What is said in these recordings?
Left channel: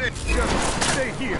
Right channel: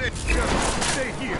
Just stay here.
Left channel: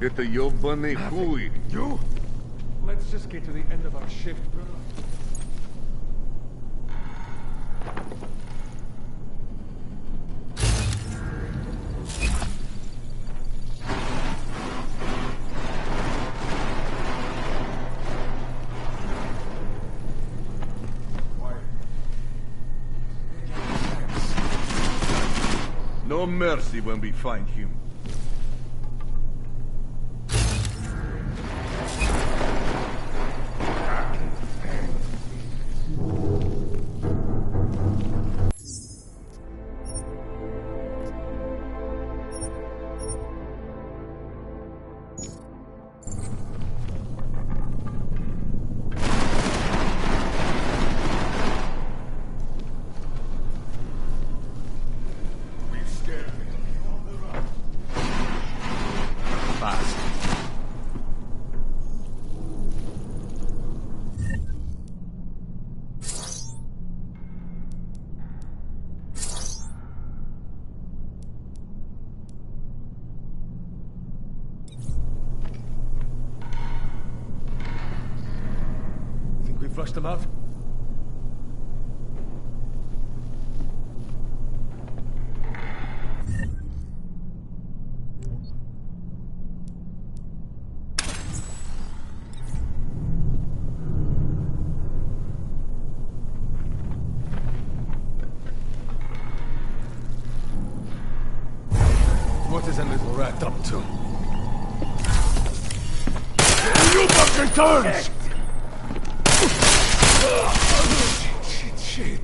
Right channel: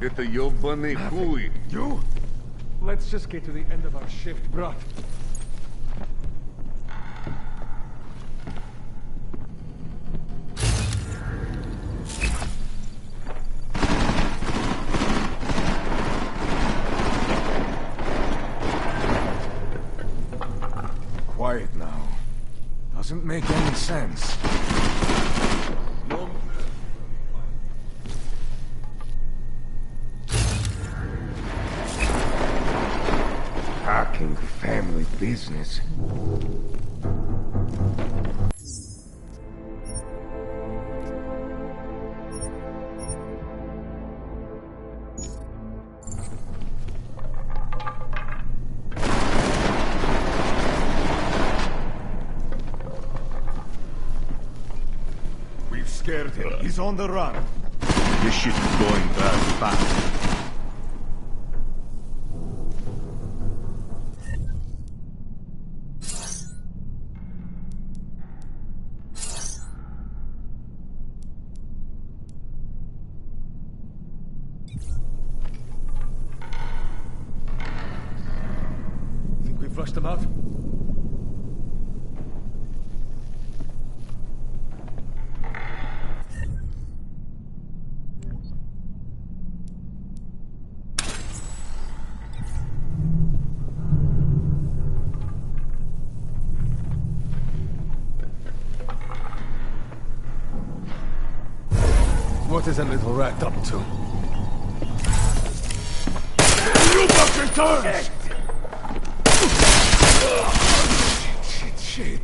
Это ёбаный хуй. You? Let's just get to the end of our shift, bruh. Quiet now. Doesn't make any sense. No mercy when we find him. Talking family business. We've scared him. He's on the run. This shit is going bad fast. flush them out? What is that little rat up to? You fucking turns! Shit.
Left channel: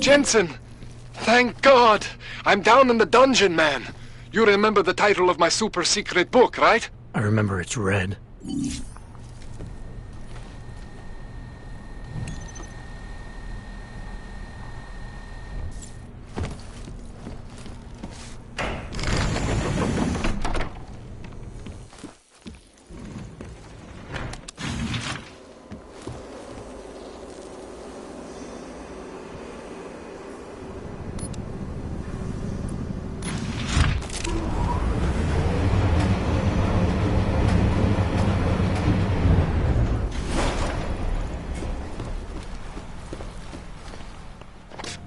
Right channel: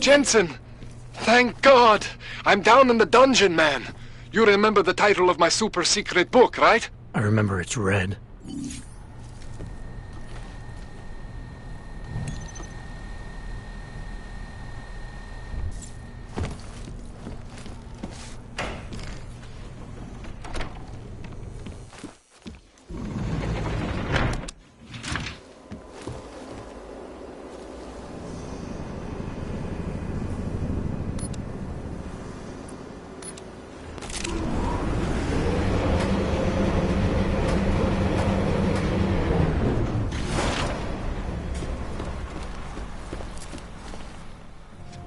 Jensen! Thank God! I'm down in the dungeon, man. You remember the title of my super secret book, right? I remember it's red.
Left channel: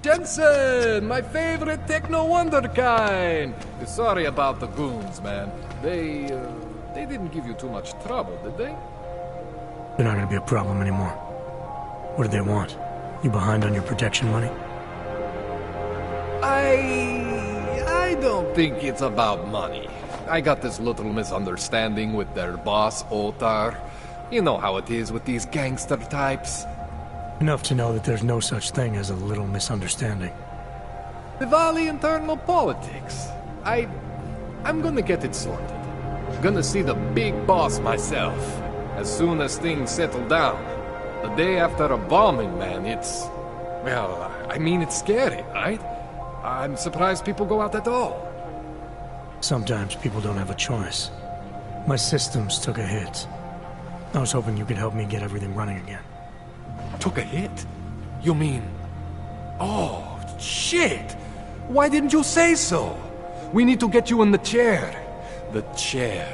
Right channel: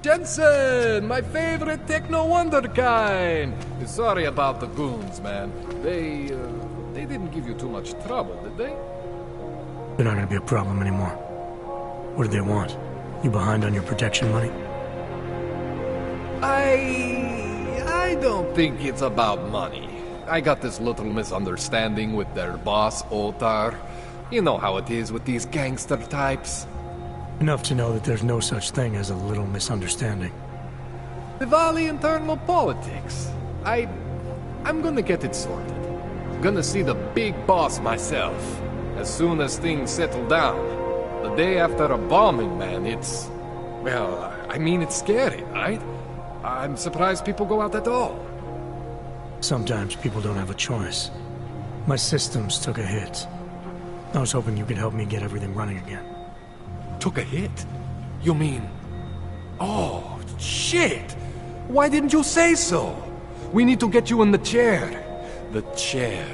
Jensen, my favorite techno wonderkind. Sorry about the goons, man. They didn't give you too much trouble, did they? They're not gonna be a problem anymore. What do they want? You behind on your protection money? I don't think it's about money. I got this little misunderstanding with their boss, Otar. You know how it is with these gangster types. Enough to know that there's no such thing as a little misunderstanding. Diwali internal politics. I'm gonna get it sorted. Gonna see the big boss myself. As soon as things settle down. The day after a bombing, man, it's... Well, I mean, it's scary, right? I'm surprised people go out at all. Sometimes people don't have a choice. My systems took a hit. I was hoping you could help me get everything running again. Took a hit? You mean... Oh, shit! Why didn't you say so? We need to get you in the chair. The chair.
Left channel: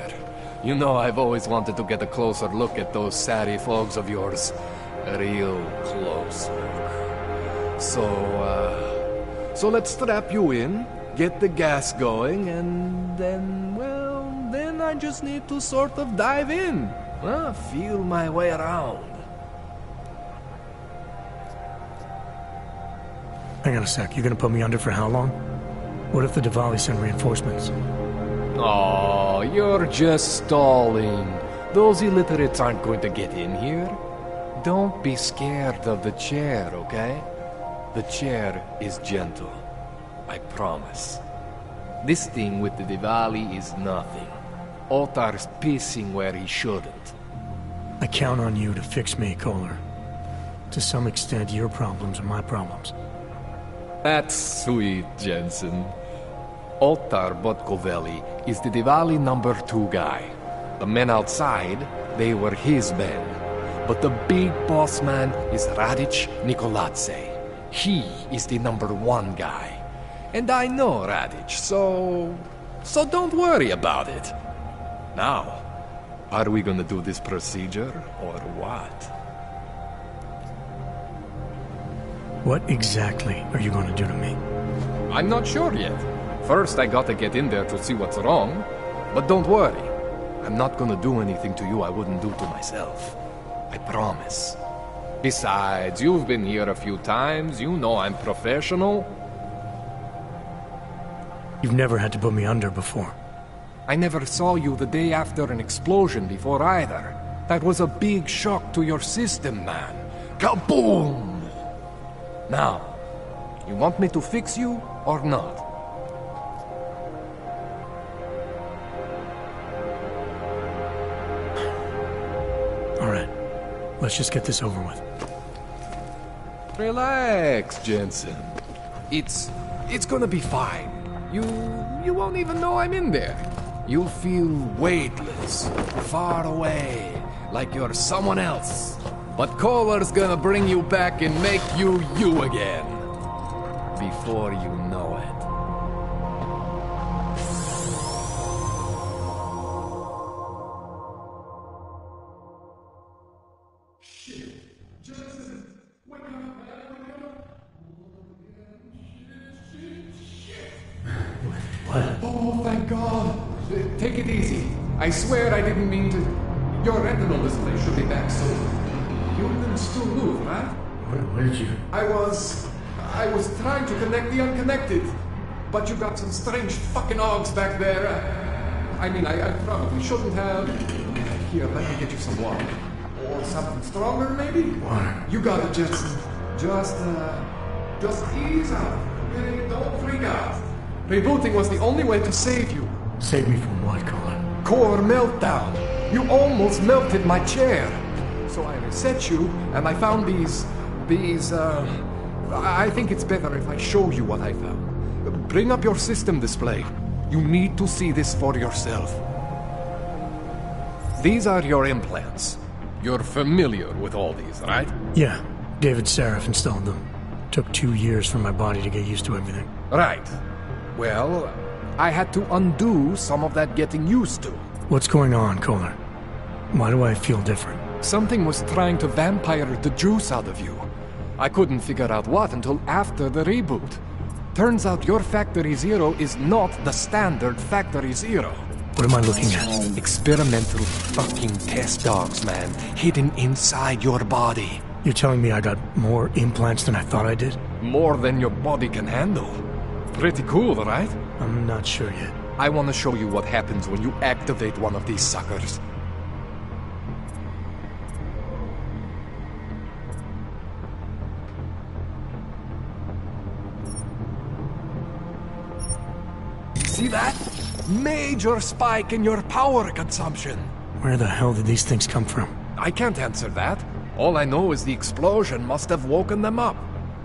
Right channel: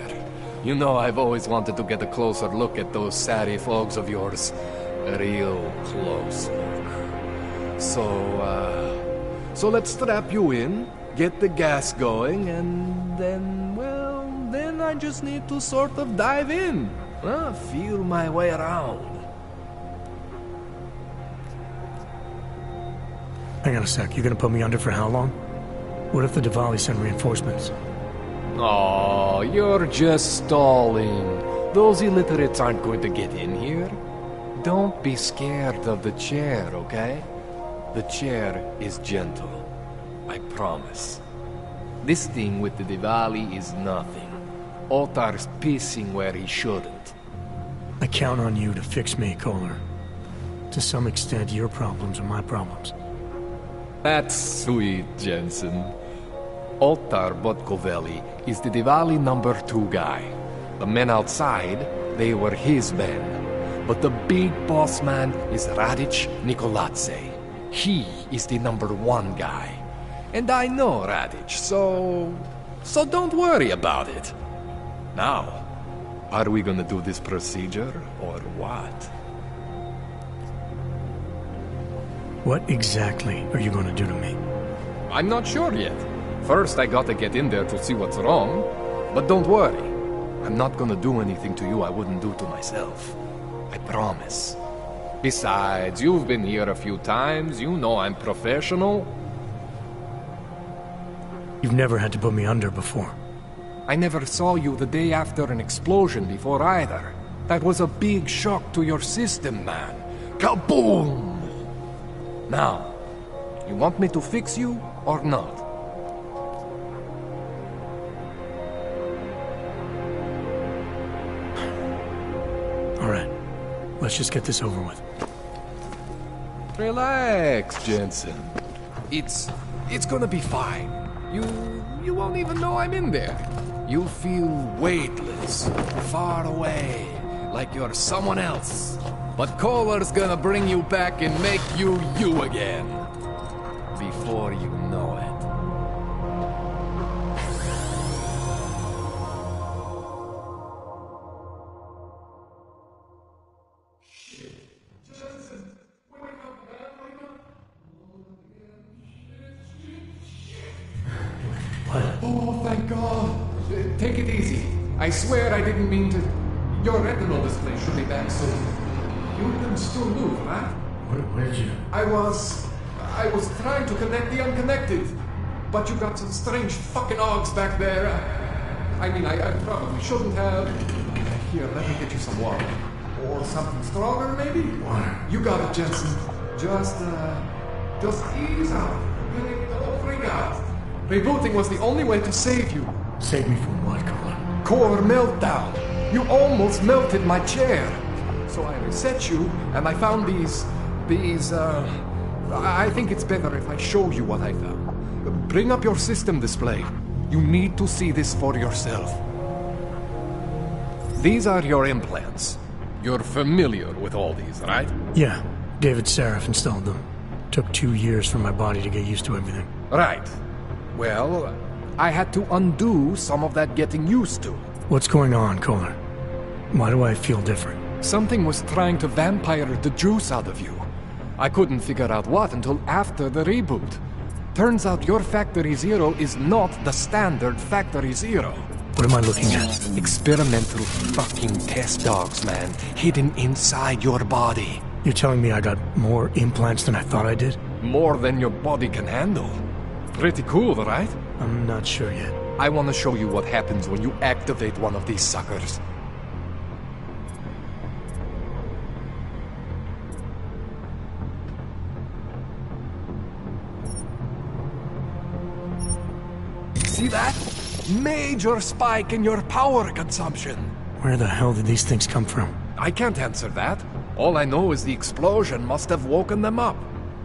You know I've always wanted to get a closer look at those satty fogs of yours. A real close look. So let's strap you in, get the gas going, and then, well, then I just need to sort of dive in. Feel my way around. Hang on a sec, you gonna put me under for how long? What if the Diwali send reinforcements? Oh, you're just stalling. Those illiterates aren't going to get in here. Don't be scared of the chair, okay? The chair is gentle. I promise. This thing with the Diwali is nothing. Otar's pissing where he shouldn't. I count on you to fix me, Kohler. To some extent, your problems are my problems. That's sweet, Jensen. Otar Botkoveli is the Diwali #2 guy. The men outside, they were his men. But the big boss man is Radic Nikoladze. He is the #1 guy. And I know Radic, so don't worry about it. Now, are we gonna do this procedure, or what? What exactly are you gonna do to me? I'm not sure yet. First, I gotta get in there to see what's wrong. But don't worry. I'm not gonna do anything to you I wouldn't do to myself. I promise. Besides, you've been here a few times. You know I'm professional. You've never had to put me under before. I never saw you the day after an explosion before either. That was a big shock to your system, man. Kaboom! Now, you want me to fix you or not? All right. Let's just get this over with. Relax, Jensen. It's gonna be fine. You won't even know I'm in there. You'll feel weightless, far away, like you're someone else. But Kohler's gonna bring you back and make you you again. Before you know it. What? Oh, thank God. Take it easy. I swear I didn't mean to... Your retinal display should be back soon. You can still move, right? Where did you... I was trying to connect the unconnected. But you got some strange fucking ogs back there. I probably shouldn't have... Here, let me get you some water. Or something stronger, maybe? Water. You got it, Jensen. Just ease out. Don't freak out. Rebooting was the only way to save you. Save me from what, Kohler? Core meltdown. You almost melted my chair. So I reset you, and I found these... I think it's better if I show you what I found. Bring up your system display. You need to see this for yourself. These are your implants. You're familiar with all these, right? Yeah. David Seraph installed them. Took 2 years for my body to get used to everything. Right. Well, I had to undo some of that getting used to. What's going on, Kohler? Why do I feel different? Something was trying to vampire the juice out of you. I couldn't figure out what until after the reboot. Turns out your Factory Zero is not the standard Factory Zero. What am I looking at? Experimental fucking test dogs, man. Hidden inside your body. You're telling me I got more implants than I thought I did? More than your body can handle. Pretty cool, right? I'm not sure yet. I want to show you what happens when you activate one of these suckers. See that? Major spike in your power consumption. Where the hell did these things come from? I can't answer that. All I know is the explosion must have woken them up.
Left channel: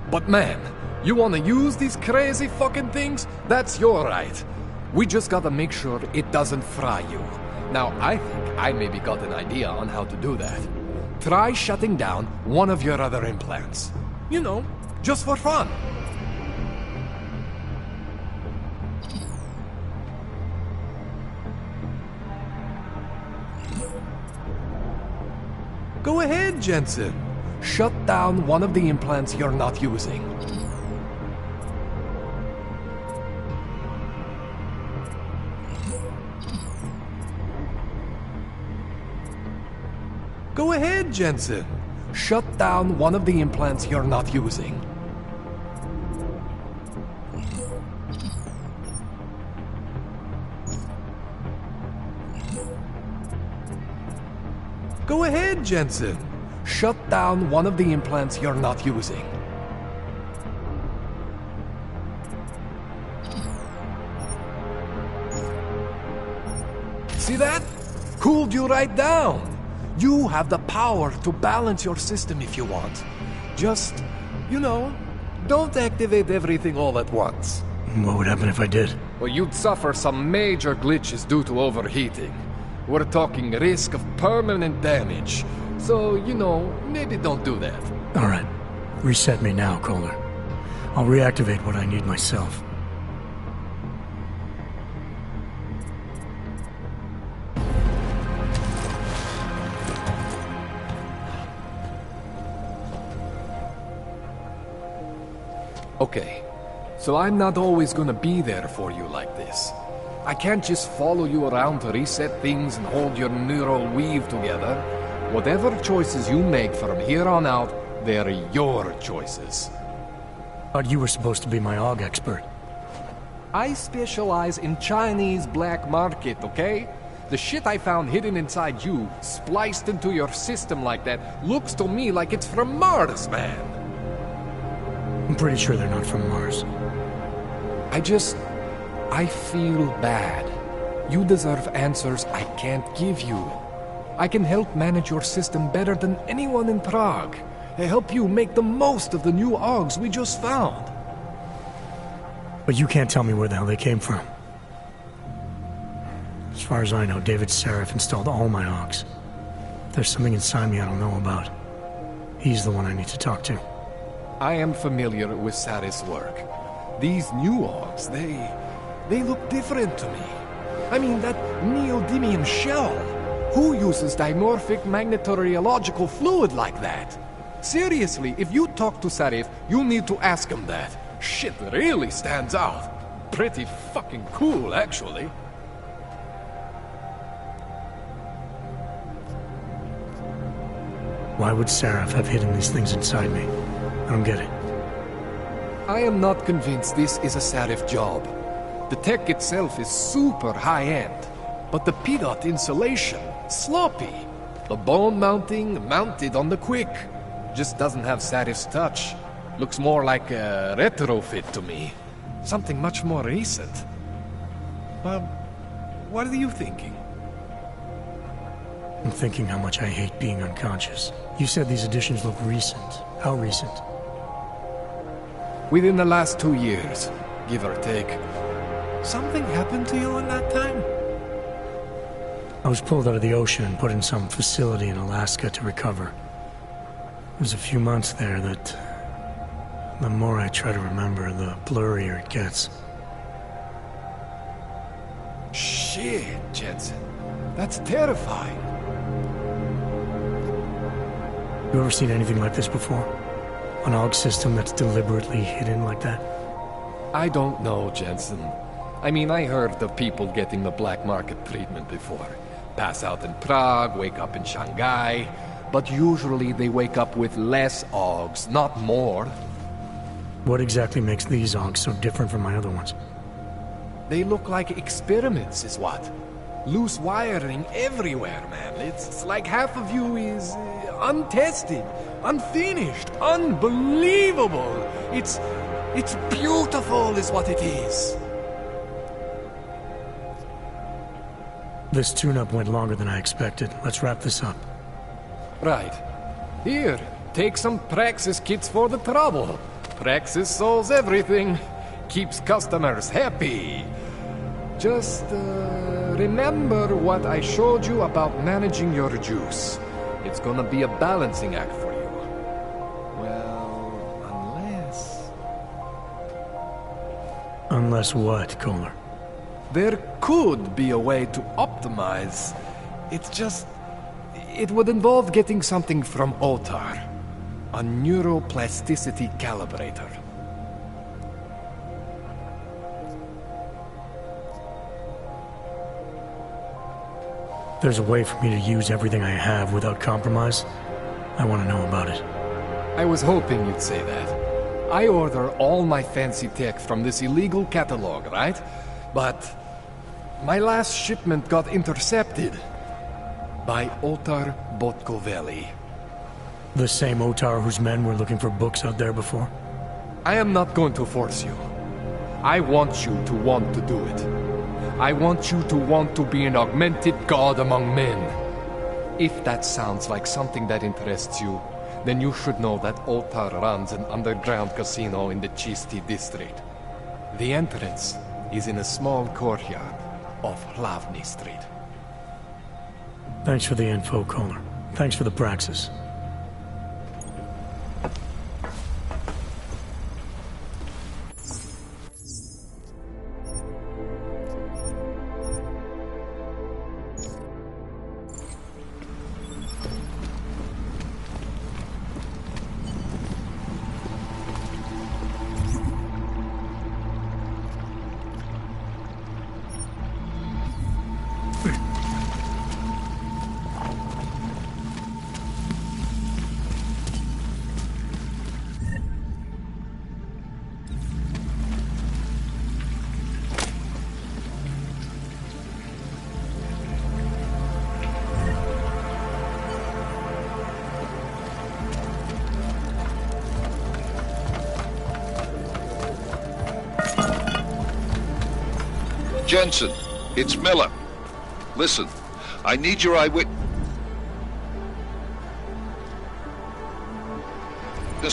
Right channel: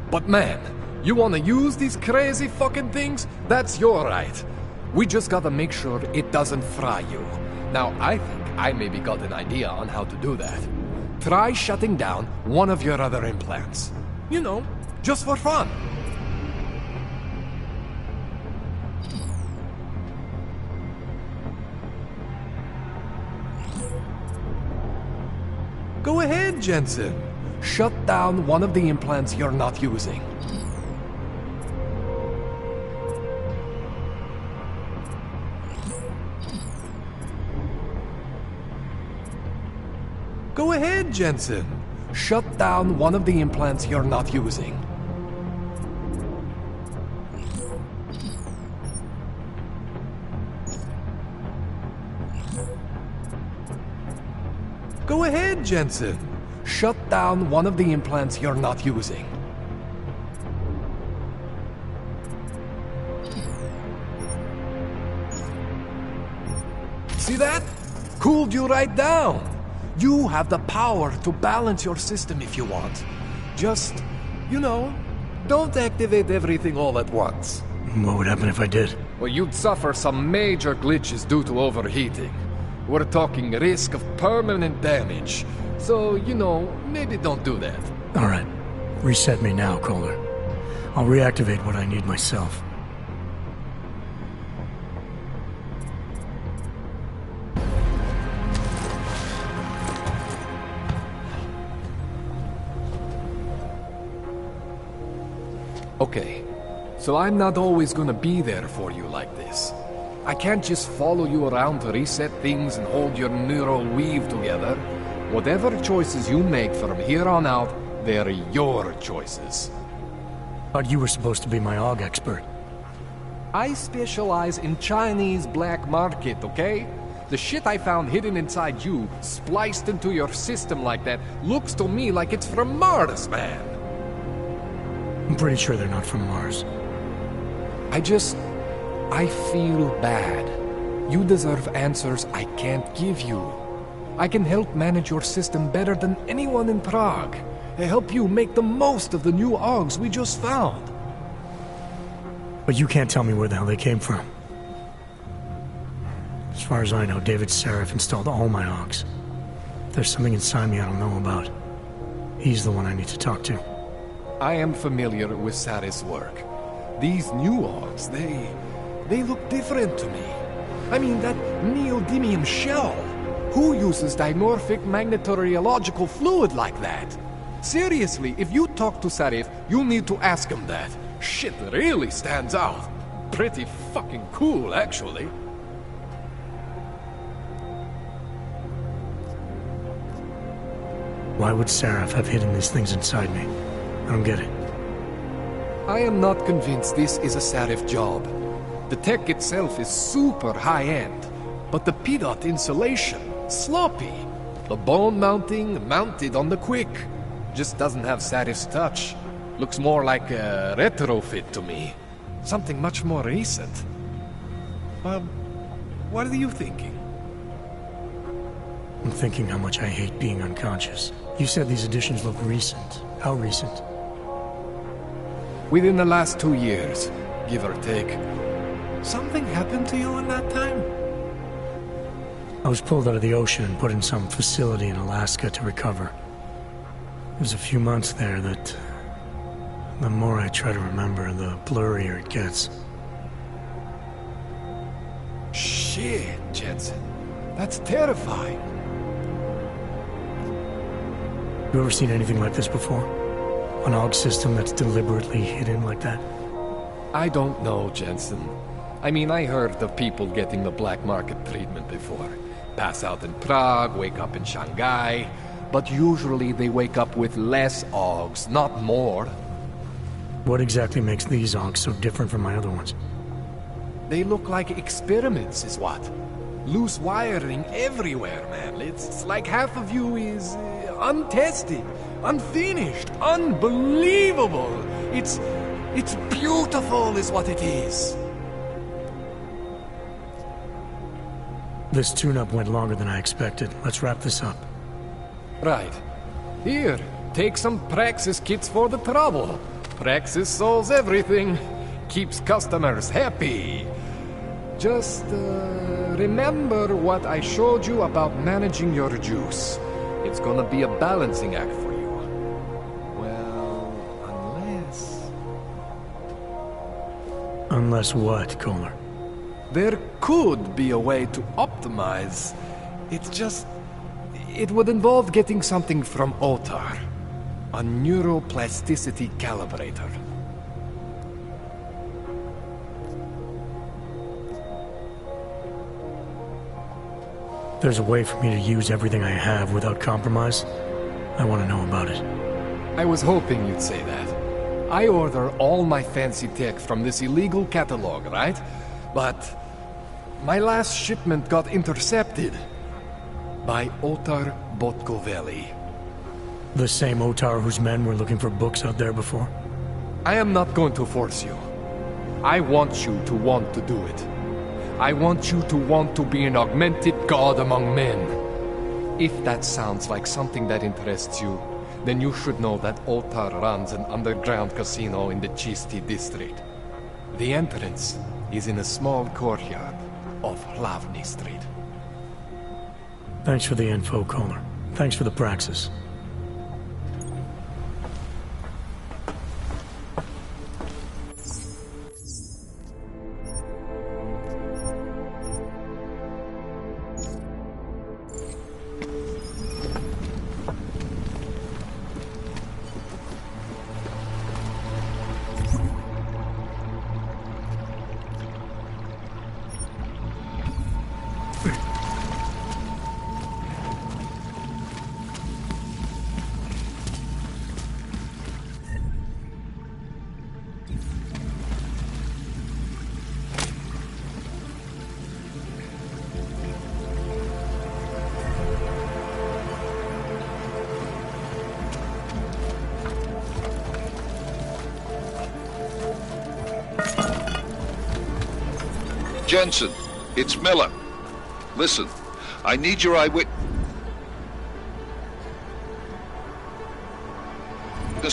But man, you want to use these crazy fucking things? That's your right. We just gotta make sure it doesn't fry you. Now, I think I maybe got an idea on how to do that. Try shutting down one of your other implants. You know, just for fun. Go ahead, Jensen. Shut down one of the implants you're not using. Go ahead, Jensen. Shut down one of the implants you're not using. Go ahead, Jensen. Shut down one of the implants you're not using. See that? Cooled you right down. You have the power to balance your system if you want. Just, you know, don't activate everything all at once. What would happen if I did? Well, you'd suffer some major glitches due to overheating. We're talking risk of permanent damage. So, you know, maybe don't do that. All right. Reset me now, Kohler. I'll reactivate what I need myself. Okay, so I'm not always gonna be there for you like this. I can't just follow you around to reset things and hold your neural weave together. Whatever choices you make from here on out, they're your choices. Thought you were supposed to be my AUG expert. I specialize in Chinese black market, okay? The shit I found hidden inside you, spliced into your system like that, looks to me like it's from Mars, man. I'm pretty sure they're not from Mars. I feel bad. You deserve answers I can't give you. I can help manage your system better than anyone in Prague. I help you make the most of the new Augs we just found. But you can't tell me where the hell they came from. As far as I know, David Seraph installed all my Augs. If there's something inside me I don't know about, he's the one I need to talk to. I am familiar with Sarif's work. These new Augs, they look different to me. I mean, that neodymium shell. Who uses dimorphic magnetorheological fluid like that? Seriously, if you talk to Sarif, you need to ask him that. Shit really stands out. Pretty fucking cool, actually. Why would Seraph have hidden these things inside me? I don't get it. I am not convinced this is a Sarif job. The tech itself is super high-end, but the PDOT insulation, sloppy. The bone mounting, mounted on the quick. Just doesn't have Sarif's touch. Looks more like a retrofit to me. Something much more recent. Well, what are you thinking? I'm thinking how much I hate being unconscious. You said these additions look recent. How recent? Within the last 2 years, give or take. Something happened to you in that time? I was pulled out of the ocean and put in some facility in Alaska to recover. It was a few months there that... the more I try to remember, the blurrier it gets. Shit, Jensen. That's terrifying. You ever seen anything like this before? An AUG system that's deliberately hidden like that? I don't know, Jensen. I mean, I heard of people getting the black market treatment before. Pass out in Prague, wake up in Shanghai. But usually they wake up with less AUGs, not more. What exactly makes these AUGs so different from my other ones? They look like experiments, is what? Loose wiring everywhere, man. It's like half of you is untested, unfinished, unbelievable. It's beautiful, is what it is. This tune-up went longer than I expected. Let's wrap this up. Right. Here, take some Praxis kits for the trouble. Praxis solves everything. Keeps customers happy. Just, remember what I showed you about managing your juice. It's gonna be a balancing act for you. Well, unless... Unless what, Kohler? There could be a way to optimize. It's just... it would involve getting something from Otar. A neuroplasticity calibrator. There's a way for me to use everything I have without compromise. I want to know about it. I was hoping you'd say that. I order all my fancy tech from this illegal catalog, right? But my last shipment got intercepted by Otar Botkoveli. The same Otar whose men were looking for books out there before? I am not going to force you. I want you to want to do it. I want you to want to be an augmented god among men. If that sounds like something that interests you, then you should know that Otar runs an underground casino in the Chisti district. The entrance is in a small courtyard off Hlavny Street. Thanks for the info, Kohler. Thanks for the praxis. Jensen, it's Miller. Listen, I need your eyewitness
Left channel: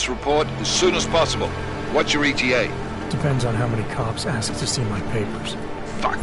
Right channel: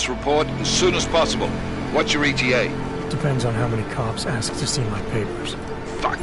report as soon as possible. What's your ETA? Depends on how many cops ask to see my papers. Fuck.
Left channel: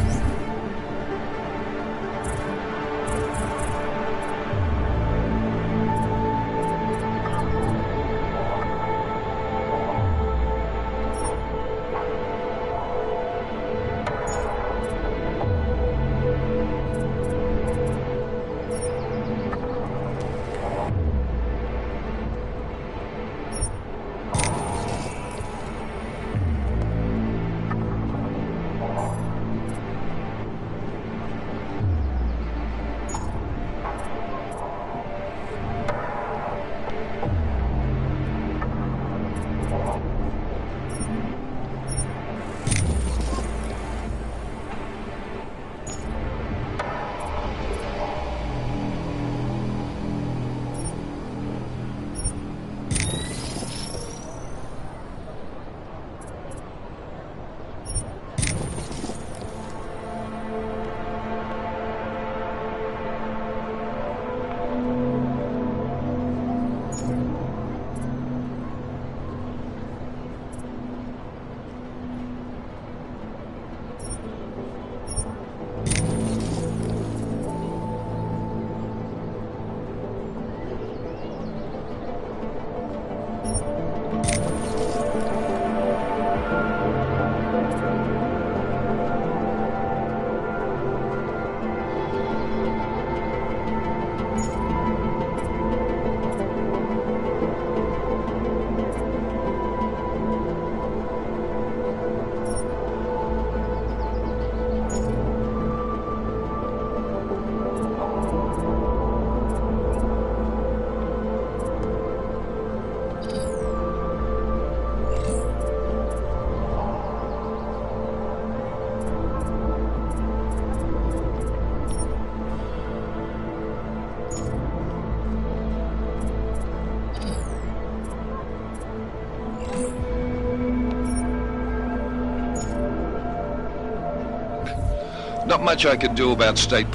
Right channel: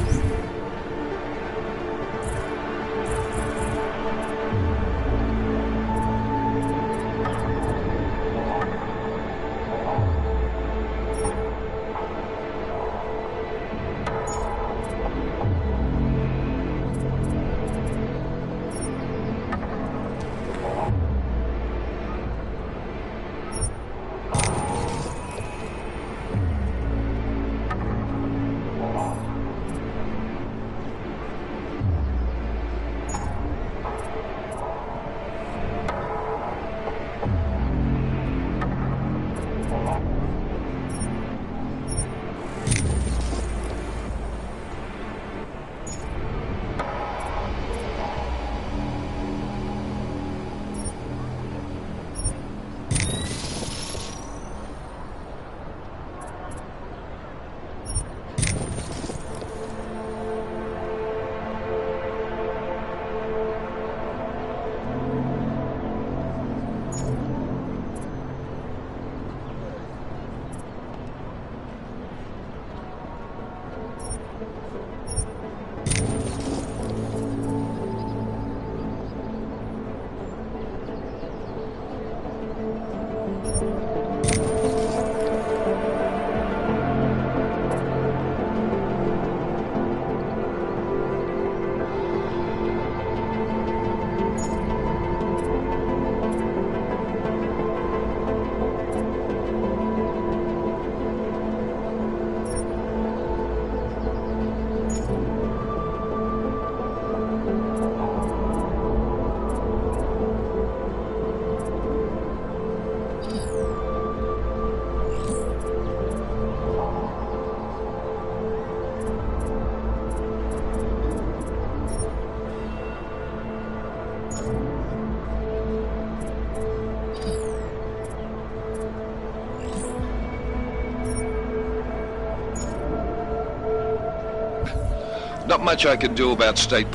Not much I can do about state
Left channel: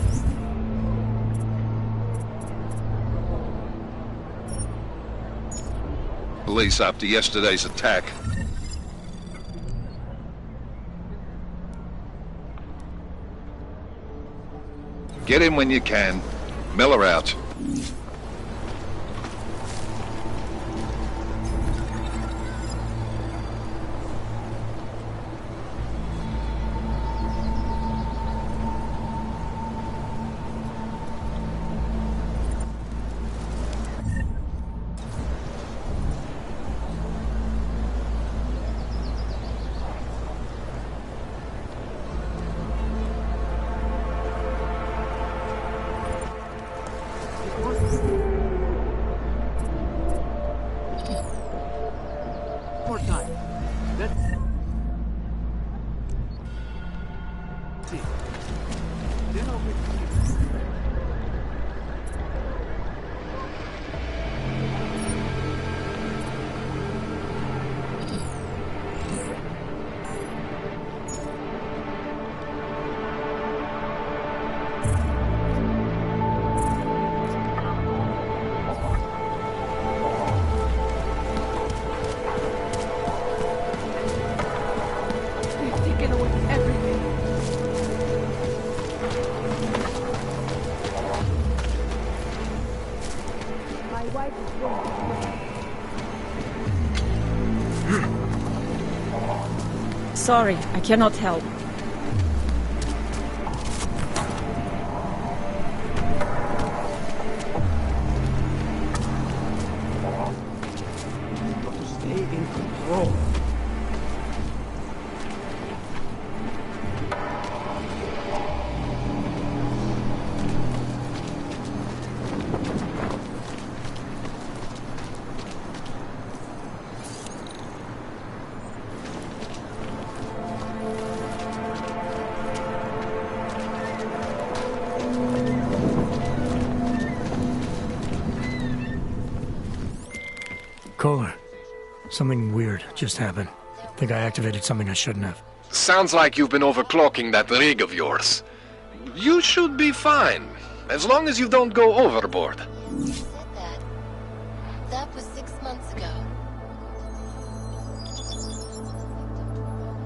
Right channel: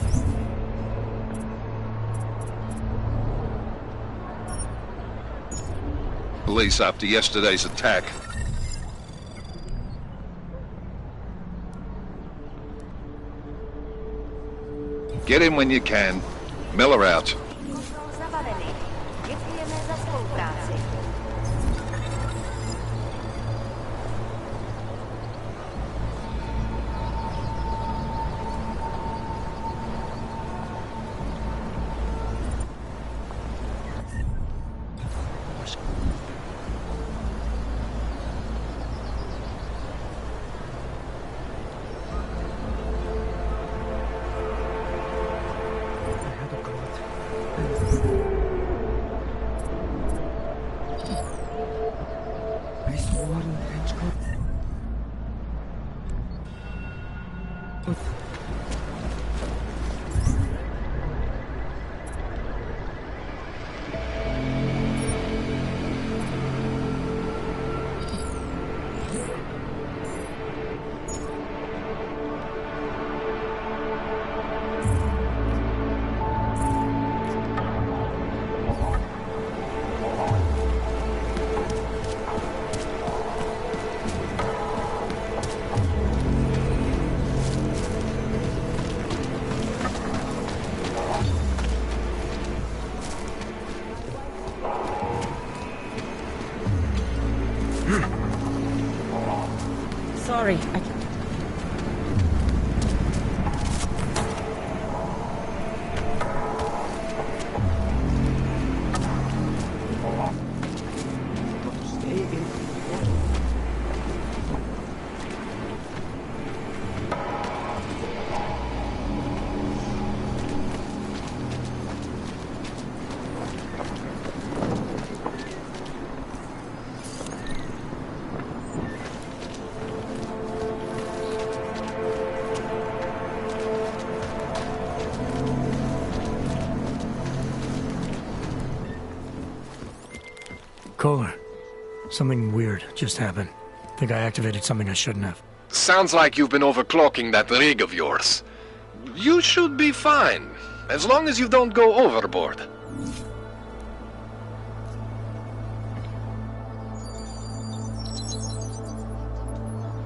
police after yesterday's attack. Get in when you can. Miller out. Sorry, I cannot help. Got to stay in control. Kohler, something weird just happened. Think I activated something I shouldn't have. Sounds like you've been overclocking that rig of yours. You should be fine, as long as you don't go overboard. That was 6 months ago.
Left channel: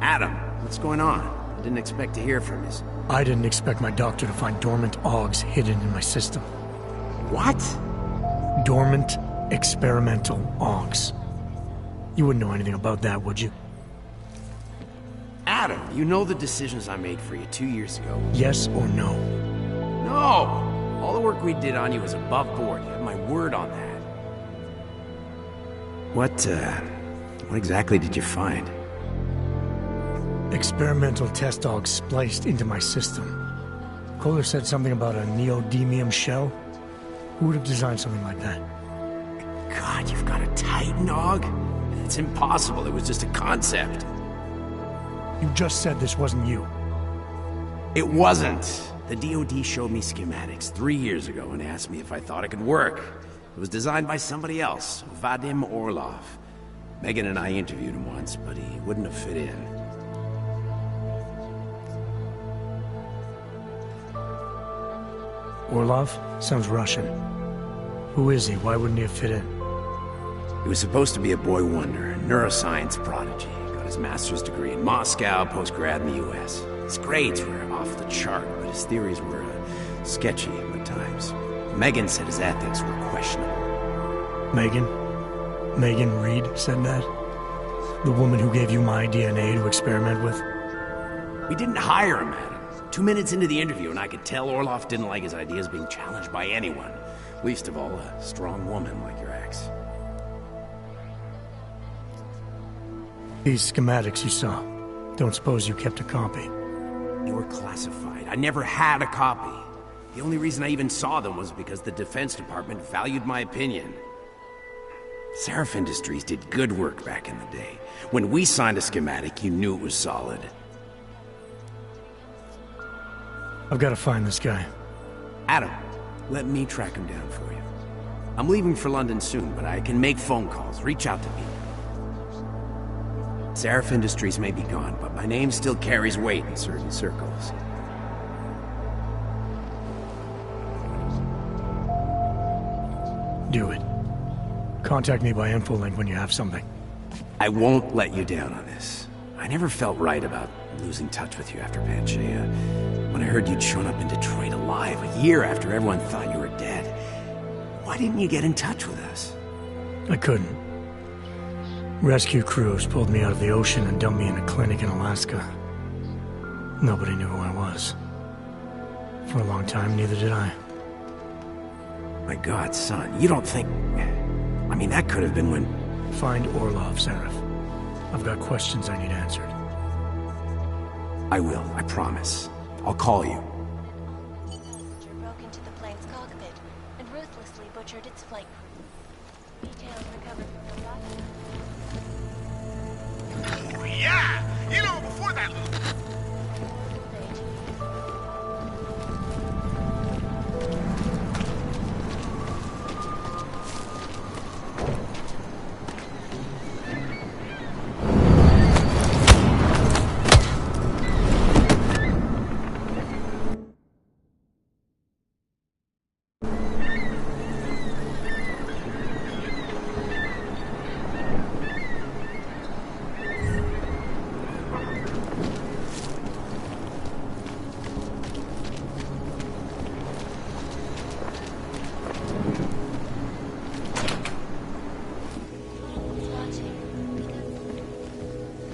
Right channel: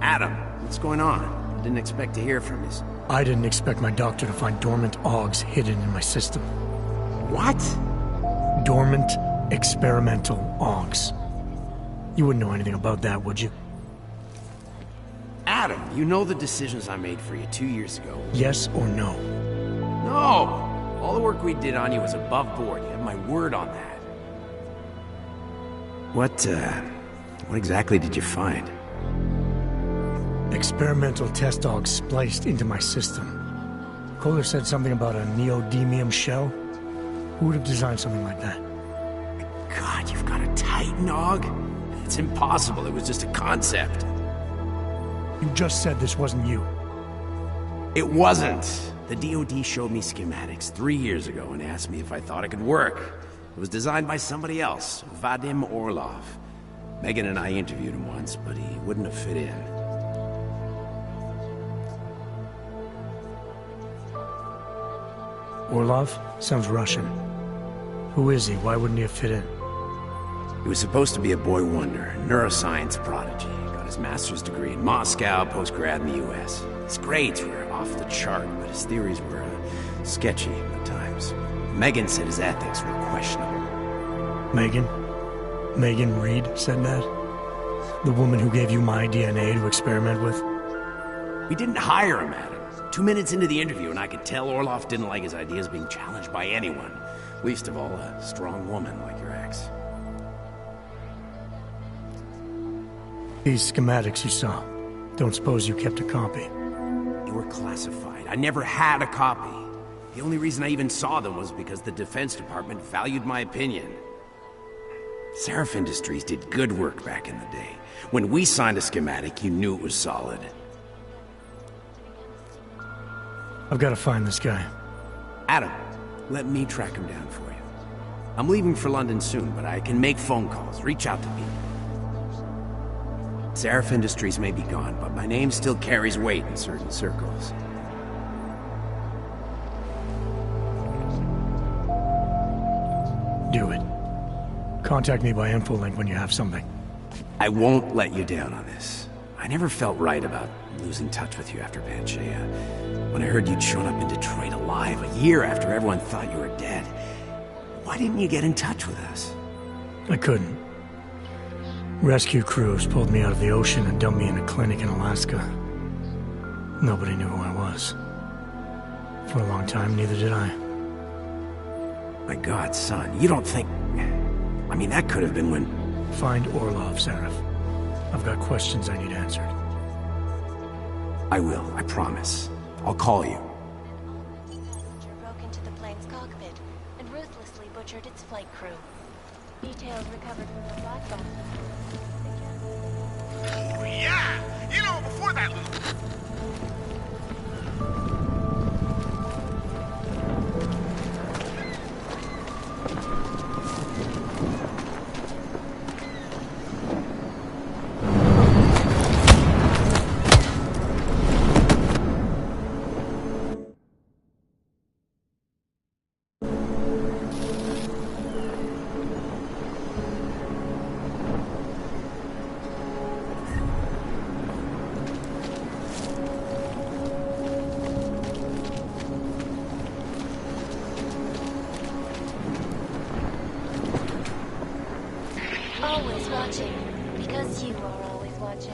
Adam, what's going on? I didn't expect to hear from you. I didn't expect my doctor to find dormant augs hidden in my system. What? Dormant experimental augs. You wouldn't know anything about that, would you? Adam, you know the decisions I made for you 2 years ago. Yes or no? No! All the work we did on you was above board. You have my word on that. What exactly did you find? Experimental test augs spliced into my system. Kohler said something about a neodymium shell. Who would have designed something like that? God, you've got a Titan aug? It's impossible. It was just a concept. You just said this wasn't you. It wasn't. The DoD showed me schematics 3 years ago and asked me if I thought it could work. It was designed by somebody else, Vadim Orlov. Megan and I interviewed him once, but he wouldn't have fit in. Orlov? Sounds Russian. Who is he? Why wouldn't he have fit in? He was supposed to be a boy wonder, a neuroscience prodigy. Got his master's degree in Moscow, post-grad in the US. His grades were off the chart, but his theories were sketchy at times. Megan said his ethics were questionable. Megan? Megan Reed said that? The woman who gave you my DNA to experiment with? We didn't hire him, Adam. 2 minutes into the interview, and I could tell Orlov didn't like his ideas being challenged by anyone. Least of all, a strong woman like your ex. These schematics you saw. Don't suppose you kept a copy? They were classified. I never had a copy. The only reason I even saw them was because the Defense Department valued my opinion. Seraph Industries did good work back in the day. When we signed a schematic, you knew it was solid. I've got to find this guy. Adam, let me track him down for you. I'm leaving for London soon, but I can make phone calls, reach out to people. Seraph Industries may be gone, but my name still carries weight in certain circles. Do it. Contact me by infolink when you have something. I won't let you down on this. I never felt right about losing touch with you after Panchaea. When I heard you'd shown up in Detroit alive, a year after everyone thought you were dead. Why didn't you get in touch with us? I couldn't. Rescue crews pulled me out of the ocean and dumped me in a clinic in Alaska. Nobody knew who I was. For a long time, neither did I. My God, son, you don't think... I mean, that could have been when... Find Orlov, Seraph. I've got questions I need answered. I will, I promise. I'll call you. A passenger broke into the plane's cockpit and ruthlessly butchered its flight crew. Details recovered from the black box. Oh, yeah! You know, before that little... Always watching, because you are always watching.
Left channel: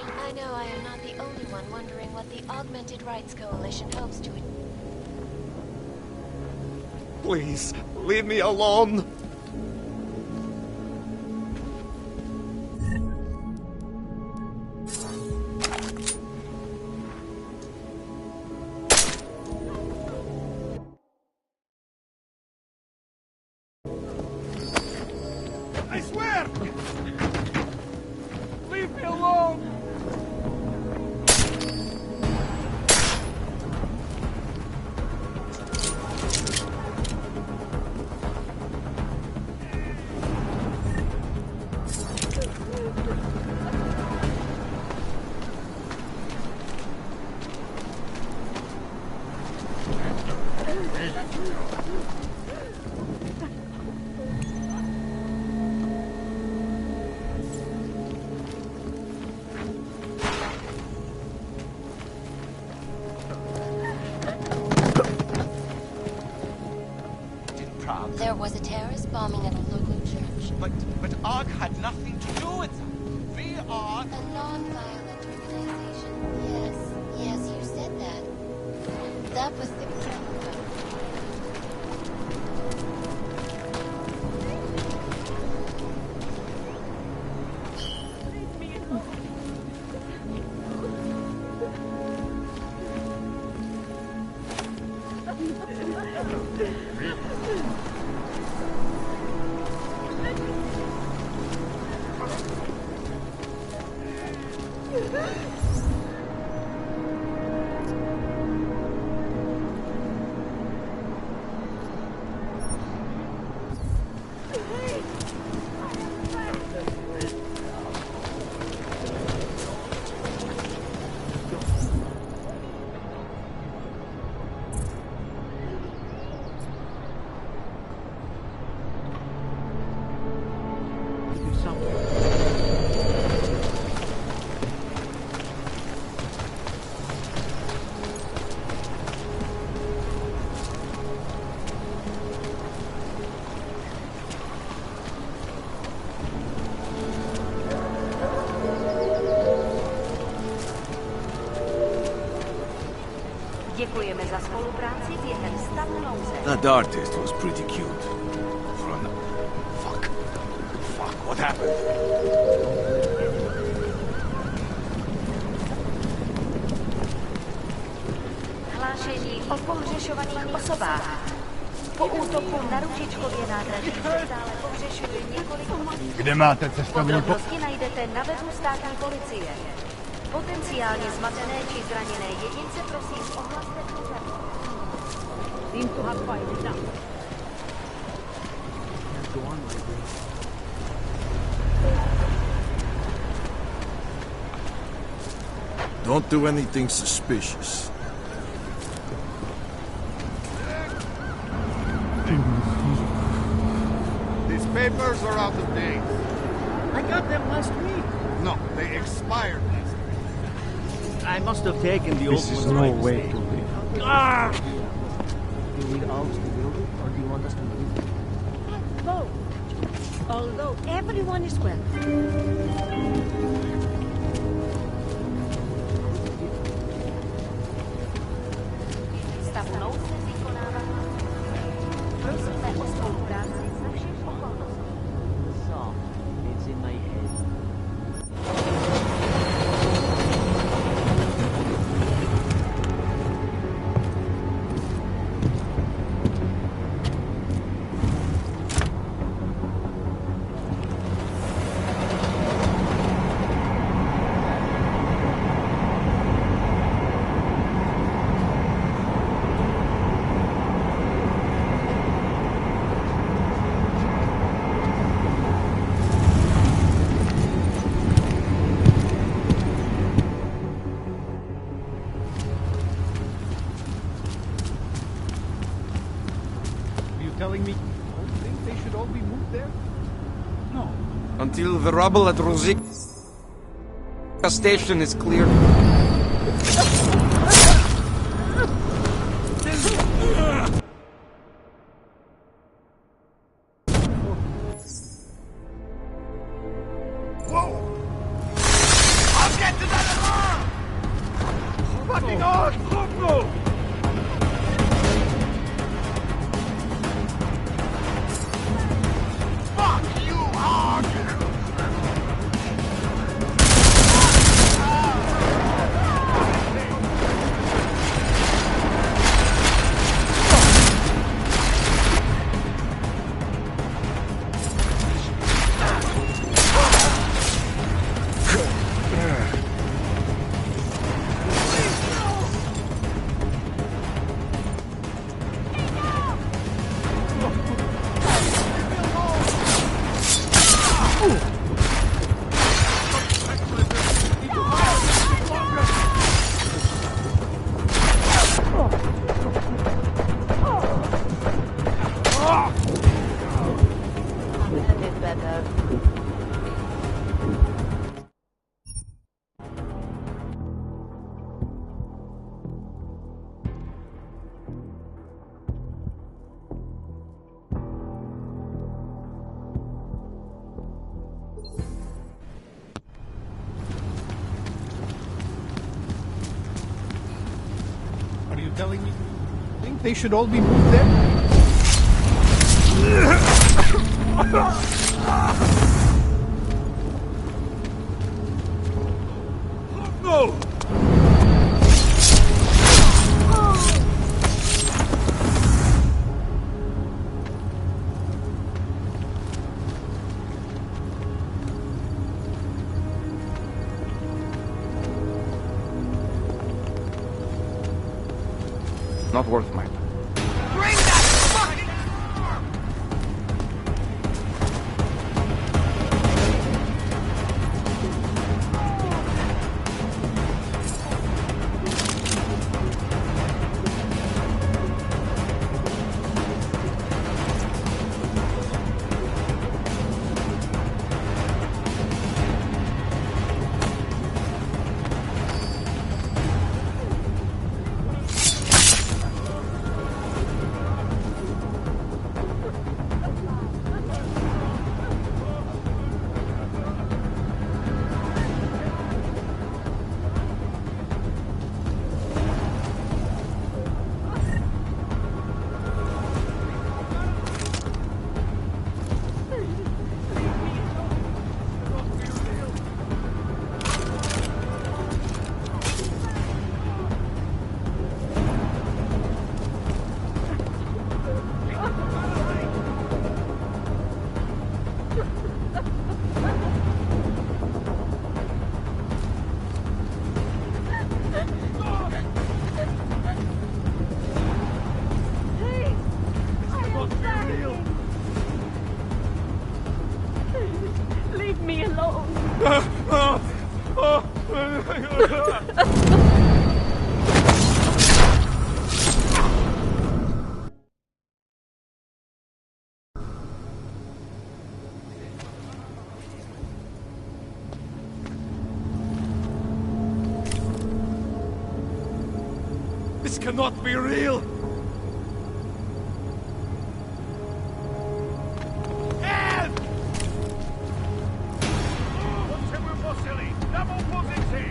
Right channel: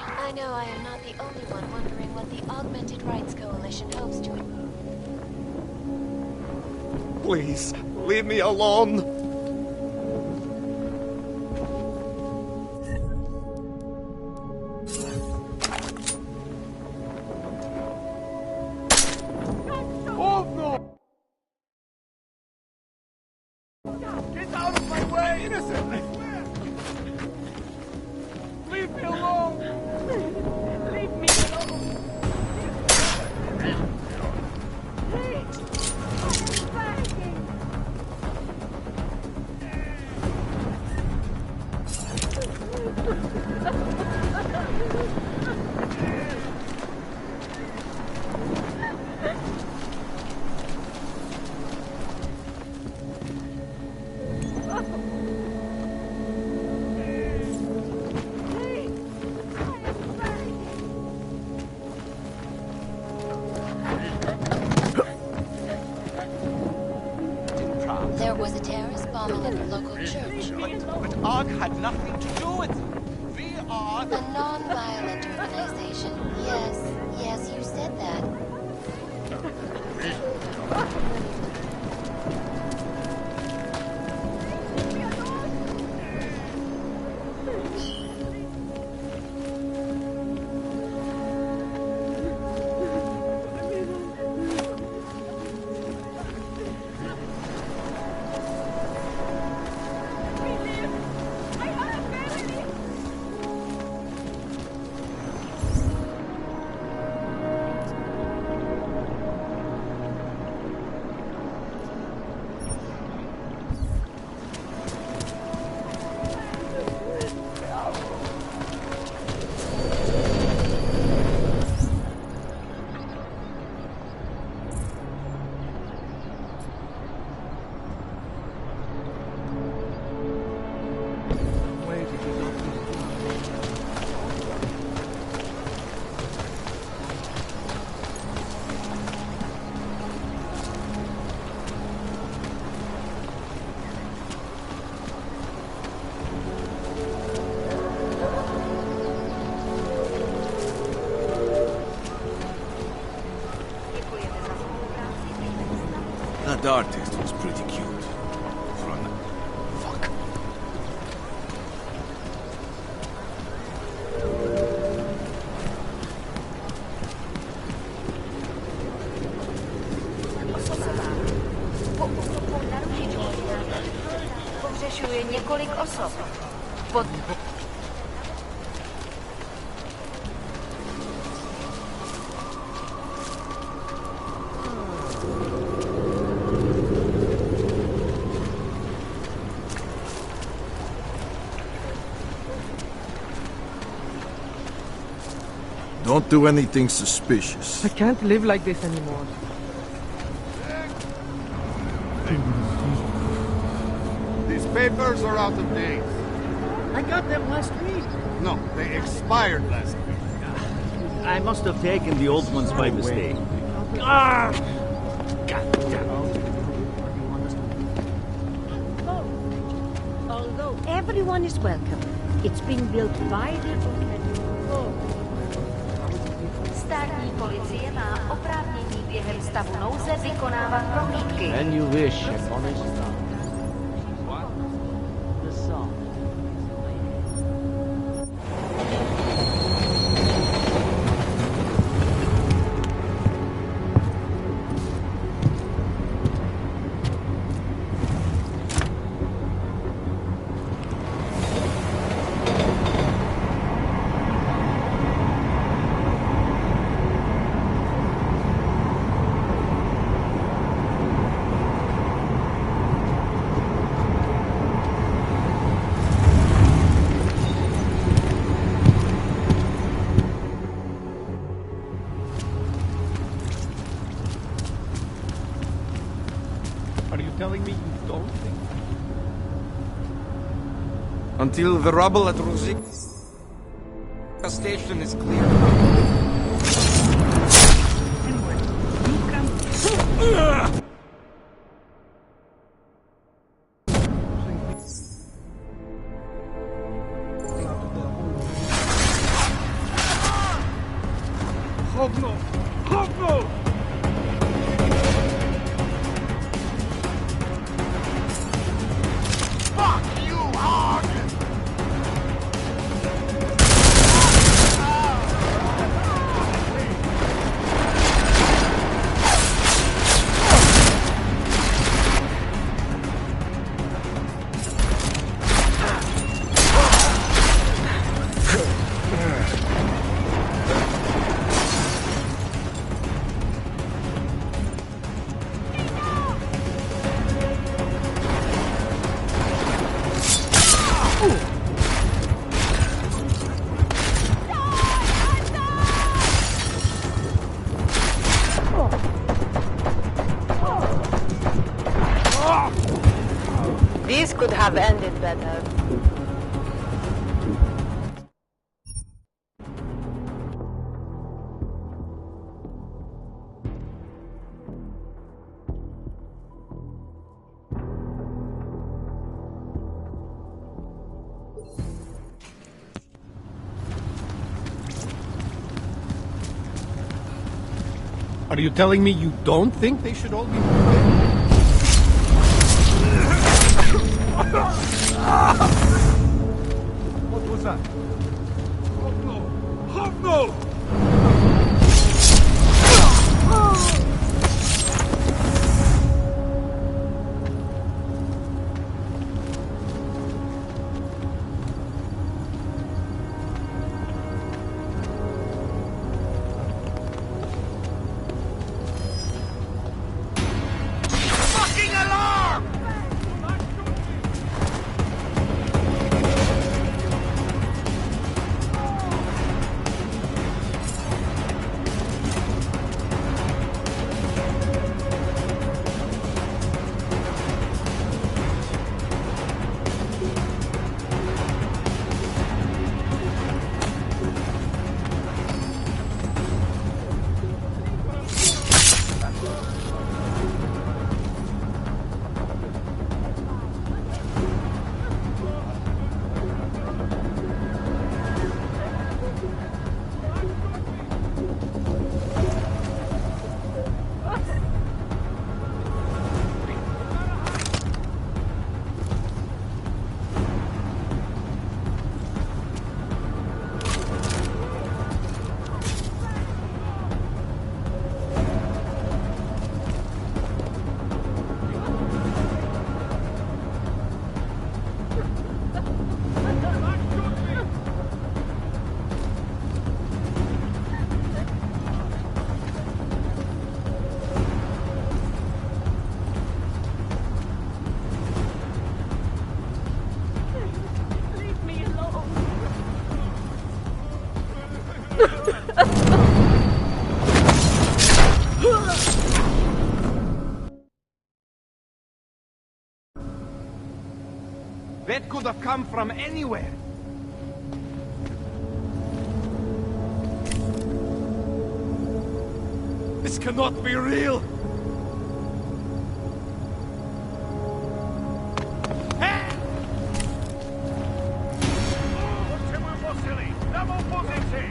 I know I am not the only one wondering what the Augmented Rights Coalition hopes to... Please, leave me alone. There was a terrorist bombing at the local church. But ARC had nothing to do with it. We are... A non-violent organization. Yes, you said that. That was the... That artist was pretty cute. Fuck. What happened? Hlášení o pohřešovaných osobách. Po útoku na Růžičkově nádraží se stále pohřešuje několik osob. Kde máte cestovní Podrobnosti najdete na webu státní policie. Potenciálně zmařené či zraněné jedince prosím Don't do anything suspicious. I can't live like this anymore. These papers are out of date. I got them last week. No, they expired last week. I must have taken the old ones by mistake. Ah! Or do you want us to move? Both. Although everyone is welcome, it's been built by státní policie má oprávnění během stavu nouze vykonávat prohlídky. And you wish. Prosíme o spolupráci za všech okolností. The song, it's in my head. Telling me you don't think they should all be moved there? No. Until the rubble at Rosika station is clear. Are you telling me you don't think they should all be moved there? What was that? Oh no! Oh no! Not worth my... Bring that fucking alarm! Leave me alone. That could have come from anywhere. This cannot be real! Help! Potrzebuję posili! Na mą pozycję!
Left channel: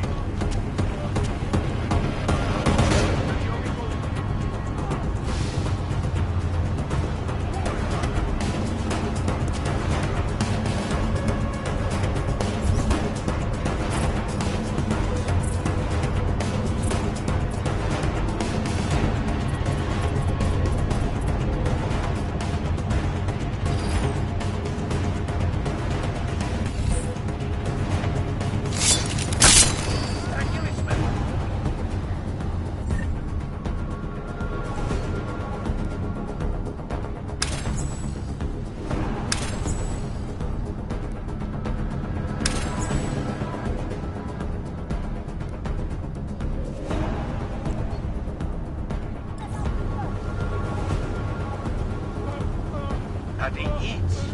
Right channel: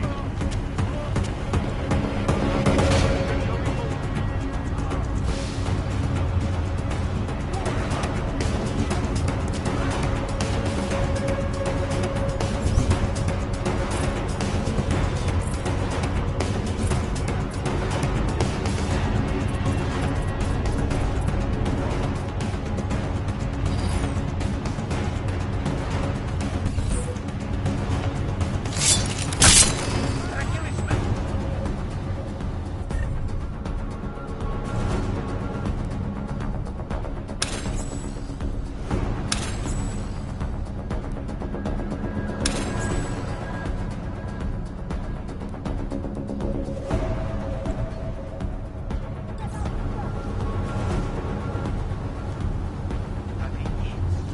Tady nic.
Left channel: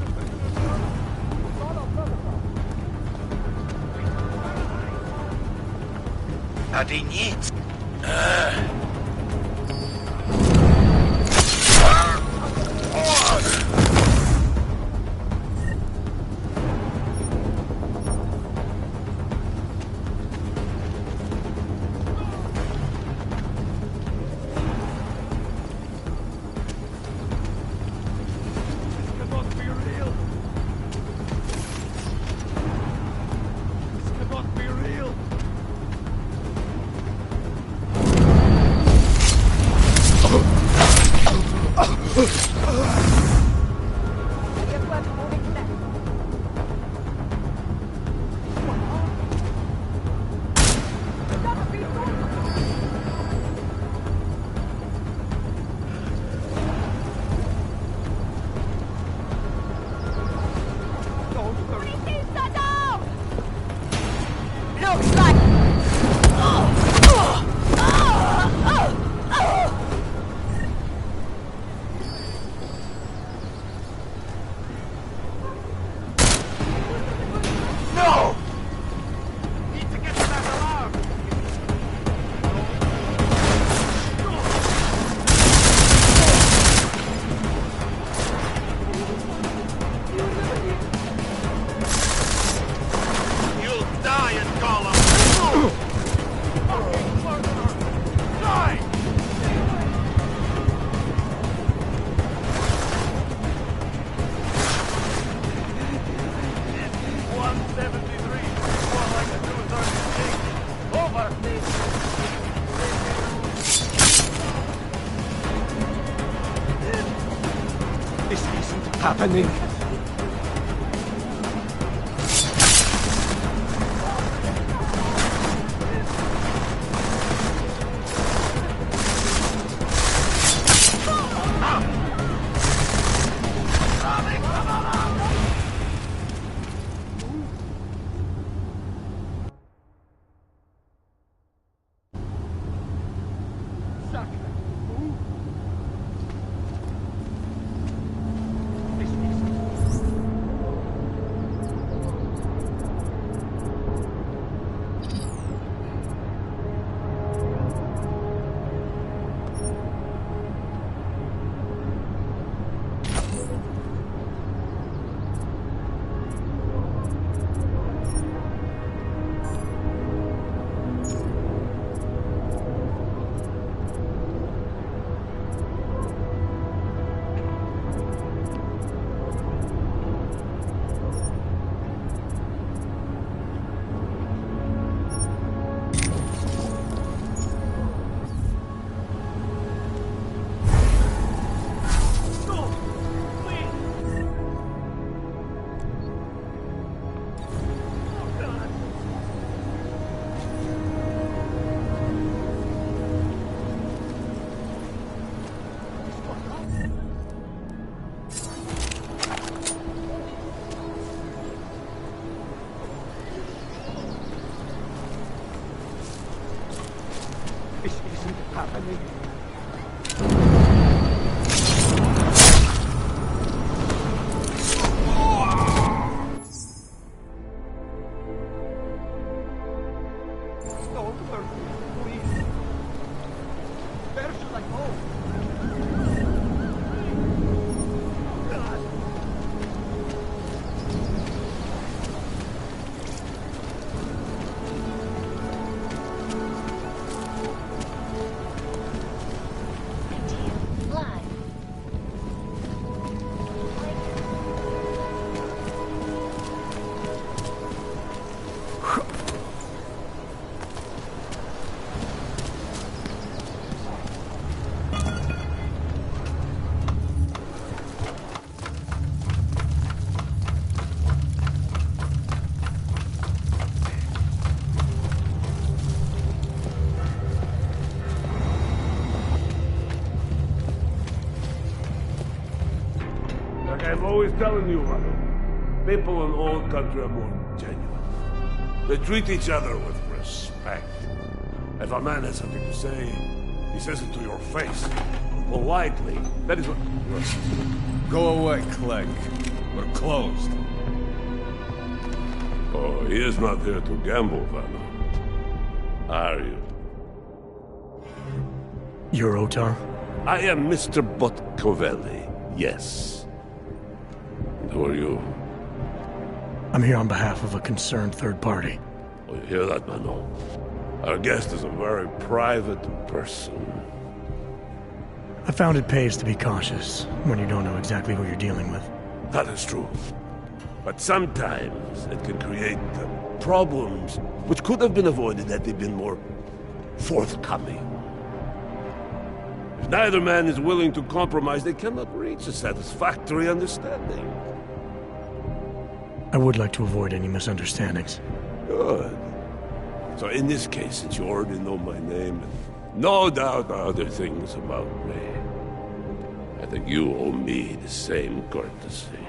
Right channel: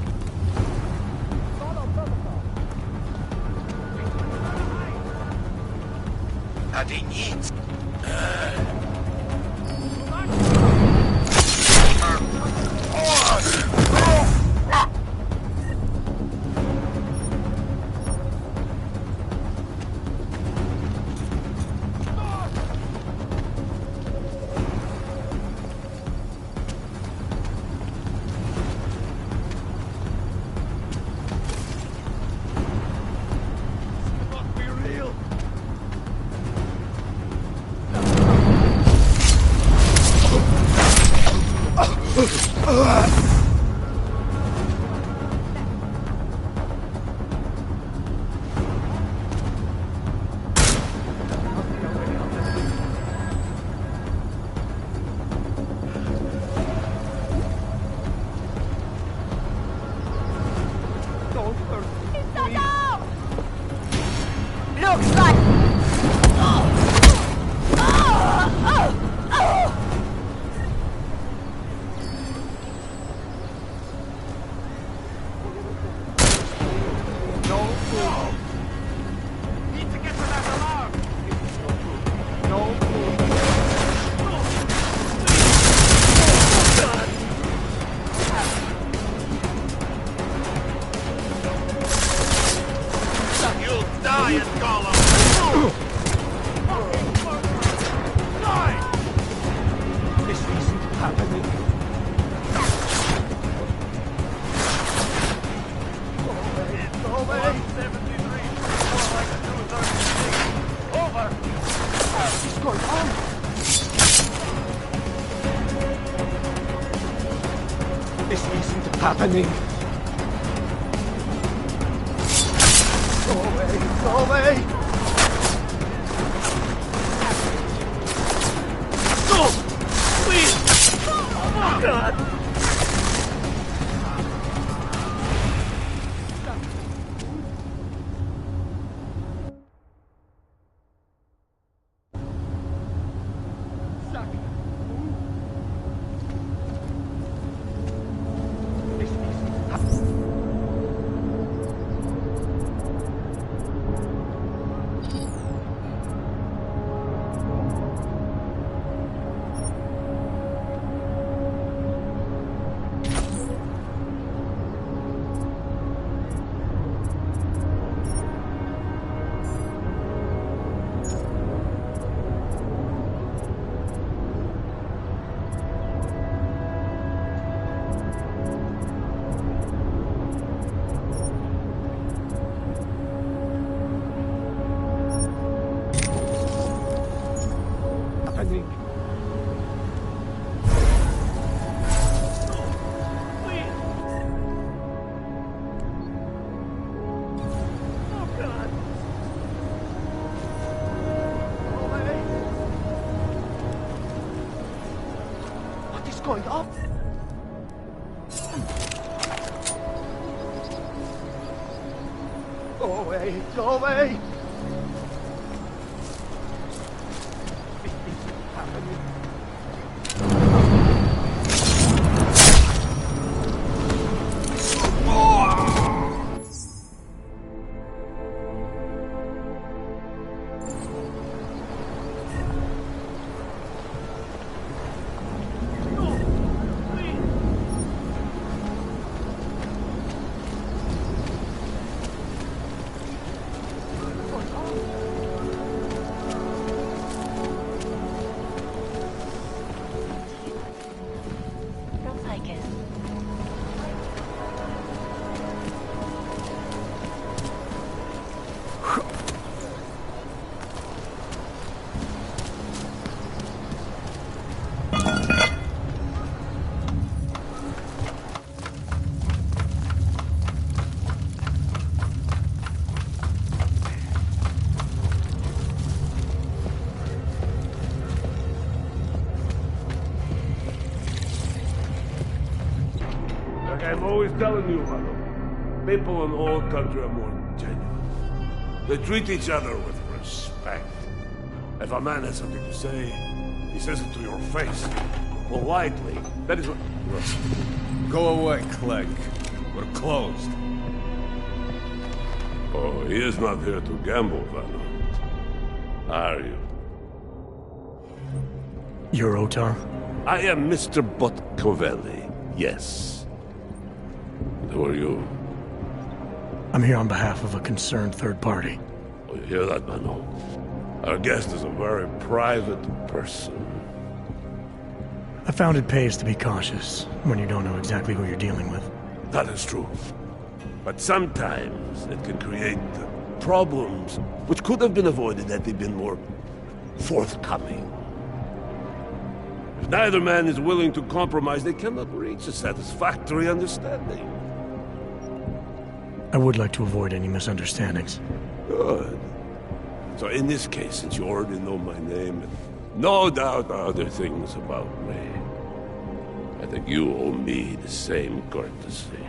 Tady nic. Looks like... This isn't happening. Go away. No! Please! Oh, God! Going up? Go away, go away! This isn't happening. Like I'm always telling you, Vano, people in all country are more genuine. They treat each other with respect. If a man has something to say, he says it to your face. Politely. That is what... Go away, Clegg. We're closed. Oh, he is not here to gamble, Vano. Are you? You're Otar? I am Mr. Botkovelli, yes. Who are you? I'm here on behalf of a concerned third party. Oh, you hear that, Vano? Our guest is a very private person. I found it pays to be cautious when you don't know exactly who you're dealing with. That is true. But sometimes it can create problems which could have been avoided had they been more forthcoming. If neither man is willing to compromise, they cannot reach a satisfactory understanding. I would like to avoid any misunderstandings. Good. So in this case, since you already know my name, and no doubt other things about me, I think you owe me the same courtesy.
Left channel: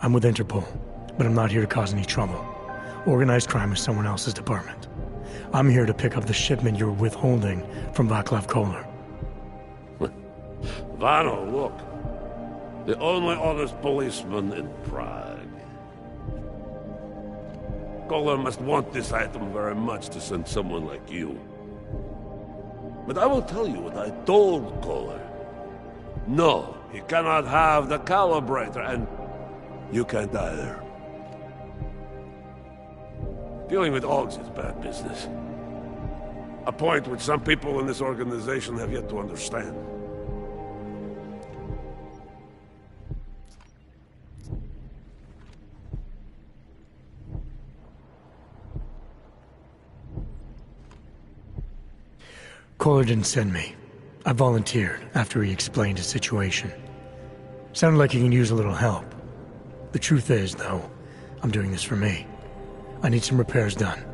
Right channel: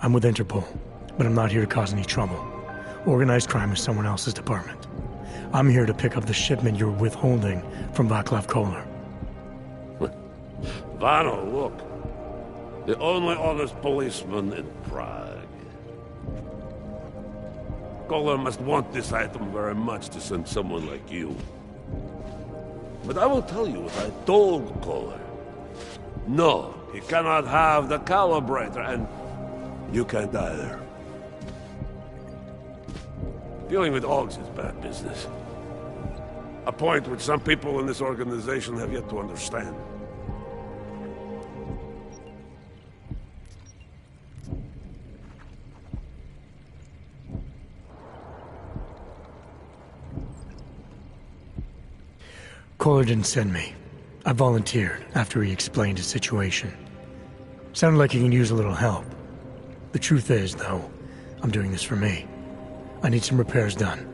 I'm with Interpol, but I'm not here to cause any trouble. Organized crime is someone else's department. I'm here to pick up the shipment you're withholding from Václav Koller. Vano, look. The only honest policeman in Prague. Koller must want this item very much to send someone like you. But I will tell you what I told Koller. No, He cannot have the calibrator, and you can't either. Dealing with Augs is bad business. A point which some people in this organization have yet to understand. Kohler didn't send me. I volunteered after he explained his situation. Sounded like he can use a little help. The truth is, though, I'm doing this for me. I need some repairs done,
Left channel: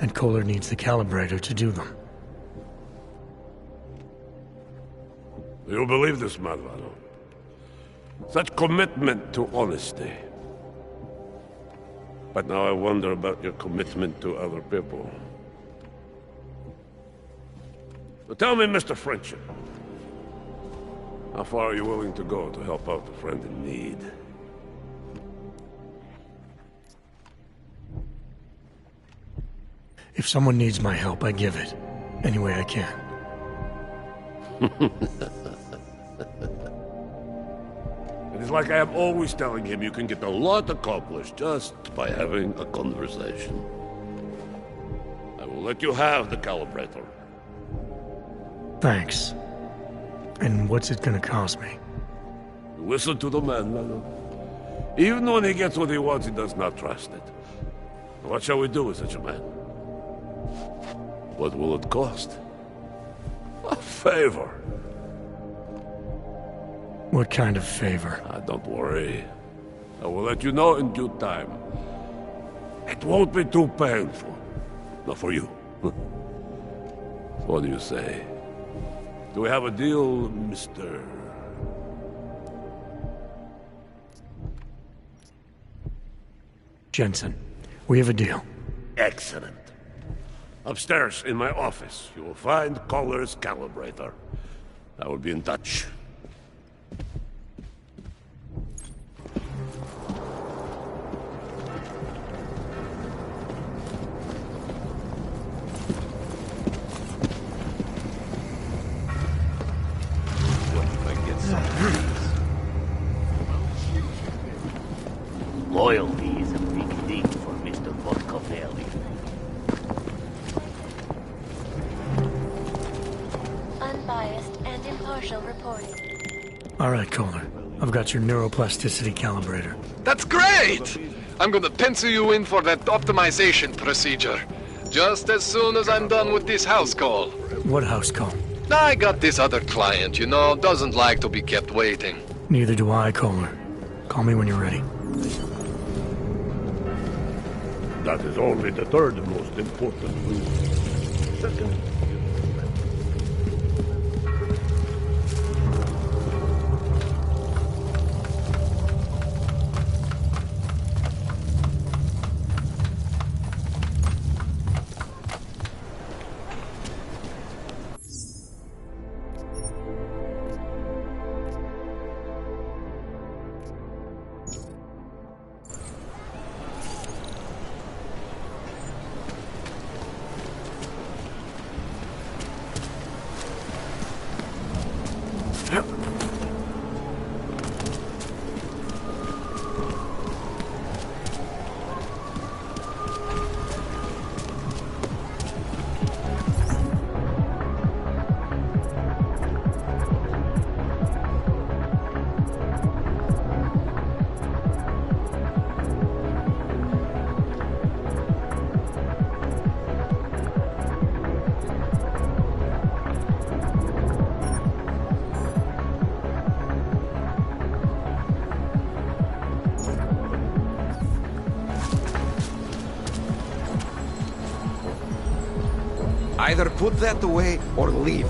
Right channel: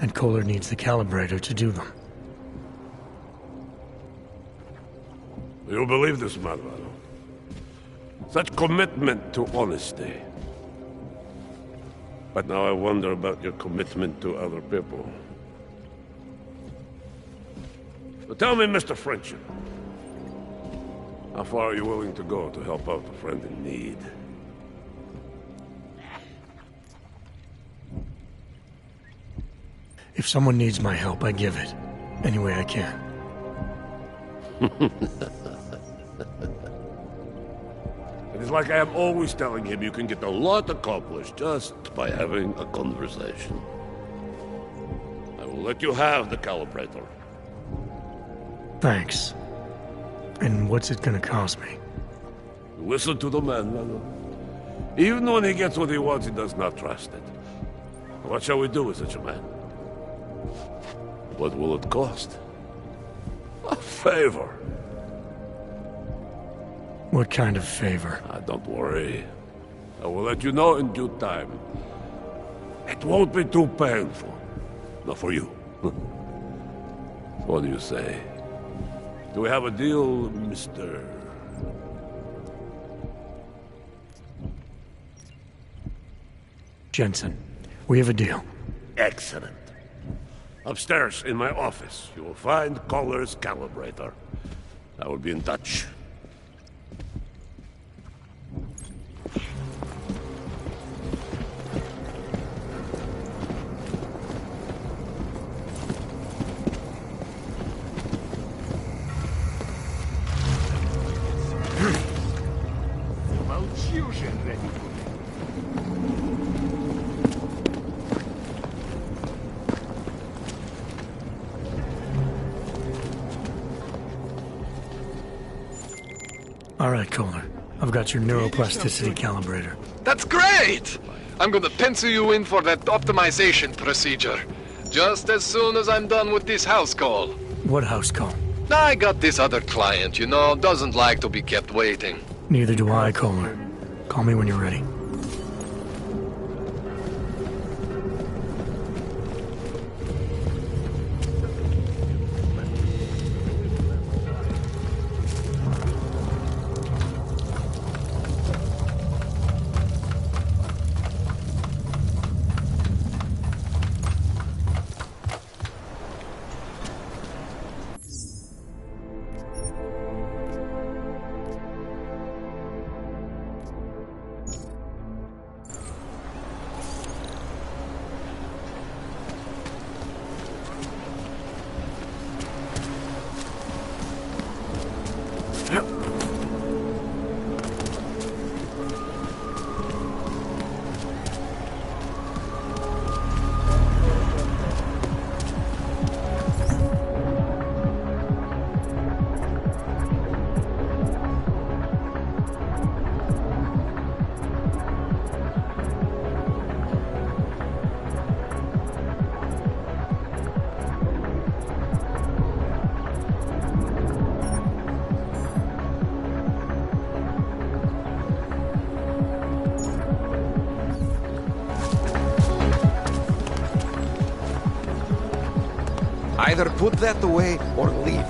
and Kohler needs the calibrator to do them. You believe this, Malvado? Such commitment to honesty. But now I wonder about your commitment to other people. So tell me, Mr. Friendship, how far are you willing to go to help out a friend in need? If someone needs my help, I give it. Any way I can. It is like I am always telling him you can get a lot accomplished just by having a conversation. I will let you have the calibrator. Thanks. And what's it gonna cost me? Listen to the man, Lalo. Even when he gets what he wants, he does not trust it. What shall we do with such a man? What will it cost? A favor. What kind of favor? Don't worry. I will let you know in due time. It won't be too painful. Not for you. What do you say? Do we have a deal, Mr. Jensen? We have a deal. Excellent. Upstairs in my office, you will find Kohler's calibrator. I will be in touch. Loyalty is a big thing in the Moscow area. Unbiased and impartial reporting. All right, Kohler. I've got your neuroplasticity calibrator. That's great! I'm gonna pencil you in for that optimization procedure. Just as soon as I'm done with this house call. What house call? I got this other client, you know, doesn't like to be kept waiting. Neither do I, Kohler. Call me when you're ready. That is only the third most important. Second, Either put that away or leave.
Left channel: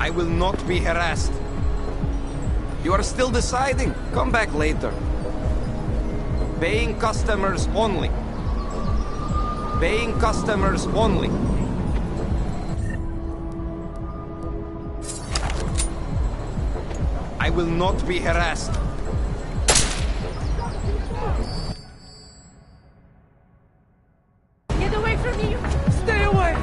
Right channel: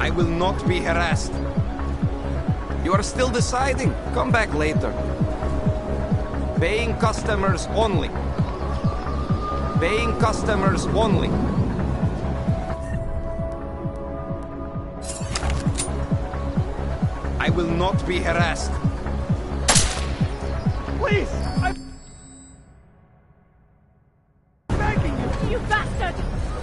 I will not be harassed. You are still deciding. Come back later. Paying customers only. Paying customers only. I will not be harassed. Please! You bastard! Stay away!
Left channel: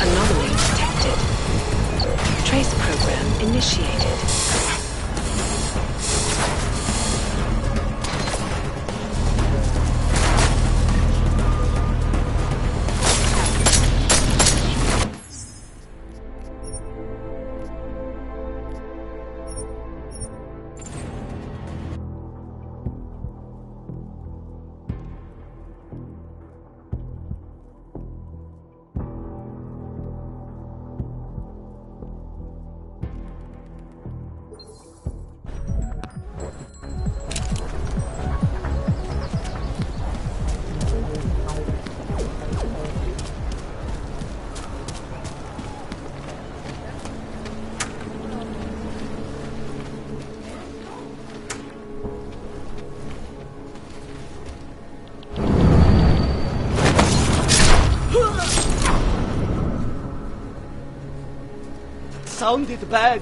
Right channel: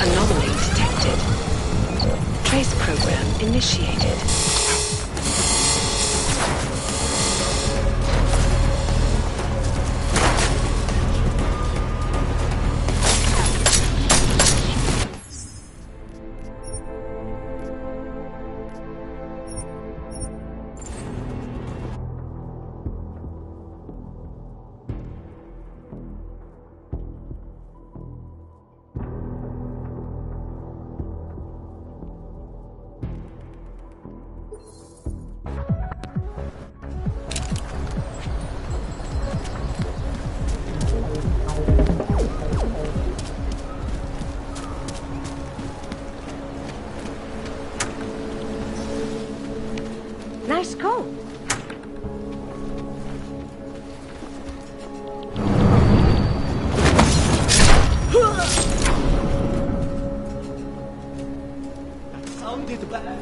Anomaly detected. Trace program initiated. Nice coat. That sounded bad.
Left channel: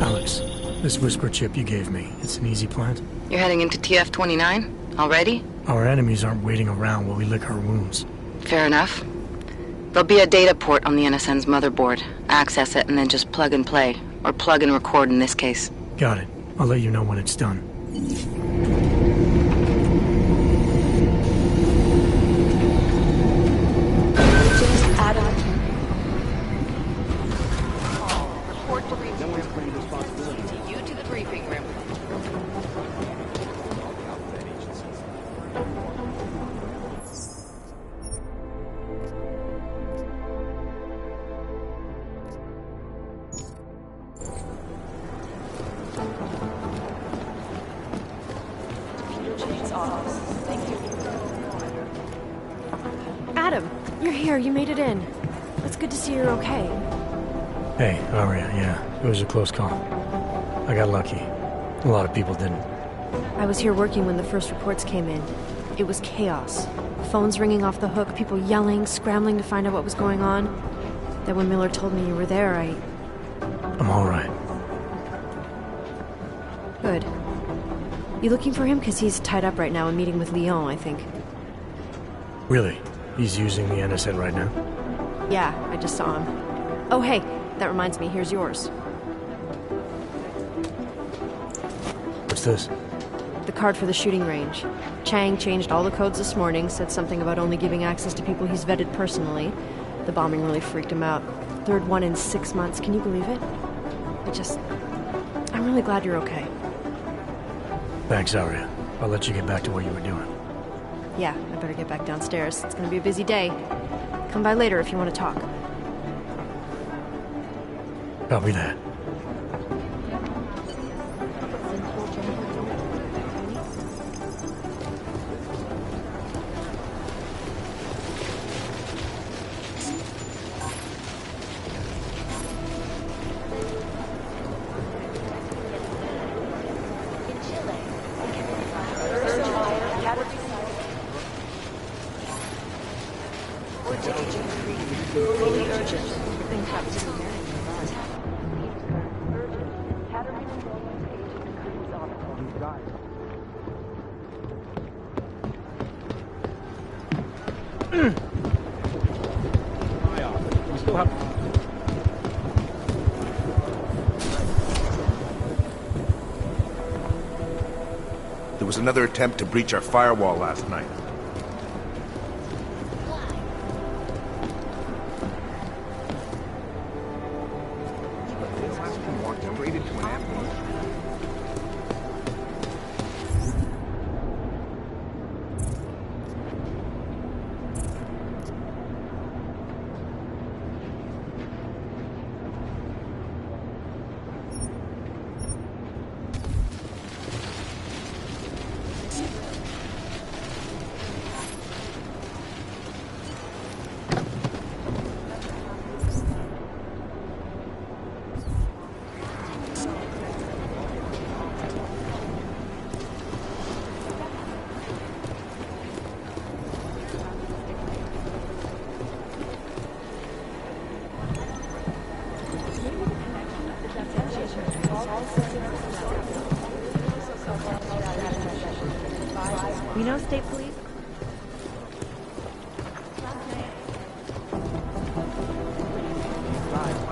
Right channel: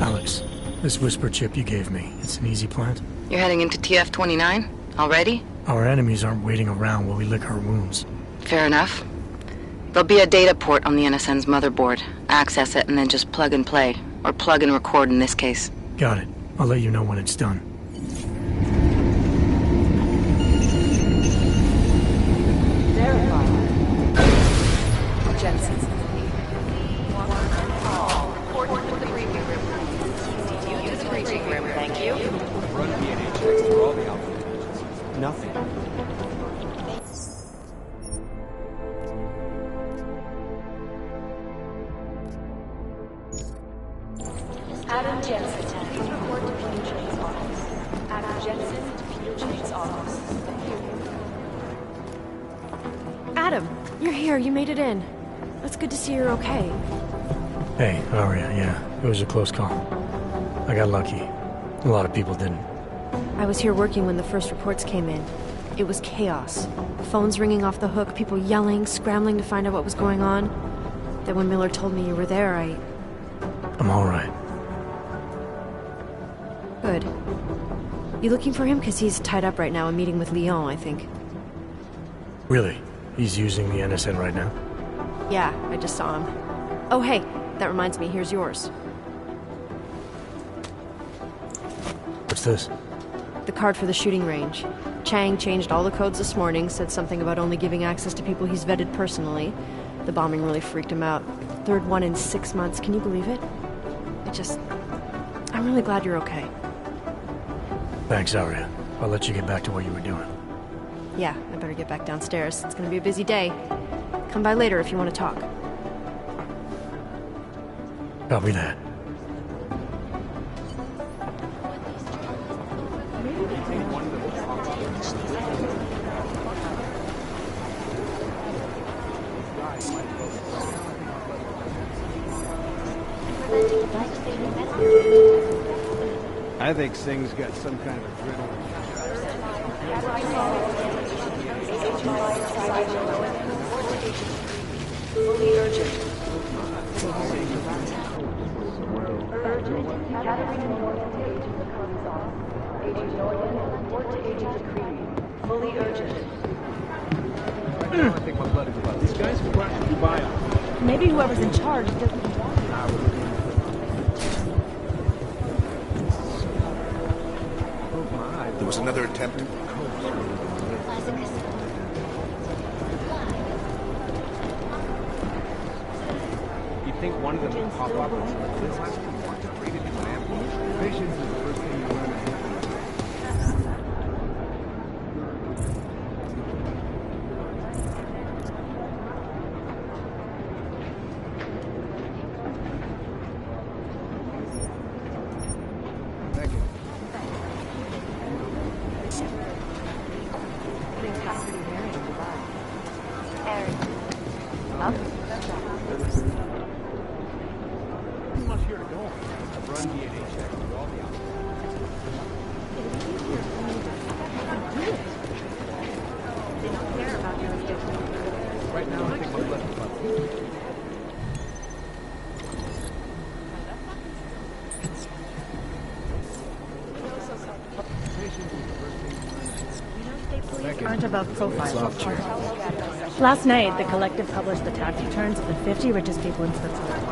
Alex, this whisper chip you gave me, it's an easy plant? You're heading into TF-29? Already? Our enemies aren't waiting around while we lick our wounds. Fair enough. There'll be a data port on the NSN's motherboard. Access it and then just plug and play. Or plug and record in this case. Got it. I'll let you know when it's done. Adam, you're here. You made it in. It's good to see you're okay. Hey, Aria, yeah. It was a close call. I got lucky. A lot of people didn't. I was here working when the first reports came in. It was chaos. Phones ringing off the hook, people yelling, scrambling to find out what was going on. Then when Miller told me you were there, I'm all right. Good. You looking for him? Because he's tied up right now and meeting with Leon, I think. Really? He's using the NSN right now? Yeah, I just saw him. Oh, hey, that reminds me, here's yours. What's this? The card for the shooting range. Chang changed all the codes this morning, said something about only giving access to people he's vetted personally. The bombing really freaked him out. Third one in 6 months, can you believe it? I'm really glad you're okay. Thanks, Aria. I'll let you get back to what you were doing. Yeah, I better get back downstairs. It's gonna be a busy day. Come by later if you want to talk. Copy that. I think Singh's got some kind Maybe whoever's in charge doesn't. There was another attempt to breach our firewall last night. You think one of them will pop up and this last can walk straight into an ambush? We know state police aren't above profile. Last night, the collective published the tax returns of the 50 richest people in Savannah.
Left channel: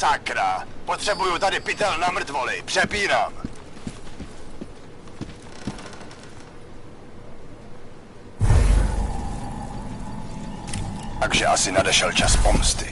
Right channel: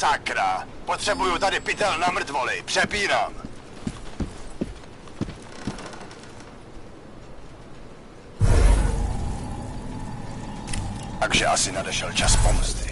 Sakra, potřebuju tady pytel na mrtvoly, přepínám. Takže asi nadešel čas pomsty.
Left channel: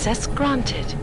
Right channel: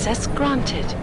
Access granted.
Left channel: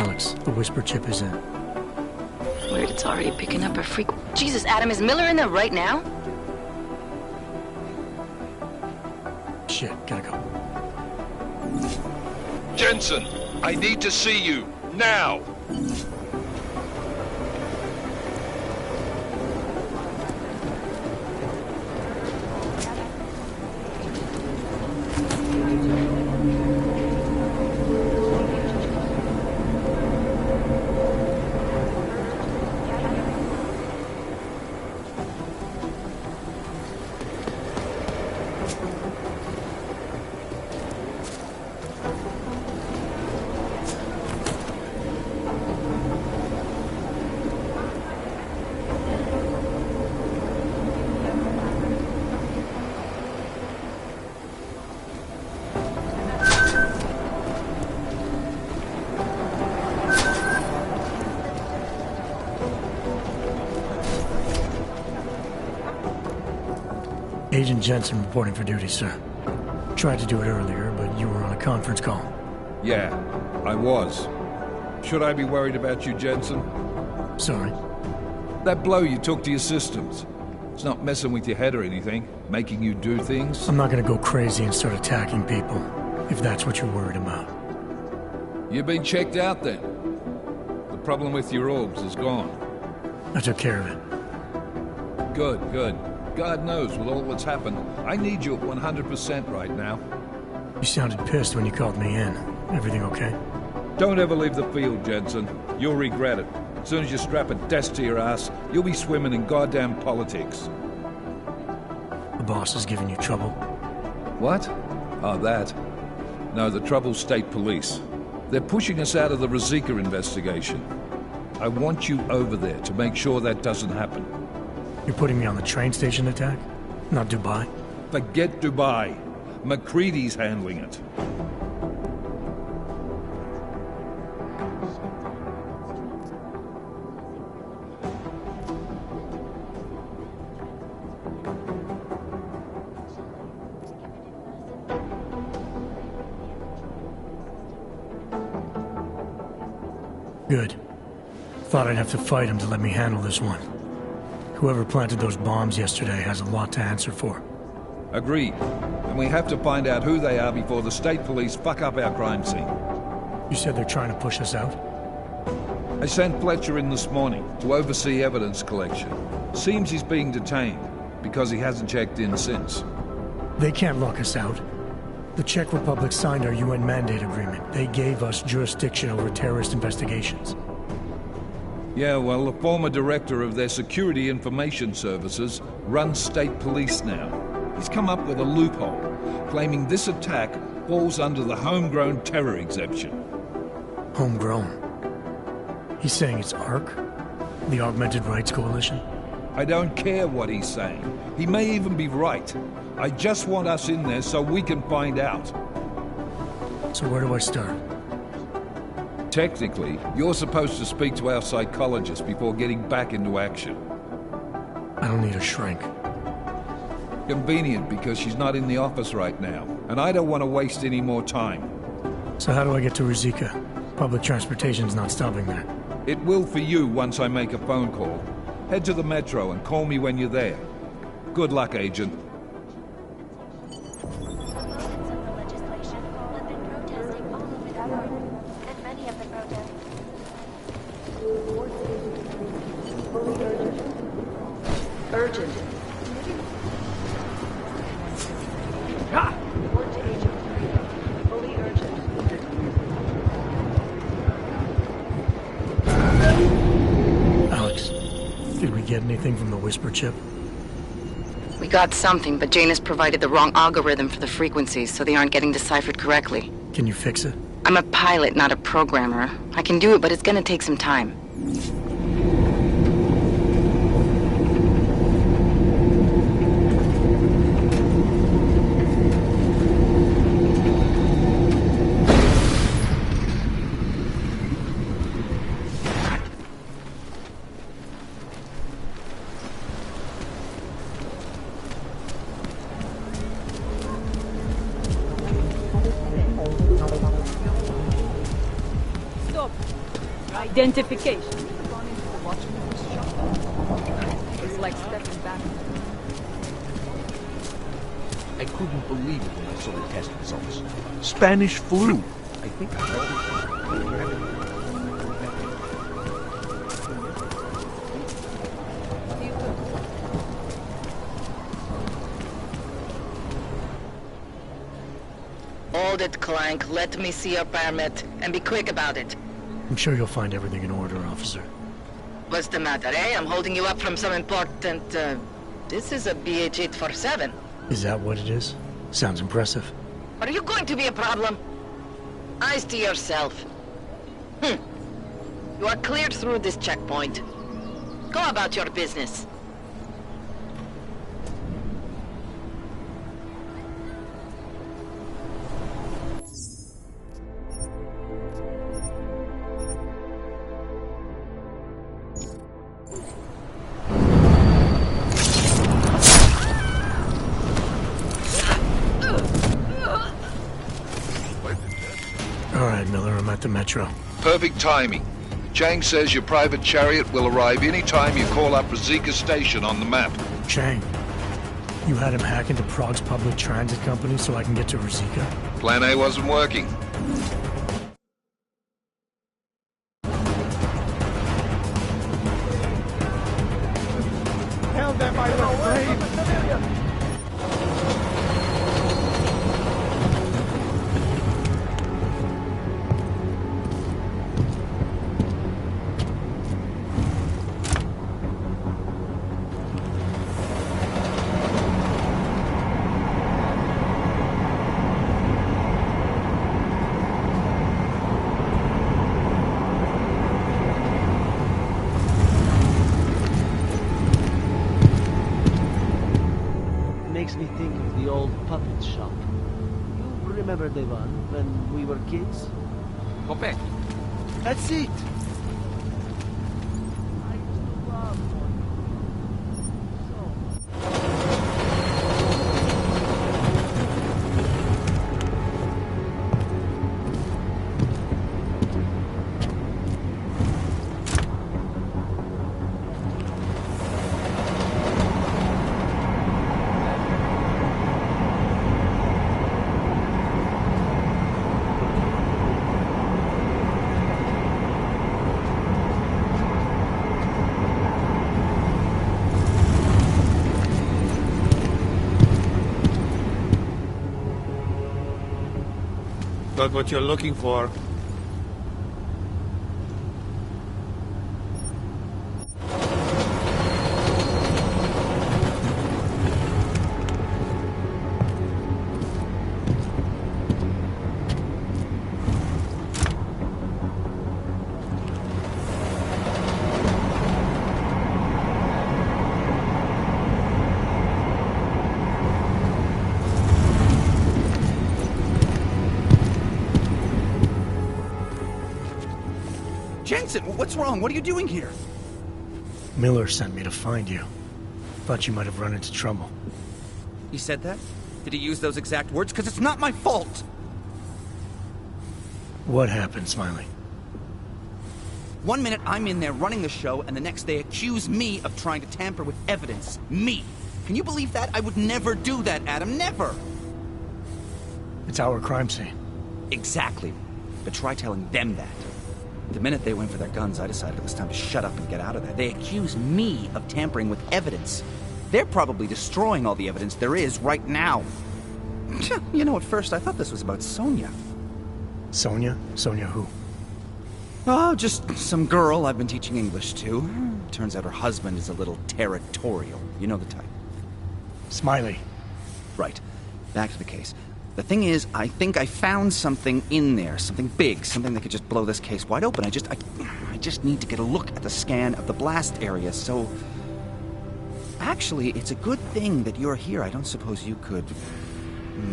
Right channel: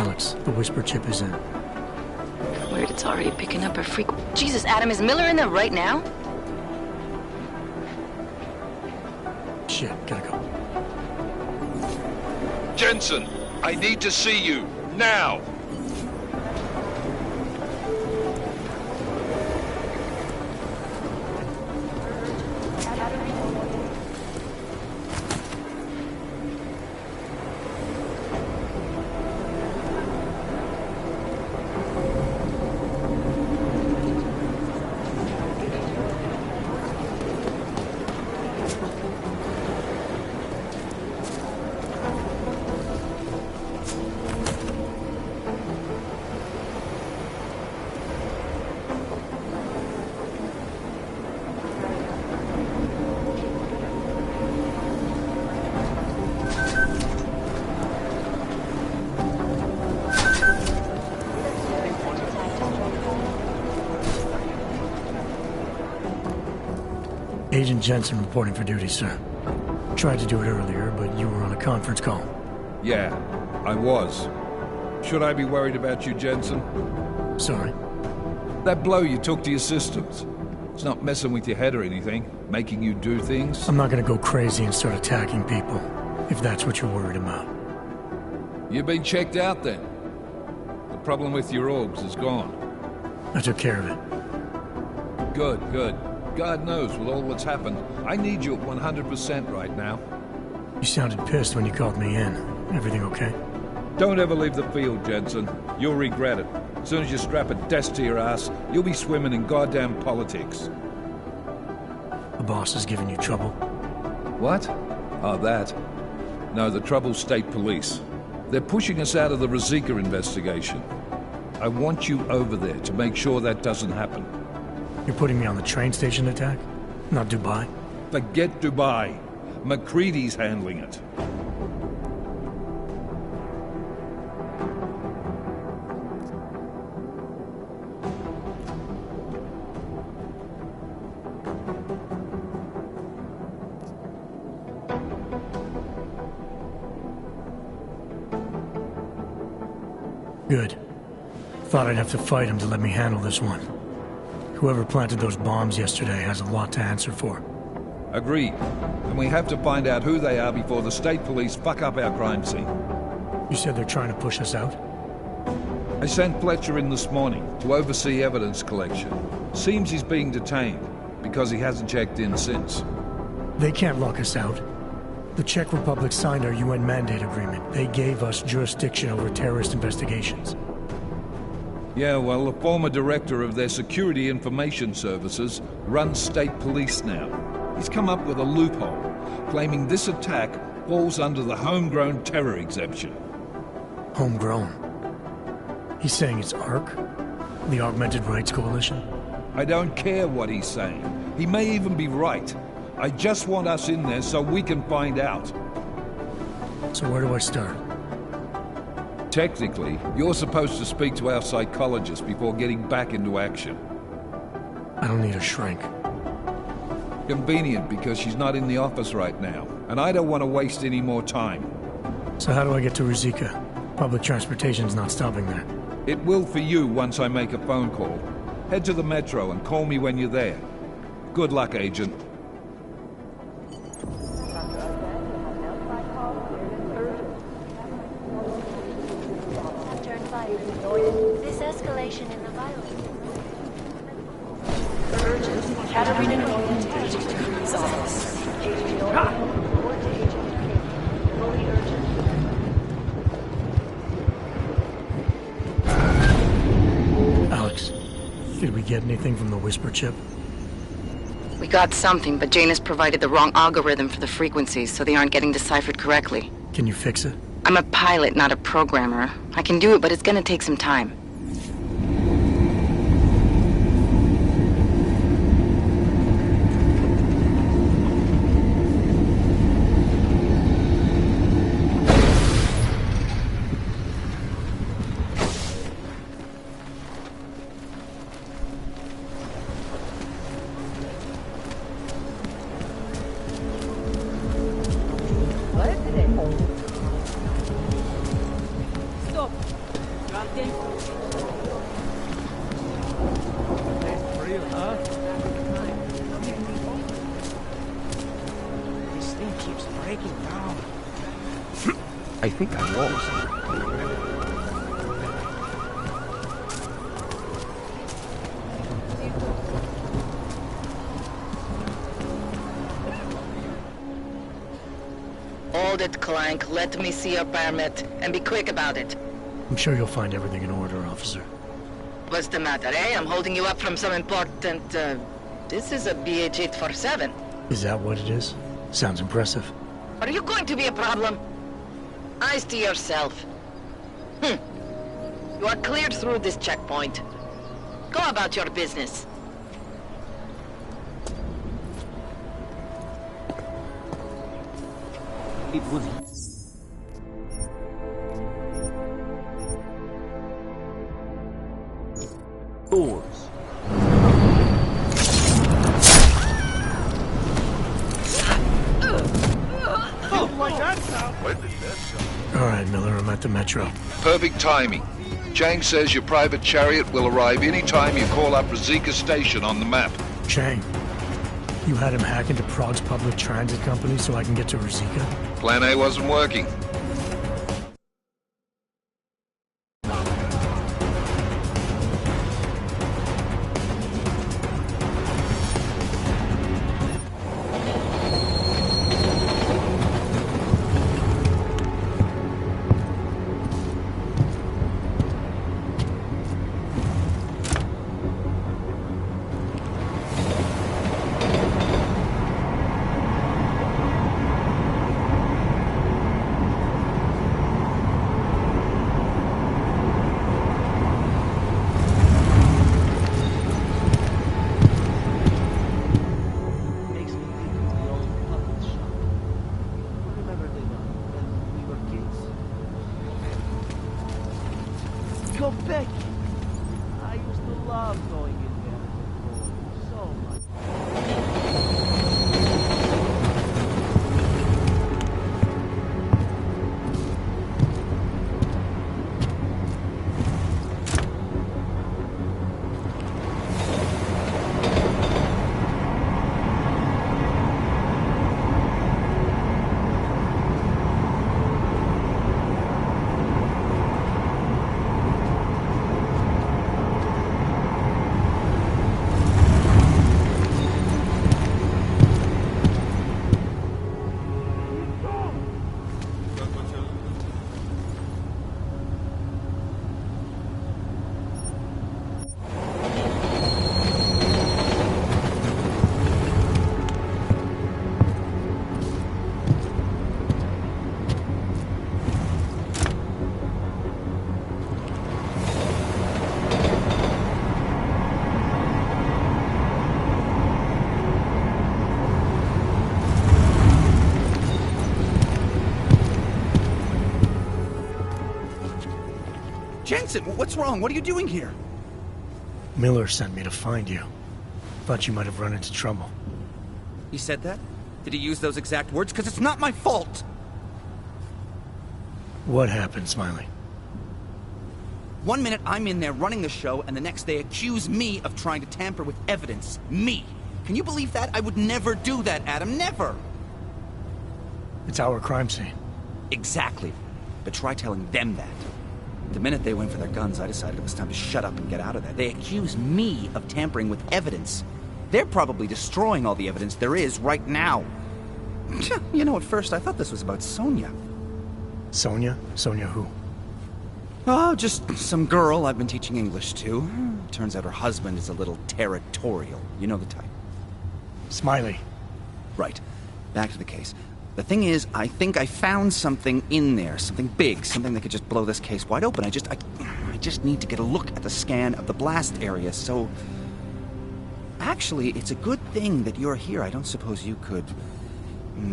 Alex, the whisper chip is in. Weird, it's already picking up a freak. Jesus, Adam, is Miller in there right now? Shit, gotta go. Jensen, I need to see you, now! Agent Jensen reporting for duty, sir. Tried to do it earlier, but you were on a conference call. Yeah, I was. Should I be worried about you, Jensen? Sorry. That blow you took to your systems. It's not messing with your head or anything, making you do things. I'm not gonna go crazy and start attacking people, if that's what you're worried about. You've been checked out then. The problem with your orgs is gone. I took care of it. Good, good. God knows, with all that's happened, I need you at 100% right now. You sounded pissed when you called me in. Everything okay? Don't ever leave the field, Jensen. You'll regret it. As soon as you strap a desk to your ass, you'll be swimming in goddamn politics. The boss is giving you trouble? What? Oh, that. No, the trouble's state police. They're pushing us out of the Ruzicka investigation. I want you over there to make sure that doesn't happen. You're putting me on the train station attack? Not Dubai? Forget Dubai. McCready's handling it. Good. Thought I'd have to fight him to let me handle this one. Whoever planted those bombs yesterday has a lot to answer for. Agreed. And we have to find out who they are before the state police fuck up our crime scene. You said they're trying to push us out? I sent Fletcher in this morning to oversee evidence collection. Seems he's being detained, because he hasn't checked in since. They can't lock us out. The Czech Republic signed our UN mandate agreement. They gave us jurisdiction over terrorist investigations. Yeah, well, the former director of their security information services runs state police now. He's come up with a loophole, claiming this attack falls under the homegrown terror exemption. Homegrown? He's saying it's ARC? The Augmented Rights Coalition? I don't care what he's saying. He may even be right. I just want us in there so we can find out. So where do I start? Technically, you're supposed to speak to our psychologist before getting back into action. I don't need a shrink. Convenient, because she's not in the office right now, and I don't want to waste any more time. So how do I get to Ruzicka? Public transportation's not stopping there. It will for you once I make a phone call. Head to the metro and call me when you're there. Good luck, Agent. Alex, did we get anything from the Whisper chip? We got something, but Jane has provided the wrong algorithm for the frequencies, so they aren't getting deciphered correctly. Can you fix it? I'm a pilot, not a programmer. I can do it, but it's gonna take some time. Stop. Identification. Like stepping back in time. I couldn't believe those Spanish flu. I think I know. Hold it, Clank. Let me see your permit, and be quick about it. I'm sure you'll find everything in order, officer. What's the matter, eh? I'm holding you up from some important, This is a BH-847. Is that what it is? Sounds impressive. Are you going to be a problem? Eyes to yourself. You are cleared through this checkpoint. Go about your business. It would... Doors. All right, Miller, I'm at the Metro. Perfect timing. Chang says your private chariot will arrive any time you call up Rosika Station on the map. Chang, you had him hack into Prague's public transit company so I can get to Rosika? Plan A wasn't working. Makes me think of the old puppet shop. You remember the one when we were kids? Go back. That's it. Go back. I used to love going in there as a boy. So much. Got what you're looking for. Jensen, what's wrong? What are you doing here? Miller sent me to find you. Thought you might have run into trouble. He said that? Did he use those exact words? Because it's not my fault! What happened, Smiley? 1 minute I'm in there running the show, and the next they accuse me of trying to tamper with evidence. Me! Can you believe that? I would never do that, Adam. Never! It's our crime scene. Exactly. But try telling them that. The minute they went for their guns, I decided it was time to shut up and get out of there. They accuse me of tampering with evidence. They're probably destroying all the evidence there is right now. You know, at first I thought this was about Sonia. Sonia? Sonia who? Oh, just some girl I've been teaching English to. Turns out her husband is a little territorial. You know the type. Smiley. Right. Back to the case. The thing is, I think I found something in there. Something big. Something that could just blow this case wide open. I just need to get a look at the scan of the blast area, so... Actually, it's a good thing that you're here. I don't suppose you could...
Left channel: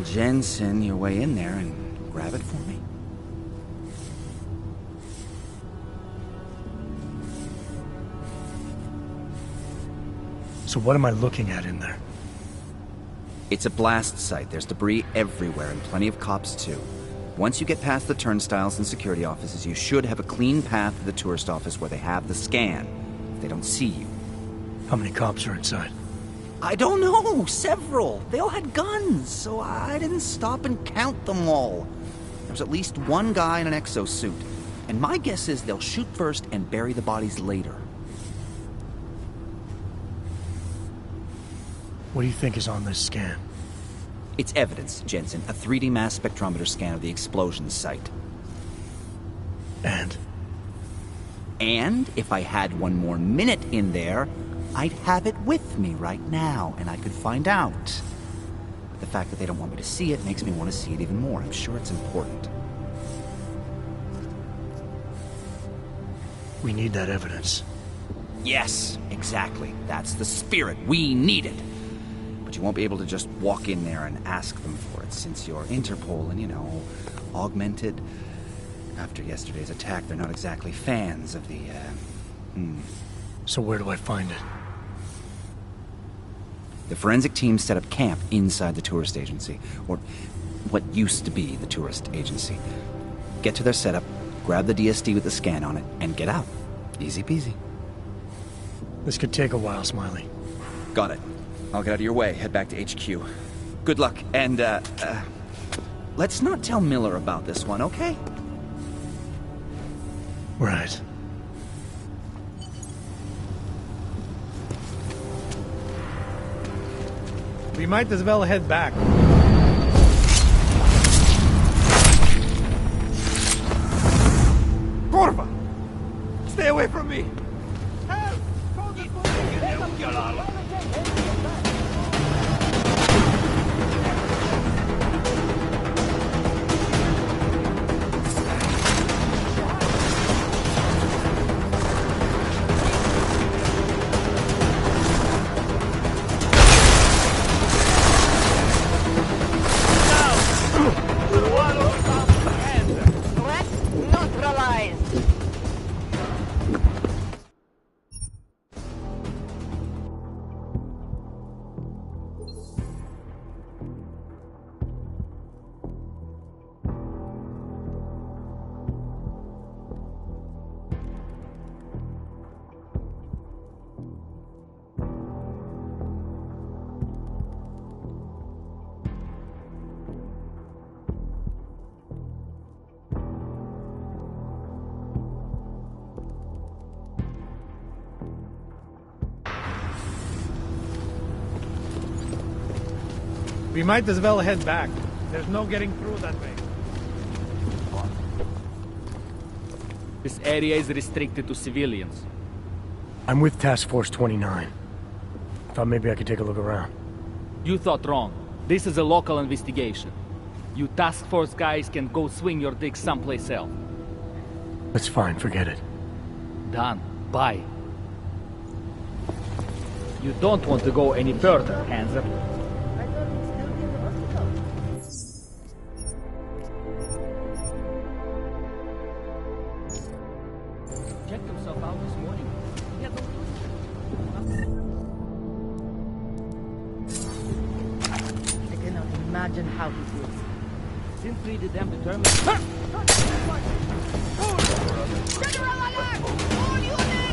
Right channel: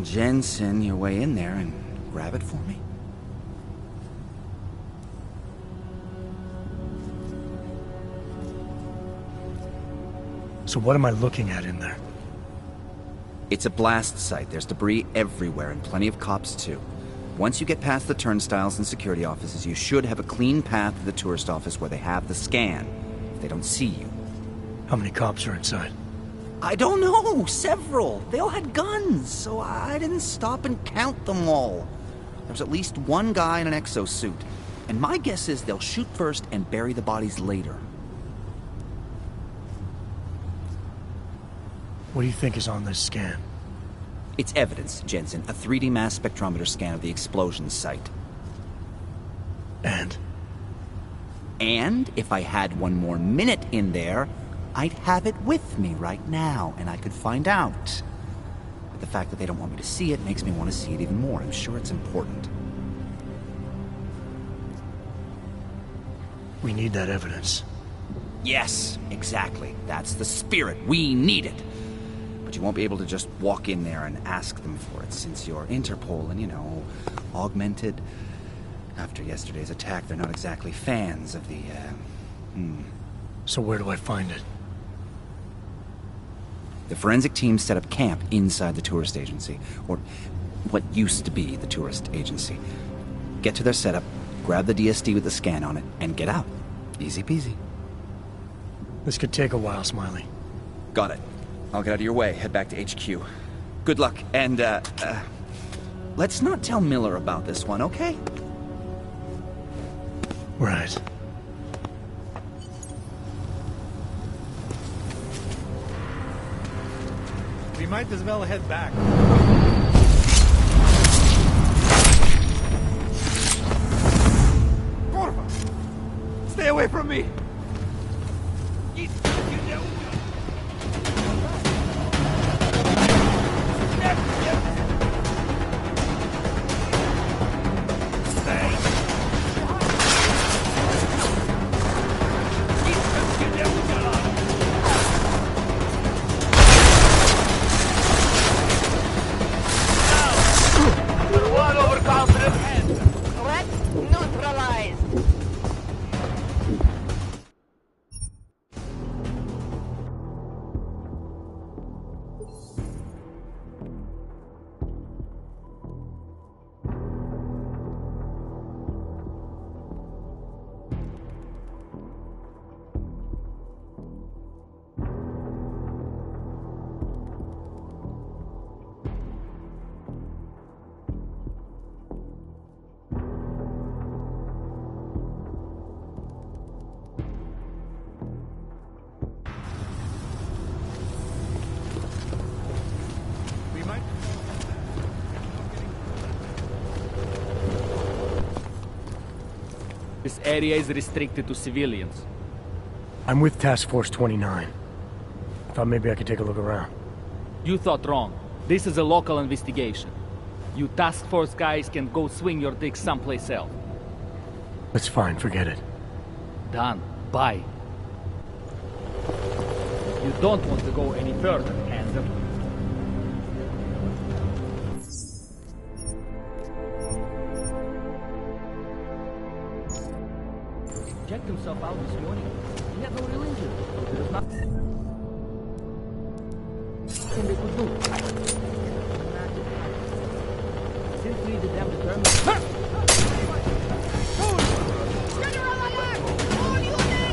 Jensen your way in there and grab it for me? So what am I looking at in there? It's a blast site. There's debris everywhere, and plenty of cops, too. Once you get past the turnstiles and security offices, you should have a clean path to the tourist office where they have the scan, if they don't see you. How many cops are inside? I don't know. Several. They all had guns, so I didn't stop and count them all. There was at least one guy in an exosuit, and my guess is they'll shoot first and bury the bodies later. What do you think is on this scan? It's evidence, Jensen. A 3D mass spectrometer scan of the explosion site. And? And if I had one more minute in there, I'd have it with me right now, and I could find out. But the fact that they don't want me to see it makes me want to see it even more. I'm sure it's important. We need that evidence. Yes, exactly. That's the spirit. We need it. But you won't be able to just walk in there and ask them for it, since you're Interpol and, you know, augmented. After yesterday's attack, they're not exactly fans of the, So where do I find it? The forensic team set up camp inside the tourist agency. Or, what used to be the tourist agency. Get to their setup, grab the DSD with the scan on it, and get out. Easy peasy. This could take a while, Smiley. Got it. I'll get out of your way, head back to HQ. Good luck, and, let's not tell Miller about this one, okay? Right. We might as well head back. Corva! Stay away from me! We might as well head back. There's no getting through that way. This area is restricted to civilians. I'm with Task Force 29. I thought maybe I could take a look around. You thought wrong. This is a local investigation. You task force guys can go swing your dick someplace else. That's fine, forget it. Done. Bye. You don't want to go any further, Hanser. Checked himself out this morning. He had no real injury. There's nothing they could do. I cannot imagine how he did it. Simply the damn determined. General alert! All units!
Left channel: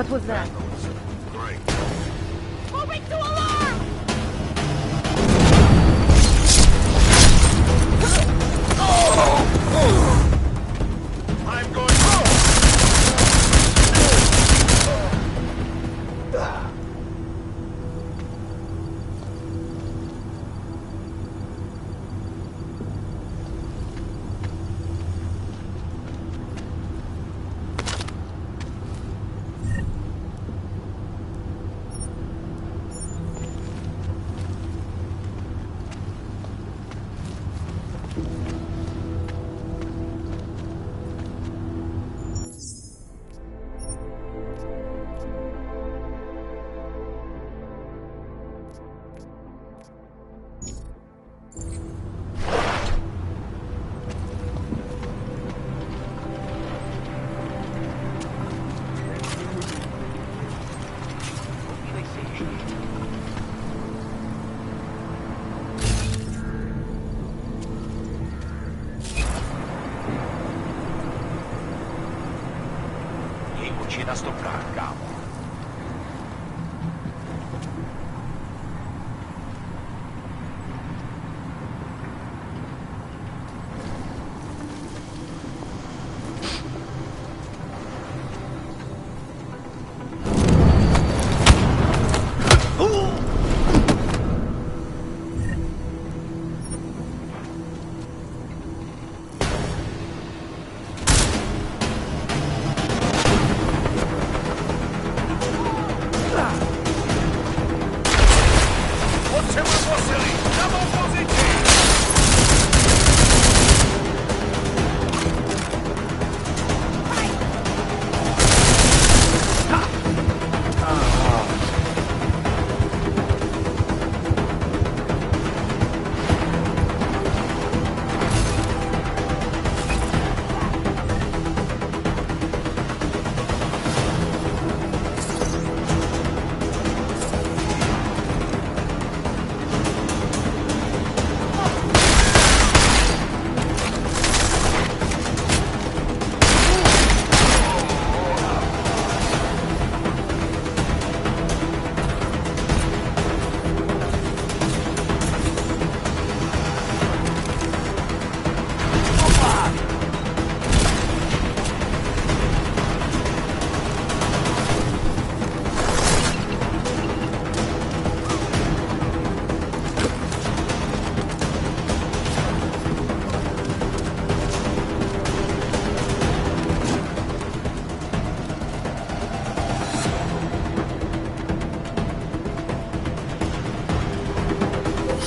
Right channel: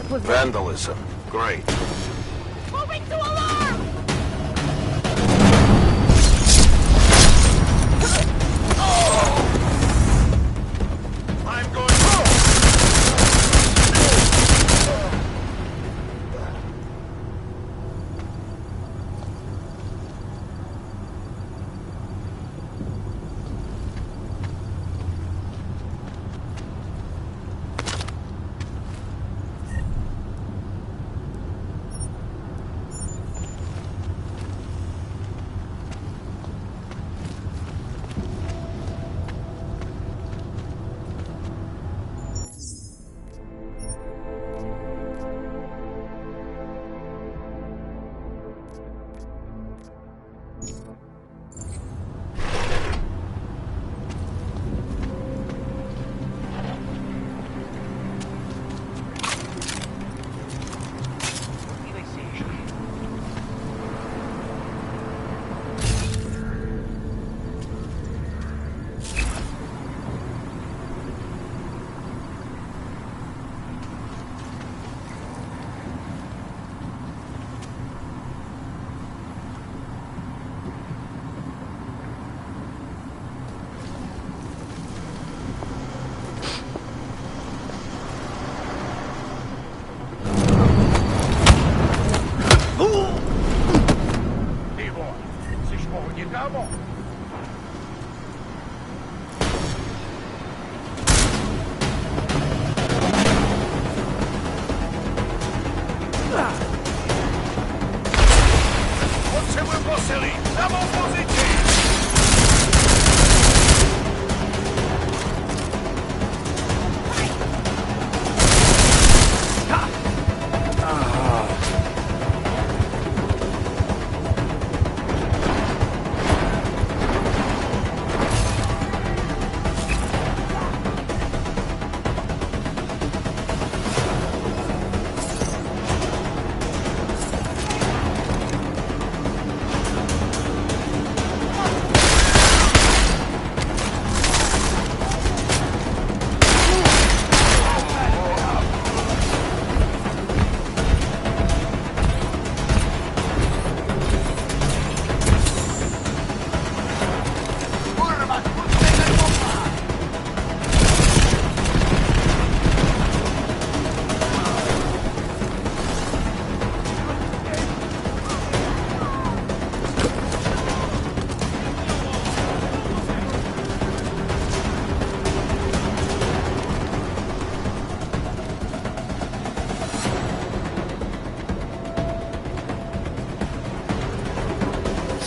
What was that? Vandalism. Great. Moving to alarm! I'm going da stoppare, cavolo.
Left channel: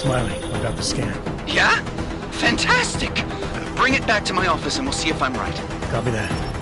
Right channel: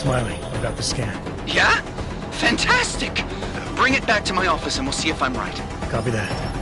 Smiley, I've got the scan. Yeah? Fantastic! Bring it back to my office and we'll see if I'm right. Copy that.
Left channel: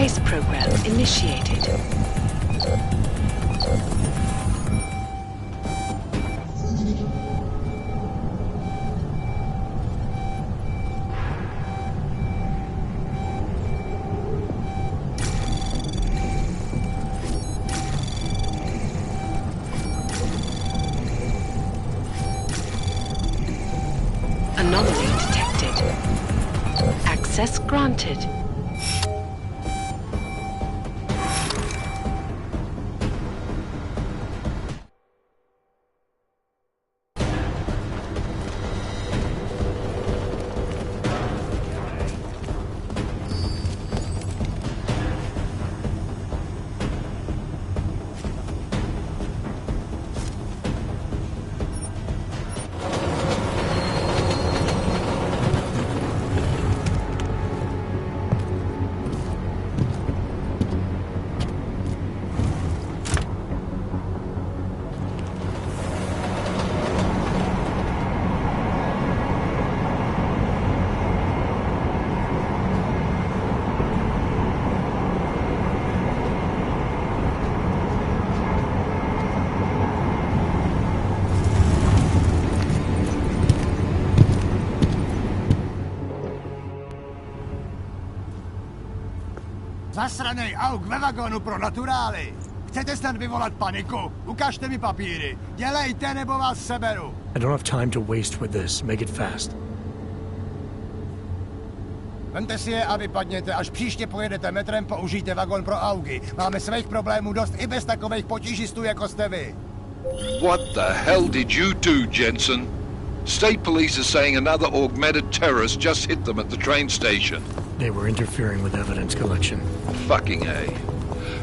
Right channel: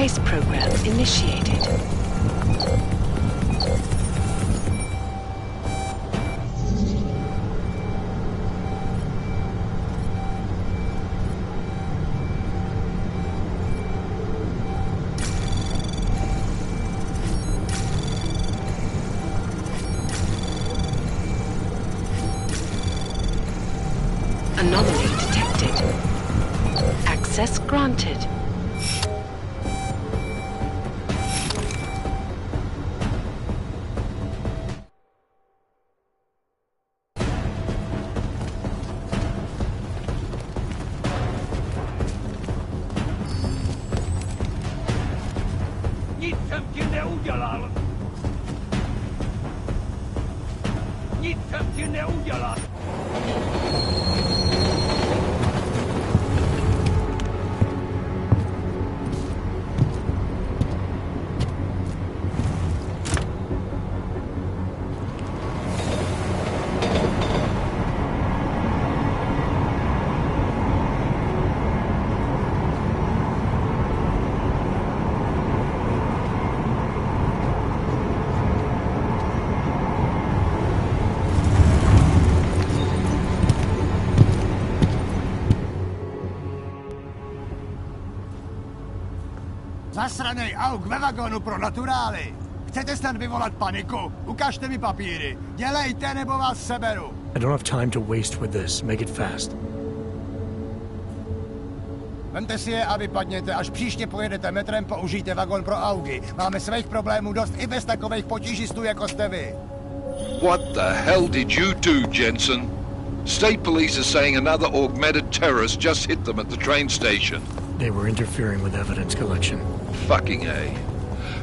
Trace program initiated. Anomaly detected. Access granted. Zasranej auk ve vagonu pro naturály! Chcete snad vyvolat paniku? Ukažte mi papíry. Dělejte, nebo vás seberu. I don't have time to waste with this. Make it fast. Vemte si je a vypadněte. Až příště pojedete metrem, použijte vagon pro augy. Máme svých problémů dost i bez takových potížistů, jako jste vy. What the hell did you do, Jensen? State police are saying another augmented terrorist just hit them at the train station. They were interfering with evidence collection. Fucking A.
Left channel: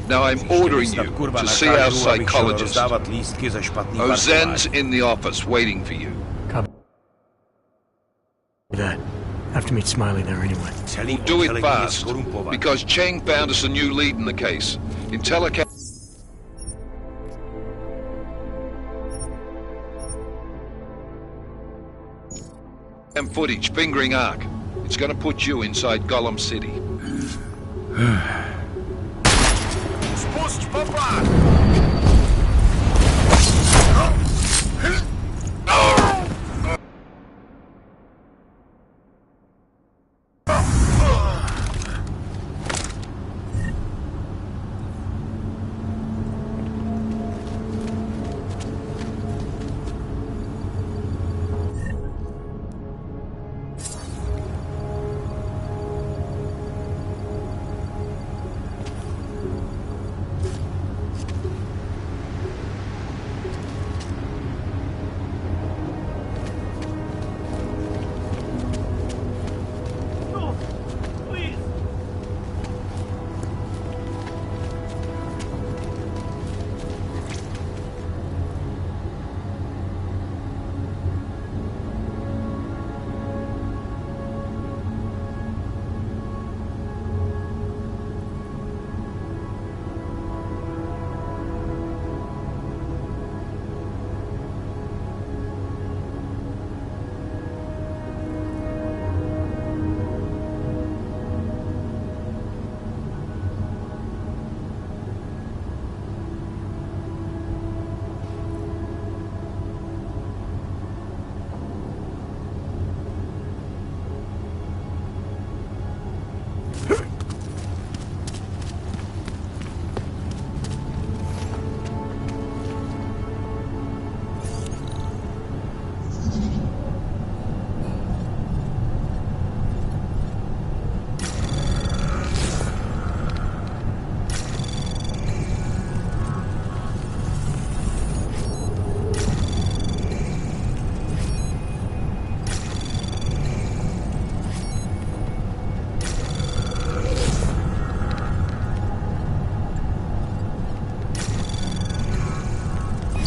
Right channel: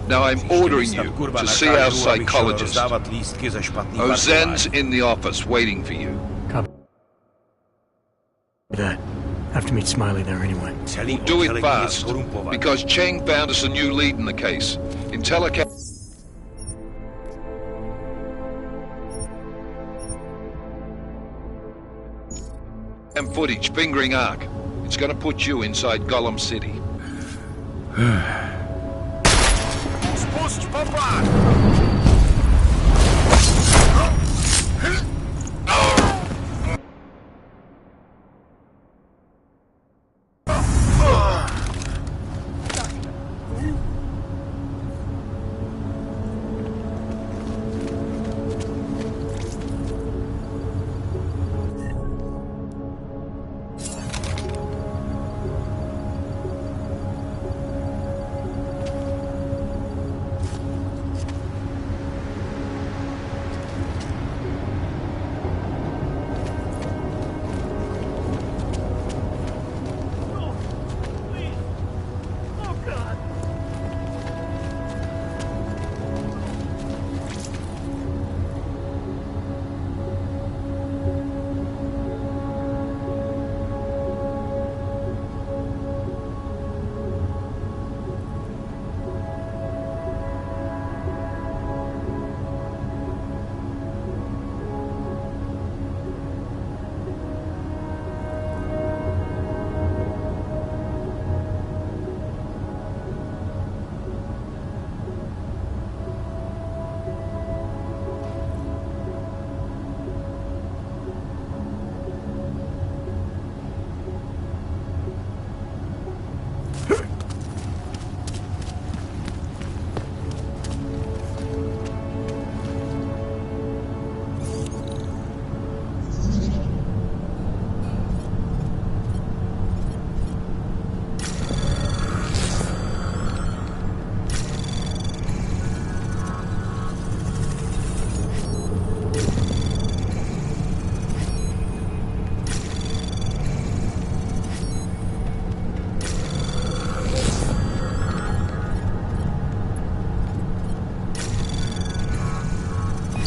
Now I'm ordering you to see our psychologist. Ozen's in the office waiting for you. Copy that. Have to meet Smiley there anyway. We'll do it fast, because Cheng found us a new lead in the case. And footage fingering Ark. It's gonna put you inside Gollum City. Spuść popa!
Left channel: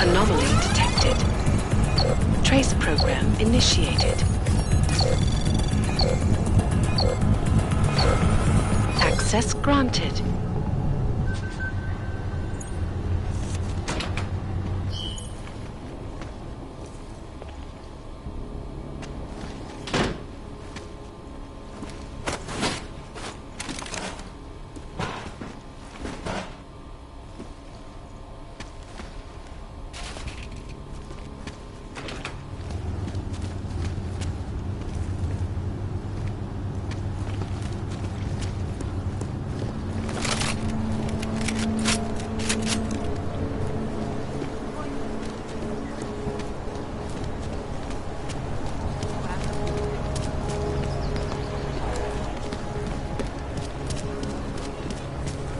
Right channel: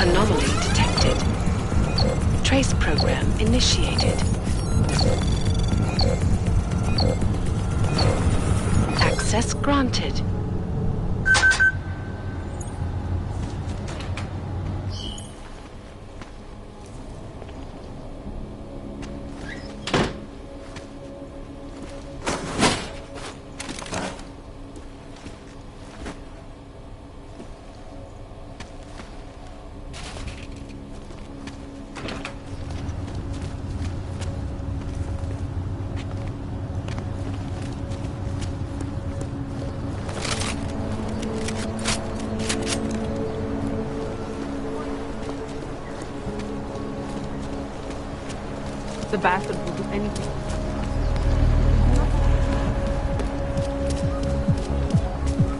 Anomaly detected. Trace program initiated. Access granted. The bathtub will do anything.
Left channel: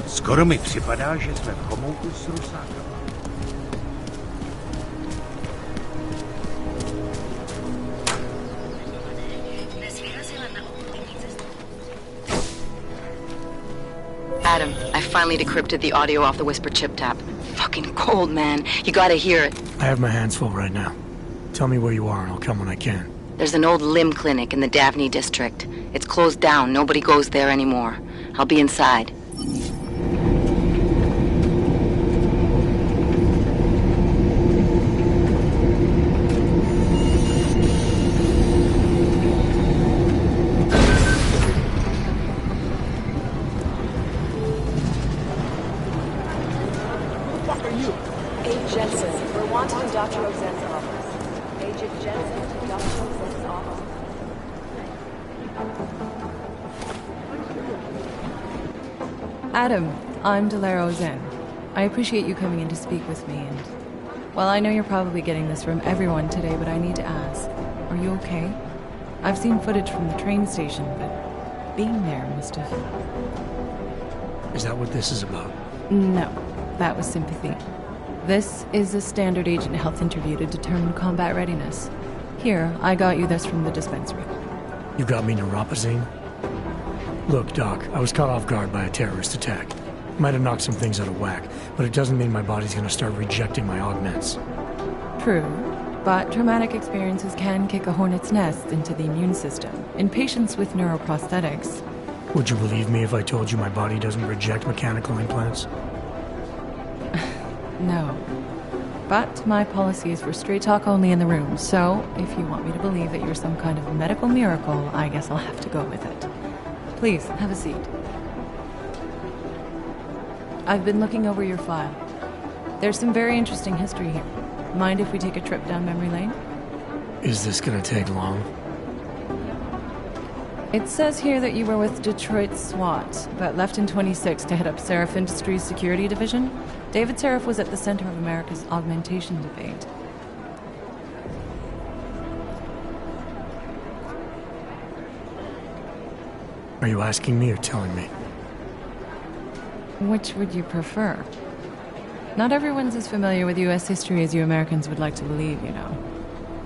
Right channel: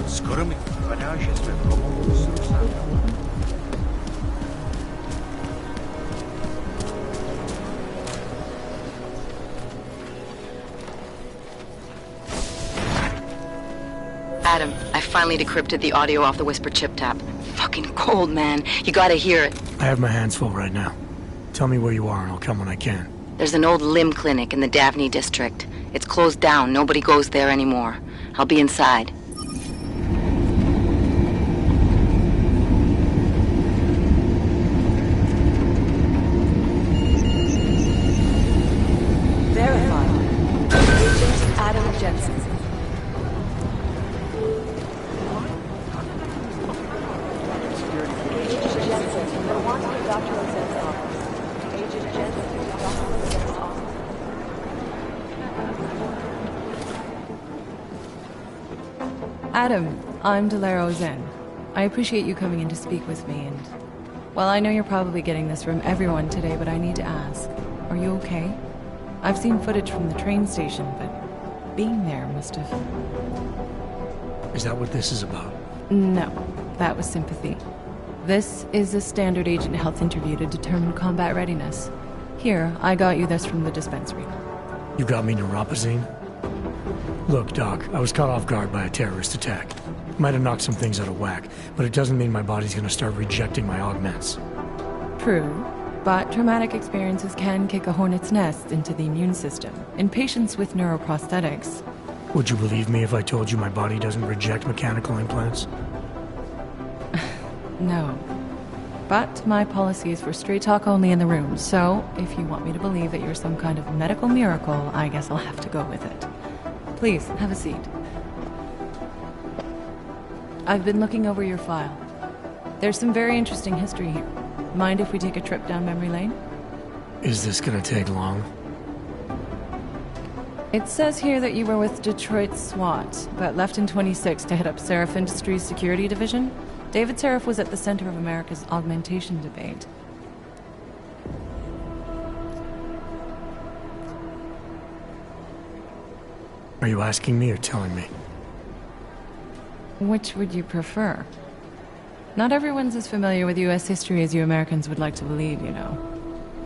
Skoro mi připadá, že jsme v komouchu s rusákama. Adam, I finally decrypted the audio off the Whisper chip tap. Fucking cold, man. You gotta hear it. I have my hands full right now. Tell me where you are and I'll come when I can. There's an old limb clinic in the Davney district. It's closed down. Nobody goes there anymore. I'll be inside. Adam, I'm Delaro Zen. I appreciate you coming in to speak with me, and... Well, I know you're probably getting this from everyone today, but I need to ask. Are you okay? I've seen footage from the train station, but being there must have... Is that what this is about? No, that was sympathy. This is a standard agent health interview to determine combat readiness. Here, I got you this from the dispensary. You got me neuropazine? Look, Doc, I was caught off guard by a terrorist attack. Might have knocked some things out of whack, but it doesn't mean my body's gonna start rejecting my augments. True, but traumatic experiences can kick a hornet's nest into the immune system. In patients with neuroprosthetics... Would you believe me if I told you my body doesn't reject mechanical implants? No. But my policy is for straight talk only in the room, so if you want me to believe that you're some kind of medical miracle, I guess I'll have to go with it. Please, have a seat. I've been looking over your file. There's some very interesting history here. Mind if we take a trip down memory lane? Is this gonna take long? It says here that you were with Detroit SWAT, but left in 26 to head up Seraph Industries' security division. David Seraph was at the center of America's augmentation debate. Are you asking me or telling me? Which would you prefer? Not everyone's as familiar with U.S. history as you Americans would like to believe, you know.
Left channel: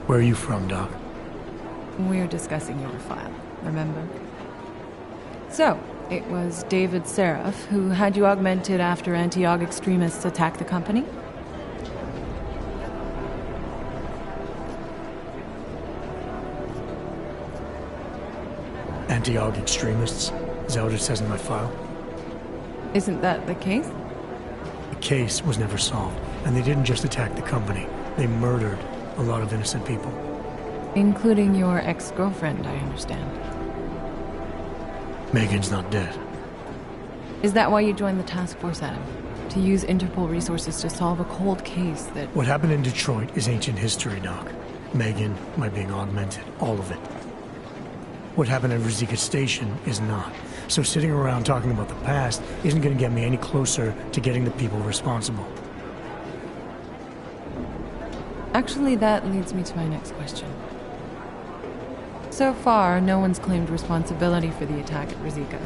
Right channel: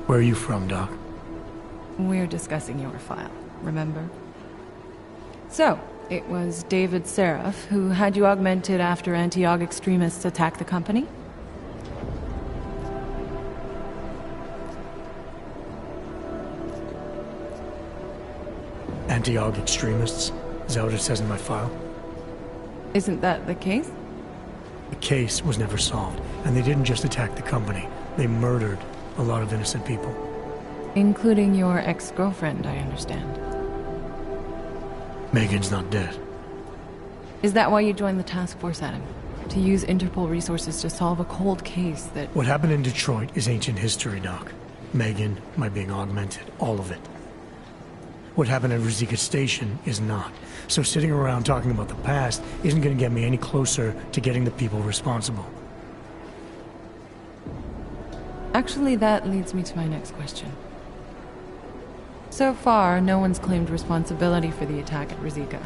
Where are you from, Doc? We're discussing your file, remember? So, it was David Seraph who had you augmented after anti-aug extremists attacked the company? Anti-aug extremists? Is that what it says in my file? Isn't that the case? The case was never solved, and they didn't just attack the company. They murdered a lot of innocent people. Including your ex-girlfriend, I understand. Megan's not dead. Is that why you joined the task force, Adam? To use Interpol resources to solve a cold case that... What happened in Detroit is ancient history, Doc. Megan, my being augmented, all of it. What happened at Rosika Station is not. So sitting around talking about the past isn't going to get me any closer to getting the people responsible. Actually, that leads me to my next question. So far, no one's claimed responsibility for the attack at Rosika.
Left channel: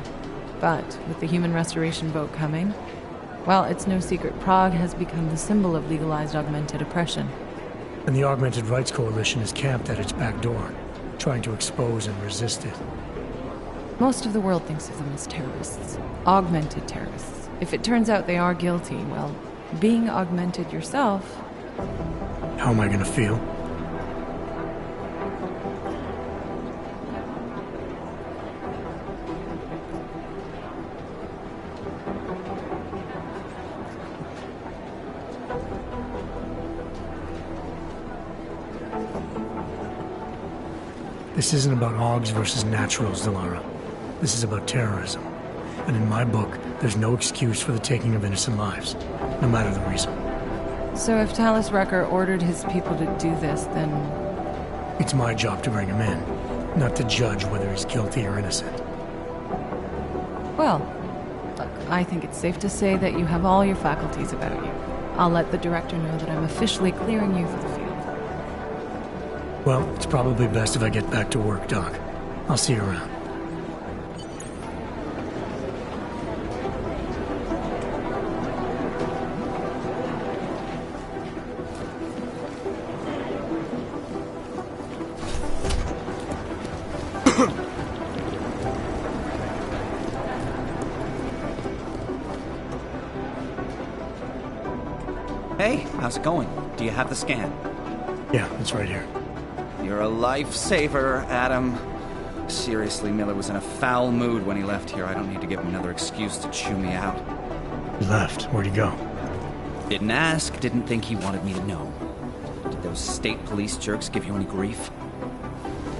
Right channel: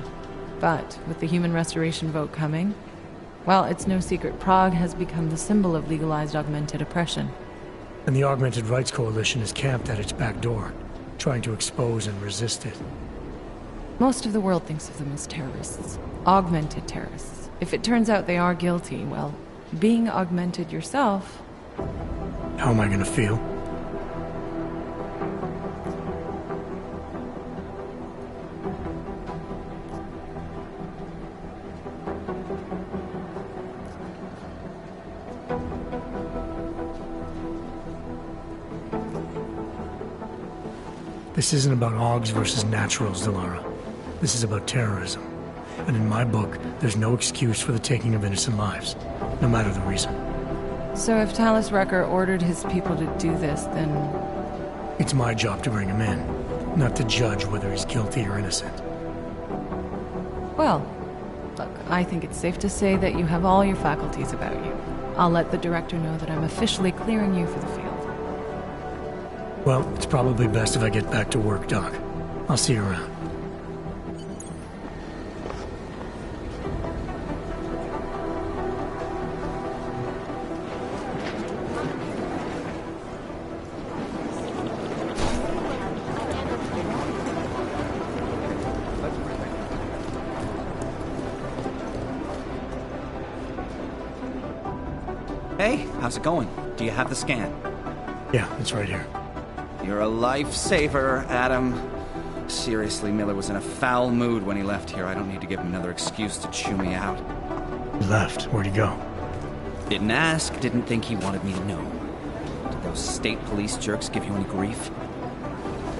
But with the human restoration vote coming, well, it's no secret Prague has become the symbol of legalized augmented oppression. And the Augmented Rights Coalition is camped at its back door, trying to expose and resist it. Most of the world thinks of them as terrorists. Augmented terrorists. If it turns out they are guilty, well, being augmented yourself... How am I gonna feel? This isn't about Augs versus Naturals, Delara. This is about terrorism. And in my book, there's no excuse for the taking of innocent lives, no matter the reason. So if Talus Rucker ordered his people to do this, then... It's my job to bring him in, not to judge whether he's guilty or innocent. Well, look, I think it's safe to say that you have all your faculties about you. I'll let the director know that I'm officially clearing you for the field. Well, it's probably best if I get back to work, Doc. I'll see you around. Hey, how's it going? Do you have the scan? Yeah, it's right here. You're a lifesaver, Adam. Seriously, Miller was in a foul mood when he left here. I don't need to give him another excuse to chew me out. He left. Where'd he go? Didn't ask, didn't think he wanted me to know. Did those state police jerks give you any grief?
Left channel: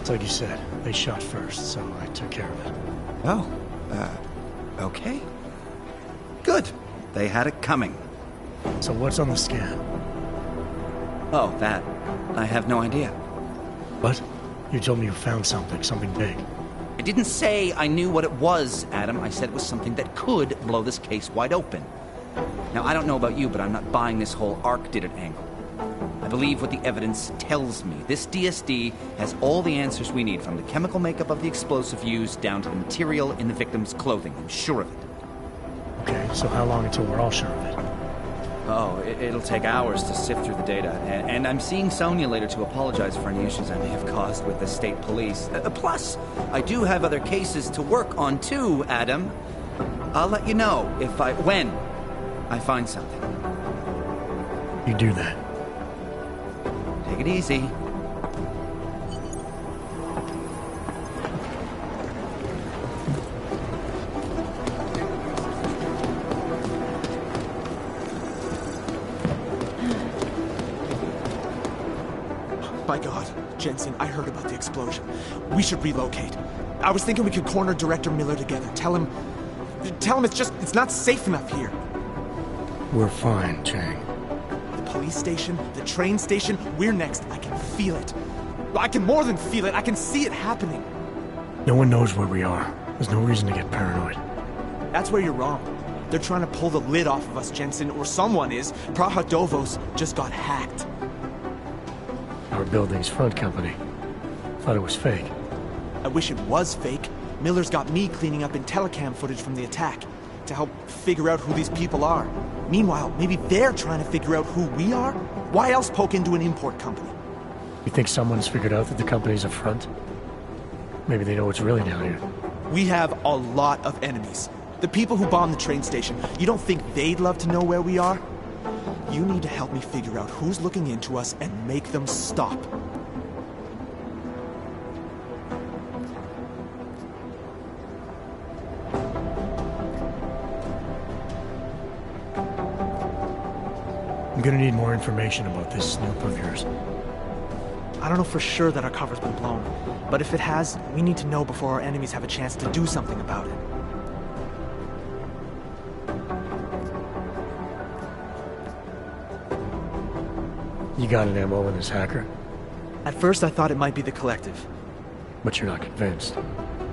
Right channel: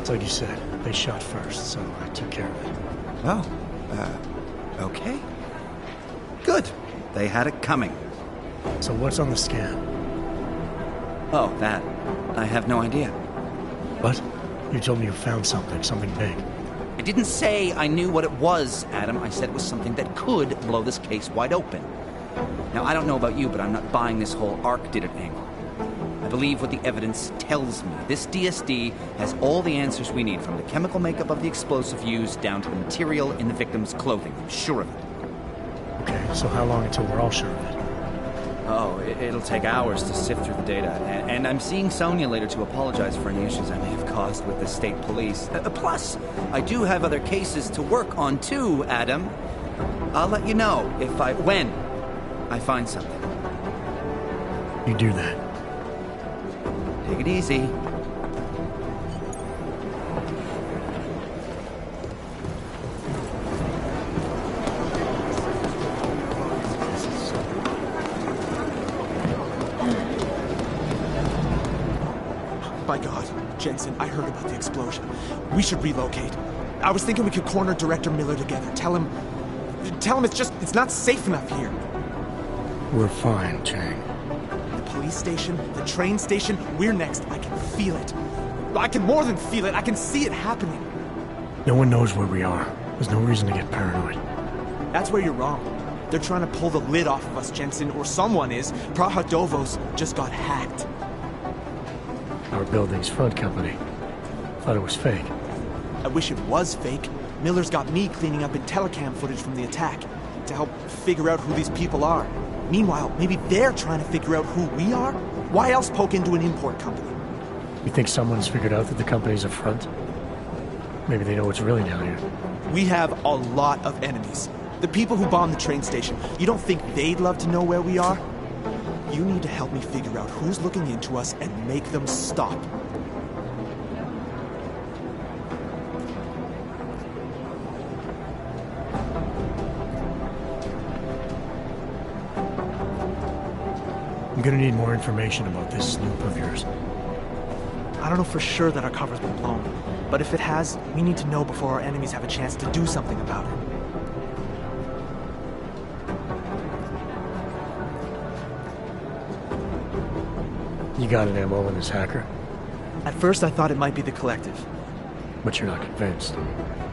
It's like you said. They shot first, so I took care of it. Oh, okay. Good. They had it coming. So what's on the scan? Oh, that. I have no idea. What? You told me you found something big. I didn't say I knew what it was, Adam. I said it was something that could blow this case wide open. Now, I don't know about you, but I'm not buying this whole Ark did it angle. I believe what the evidence tells me. This DSD has all the answers we need, from the chemical makeup of the explosive used down to the material in the victim's clothing. I'm sure of it. Okay, so how long until we're all sure of it? Oh, it'll take hours to sift through the data, and I'm seeing Sonia later to apologize for any issues I may have caused with the state police. Plus, I do have other cases to work on too, Adam. I'll let you know when I find something. You do that. Take it easy. By God, Jensen, I heard about the explosion. We should relocate. I was thinking we could corner Director Miller together. Tell him it's not safe enough here. We're fine, Chang. The police station, the train station, we're next. I can feel it. I can more than feel it. I can see it happening. No one knows where we are. There's no reason to get paranoid. That's where you're wrong. They're trying to pull the lid off of us, Jensen, or someone is. Praha Dovos just got hacked. Our building's front company. Thought it was fake. I wish it was fake. Miller's got me cleaning up IntelliCam footage from the attack to help figure out who these people are. Meanwhile, maybe they're trying to figure out who we are? Why else poke into an import company? You think someone's figured out that the company's a front? Maybe they know what's really down here. We have a lot of enemies. The people who bombed the train station, you don't think they'd love to know where we are? You need to help me figure out who's looking into us and make them stop. I'm gonna need more information about this snoop of yours. I don't know for sure that our cover's been blown, but if it has, we need to know before our enemies have a chance to do something about it. You got an MO in this hacker? At first I thought it might be the Collective. But you're not convinced?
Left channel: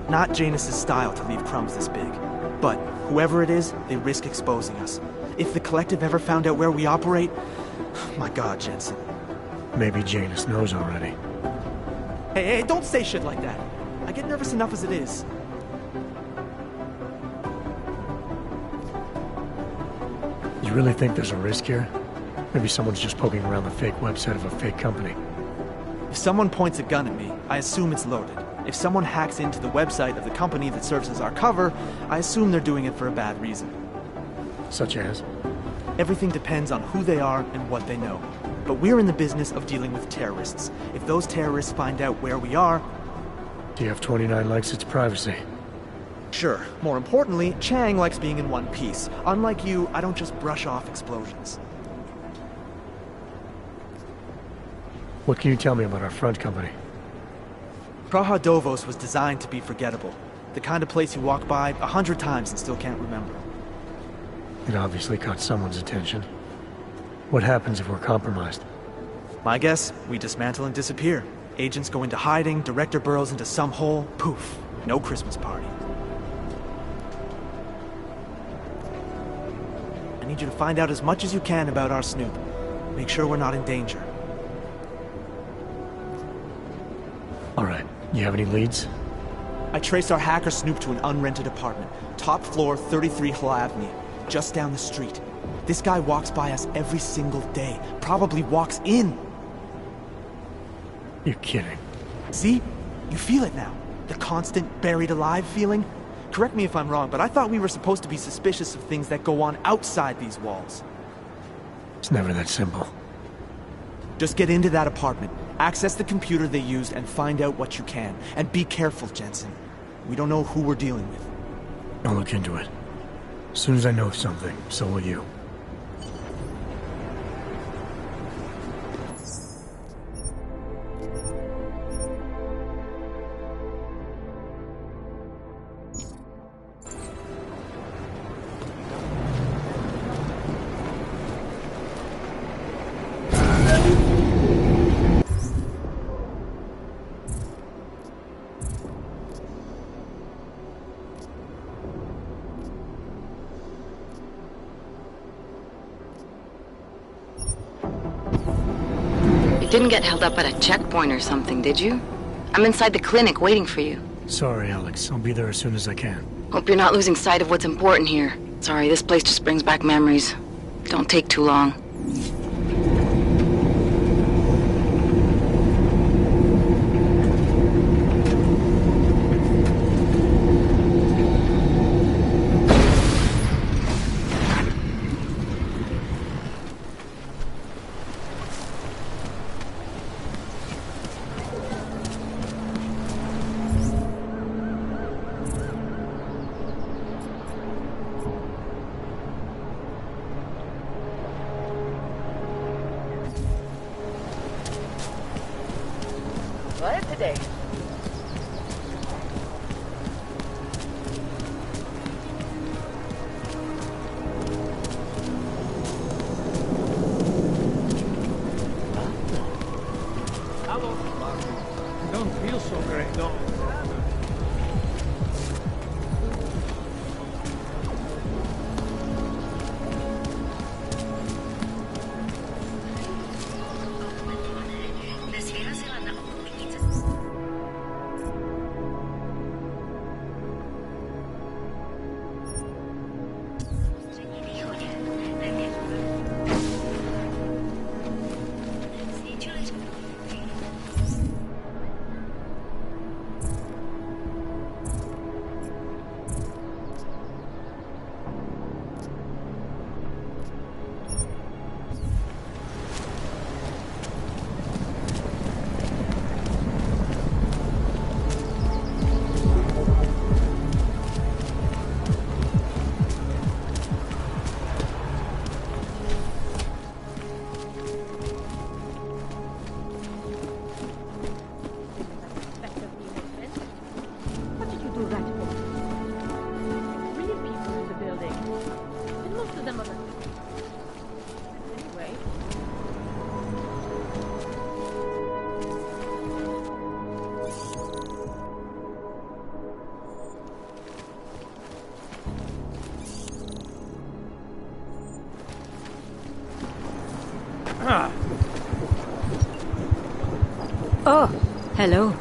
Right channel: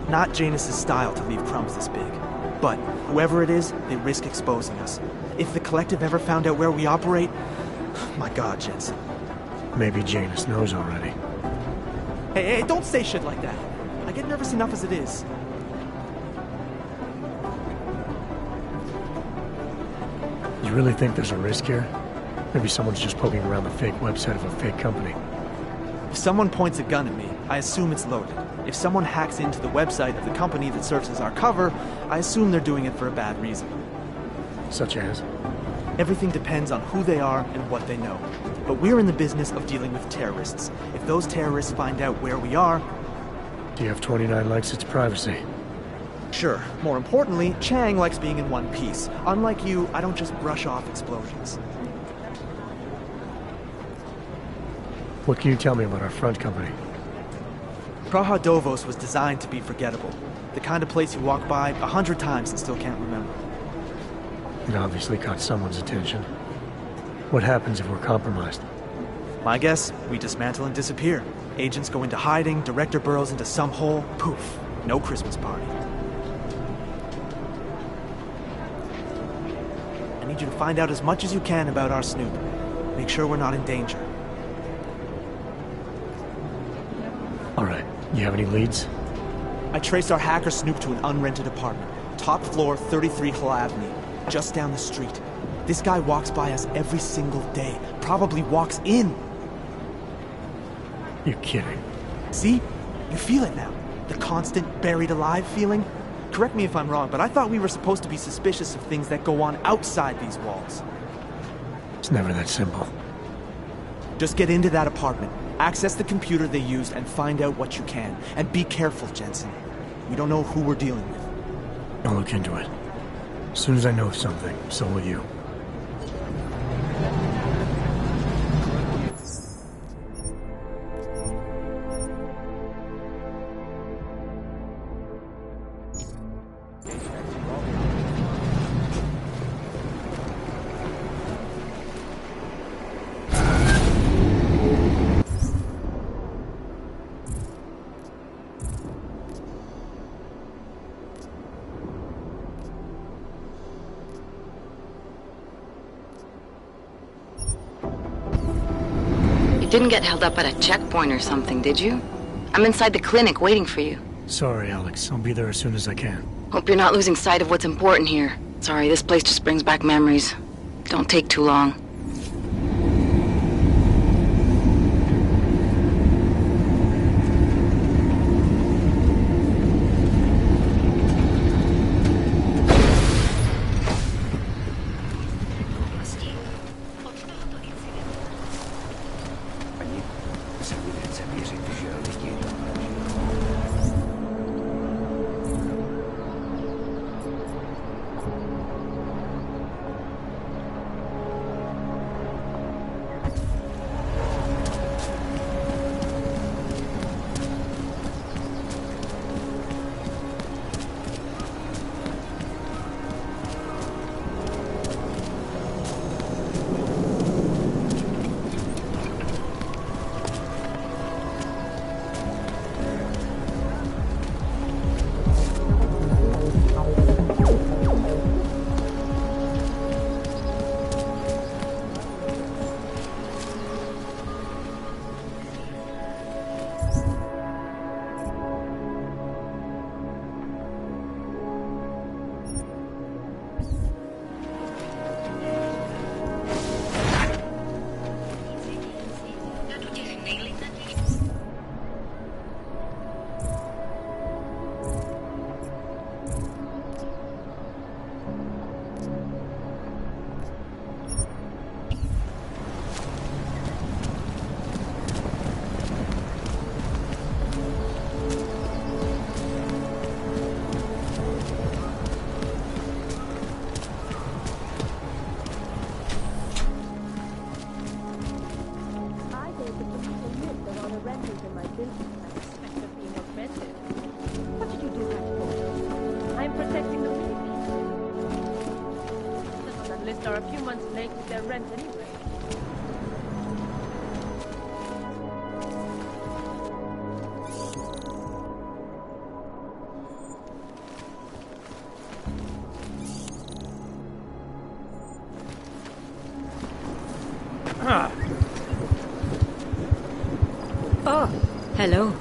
Not Janus's style to leave crumbs this big. But whoever it is, they risk exposing us. If the Collective ever found out where we operate... My God, Jensen. Maybe Janus knows already. Hey, don't say shit like that. I get nervous enough as it is. You really think there's a risk here? Maybe someone's just poking around the fake website of a fake company. If someone points a gun at me, I assume it's loaded. If someone hacks into the website of the company that serves as our cover, I assume they're doing it for a bad reason. Such as? Everything depends on who they are and what they know. But we're in the business of dealing with terrorists. If those terrorists find out where we are... TF-29 likes its privacy. Sure. More importantly, Chang likes being in one piece. Unlike you, I don't just brush off explosions. What can you tell me about our front company? Praha Dovos was designed to be forgettable. The kind of place you walk by 100 times and still can't remember. It obviously caught someone's attention. What happens if we're compromised? My guess, we dismantle and disappear. Agents go into hiding, Director burrows into some hole, poof, no Christmas party. I need you to find out as much as you can about our snoop. Make sure we're not in danger. Alright, you have any leads? I traced our hacker snoop to an unrented apartment. Top floor, 33 Hull Avenue. Just down the street. This guy walks by us every single day. Probably walks in. You're kidding. See? You feel it now. The constant buried alive feeling. Correct me if I'm wrong, but I thought we were supposed to be suspicious of things that go on outside these walls. It's never that simple. Just get into that apartment, access the computer they used, and find out what you can. And be careful, Jensen. We don't know who we're dealing with. I'll look into it. As soon as I know something, so will you. You didn't get held up at a checkpoint or something, did you? I'm inside the clinic waiting for you. Sorry, Alex. I'll be there as soon as I can. Hope you're not losing sight of what's important here. Sorry, this place just brings back memories. Don't take too long. Oh, hello.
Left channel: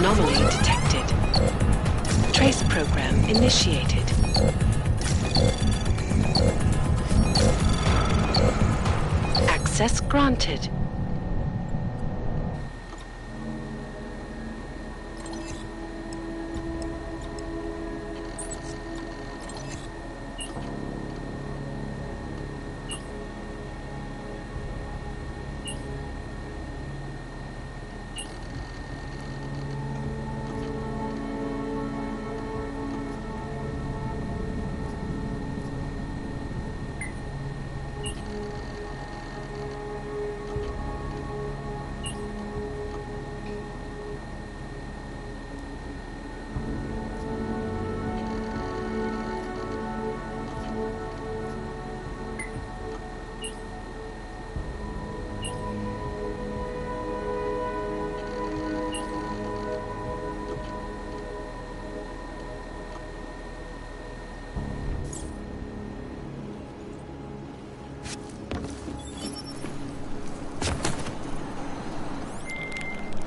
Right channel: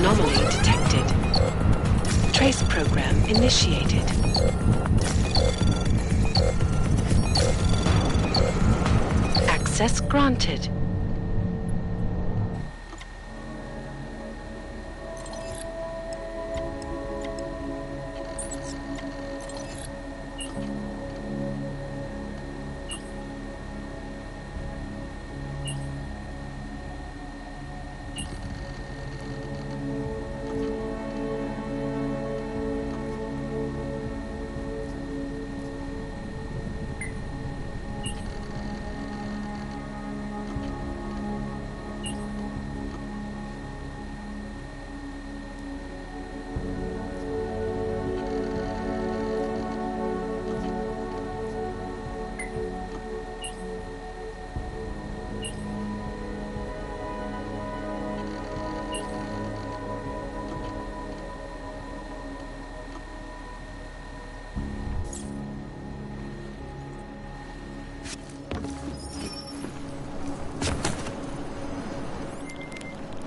Anomaly detected. Trace program initiated. Access granted.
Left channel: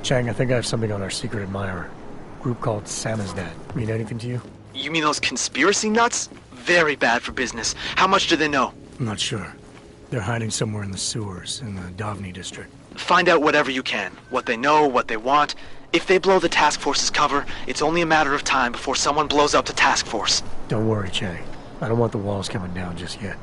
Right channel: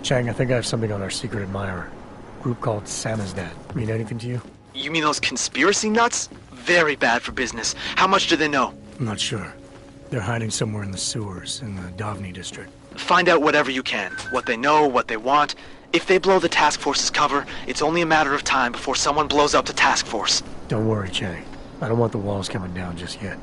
Chang, I think I have something on our secret admirer. Group called Samizdat. Mean anything to you? You mean those conspiracy nuts? Very bad for business. How much do they know? I'm not sure. They're hiding somewhere in the sewers, in the Davni district. Find out whatever you can. What they know, what they want. If they blow the task force's cover, it's only a matter of time before someone blows up the task force. Don't worry, Chang. I don't want the walls coming down just yet.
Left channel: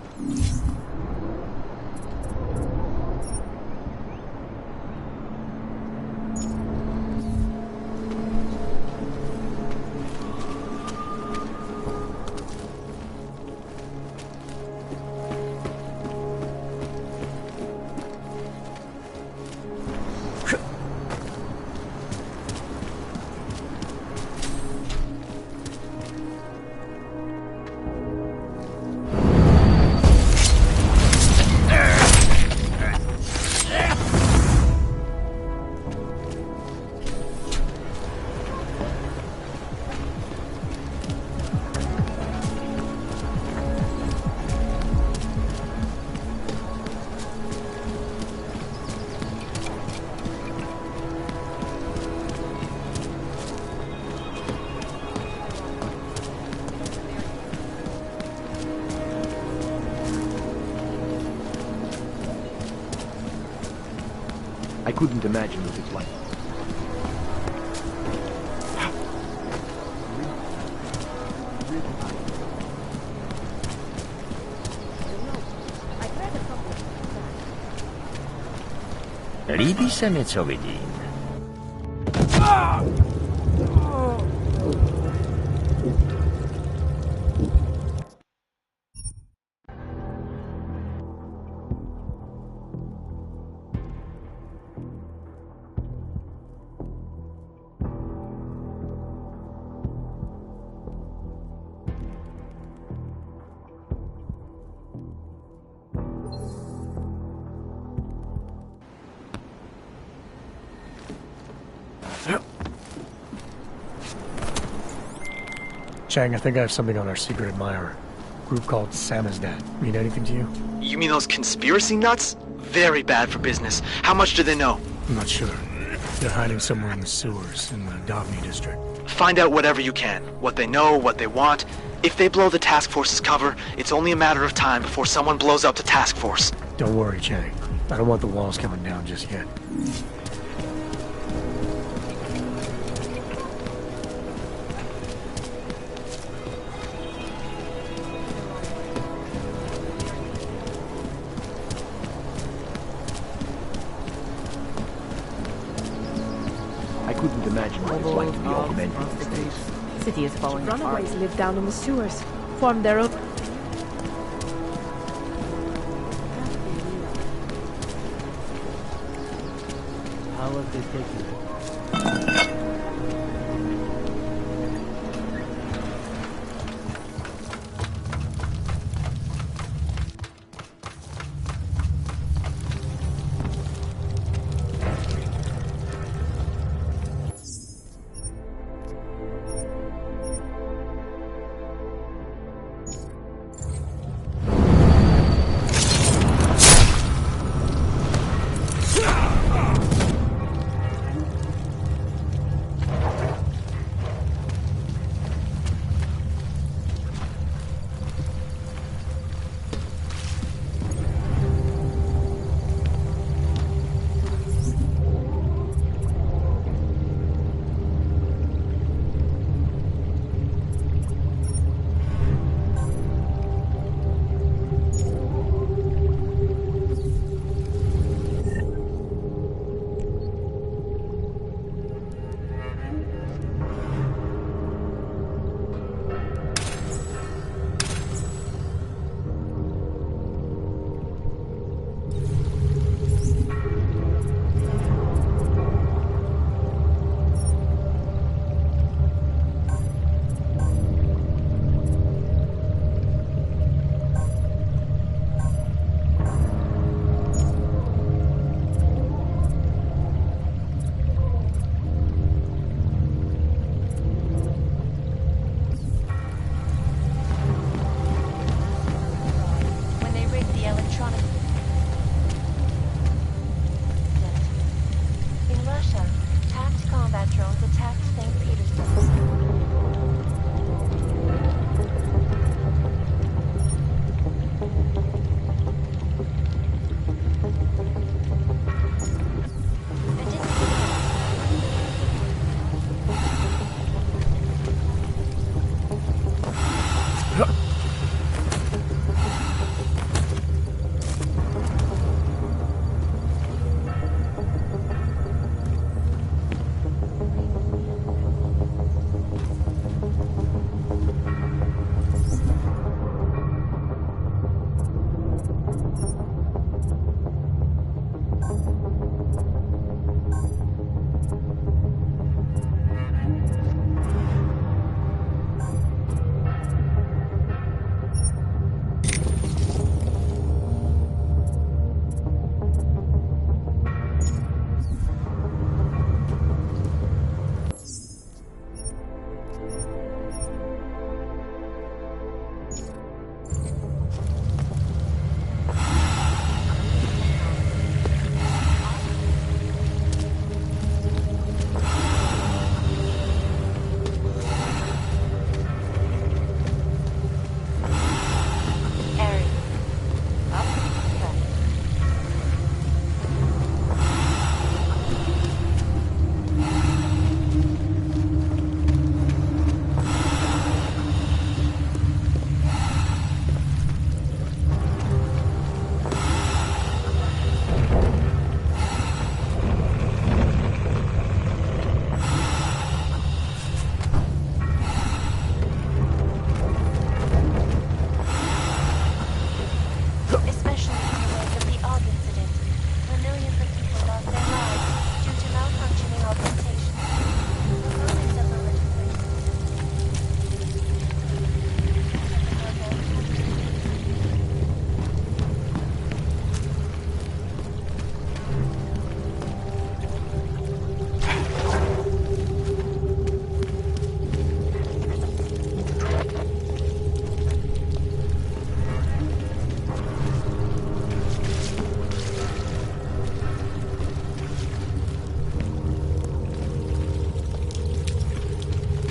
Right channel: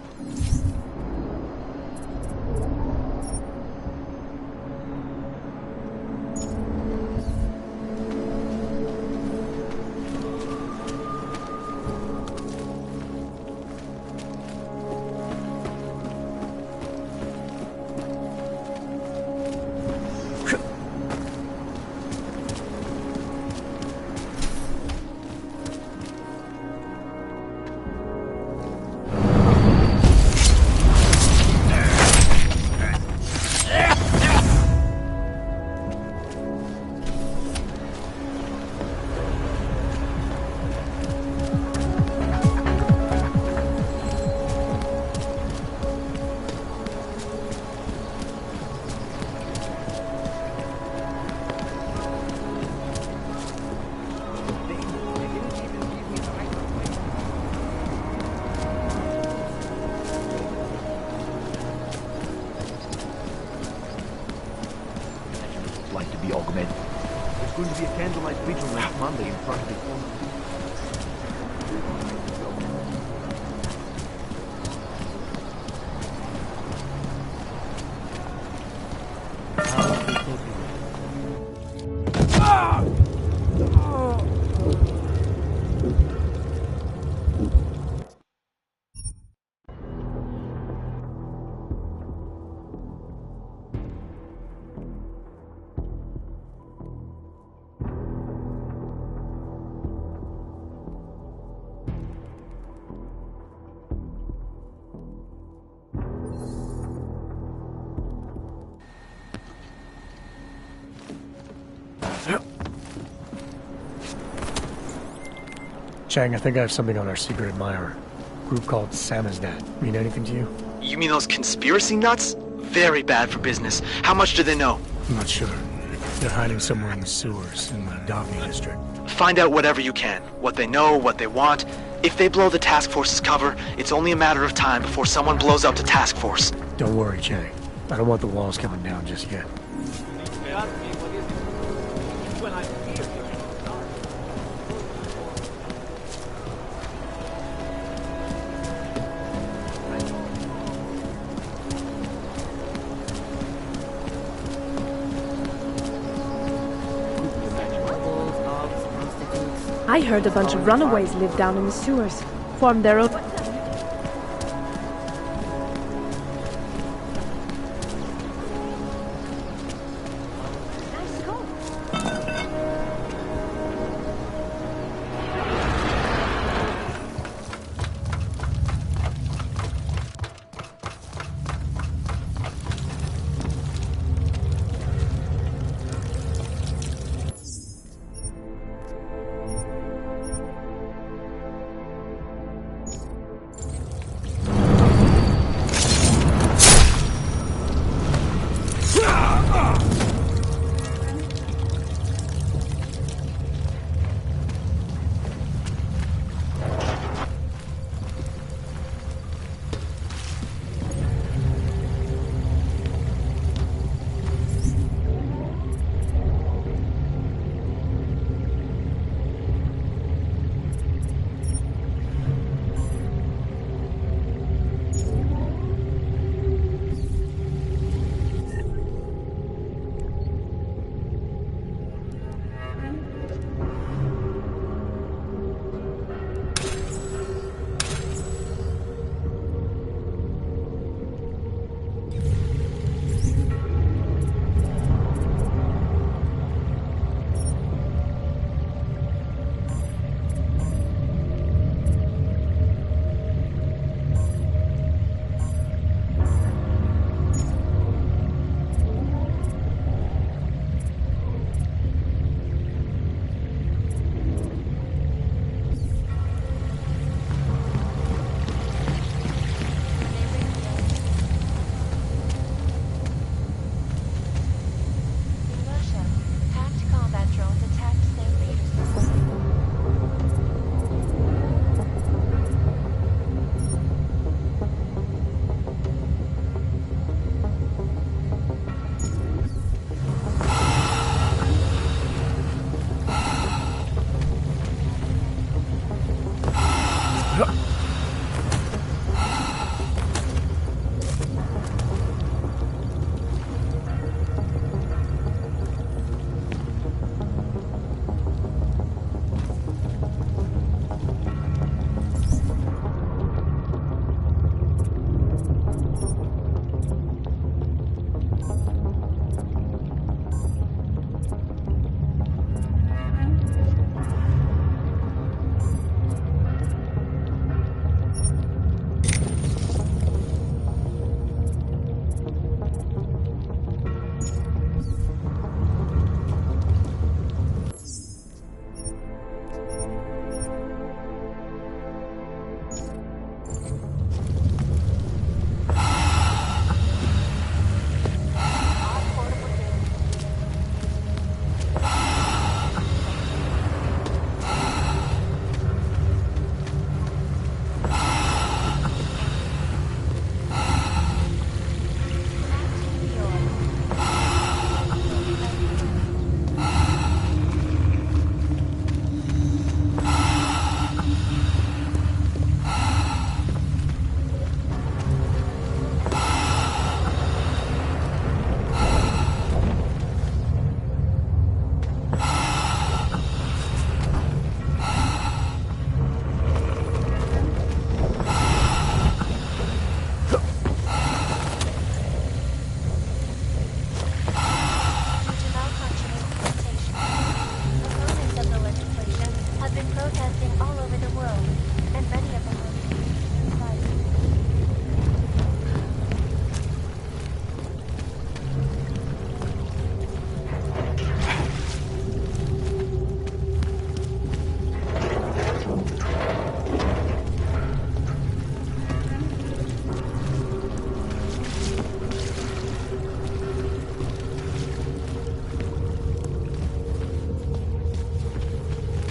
I couldn't imagine what it's like to be augmented. Couldn't see candlelight preaching with family in front of the Liczmy, co widzi. Chang, I think I have something on our secret admirer. Group called Samizdat. Mean anything to you? You mean those conspiracy nuts? Very bad for business. How much do they know? I'm not sure. They're hiding somewhere in the sewers, in the Davni district. Find out whatever you can. What they know, what they want. If they blow the task force's cover, it's only a matter of time before someone blows up the task force. Don't worry, Chang. I don't want the walls coming down just yet. I heard a bunch of runaways live down in the sewers, formed their own...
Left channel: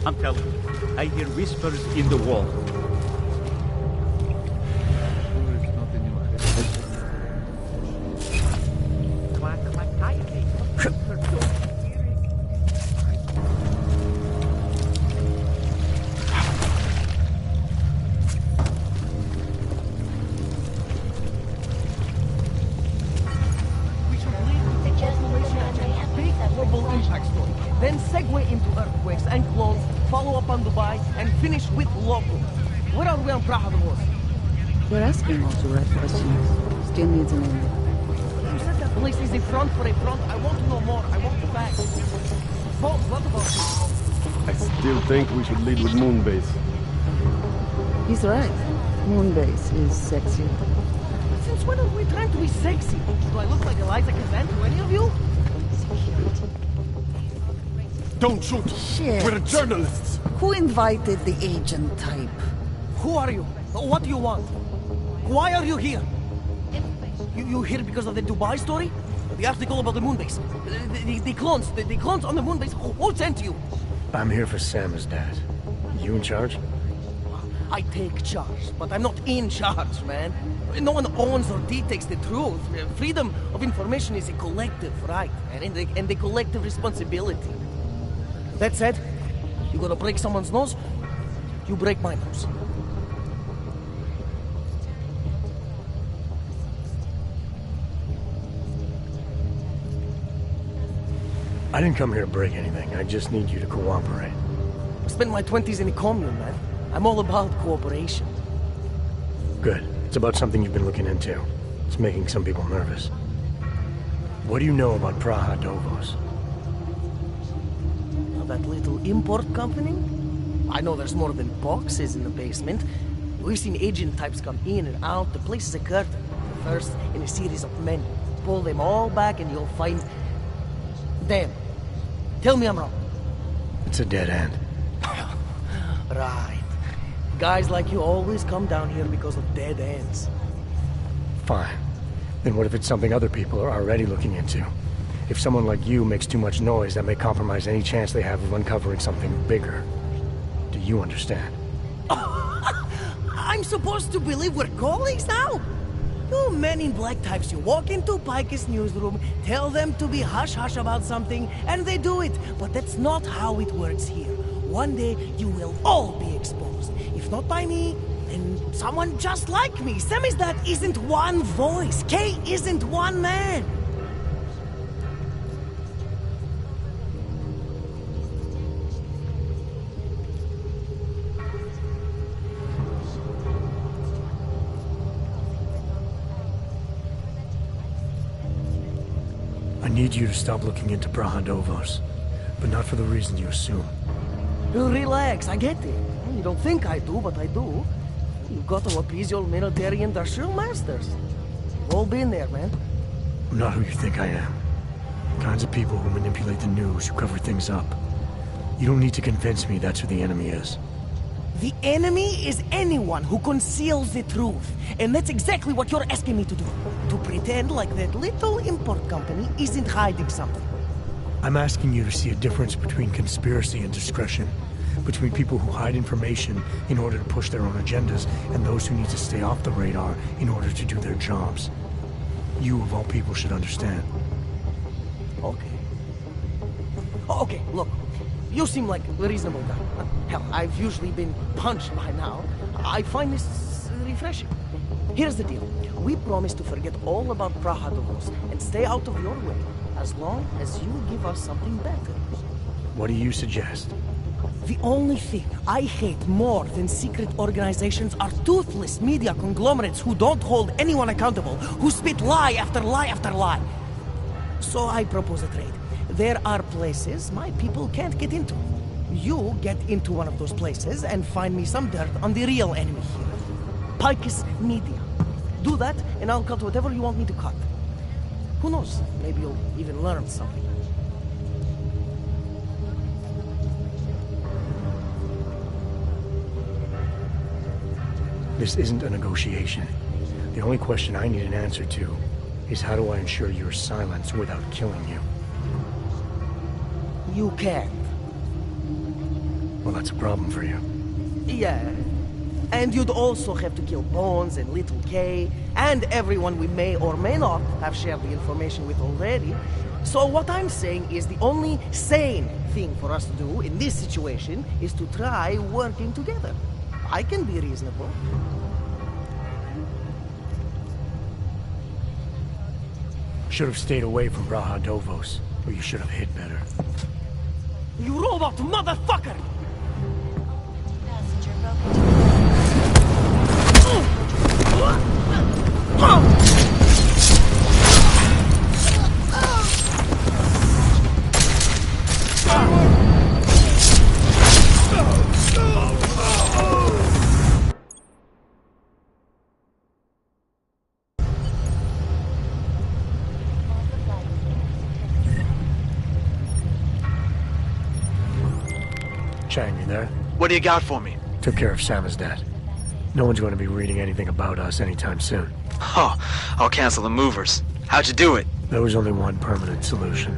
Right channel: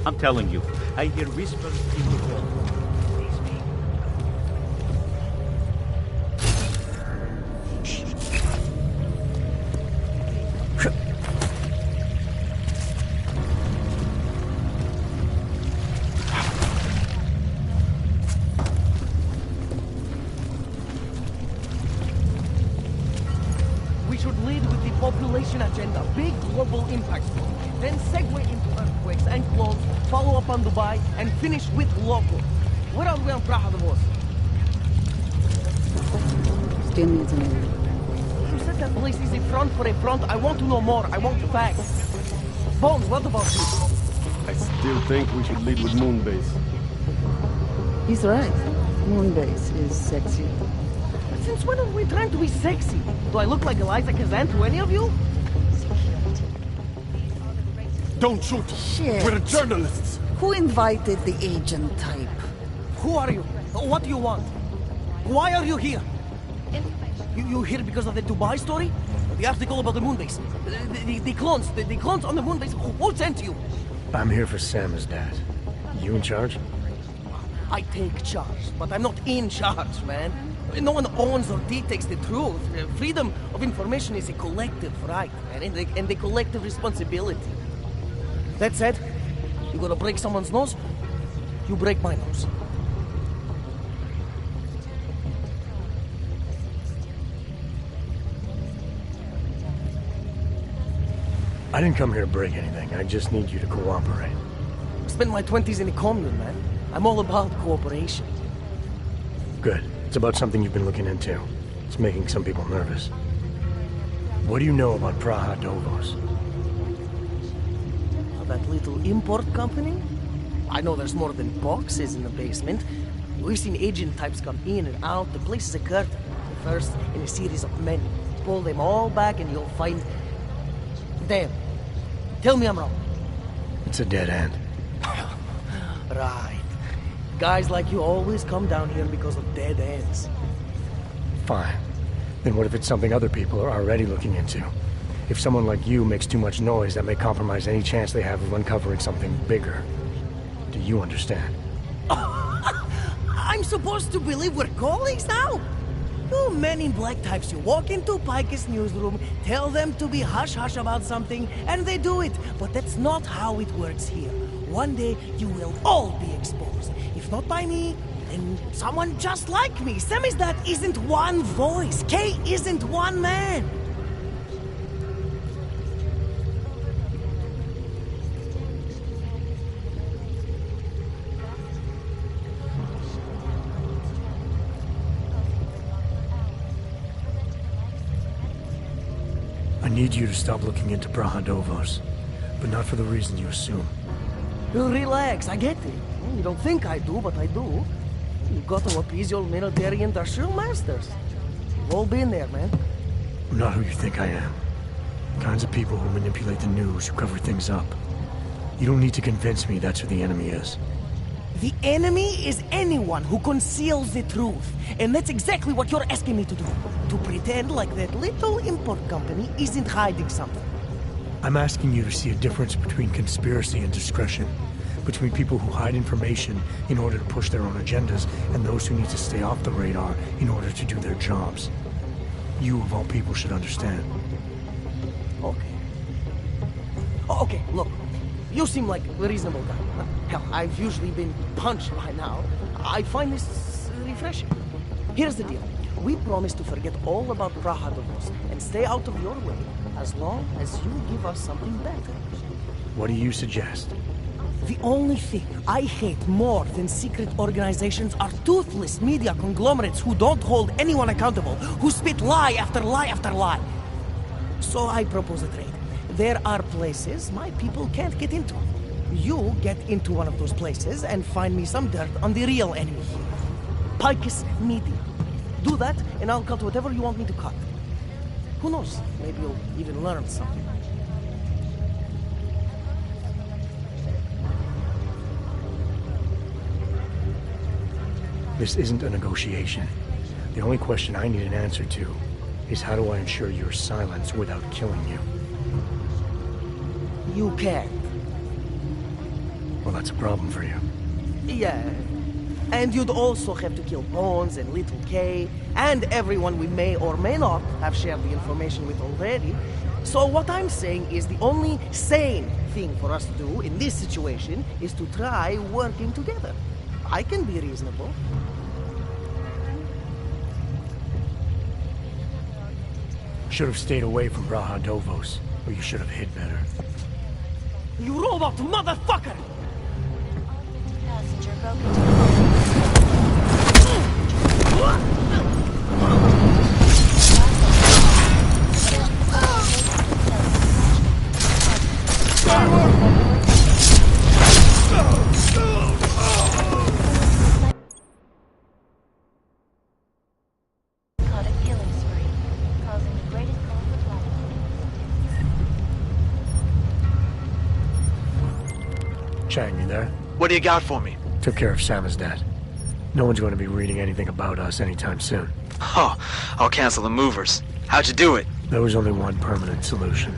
I'm telling you, I hear whispers in the wall. We should lead with the population agenda, big global impact story. Then segue into earthquakes and clones, follow up on Dubai, and finish with local. Where are we on Praha Davos? You're asking what's the right question. Still needs an area. You said that place is a front for a front. I want to know more. I want the facts. Bones, what about you? I still think we should lead with Moonbase. He's right. Moonbase is sexier. Since when are we trying to be sexy? Do I look like Eliza Kazan to any of you? Don't shoot! Shit. We're journalists! Who invited the agent type? Who are you? What do you want? Why are you here? You here because of the Dubai story? The article about the Moonbase? The clones on the Moonbase? Who sent you? I'm here for Sam's dad. You in charge? I take charge, but I'm not in charge, man. No one owns or dictates the truth. Freedom of information is a collective right, man, and a collective responsibility. That said, you gotta break someone's nose, you break my nose. I didn't come here to break anything. I just need you to cooperate. I spent my 20s in a commune, man. I'm all about cooperation. Good. It's about something you've been looking into. It's making some people nervous. What do you know about Praha Davos? That little import company? I know there's more than boxes in the basement. We've seen agent types come in and out. The place is a curtain. The first in a series of many. Pull them all back and you'll find... Damn. Tell me I'm wrong. It's a dead end. Right. Guys like you always come down here because of dead ends. Fine. Then what if it's something other people are already looking into? If someone like you makes too much noise, that may compromise any chance they have of uncovering something bigger. Do you understand? I'm supposed to believe we're colleagues now? You men in black types, you walk into Pike's newsroom, tell them to be hush-hush about something, and they do it. But that's not how it works here. One day, you will all be exposed. If not by me, then someone just like me. Samizdat isn't one voice. Kay isn't one man. I need you to stop looking into Praha Davos, but not for the reason you assume. Relax, I get it. You don't think I do, but I do. You've got to appease your military industrial masters. We've all been there, man. I'm not who you think I am. The kinds of people who manipulate the news, who cover things up. You don't need to convince me that's who the enemy is. The enemy is anyone who conceals the truth. And that's exactly what you're asking me to do. To pretend like that little import company isn't hiding something. I'm asking you to see a difference between conspiracy and discretion. Between people who hide information in order to push their own agendas and those who need to stay off the radar in order to do their jobs. You, of all people, should understand. Okay. Okay, look. You seem like a reasonable guy. Hell, I've usually been punched by now. I find this refreshing. Here's the deal. We promise to forget all about Praha Davos and stay out of your way as long as you give us something better. What do you suggest? The only thing I hate more than secret organizations are toothless media conglomerates who don't hold anyone accountable, who spit lie after lie after lie. So I propose a trade. There are places my people can't get into. You get into one of those places and find me some dirt on the real enemy here. Pike's Media. Do that, and I'll cut whatever you want me to cut. Who knows? Maybe you'll even learn something. This isn't a negotiation. The only question I need an answer to is how do I ensure your silence without killing you? You can't. Well, that's a problem for you. Yeah. And you'd also have to kill Bones and Little K, and everyone we may or may not have shared the information with already. So what I'm saying is the only sane thing for us to do in this situation is to try working together. I can be reasonable. Should have stayed away from Raha Dovos, or you should have hid better. You robot motherfucker! Passenger broke into Chang, you there? What do you got for me? Took care of Samizdat. No one's going to be reading anything about us anytime soon. Oh, I'll cancel the movers. How'd you do it? There was only one permanent solution.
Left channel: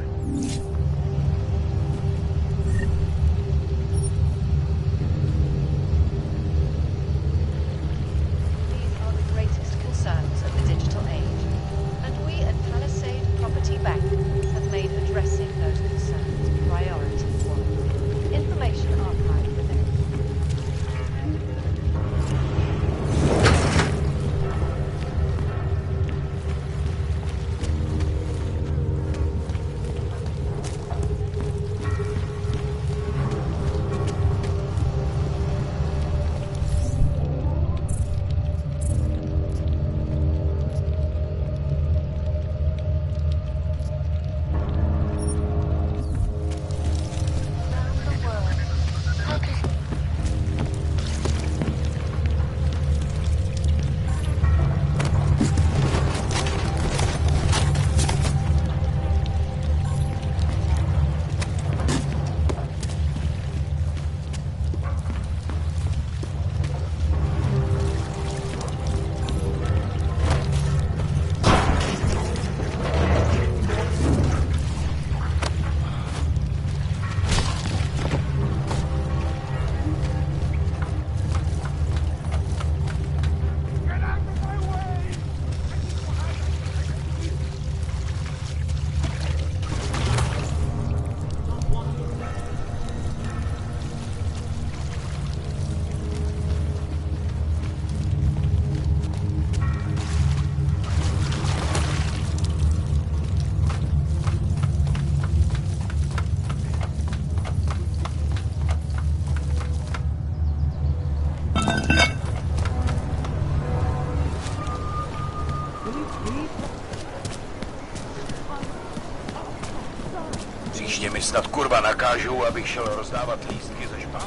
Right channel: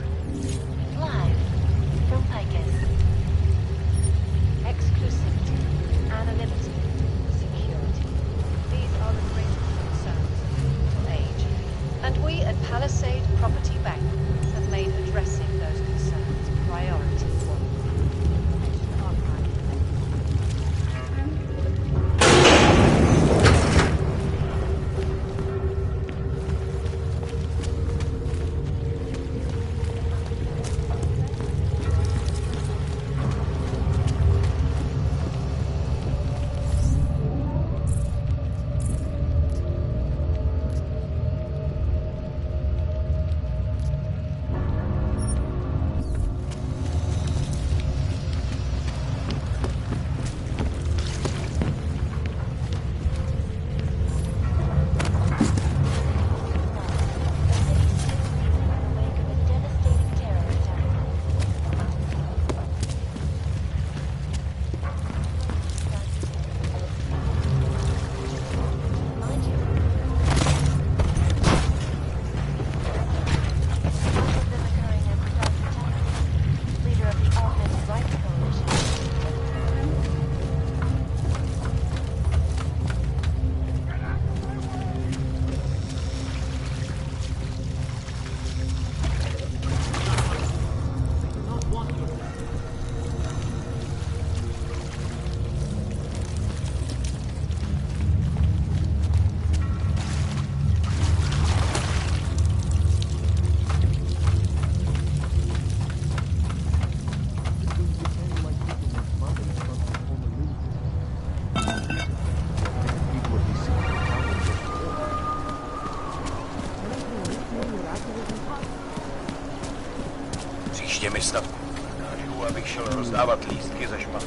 Příště mi snad kurva nakážou, abych šel rozdávat lístky ze špatů.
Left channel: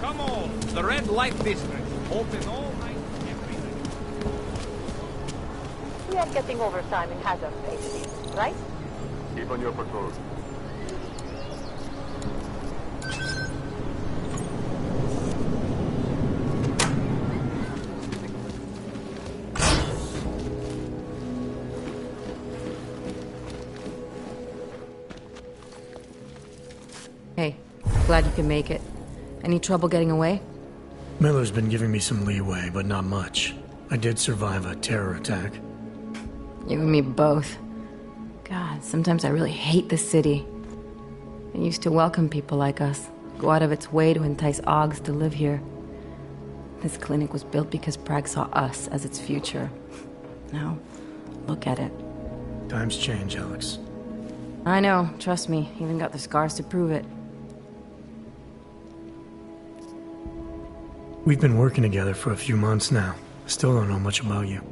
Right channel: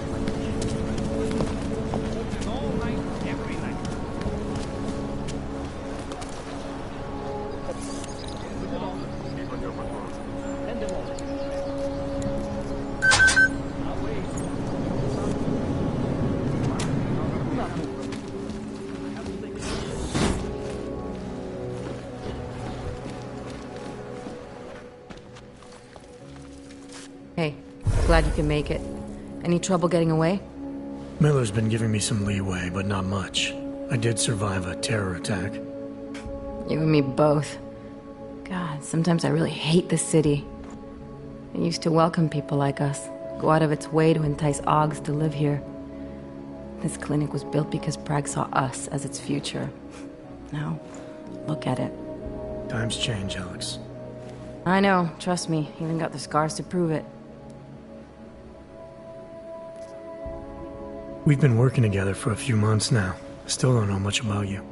Come on, the Red Light District. Open all night, every night. We are getting overtime in hazard space, right? Keep on your patrol. Hey, glad you can make it. Any trouble getting away? Miller's been giving me some leeway, but not much. I did survive a terror attack. You and me both. God, sometimes I really hate this city. It used to welcome people like us, go out of its way to entice Augs to live here. This clinic was built because Prague saw us as its future. Now, look at it. Times change, Alex. I know, trust me, even got the scars to prove it. We've been working together for a few months now. Still don't know much about you.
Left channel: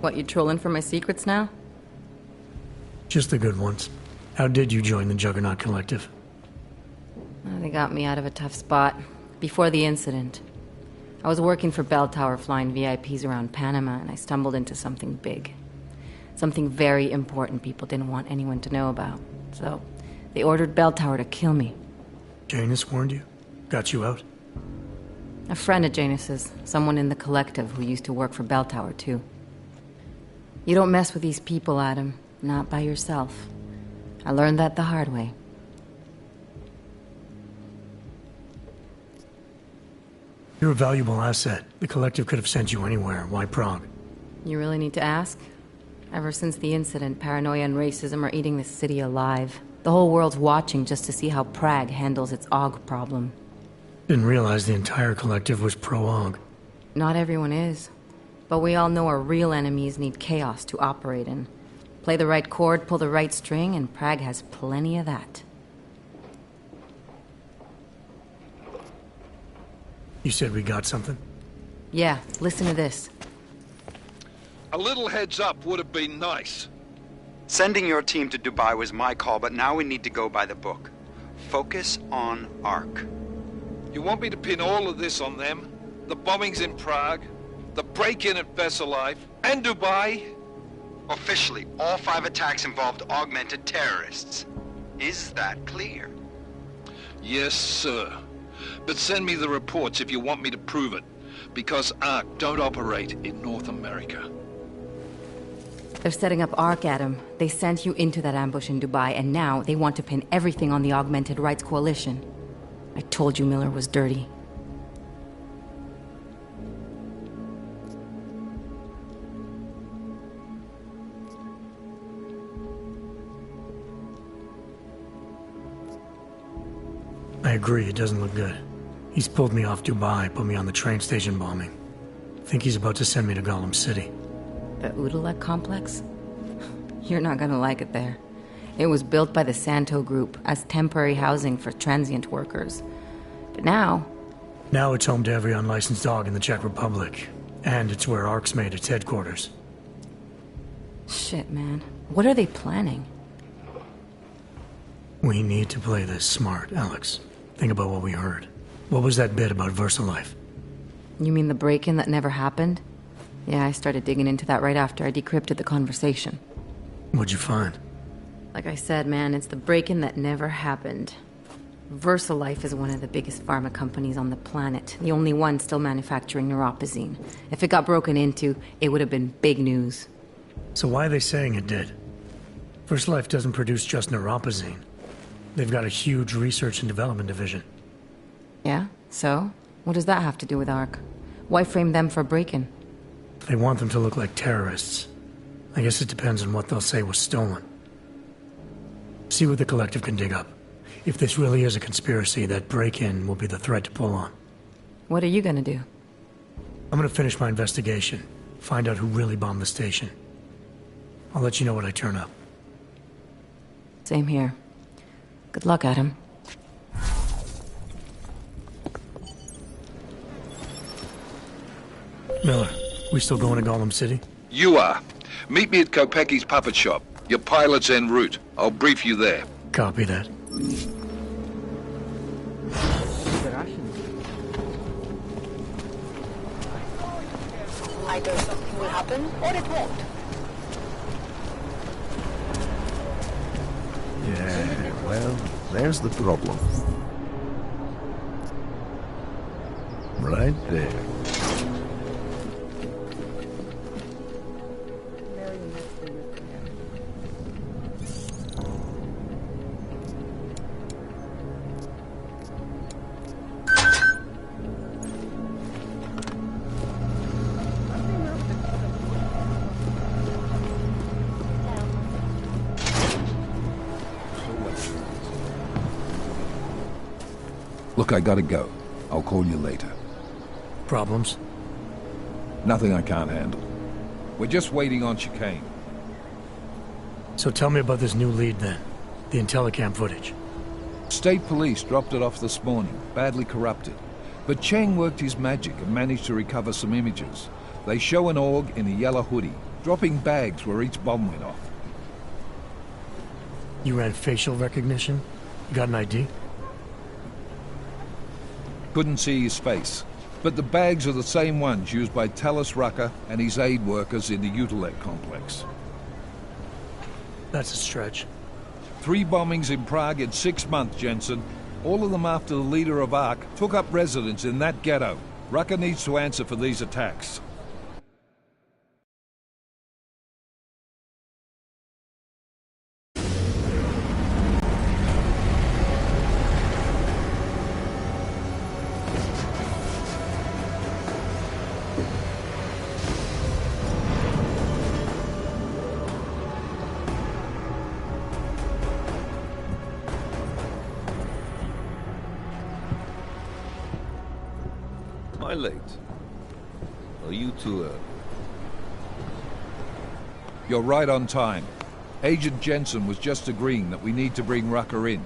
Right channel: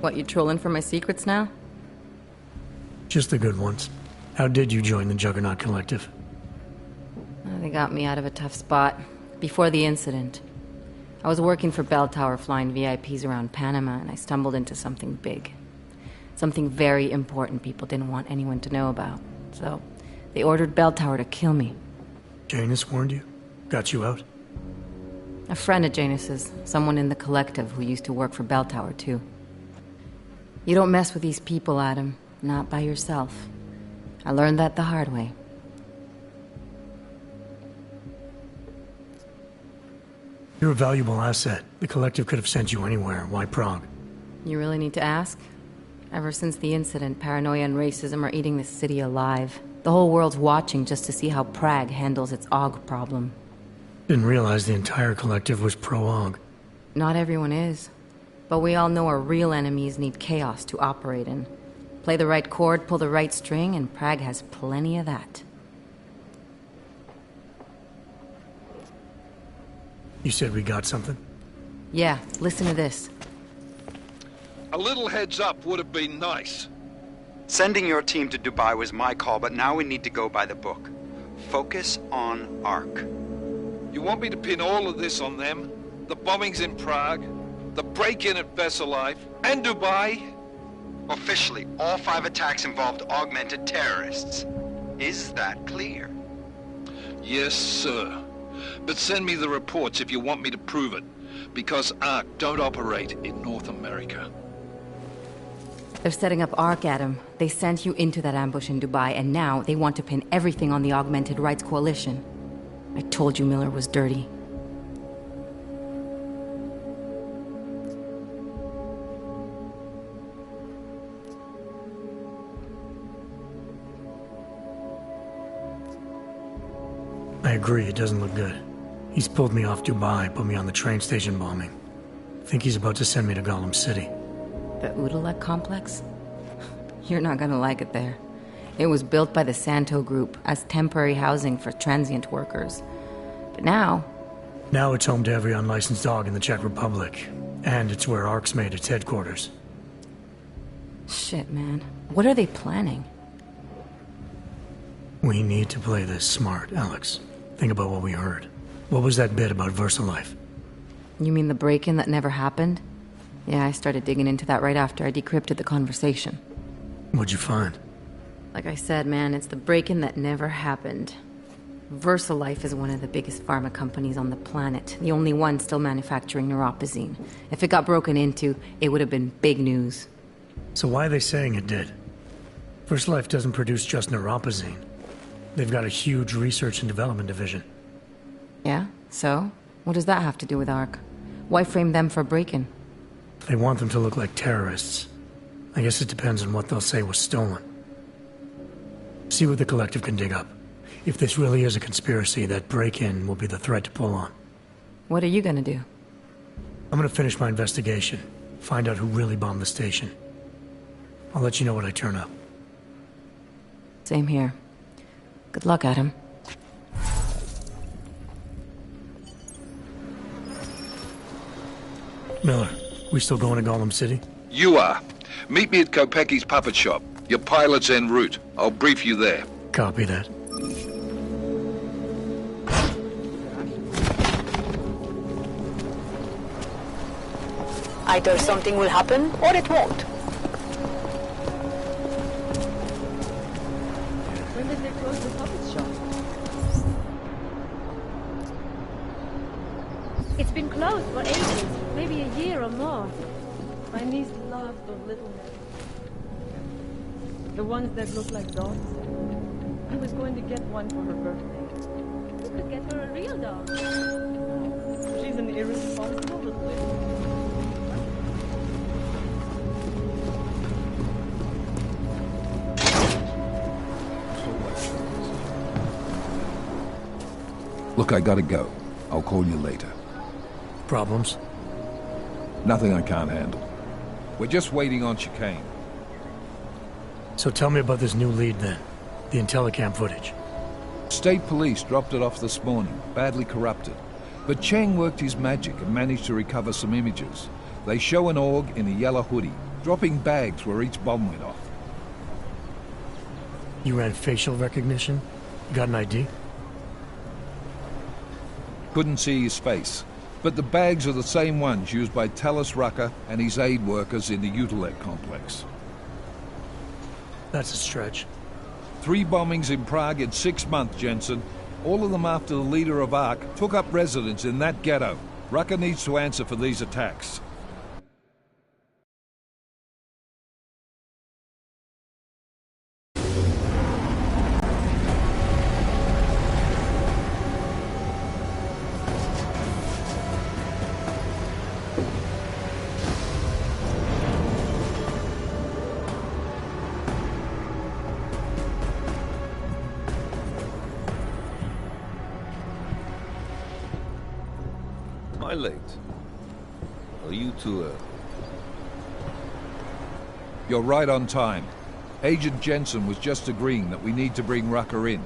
What, you trolling for my secrets now? Just the good ones. How did you join the Juggernaut Collective? They got me out of a tough spot. Before the incident. I was working for Bell Tower flying VIPs around Panama, and I stumbled into something big. Something very important people didn't want anyone to know about. So, they ordered Bell Tower to kill me. Janus warned you? Got you out? A friend of Janus's, someone in the collective who used to work for Bell Tower, too. You don't mess with these people, Adam. Not by yourself. I learned that the hard way. You're a valuable asset. The Collective could have sent you anywhere. Why Prague? You really need to ask? Ever since the incident, paranoia and racism are eating this city alive. The whole world's watching just to see how Prague handles its AUG problem. Didn't realize the entire Collective was pro-AUG. Not everyone is. But we all know our real enemies need chaos to operate in. Play the right chord, pull the right string, and Prague has plenty of that. You said we got something? Yeah, listen to this. A little heads up would have been nice. Sending your team to Dubai was my call, but now we need to go by the book. Focus on ARC. You want me to pin all of this on them? The bombings in Prague, the break-in at Vesellife, and Dubai? Officially, all 5 attacks involved augmented terrorists. Is that clear? Yes, sir. But send me the reports if you want me to prove it, because ARC don't operate in North America. They're setting up ARC, Adam. They sent you into that ambush in Dubai, and now they want to pin everything on the Augmented Rights Coalition. I told you Miller was dirty. I agree, it doesn't look good. He's pulled me off Dubai, put me on the train station bombing. Think he's about to send me to Gollum City. The Udalek complex? You're not gonna like it there. It was built by the Santo Group as temporary housing for transient workers. But now... Now it's home to every unlicensed dog in the Czech Republic. And it's where ARC's made its headquarters. Shit, man. What are they planning? We need to play this smart, Alex. Think about what we heard. What was that bit about VersaLife? You mean the break-in that never happened? Yeah, I started digging into that right after I decrypted the conversation. What'd you find? Like I said, man, it's the break-in that never happened. VersaLife is one of the biggest pharma companies on the planet, the only one still manufacturing neuropozyne. If it got broken into, it would have been big news. So why are they saying it did? VersaLife doesn't produce just neuropozyne. They've got a huge research and development division. Yeah? So? What does that have to do with ARC? Why frame them for break-in? They want them to look like terrorists. I guess it depends on what they'll say was stolen. See what the Collective can dig up. If this really is a conspiracy, that break-in will be the thread to pull on. What are you gonna do? I'm gonna finish my investigation. Find out who really bombed the station. I'll let you know when I turn up. Same here. Good luck, Adam. Miller, we still going to Gollum City? You are. Meet me at Kopecki's puppet shop. Your pilot's en route. I'll brief you there. Copy that. Either something will happen, or it won't. Yeah, well, there's the problem. Right It's been there. closed for ages, maybe a year or more. My niece loves those little marionettes. The ones that look like dogs. He was going to get one for her birthday. We could get her a real dog. She's an irresponsible little Look, I gotta go. I'll call you later. Problems? Nothing I can't handle. We're just waiting on chicane. So tell me about this new lead then. The Intellicam footage. State police dropped it off this morning, badly corrupted. But Cheng worked his magic and managed to recover some images. They show an org in a yellow hoodie, dropping bags where each bomb went off. You ran facial recognition? You got an ID? Couldn't see his face. But the bags are the same ones used by Talis Rucker and his aid workers in the Utilec complex. That's a stretch. 3 bombings in Prague in 6 months, Jensen. All of them after the leader of ARC took up residence in that ghetto. Rucker needs to answer for these attacks. Am I late? Are you too early? You're right on time. Agent Jensen was just agreeing that we need to bring Rucker in.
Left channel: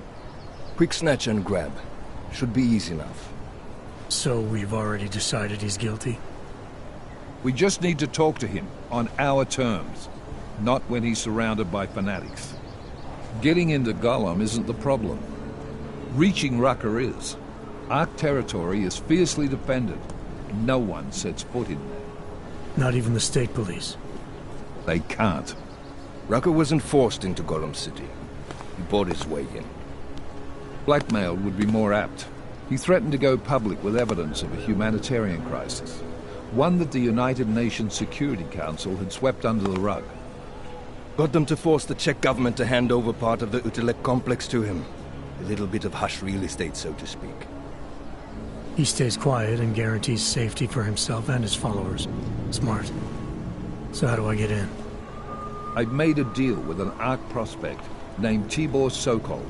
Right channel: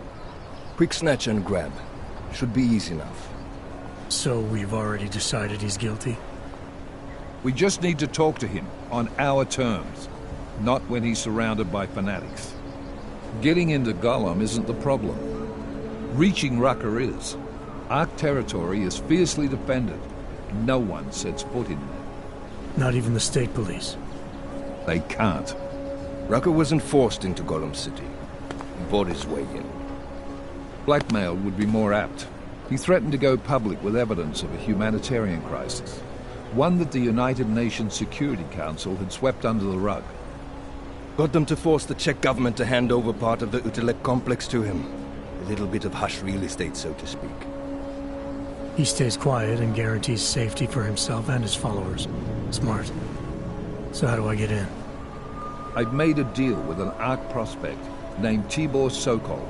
Quick snatch and grab. Should be easy enough. So we've already decided he's guilty? We just need to talk to him on our terms, not when he's surrounded by fanatics. Getting into Gollum isn't the problem. Reaching Rucker is. Ark territory is fiercely defended. No one sets foot in there. Not even the state police? They can't. Rucker wasn't forced into Gollum City. He bought his way in. Blackmail would be more apt. He threatened to go public with evidence of a humanitarian crisis. One that the United Nations Security Council had swept under the rug. Got them to force the Czech government to hand over part of the Utilek complex to him. A little bit of hush real estate, so to speak. He stays quiet and guarantees safety for himself and his followers. Smart. So how do I get in? I've made a deal with an Ark prospect named Tibor Sokol.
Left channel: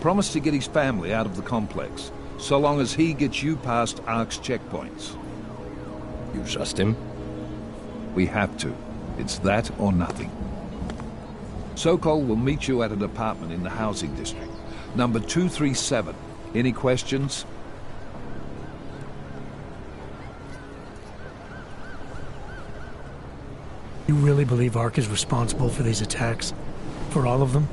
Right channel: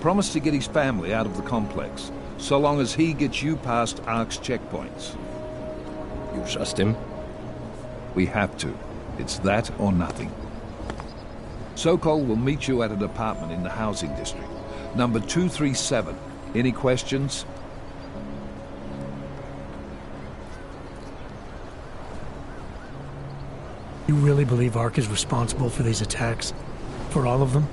Promised to get his family out of the complex, so long as he gets you past Ark's checkpoints. You trust him? We have to. It's that or nothing. Sokol will meet you at an apartment in the housing district. Number 237. Any questions? You really believe Ark is responsible for these attacks? For all of them?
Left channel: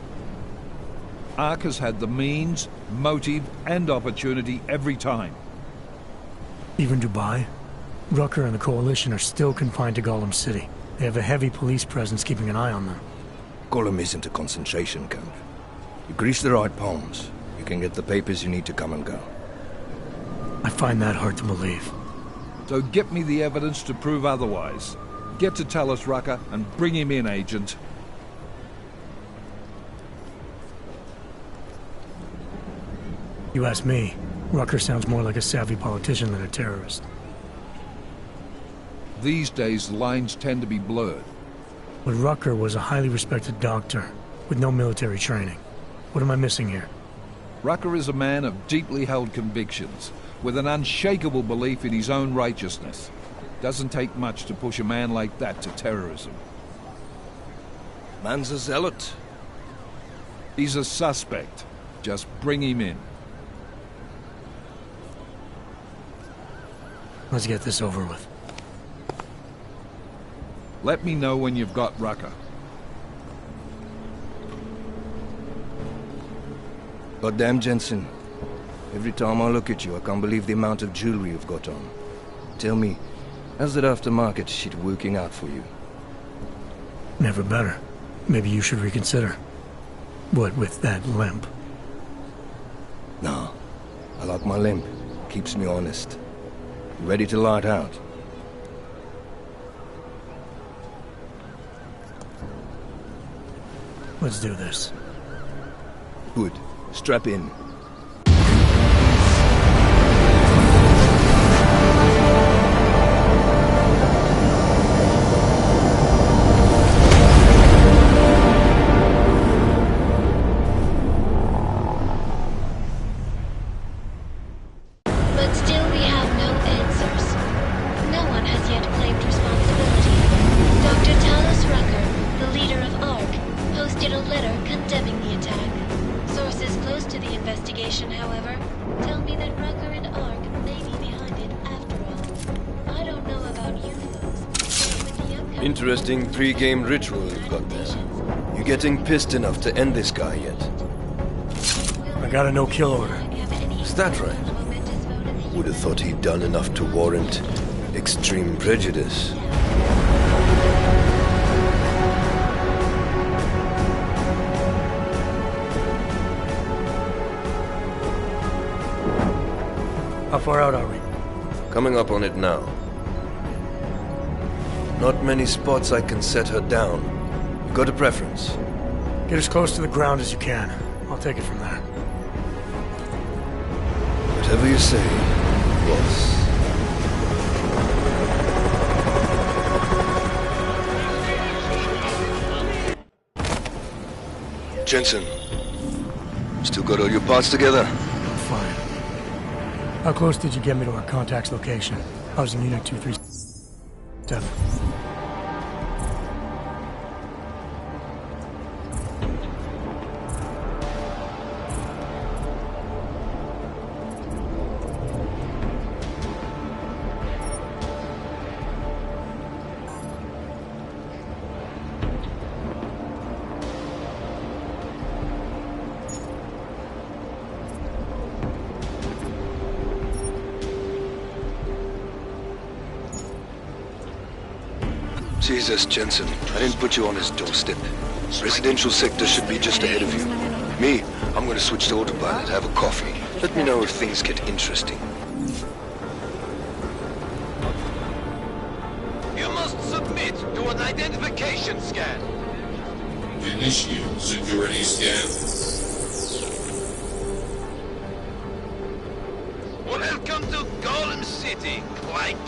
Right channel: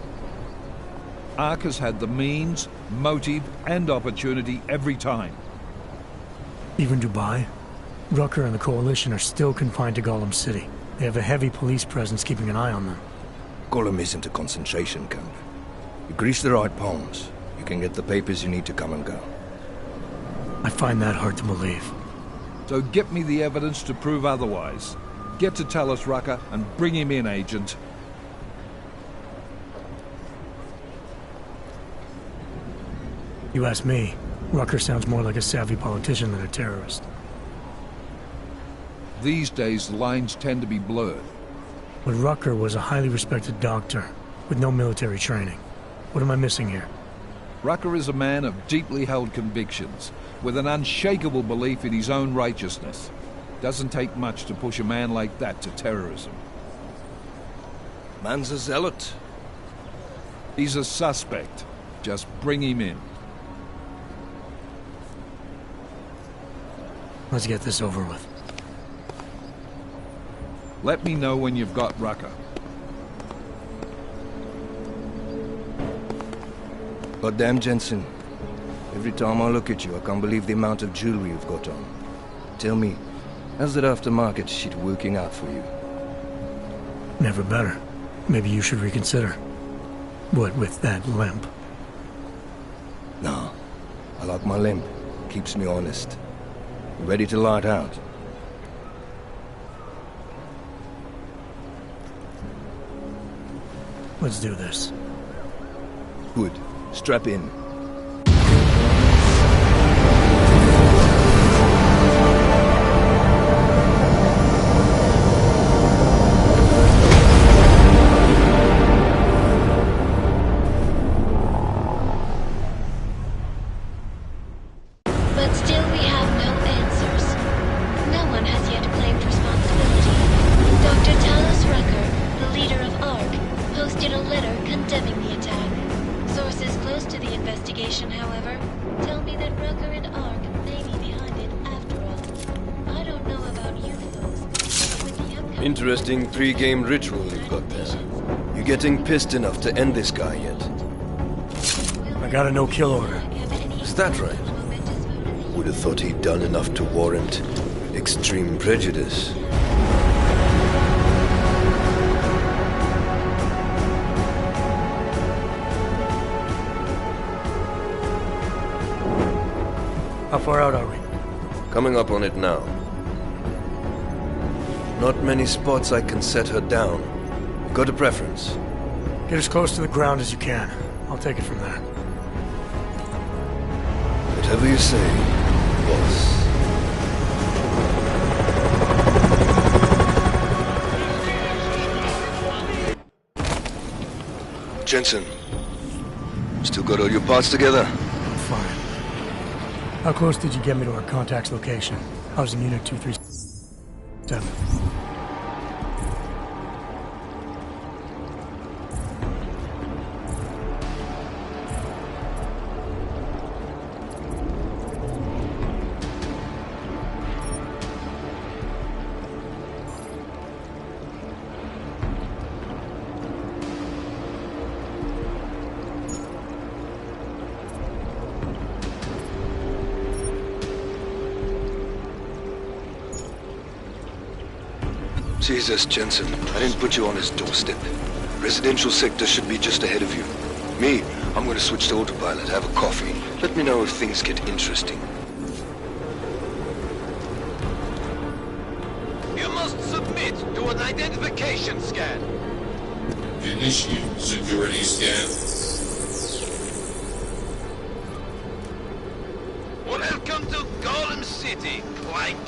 Ark has had the means, motive, and opportunity every time. Even Dubai? Rucker and the Coalition are still confined to Gollum City. They have a heavy police presence keeping an eye on them. Gollum isn't a concentration camp. You grease the right palms, you can get the papers you need to come and go. I find that hard to believe. So get me the evidence to prove otherwise. Get to tell us, Rucker, and bring him in, Agent. You ask me, Rucker sounds more like a savvy politician than a terrorist. These days, the lines tend to be blurred. But Rucker was a highly respected doctor, with no military training. What am I missing here? Rucker is a man of deeply held convictions, with an unshakable belief in his own righteousness. Doesn't take much to push a man like that to terrorism. Man's a zealot. He's a suspect. Just bring him in. Let's get this over with. Let me know when you've got Rucker. Goddamn, Jensen. Every time I look at you, I can't believe the amount of jewelry you've got on. Tell me, how's that aftermarket shit working out for you? Never better. Maybe you should reconsider. What with that limp? No. I like my limp. Keeps me honest. Ready to light out. Let's do this. Good. Strap in. But still we have no answers. No one has yet claimed responsibility. Dr. Talos Rucker, the leader of ARC, posted a letter condemning the attack. Sources close to the investigation, however, tell me that Rucker and ARC may be behind it after all. I don't know about you folks, but with the upcoming... Interesting pre-game ritual you've got there. You getting pissed enough to end this guy yet? I got a no-kill order. Is that right? Would have thought he'd done enough to warrant extreme prejudice. How far out are we? Coming up on it now. Not many spots I can set her down. You got a preference? Get as close to the ground as you can. I'll take it from there. Whatever you say, boss. Jensen, still got all your parts together? I'm fine. How close did you get me to our contact's location? I was in Unit 237. Jesus, Jensen, I didn't put you on his doorstep. Residential sector should be just ahead of you. Me, I'm gonna switch to autopilot, have a coffee. Let me know if things get interesting. You must submit to an identification scan. Initiate security scan. Welcome to Golem City, Clank.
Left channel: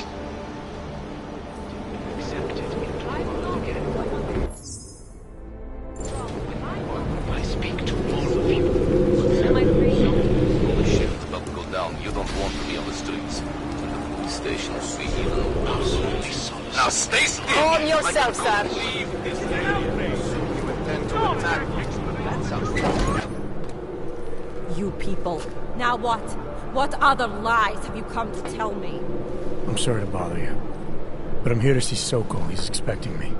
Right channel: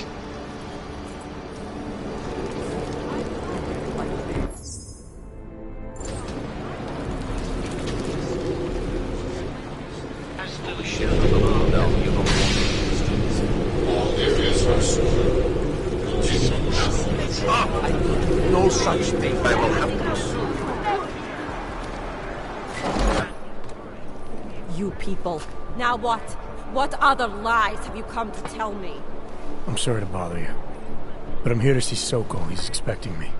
Now stay still. Calm yourself, son. No such thing. I will have You people. Now what? What other lies have you come to tell me? I'm sorry to bother you, but I'm here to see Sokol. He's expecting me.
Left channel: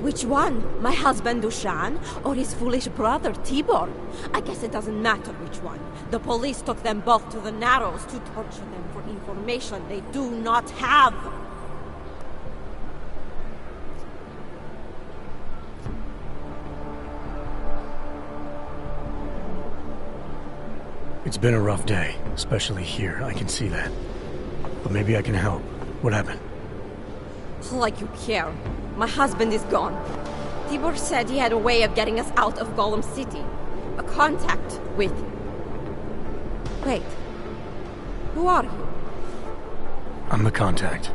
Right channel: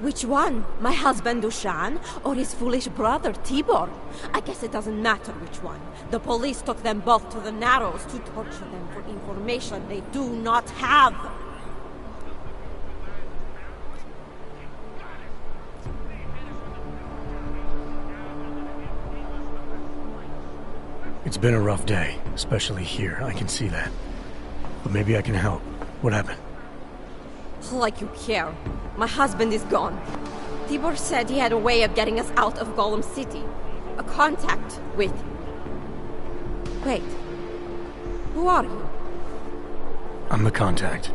Which one? My husband Dushan or his foolish brother Tibor? I guess it doesn't matter which one. The police took them both to the Narrows to torture them for information they do not have. It's been a rough day, especially here. I can see that. But maybe I can help. What happened? Like you care. My husband is gone. Tibor said he had a way of getting us out of Golem City. A contact with... Wait. Who are you? I'm the contact.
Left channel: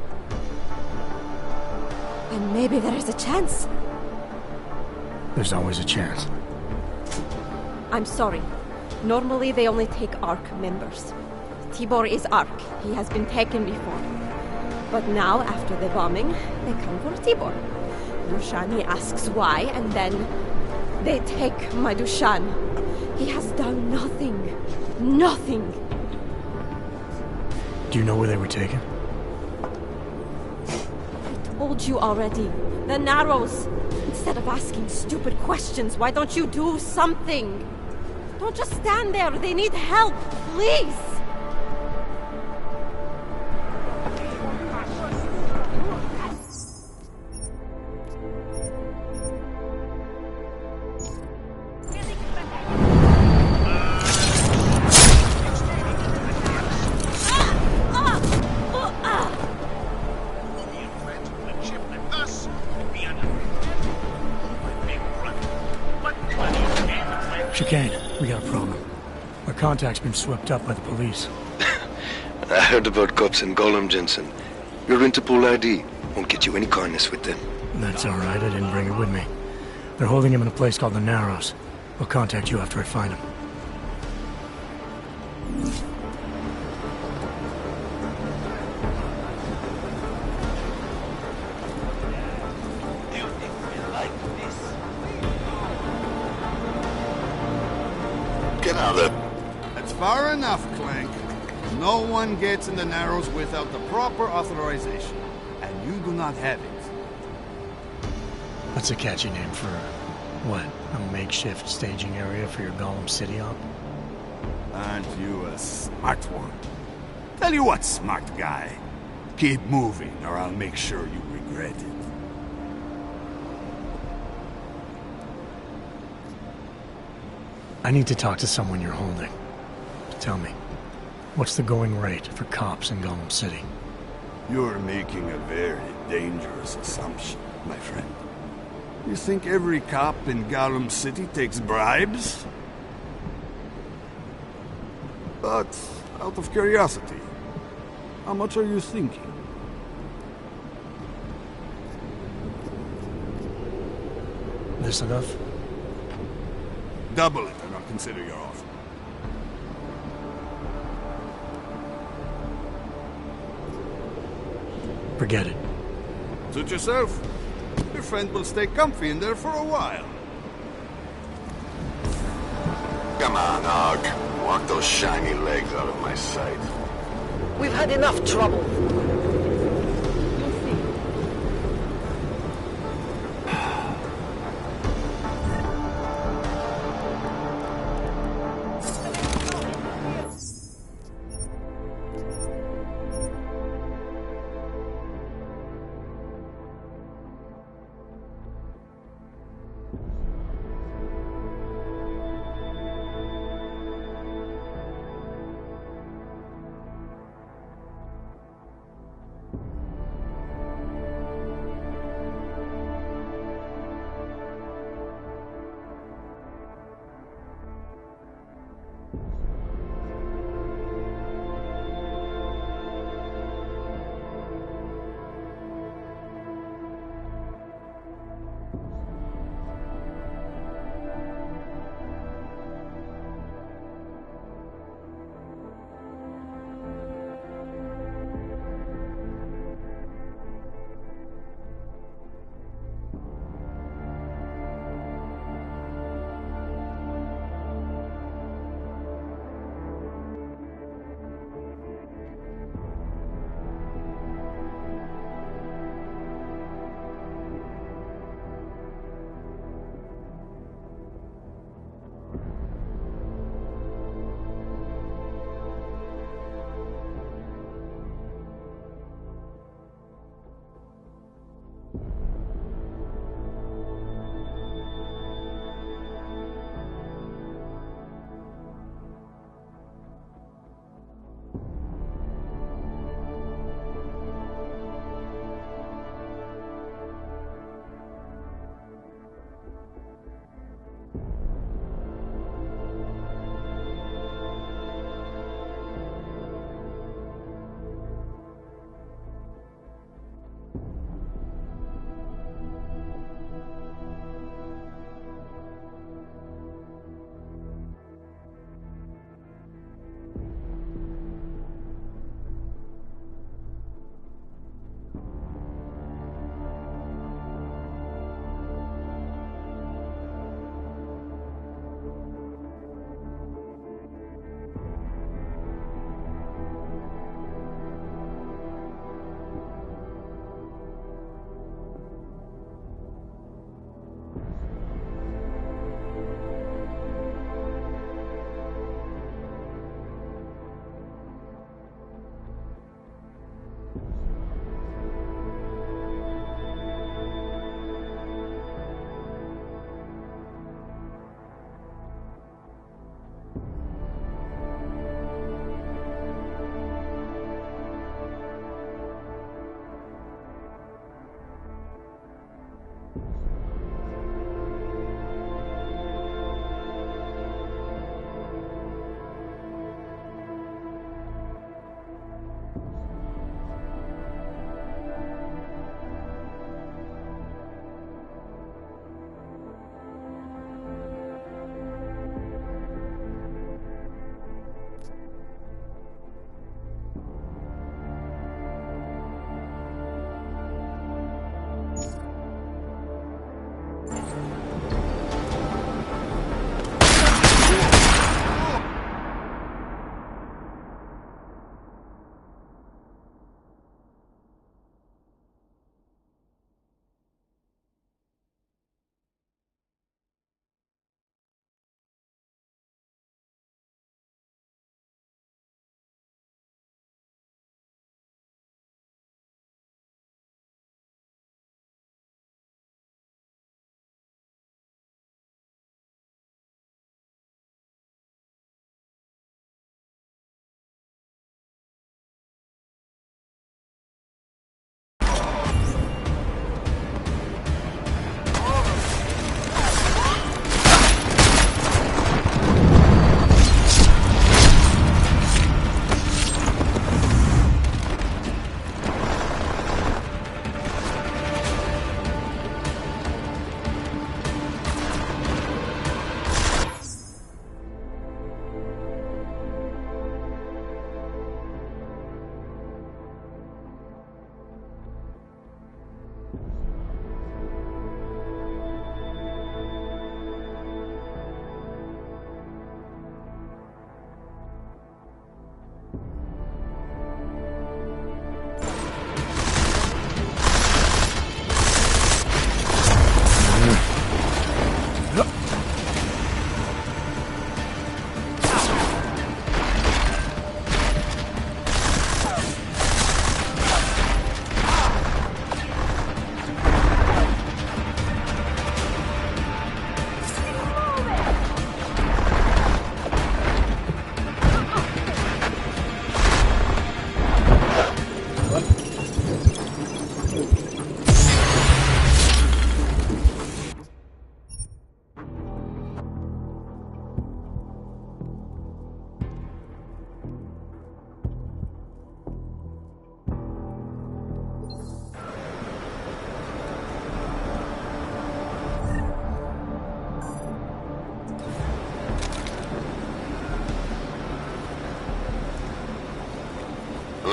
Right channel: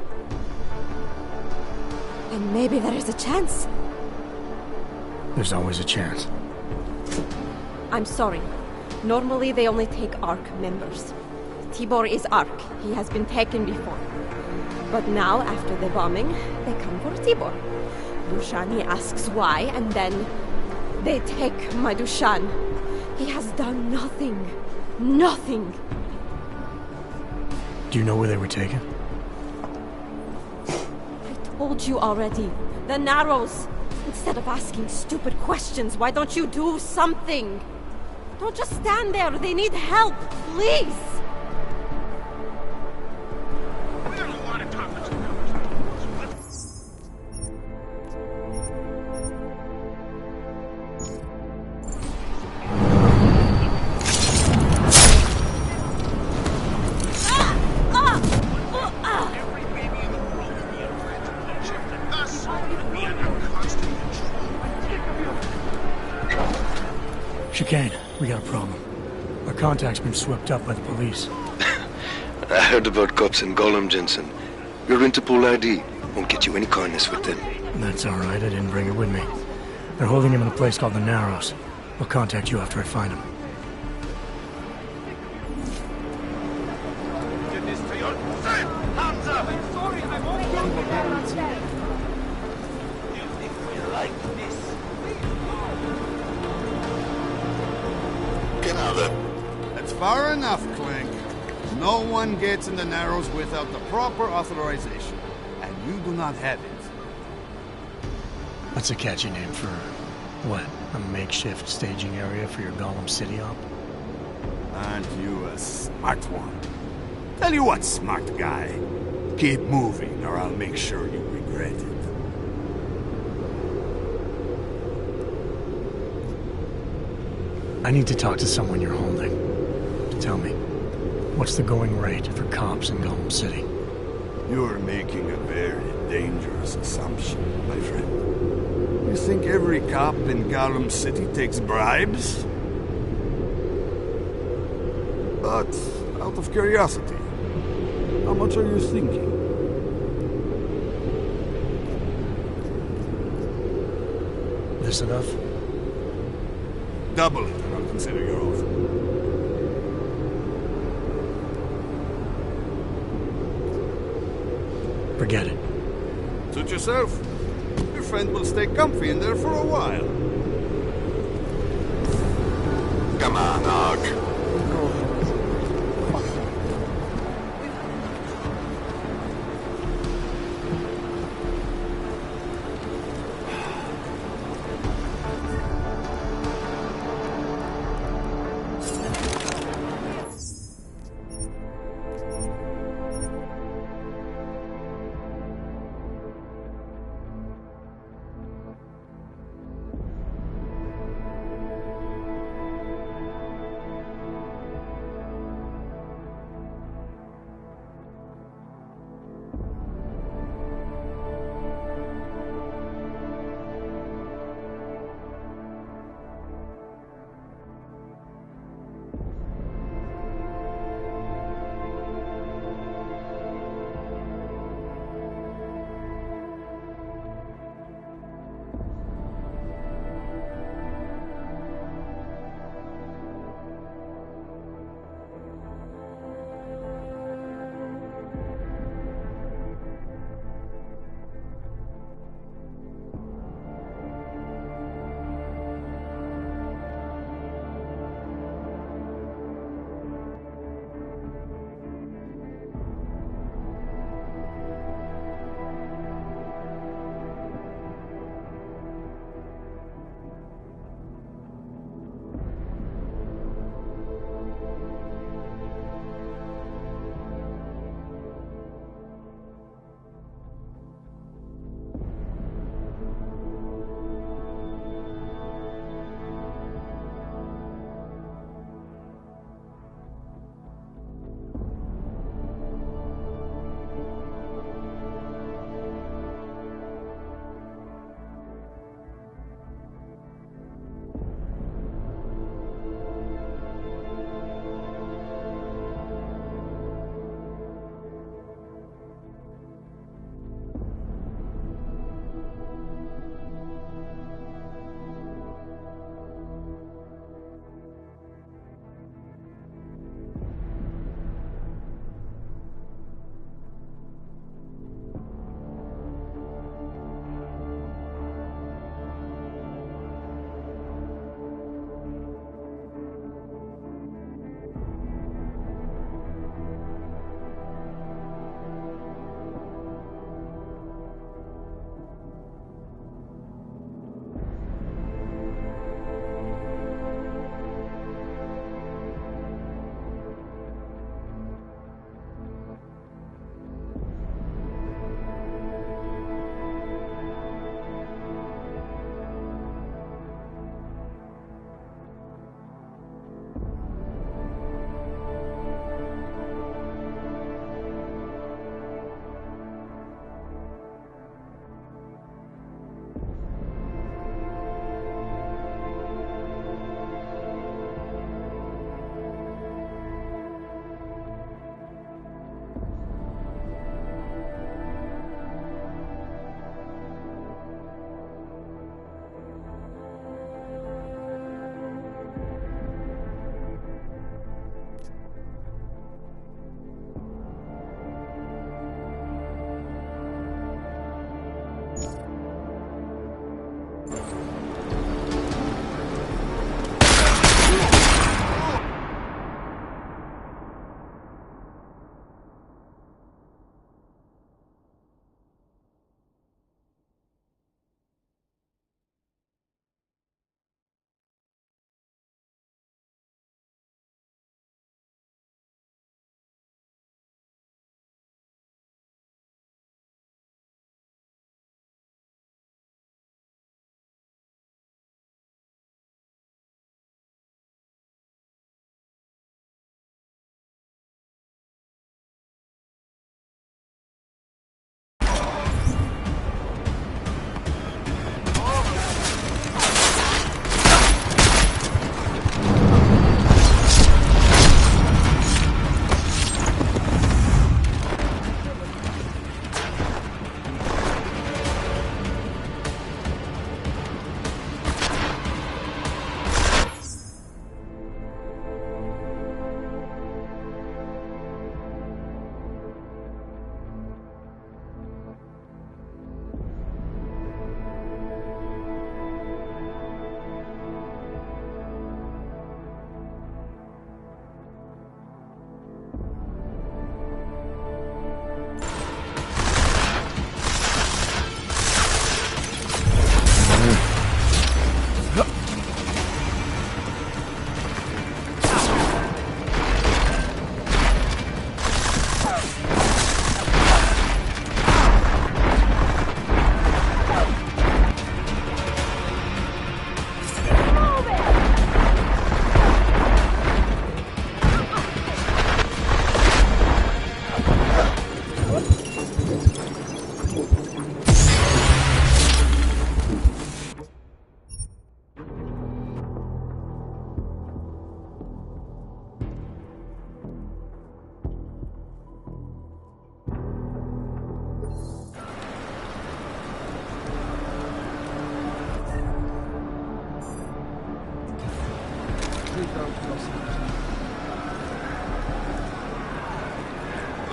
And maybe there is a chance. There's always a chance. I'm sorry. Normally they only take ARC members. Tibor is ARC. He has been taken before. But now, after the bombing, they come for Tibor. Dushan, he asks why, and then they take my Dushan. He has done nothing. Nothing. Do you know where they were taken? I told you already. The Narrows. Instead of asking stupid questions, why don't you do something? Don't just stand there. They need help. Please. Chicane, we got a problem. Our contact's been swept up by the police. I heard about cops in Golem, Jensen. Your Interpol ID won't get you any kindness with them. That's all right. I didn't bring it with me. They're holding him in a place called the Narrows. I'll contact you after I find him. That's far enough, Clank. No one gets in the Narrows without the proper authorization, and you do not have it. That's a catchy name for, what, a makeshift staging area for your Golem City op? Aren't you a smart one? Tell you what, smart guy. Keep moving, or I'll make sure you regret it. I need to talk to someone you're holding. Tell me, what's the going rate for cops in Golem City? You're making a very dangerous assumption, my friend. You think every cop in Golem City takes bribes? But, out of curiosity, how much are you thinking? This enough? Double it and I'll consider your offer. Forget it. Suit yourself. Your friend will stay comfy in there for a while. Come on, Og. Walk those shiny legs out of my sight. We've had enough trouble.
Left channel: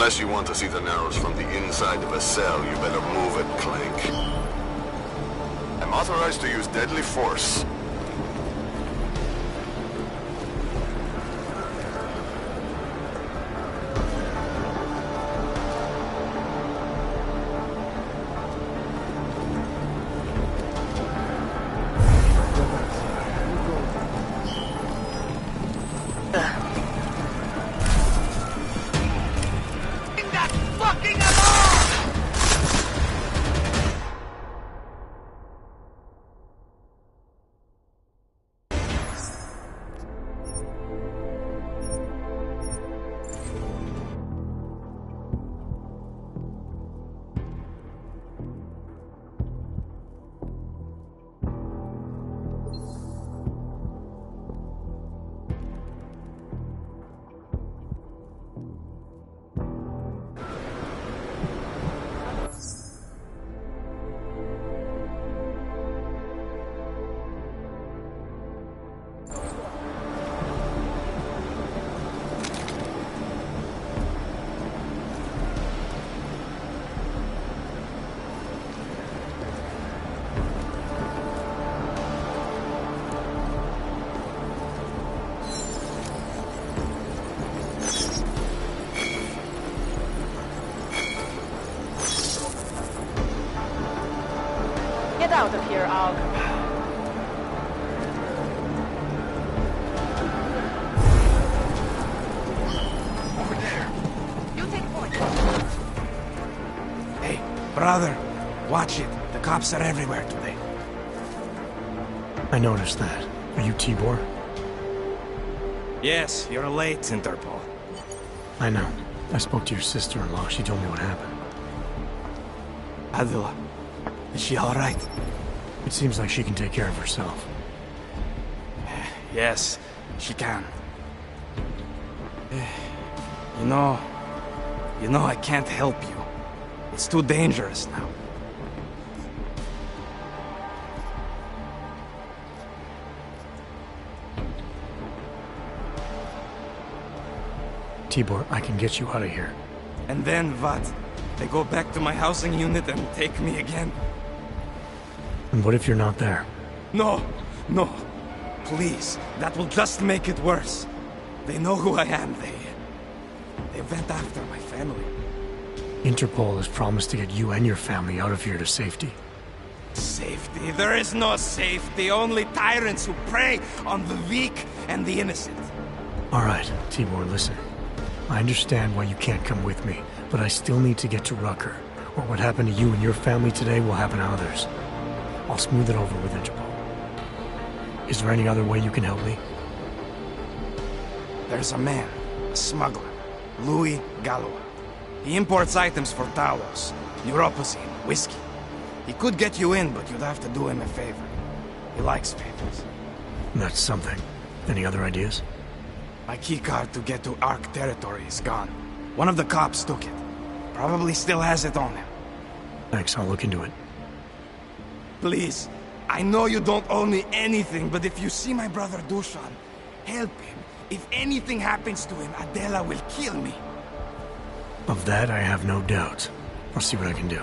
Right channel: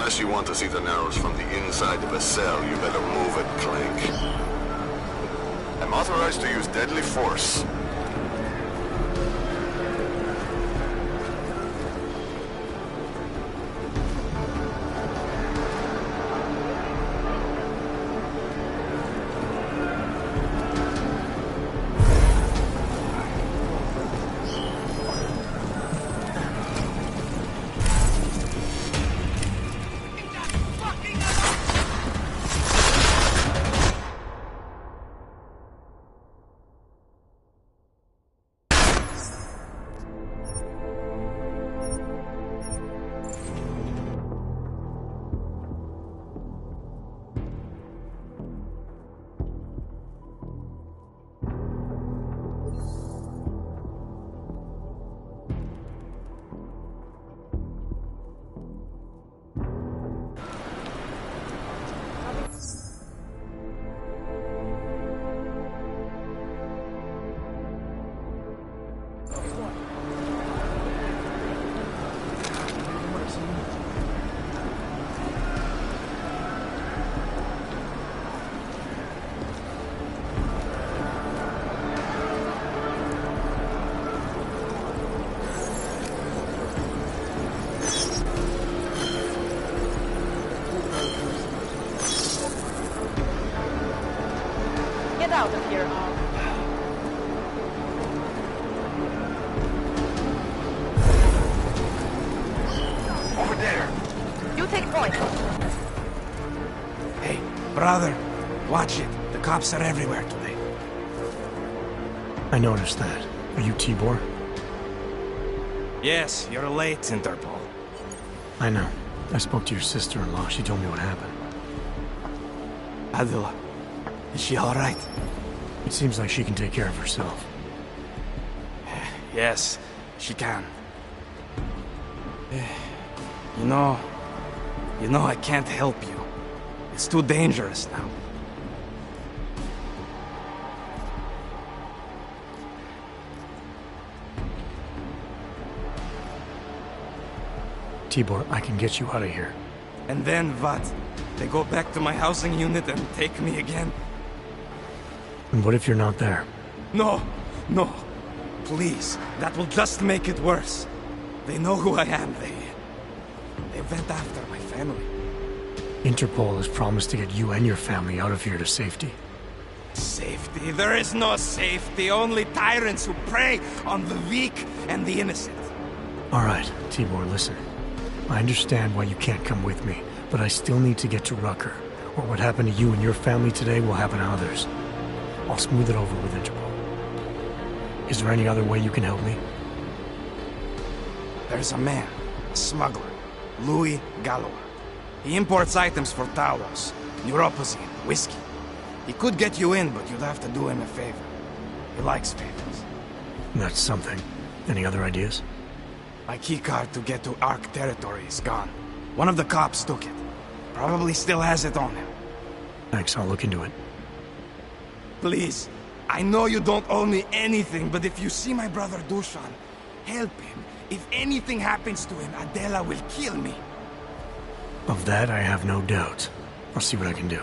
Unless you want to see the Narrows from the inside of a cell, you better move it, Clank. I'm authorized to use deadly force. Get out of here, Og. Over there. You take point. Hey, brother, watch it. The cops are everywhere today. I noticed that. Are you Tibor? Yes, you're late, Interpol. I know. I spoke to your sister-in-law. She told me what happened. Adela, is she all right? It seems like she can take care of herself. Yes, she can. You know, I can't help you. It's too dangerous now. Tibor, I can get you out of here. And then what? They go back to my housing unit and take me again? And what if you're not there? No, no. Please, that will just make it worse. They know who I am. They went after my family. Interpol has promised to get you and your family out of here to safety. Safety? There is no safety. Only tyrants who prey on the weak and the innocent. All right, Tibor, listen. I understand why you can't come with me, but I still need to get to Rucker, or what happened to you and your family today will happen to others. I'll smooth it over with Interpol. Is there any other way you can help me? There's a man, a smuggler, Louis Galois. He imports items for Talos, neuropozyne, whiskey. He could get you in, but you'd have to do him a favor. He likes favors. That's something. Any other ideas? My keycard to get to Ark territory is gone. One of the cops took it. Probably still has it on him. Thanks, I'll look into it. Please, I know you don't owe me anything, but if you see my brother Dushan, help him. If anything happens to him, Adela will kill me. Of that, I have no doubt. I'll see what I can do.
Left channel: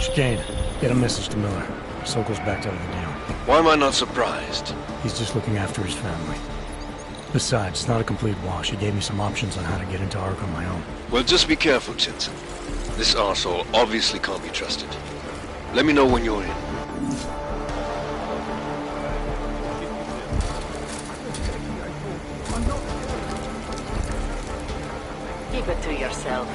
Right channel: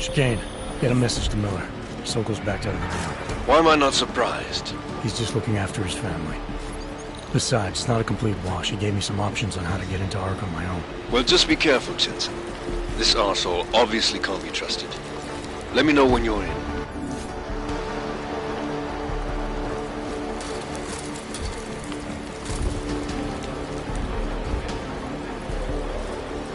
Chicane, get a message to Miller. Sokol's backed out of the deal. Why am I not surprised? He's just looking after his family. Besides, it's not a complete wash. He gave me some options on how to get into Ark on my own. Well, just be careful, Jensen. This arsehole obviously can't be trusted. Let me know when you're in. Keep it to yourself.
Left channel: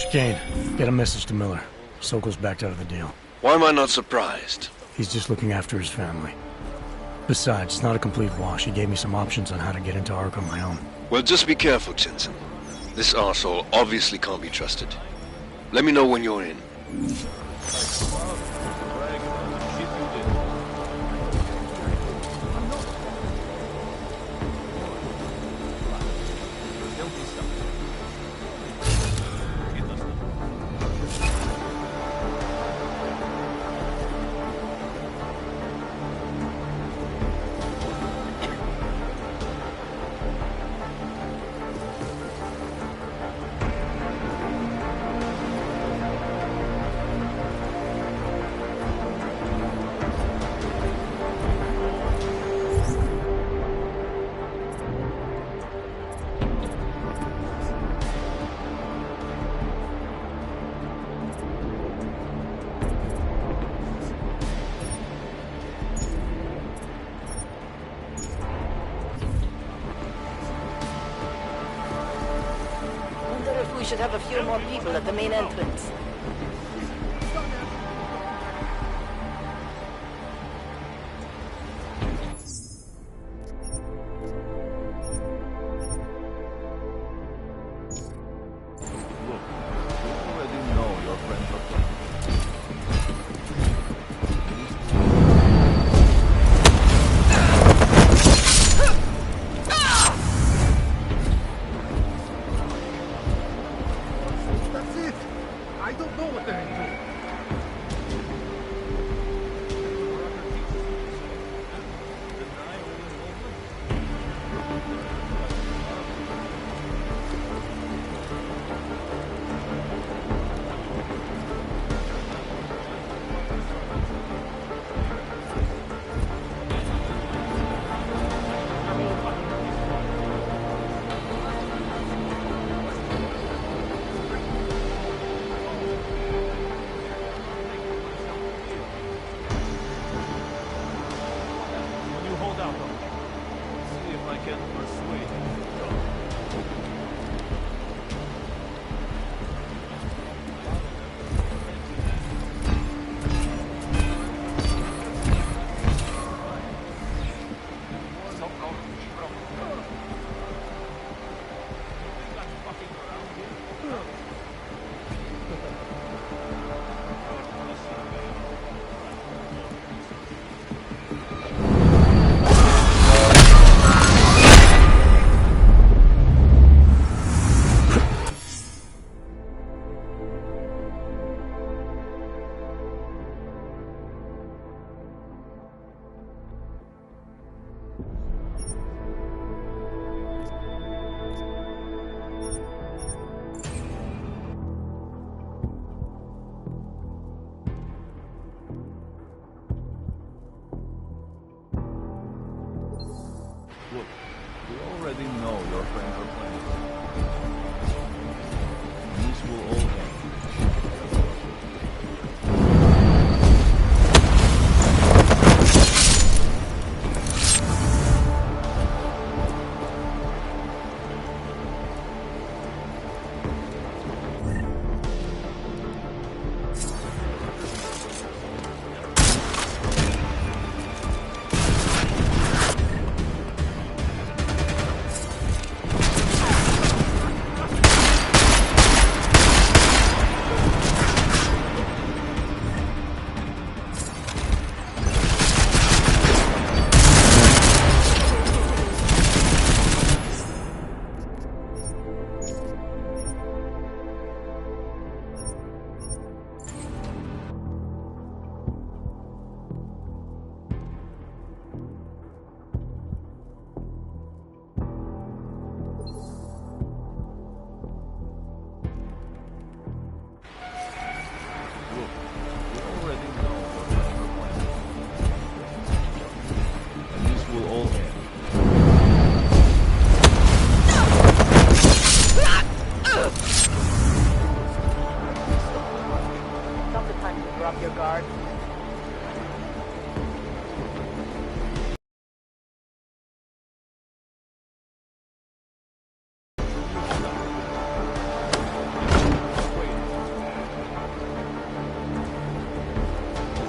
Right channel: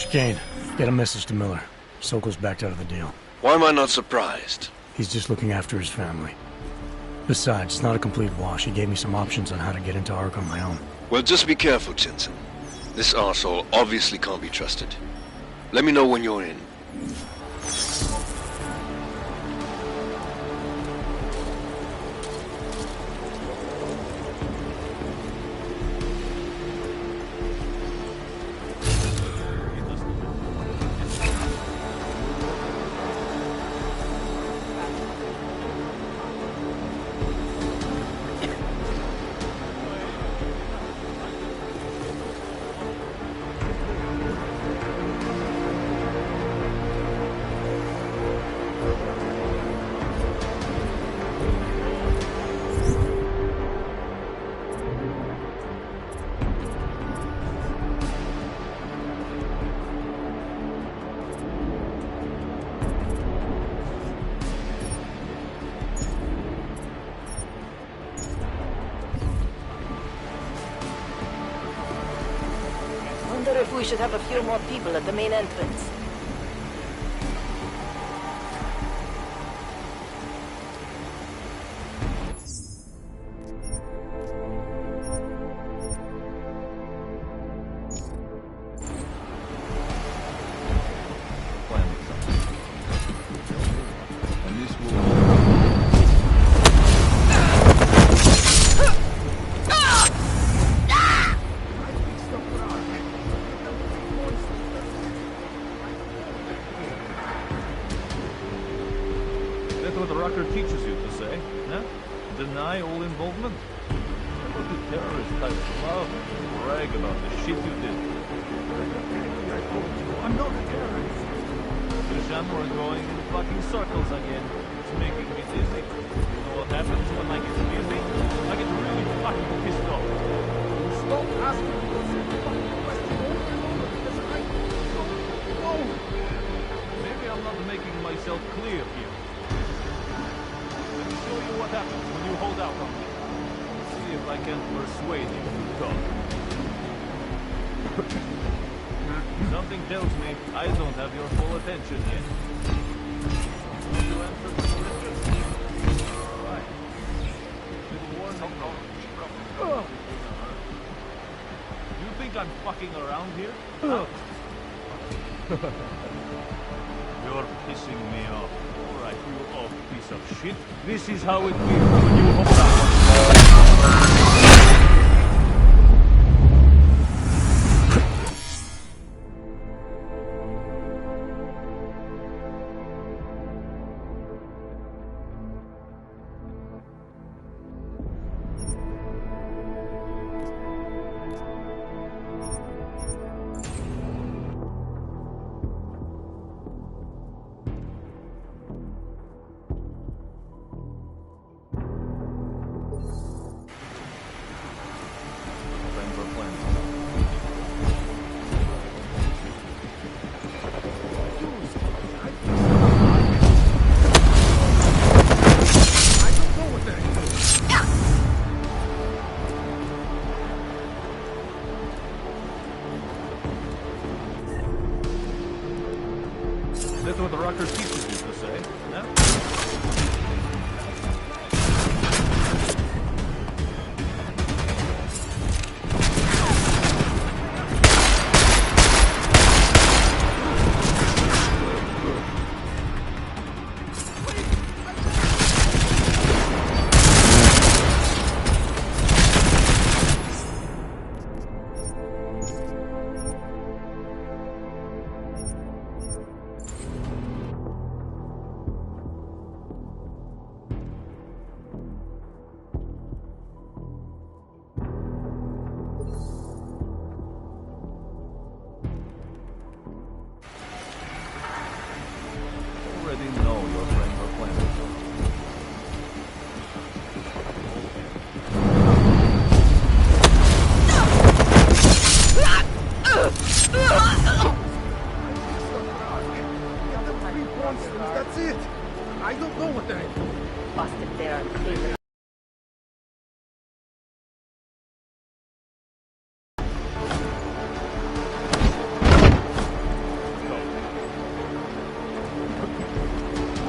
Chicane, get a message to Miller. Sokol's backed out of the deal. Why am I not surprised? He's just looking after his family. Besides, it's not a complete wash. He gave me some options on how to get into Ark on my own. Well, just be careful, Jensen. This arsehole obviously can't be trusted. Let me know when you're in. Wonder if we should have a few more people at the main entrance.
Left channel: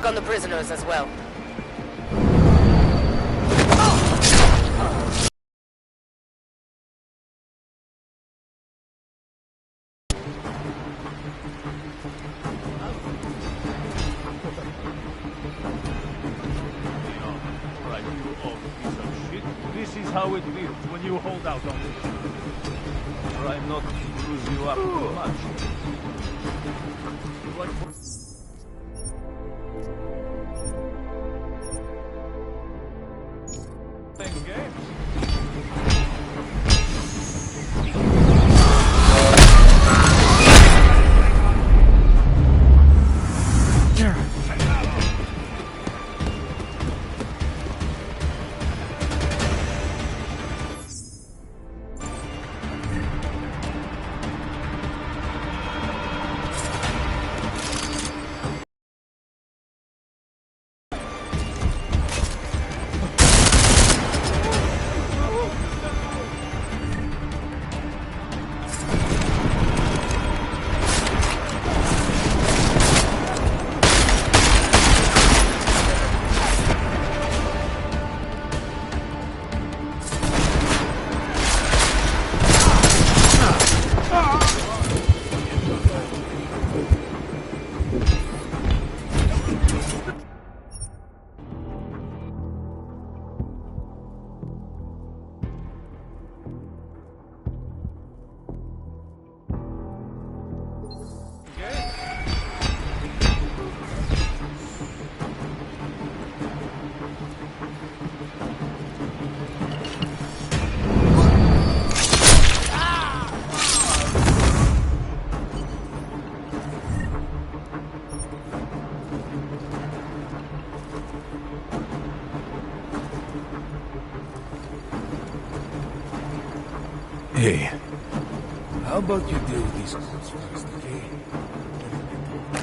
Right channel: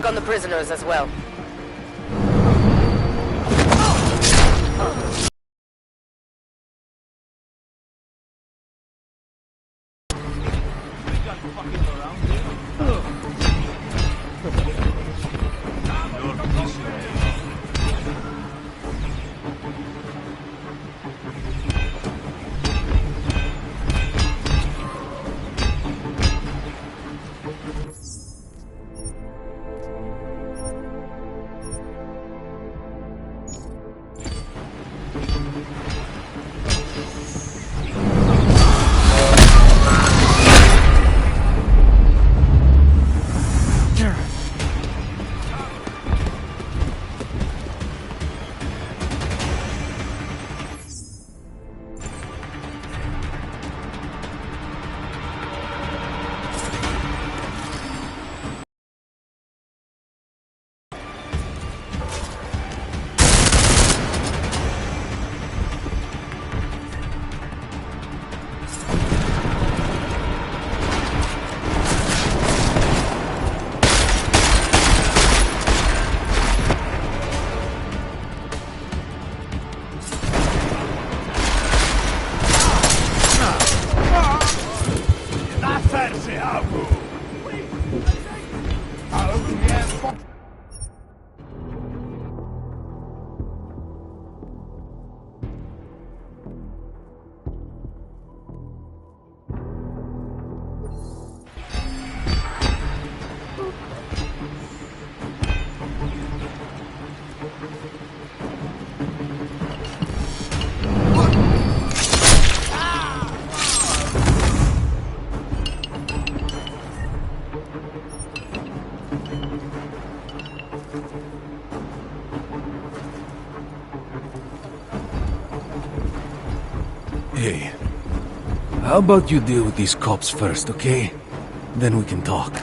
check on the prisoners as well. This is how it feels when you hold out. I'm not using you up too much. Hey, how about you deal with these cops first, okay? Then we can talk.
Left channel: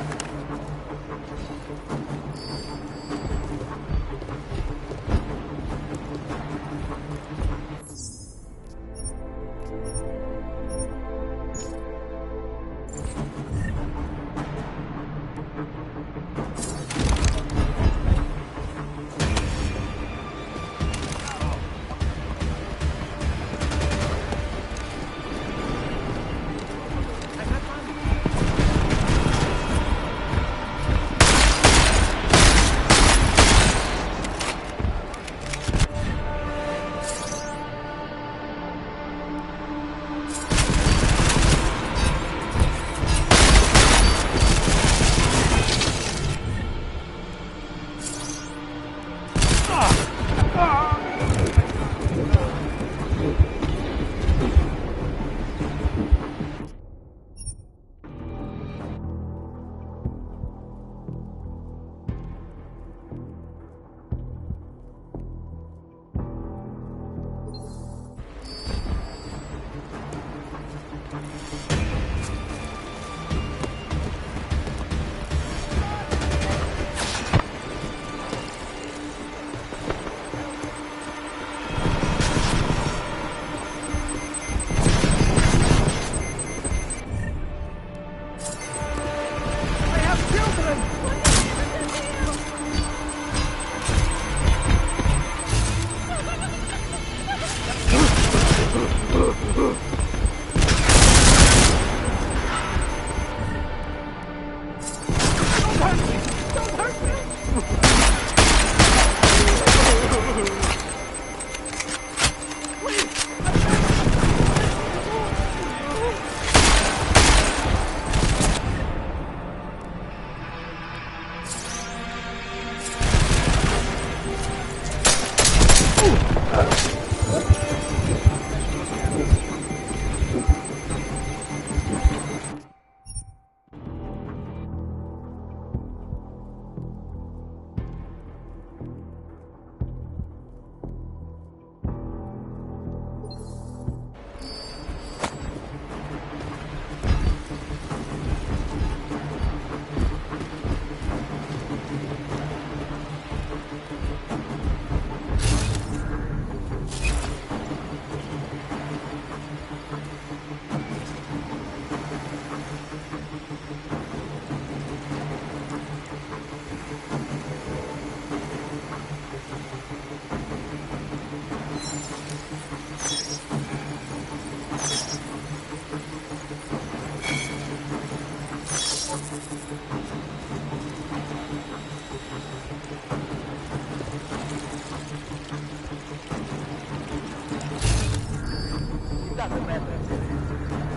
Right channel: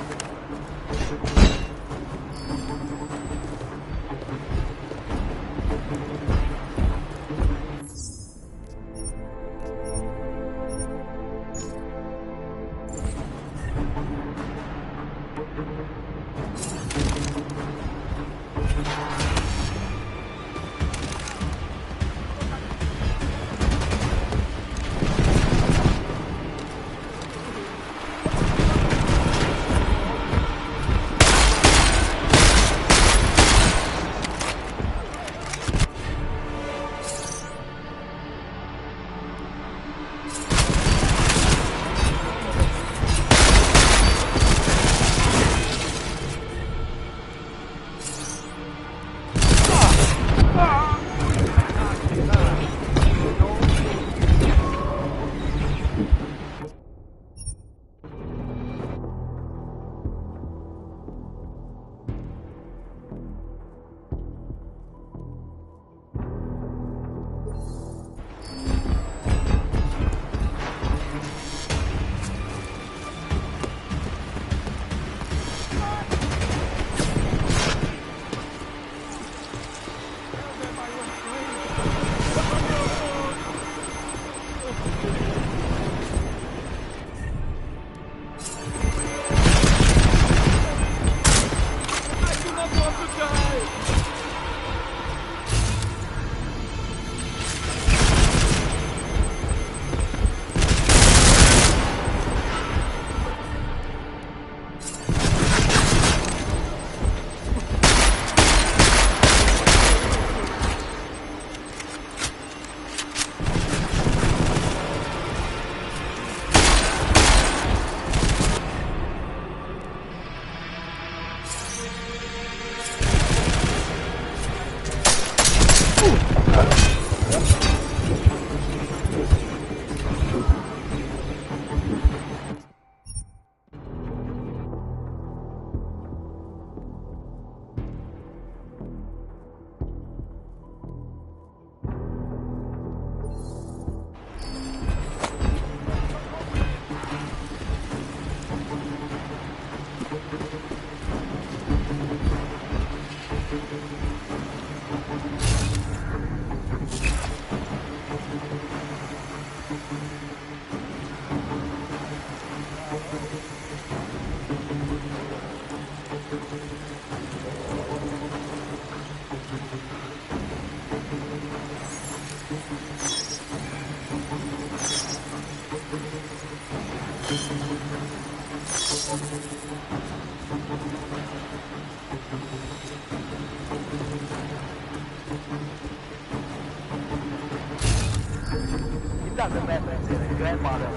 doesn't matter if they're his grandfather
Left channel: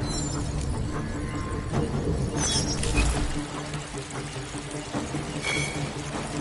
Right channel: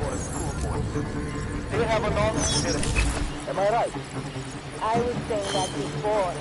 or they have a long history. Am I right? I would say that before.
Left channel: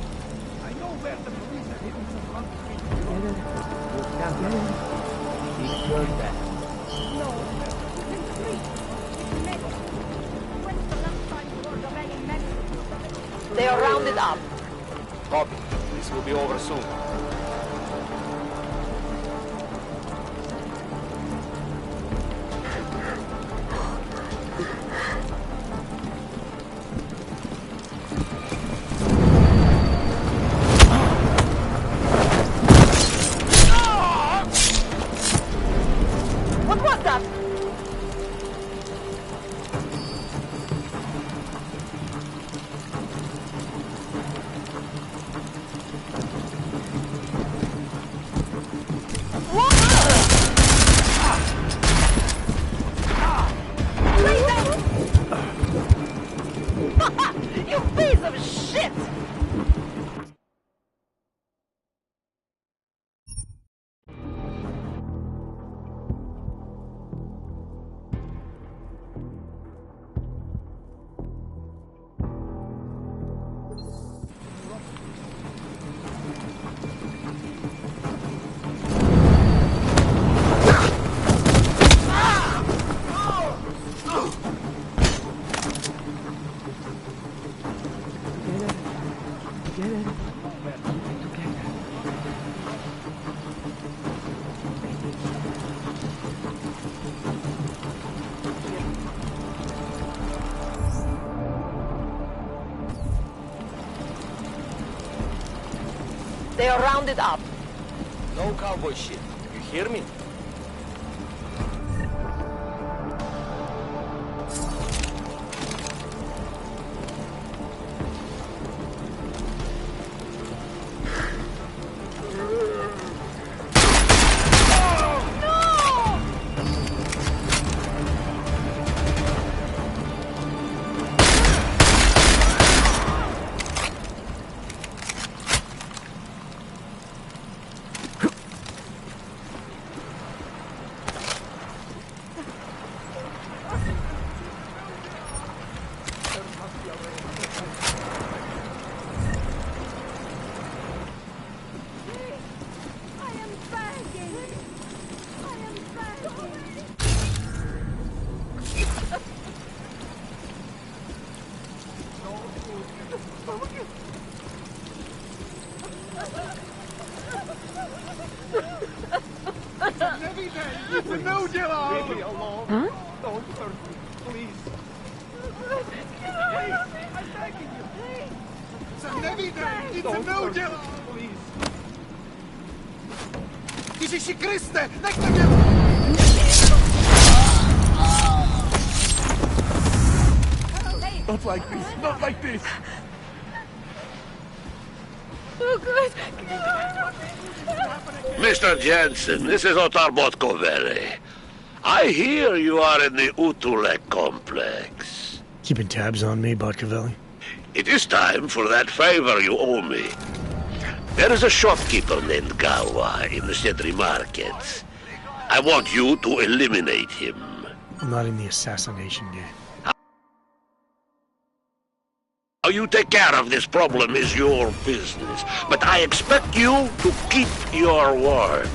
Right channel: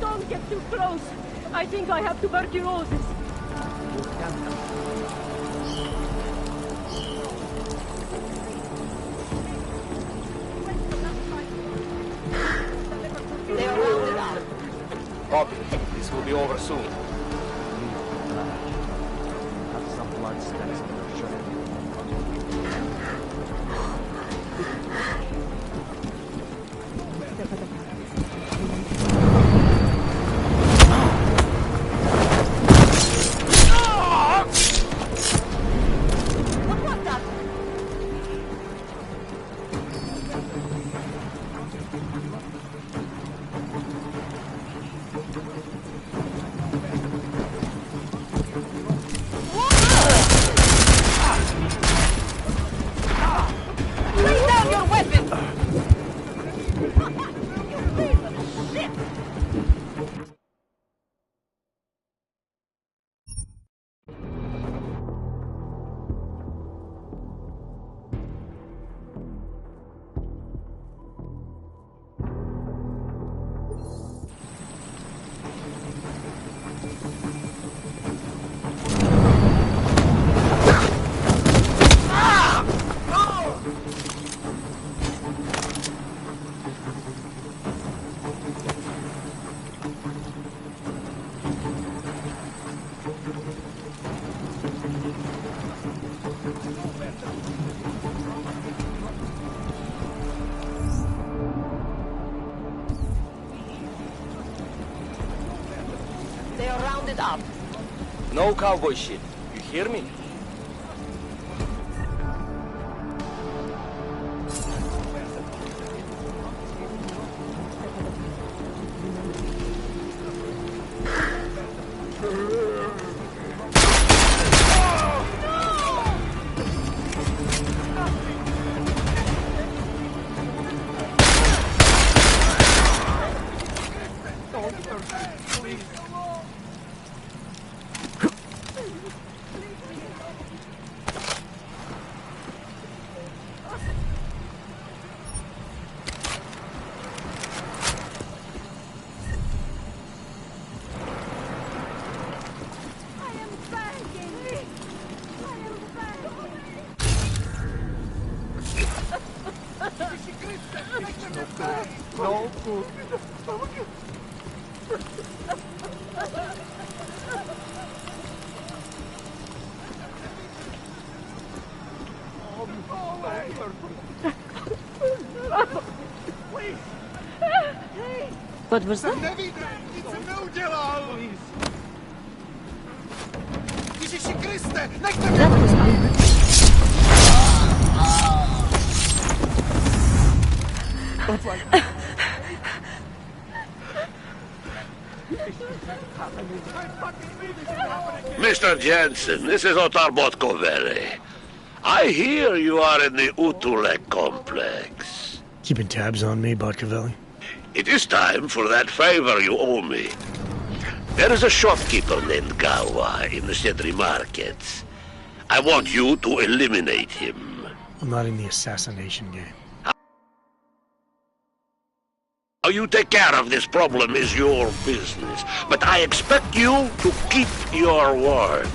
Don't get too close. I think I have tuberculosis. No. They are rounded up. Copy. This will be over soon. What was that? Lay down your weapon! You piece of shit! They are rounded up. No cowboy shit. You hear me? No good. No, Jello! Leave me alone. Don't hurt me, please. What was that? It's a no, Jello! Please. Ježiši Kriste, nechte mě! Not like this, not like this. Mr. Jensen, this is Otar Botkovere. I hear you are in the Utulek complex. Keeping tabs on me, Botkovelli? It is time for that favor you owe me. There is a shopkeeper named Gawa in the Sedri market. I want you to eliminate him. I'm not in the assassination game. How you take care of this problem is your business, but I expect you to keep your word.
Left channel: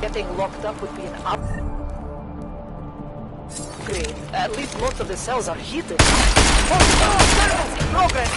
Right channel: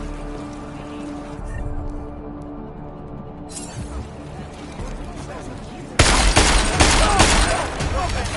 Getting locked up would be an upgrade. At least most of the cells are heated. Progress!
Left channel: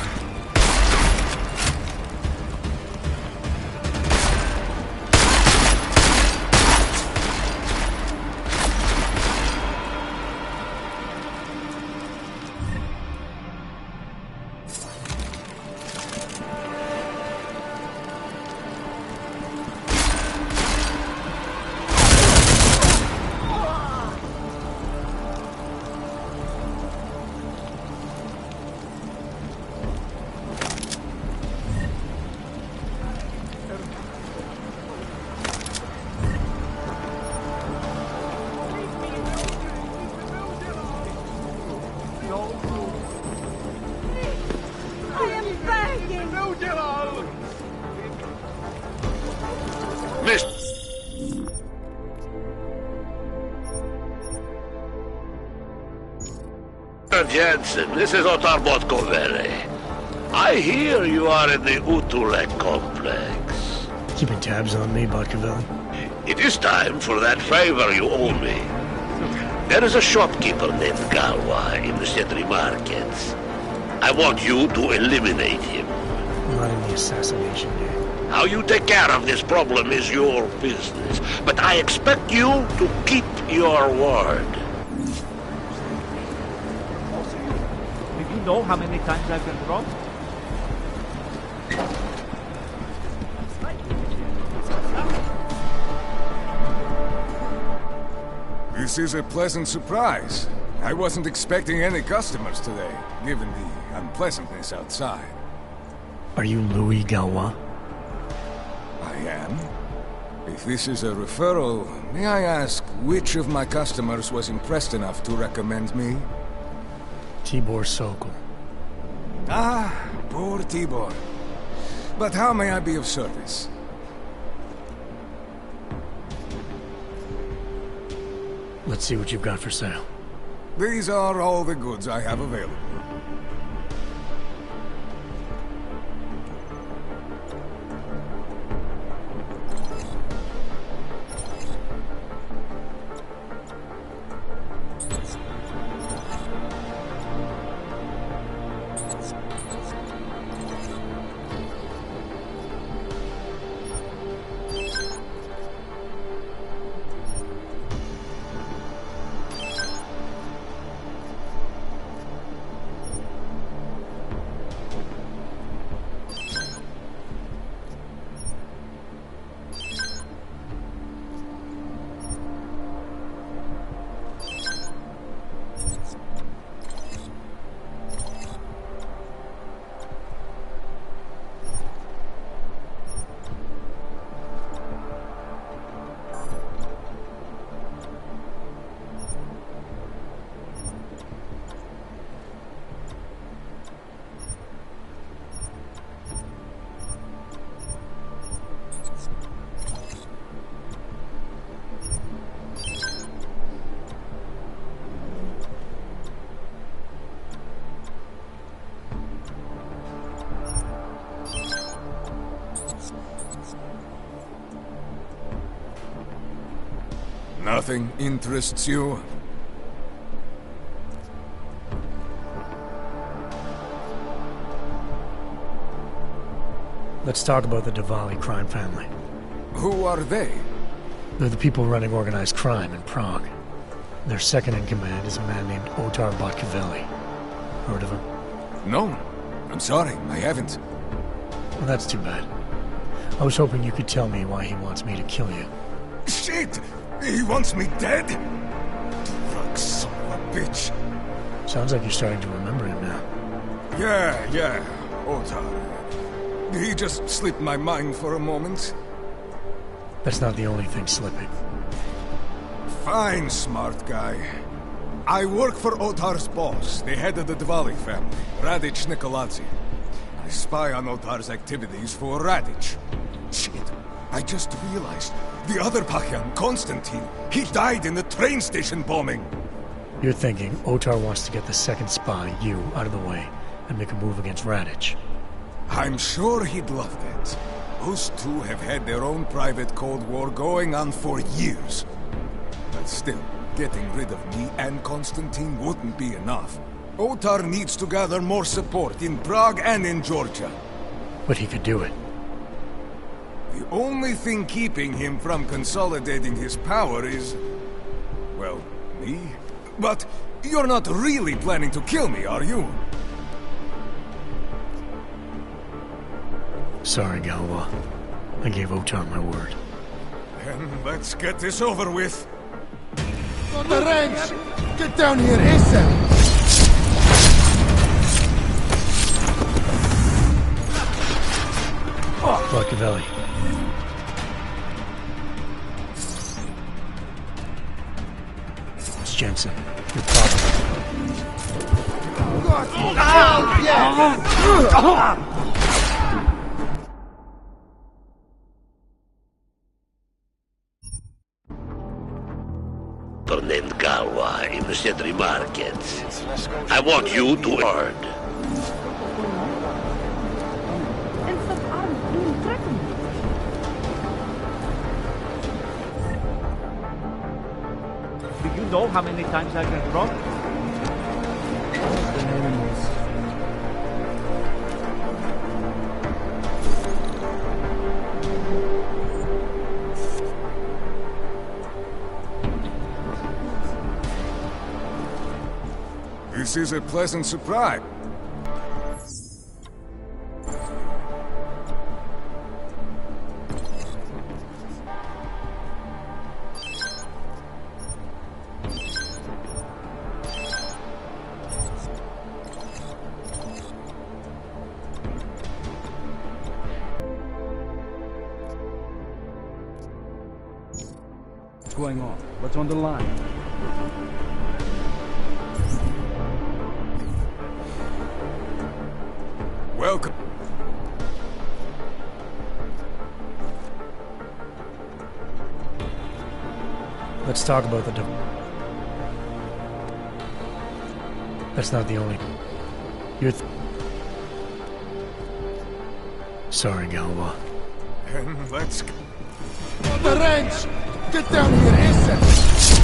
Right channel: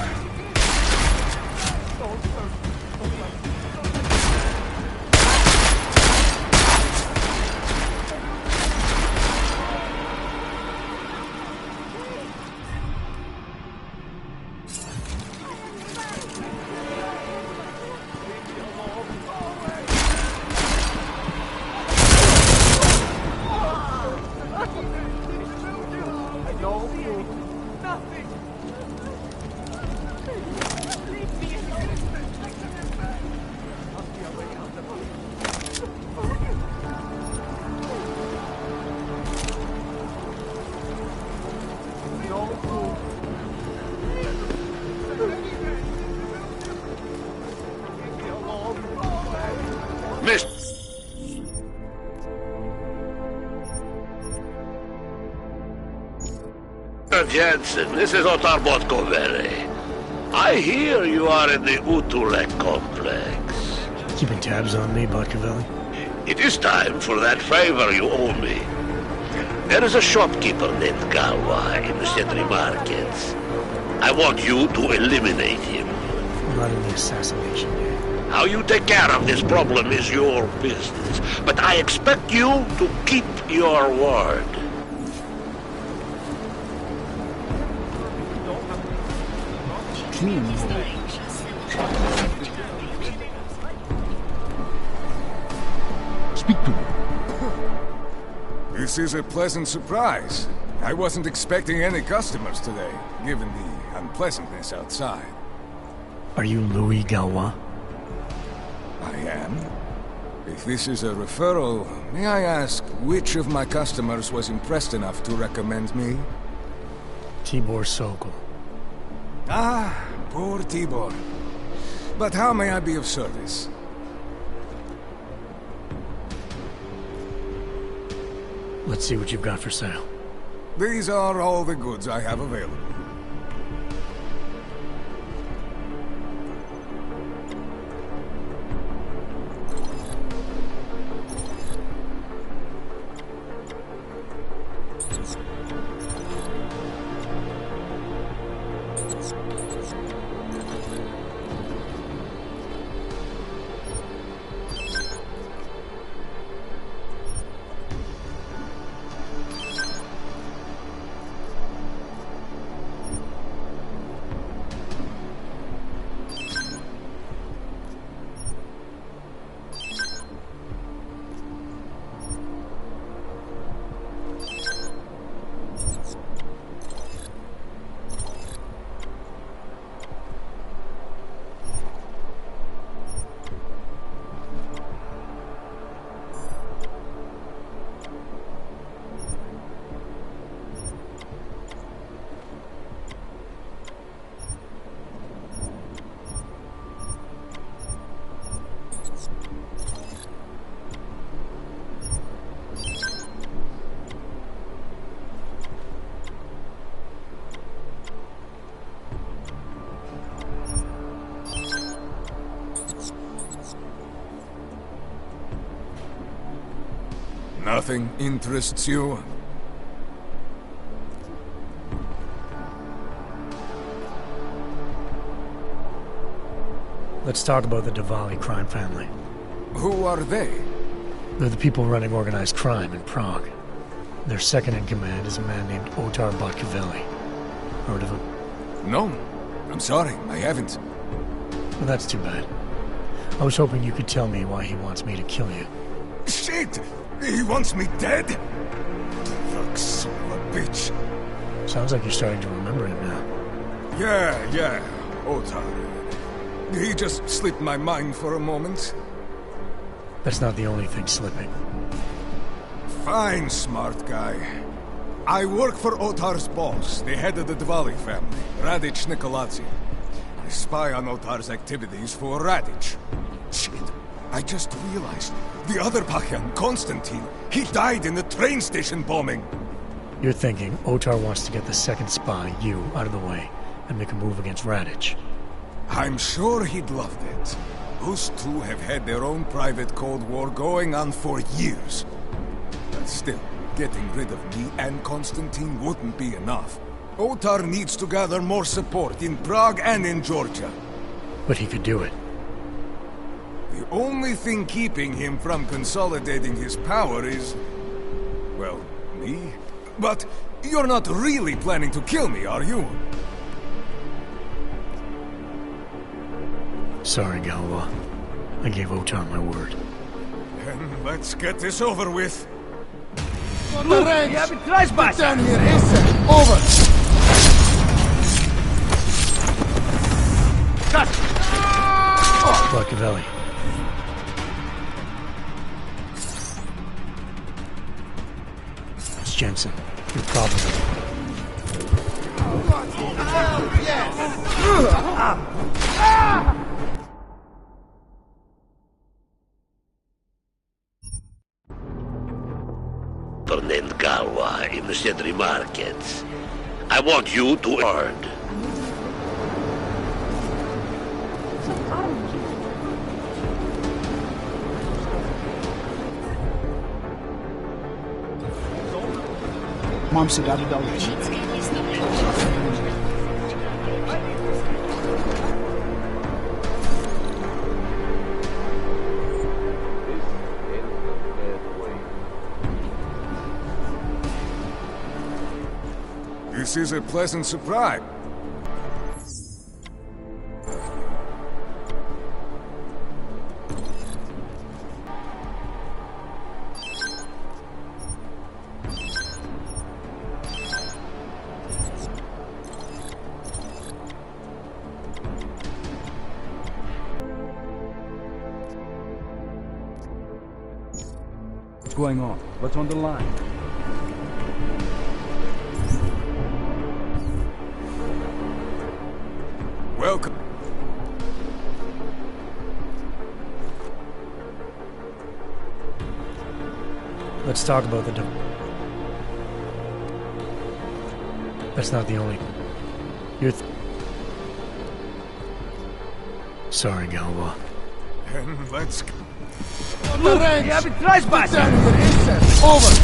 Mr. Jensen, this is Otar Botkovere. I hear you are in the Utulek complex. Keeping tabs on me, Botkovelli? It is time for that favor you owe me. There is a shopkeeper named Gawa in the Sedri market. I want you to eliminate him. I'm not in the assassination game. How you take care of this problem is your business, but I expect you to keep your word. Did you know how many times I've been robbed? Speak to me. This is a pleasant surprise. I wasn't expecting any customers today, given the unpleasantness outside. Are you Louis Galwa? I am. If this is a referral, may I ask which of my customers was impressed enough to recommend me? Tibor Sokol. Ah, poor Tibor. But how may I be of service? Let's see what you've got for sale. These are all the goods I have available. Nothing interests you? Let's talk about the Diwali crime family. Who are they? They're the people running organized crime in Prague. Their second in command is a man named Otar Botkavelli. Heard of him? No. I'm sorry, I haven't. Well, that's too bad. I was hoping you could tell me why he wants me to kill you. Shit! He wants me dead? Drug son of a bitch. Sounds like you're starting to remember him now. Yeah, Otar. He just slipped my mind for a moment. That's not the only thing slipping. Fine, smart guy. I work for Otar's boss, the head of the Diwali family, Radic Nikoladze. I spy on Otar's activities for Radic. Shit, I just realized. The other Pakyan, Konstantin, he died in the train station bombing. You're thinking Otar wants to get the second spy, you, out of the way, and make a move against Radic. I'm sure he'd love that. Those two have had their own private Cold War going on for years. But still, getting rid of me and Konstantin wouldn't be enough. Otar needs to gather more support in Prague and in Georgia. But he could do it. The only thing keeping him from consolidating his power is... well, me? But you're not really planning to kill me, are you? Sorry, Galva. I gave Otar my word. Then let's get this over with. On the range! Get down here, ASAP! Over! Botkavelli. It's Jensen. You're probably... Oh, yes! Named Galwa in the Sentry Markets. I want you to earn. Do you know how many times I get close to This is a pleasant surprise. What's going on? What's on the line? Welcome. Let's talk about the... That's not the only... You're... Sorry, Galva. And let's... On the range! Get down here, ASAP! Over!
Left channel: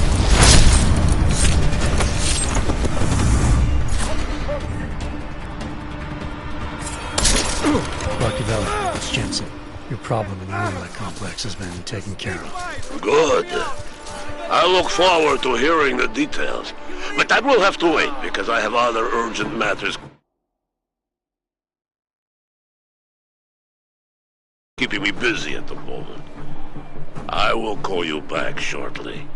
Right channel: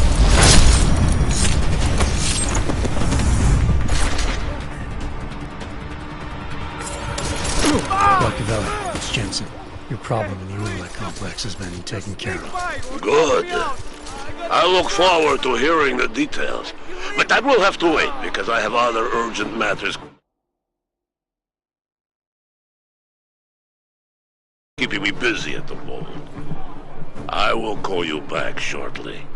Botkavelli, it's Jensen. Your problem in the Ulet complex has been taken care of. Good. I look forward to hearing the details. But that will have to wait, because I have other urgent matters keeping me busy at the moment. I will call you back shortly.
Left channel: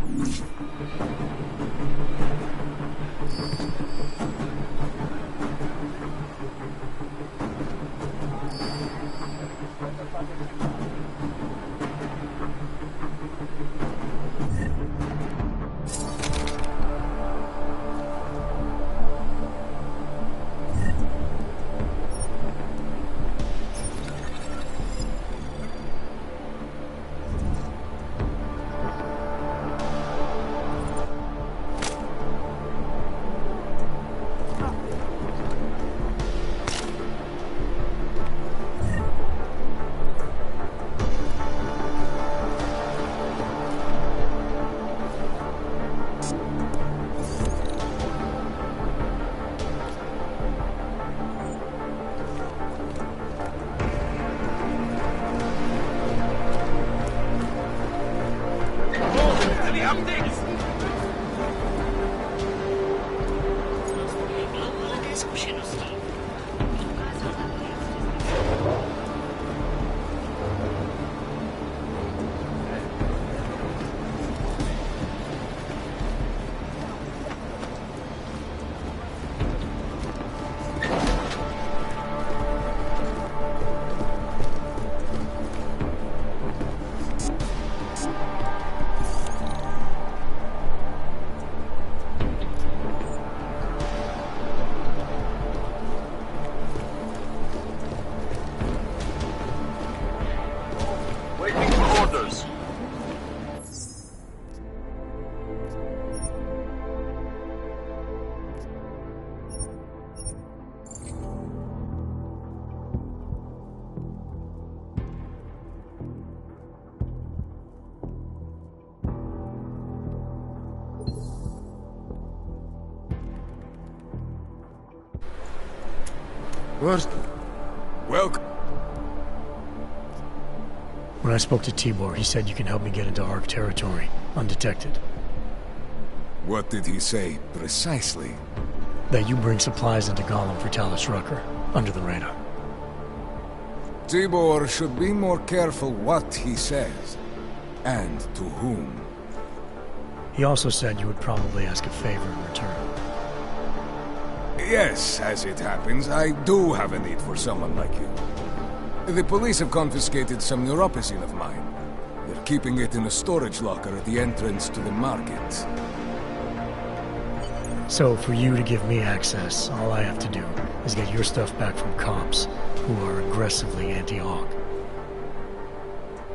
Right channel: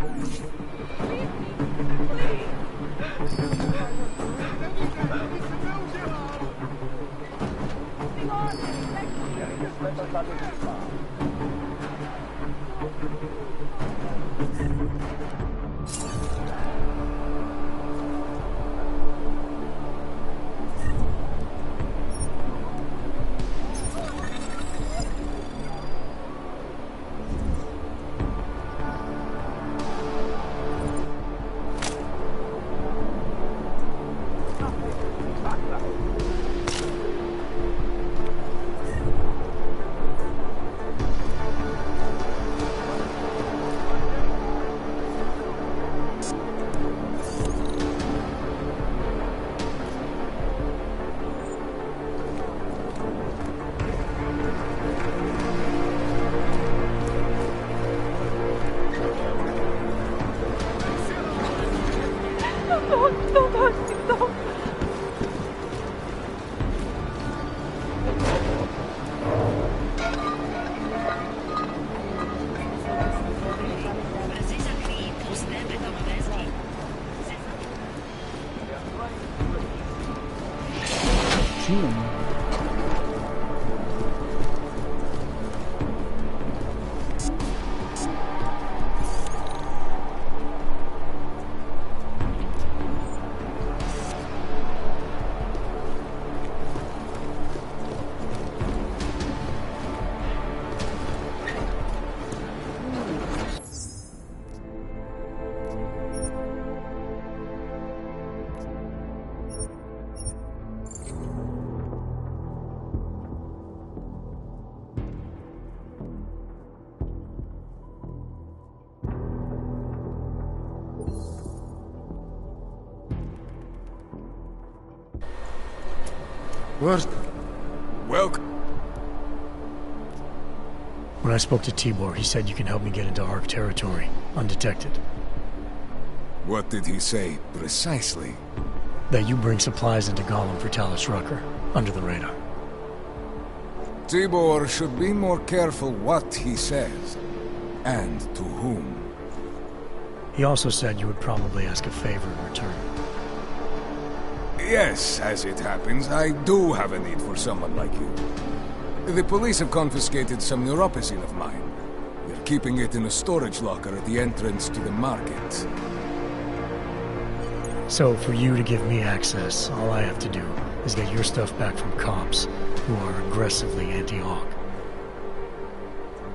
First, welcome. When I spoke to Tibor, he said you can help me get into Ark territory, undetected. What did he say, precisely? That you bring supplies into Gollum for Talus Rucker, under the radar. Tibor should be more careful what he says, and to whom. He also said you would probably ask a favor in return. Yes, as it happens, I do have a need for someone like you. The police have confiscated some neuropazine of mine. They're keeping it in a storage locker at the entrance to the market. So, for you to give me access, all I have to do is get your stuff back from cops who are aggressively anti-Hawk.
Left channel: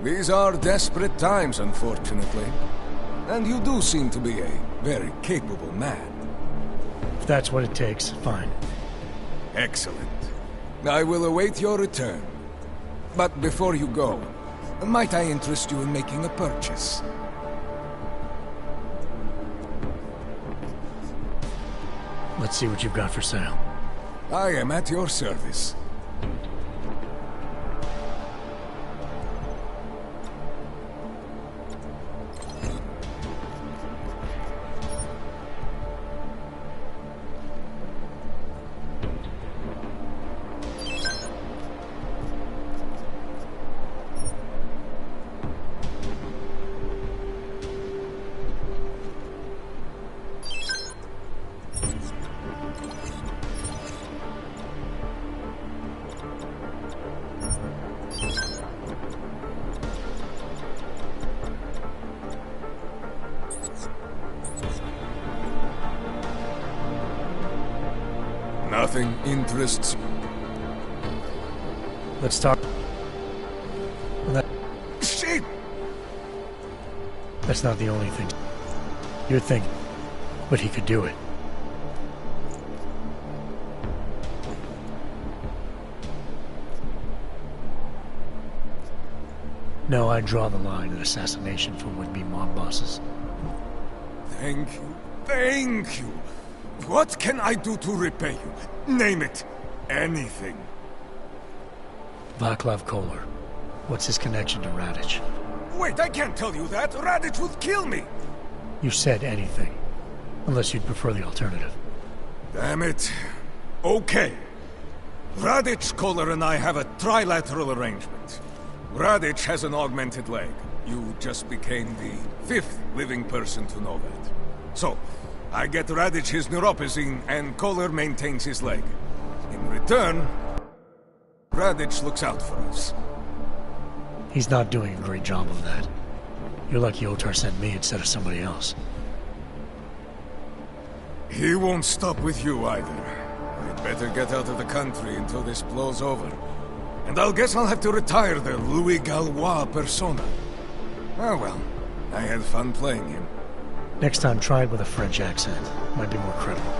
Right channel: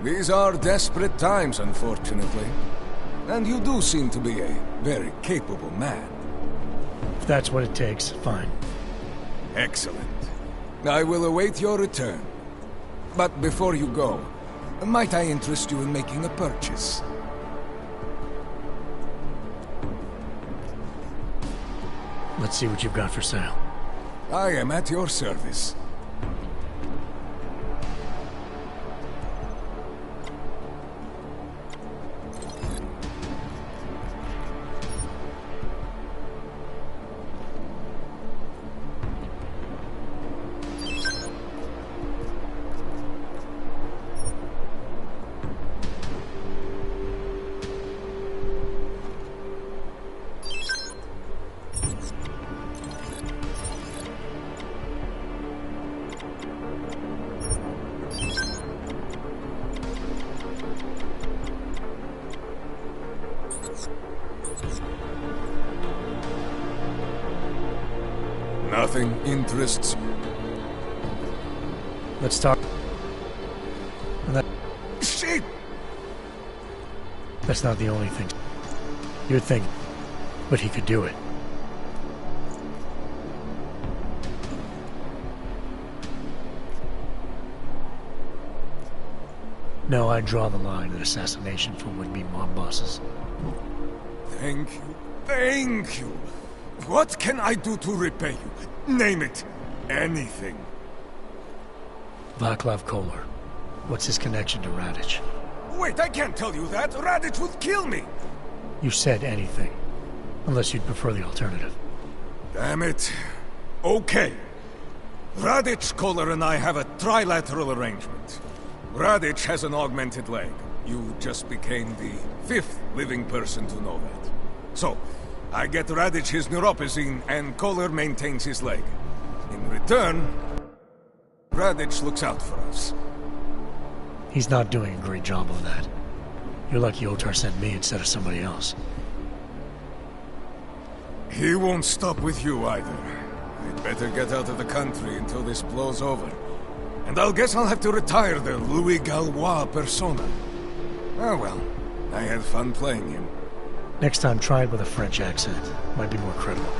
These are desperate times, unfortunately. And you do seem to be a very capable man. If that's what it takes, fine. Excellent. I will await your return. But before you go, might I interest you in making a purchase? Let's see what you've got for sale. I am at your service. Nothing interests you. Let's talk. Shit! That's not the only thing. You're thinking, but he could do it. No, I draw the line at assassination for would-be mob bosses. Thank you. Thank you. What can I do to repay you? Name it. Anything. Vaclav Kolar. What's his connection to Radic? Wait, I can't tell you that. Radic would kill me. You said anything. Unless you'd prefer the alternative. Damn it. Okay. Radic, Kolar, and I have a trilateral arrangement. Radic has an augmented leg. You just became the 5th living person to know that. So, I get Radic his neuropazine, and Kolar maintains his leg. In return, Radic looks out for us. He's not doing a great job of that. You're lucky Otar sent me instead of somebody else. He won't stop with you either. I'd better get out of the country until this blows over. And I'll guess I'll have to retire the Louis Gallois persona. Oh well, I had fun playing him. Next time, try it with a French accent. Might be more credible.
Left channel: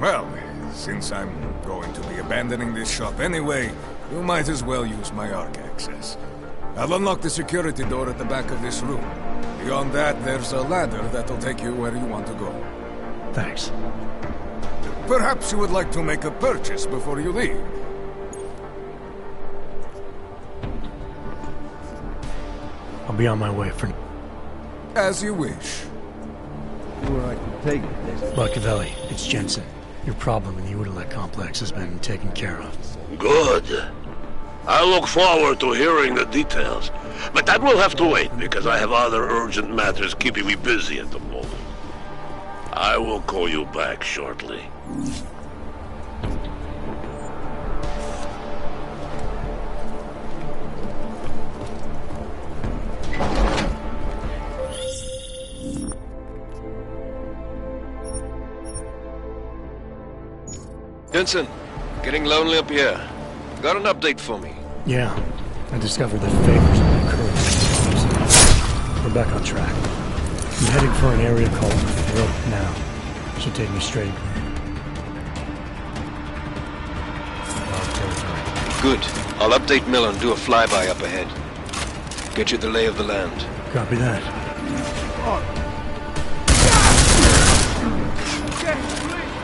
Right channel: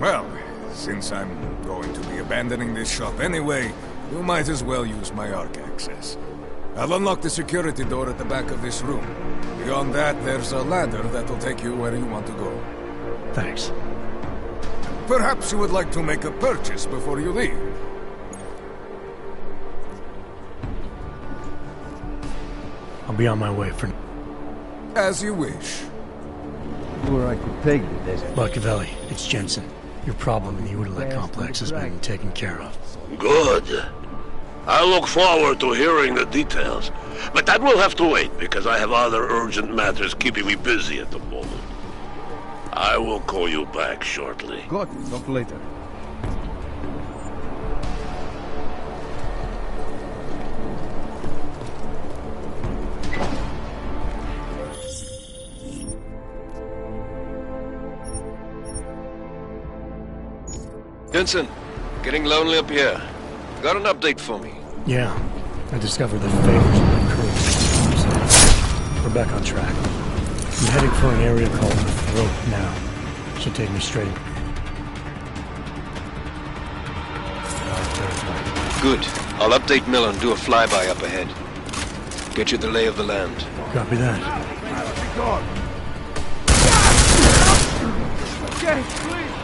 Well, since I'm going to be abandoning this shop anyway, you might as well use my Ark access. I'll unlock the security door at the back of this room. Beyond that, there's a ladder that'll take you where you want to go. Thanks. Perhaps you would like to make a purchase before you leave. I'll be on my way for... As you wish. Or I could take this. Machiavelli, it's Jensen. Your problem in the Udalek complex has been taken care of. Good. I look forward to hearing the details. But that will have to wait, because I have other urgent matters keeping me busy at the moment. I will call you back shortly. Good, talk later. Jensen, getting lonely up here. Got an update for me? Yeah, I discovered that favors in my crew. We're back on track. I'm heading for an area called the Throat now. Should take me straight Dark territory. Good. I'll update Miller and do a flyby up ahead. Get you the lay of the land. Copy that. Okay, please.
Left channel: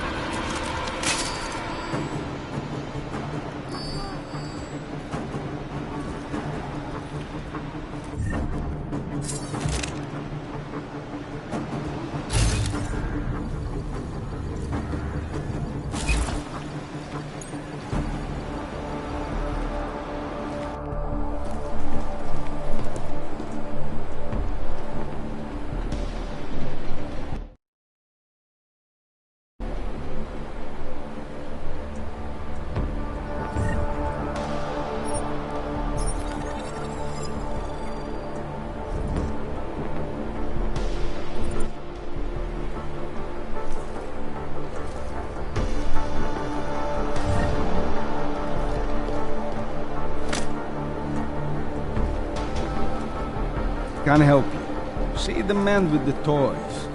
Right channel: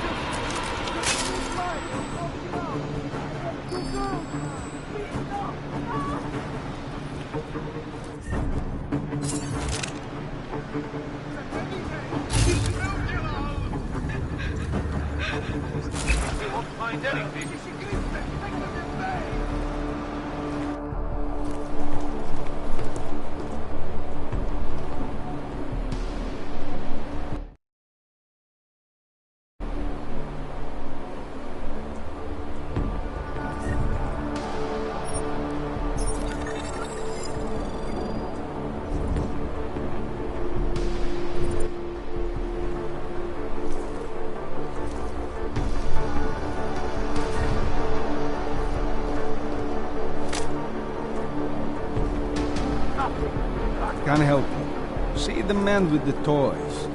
can't help you. See the man with the toys.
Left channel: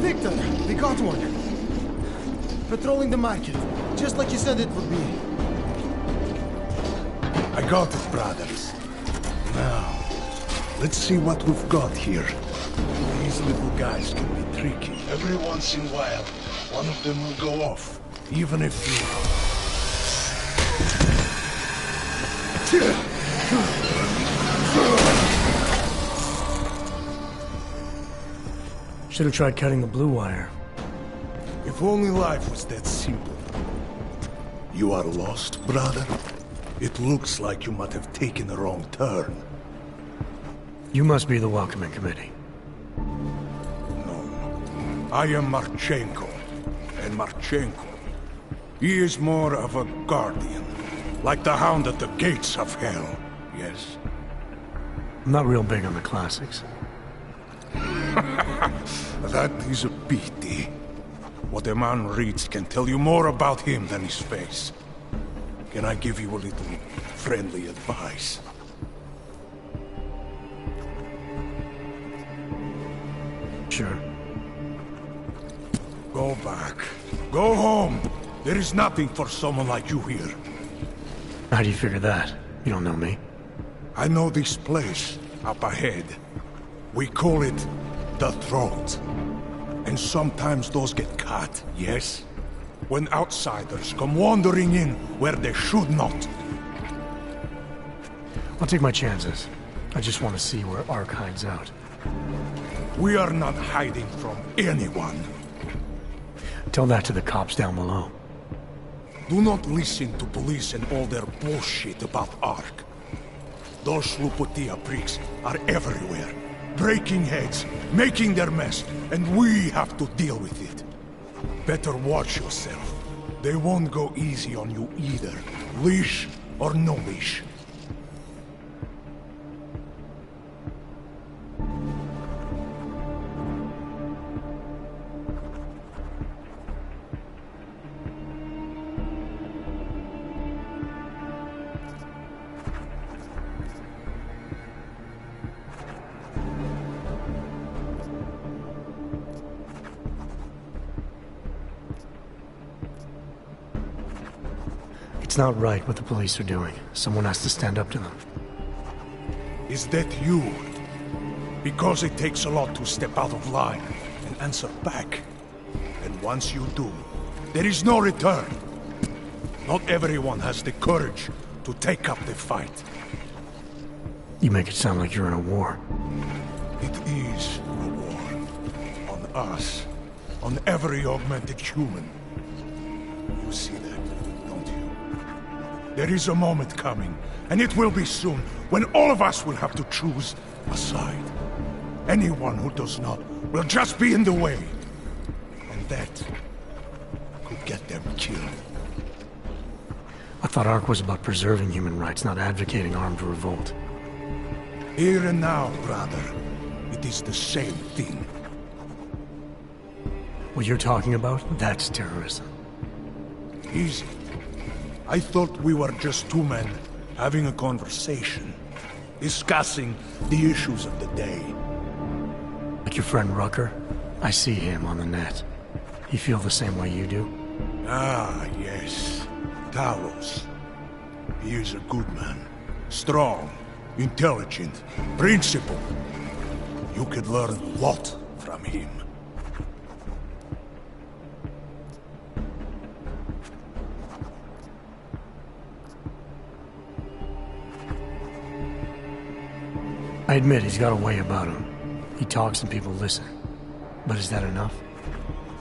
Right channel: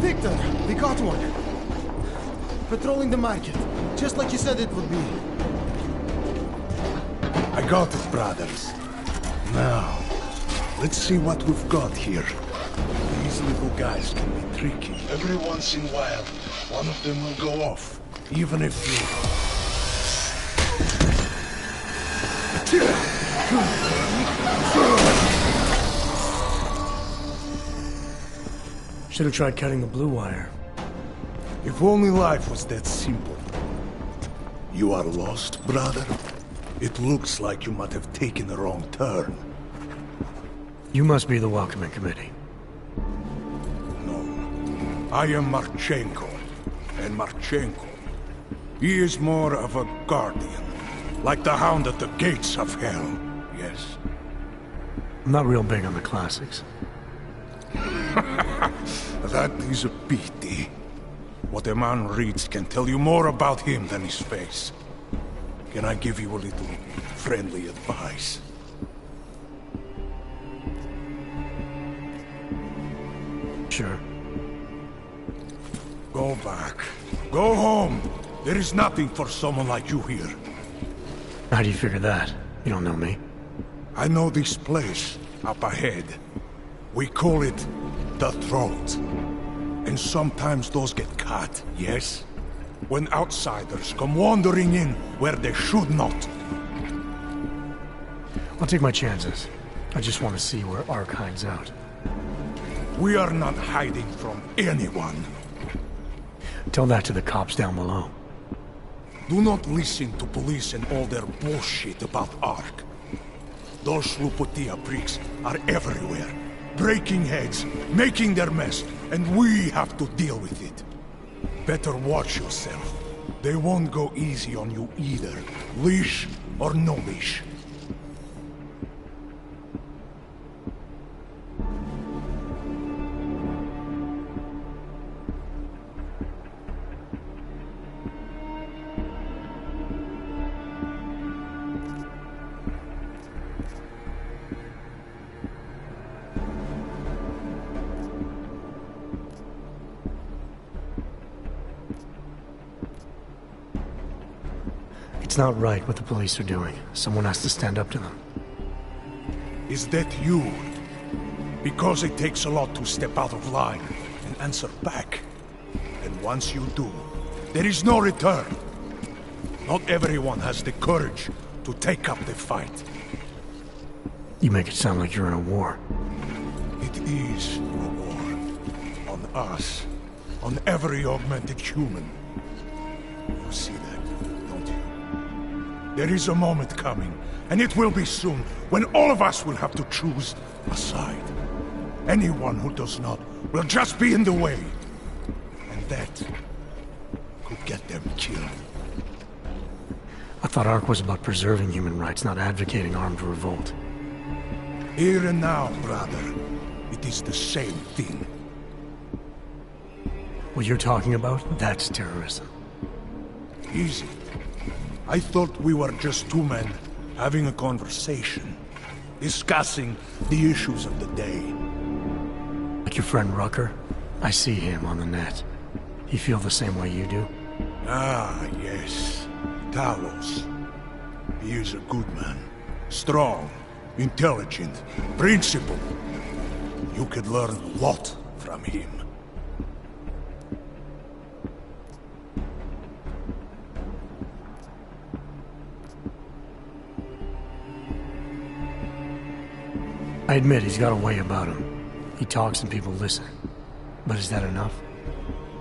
Victor, we got one. Patrolling the market, just like you said it would be. I got it, brothers. Now, let's see what we've got here. These little guys can be tricky. Every once in a while, one of them will go off, even if you... Should have tried cutting the blue wire. If only life was that simple. You are lost, brother? It looks like you might have taken a wrong turn. You must be the welcoming committee. No. I am Marchenko. And Marchenko, he is more of a guardian. Like the hound at the gates of hell, yes? I'm not real big on the classics. That is a pity. What a man reads can tell you more about him than his face. Can I give you a little friendly advice? Sure. Go back. Go home. There is nothing for someone like you here. How do you figure that? You don't know me. I know this place, up ahead. We call it the Throat. And sometimes those get cut, yes? When outsiders come wandering in where they should not. I'll take my chances. I just want to see where Ark hides out. We are not hiding from anyone. Tell that to the cops down below. Do not listen to police and all their bullshit about Ark. Those Slupotia pricks are everywhere. Breaking heads, making their mess, and we have to deal with it. Better watch yourself. They won't go easy on you either, leash or no leash. It's not right what the police are doing. Someone has to stand up to them. Is that you? Because it takes a lot to step out of line and answer back. And once you do, there is no return. Not everyone has the courage to take up the fight. You make it sound like you're in a war. It is a war. On us. On every augmented human. You see that, don't you? There is a moment coming, and it will be soon, when all of us will have to choose a side. Anyone who does not will just be in the way. And that could get them killed. I thought Ark was about preserving human rights, not advocating armed revolt. Here and now, brother, it is the same thing. What you're talking about, that's terrorism. Easy. I thought we were just two men having a conversation, discussing the issues of the day. Like your friend Rucker? I see him on the net. He feel the same way you do? Ah, yes. Talos. He is a good man. Strong, intelligent, principled. You could learn a lot from him. I admit he's got a way about him. He talks and people listen. But is that enough?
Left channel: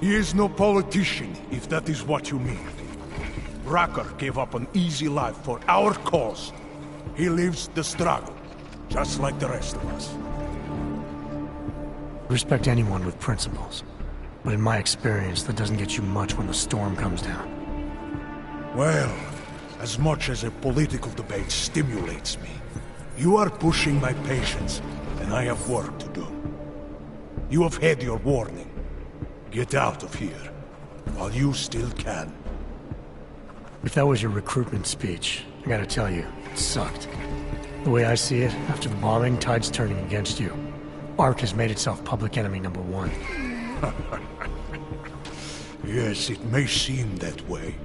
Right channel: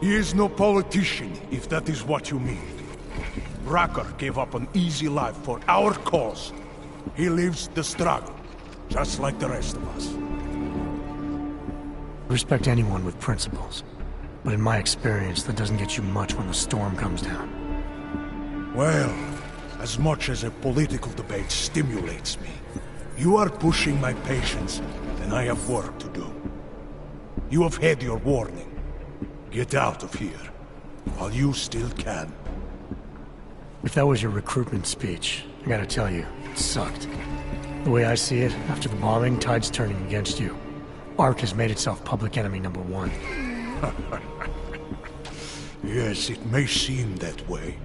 He is no politician, if that is what you mean. Rucker gave up an easy life for our cause. He lives the struggle. just like the rest of us. I respect anyone with principles. But in my experience, that doesn't get you much when the storm comes down. Well, as much as a political debate stimulates me, you are pushing my patience, and I have work to do. You have had your warning. Get out of here, while you still can. If that was your recruitment speech, I gotta tell you, it sucked. The way I see it, after the bombing, tide's turning against you. ARC has made itself public enemy #1. Yes, it may seem that way.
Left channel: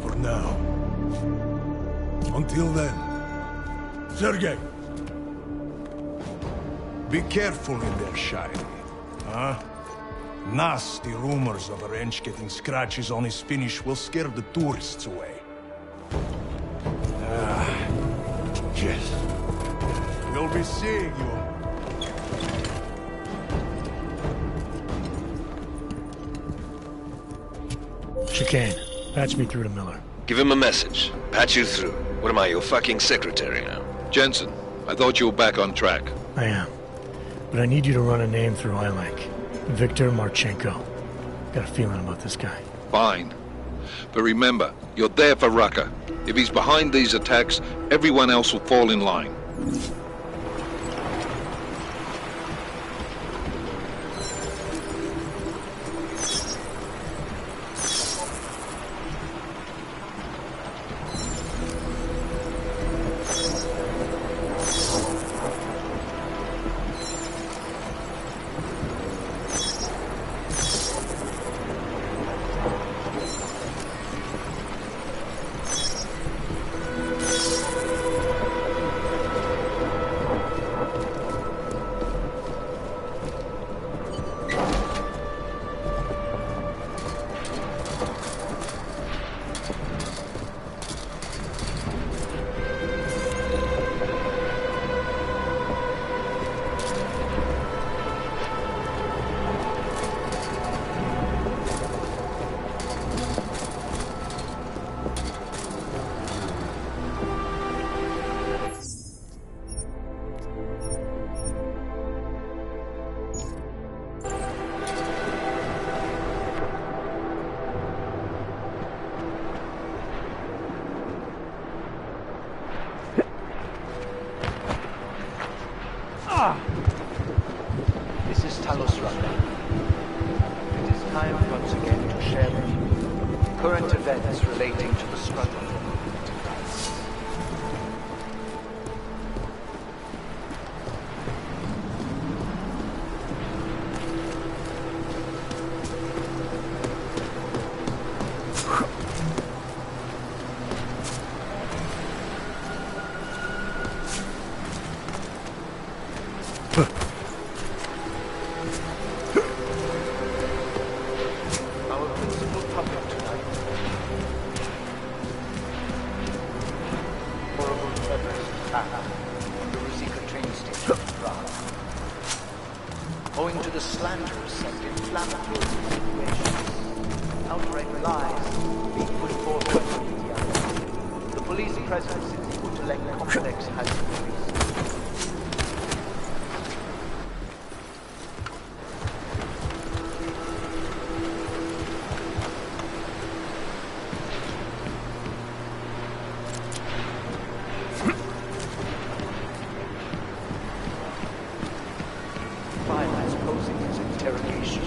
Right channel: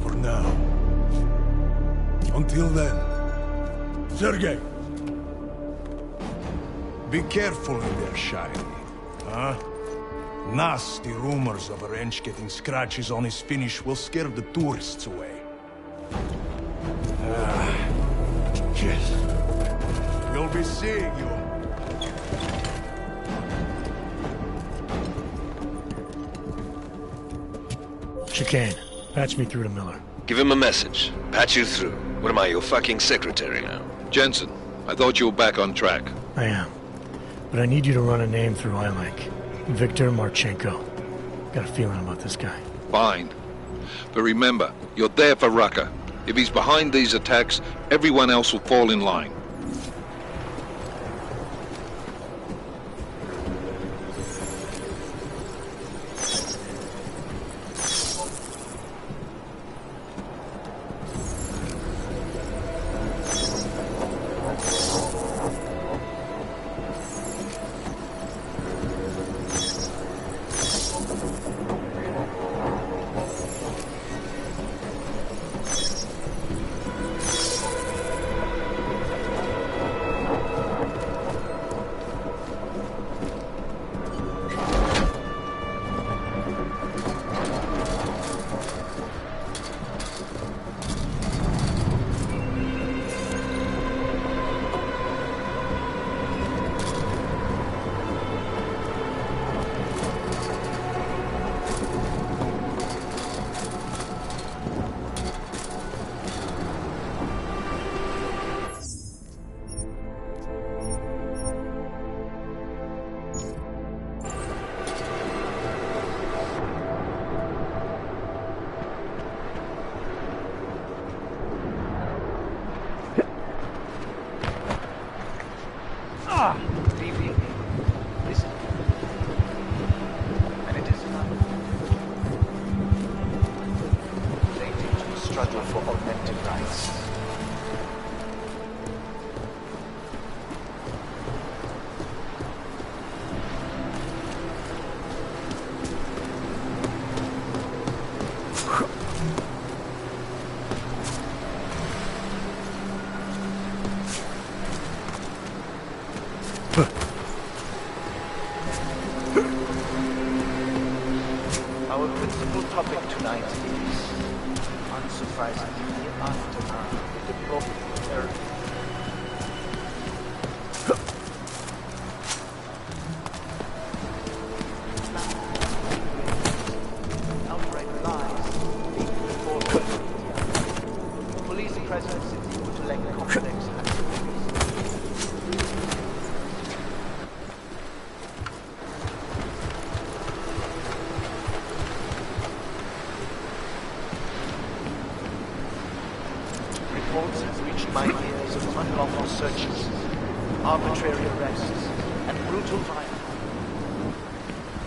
For now. Until then. Sergei! Be careful in there, Shiny. Huh? Nasty rumors of a wrench getting scratches on his finish will scare the tourists away. Yes. We'll be seeing you. Chicane, patch me through to Miller. Give him a message. Patch you through. What am I, your fucking secretary now? Jensen, I thought you were back on track. I am. But I need you to run a name through iLink. Viktor Marchenko. Got a feeling about this guy. Fine. But remember, you're there for Rucker. If he's behind these attacks, everyone else will fall in line. This is Talos Runner, and it is time for us to share with you current events relating to the struggle for augmented rights. Our principal topic tonight is, unsurprisingly, the horrible terrorist attack on the secret train station in France. Owing to the slander received inflammatory insinuations, outright lies being put forth by the media, the police presence in the Utelek complex has increased. Reports have reached my ears of unlawful searches, arbitrary arrests, and brutal violence posing as interrogation.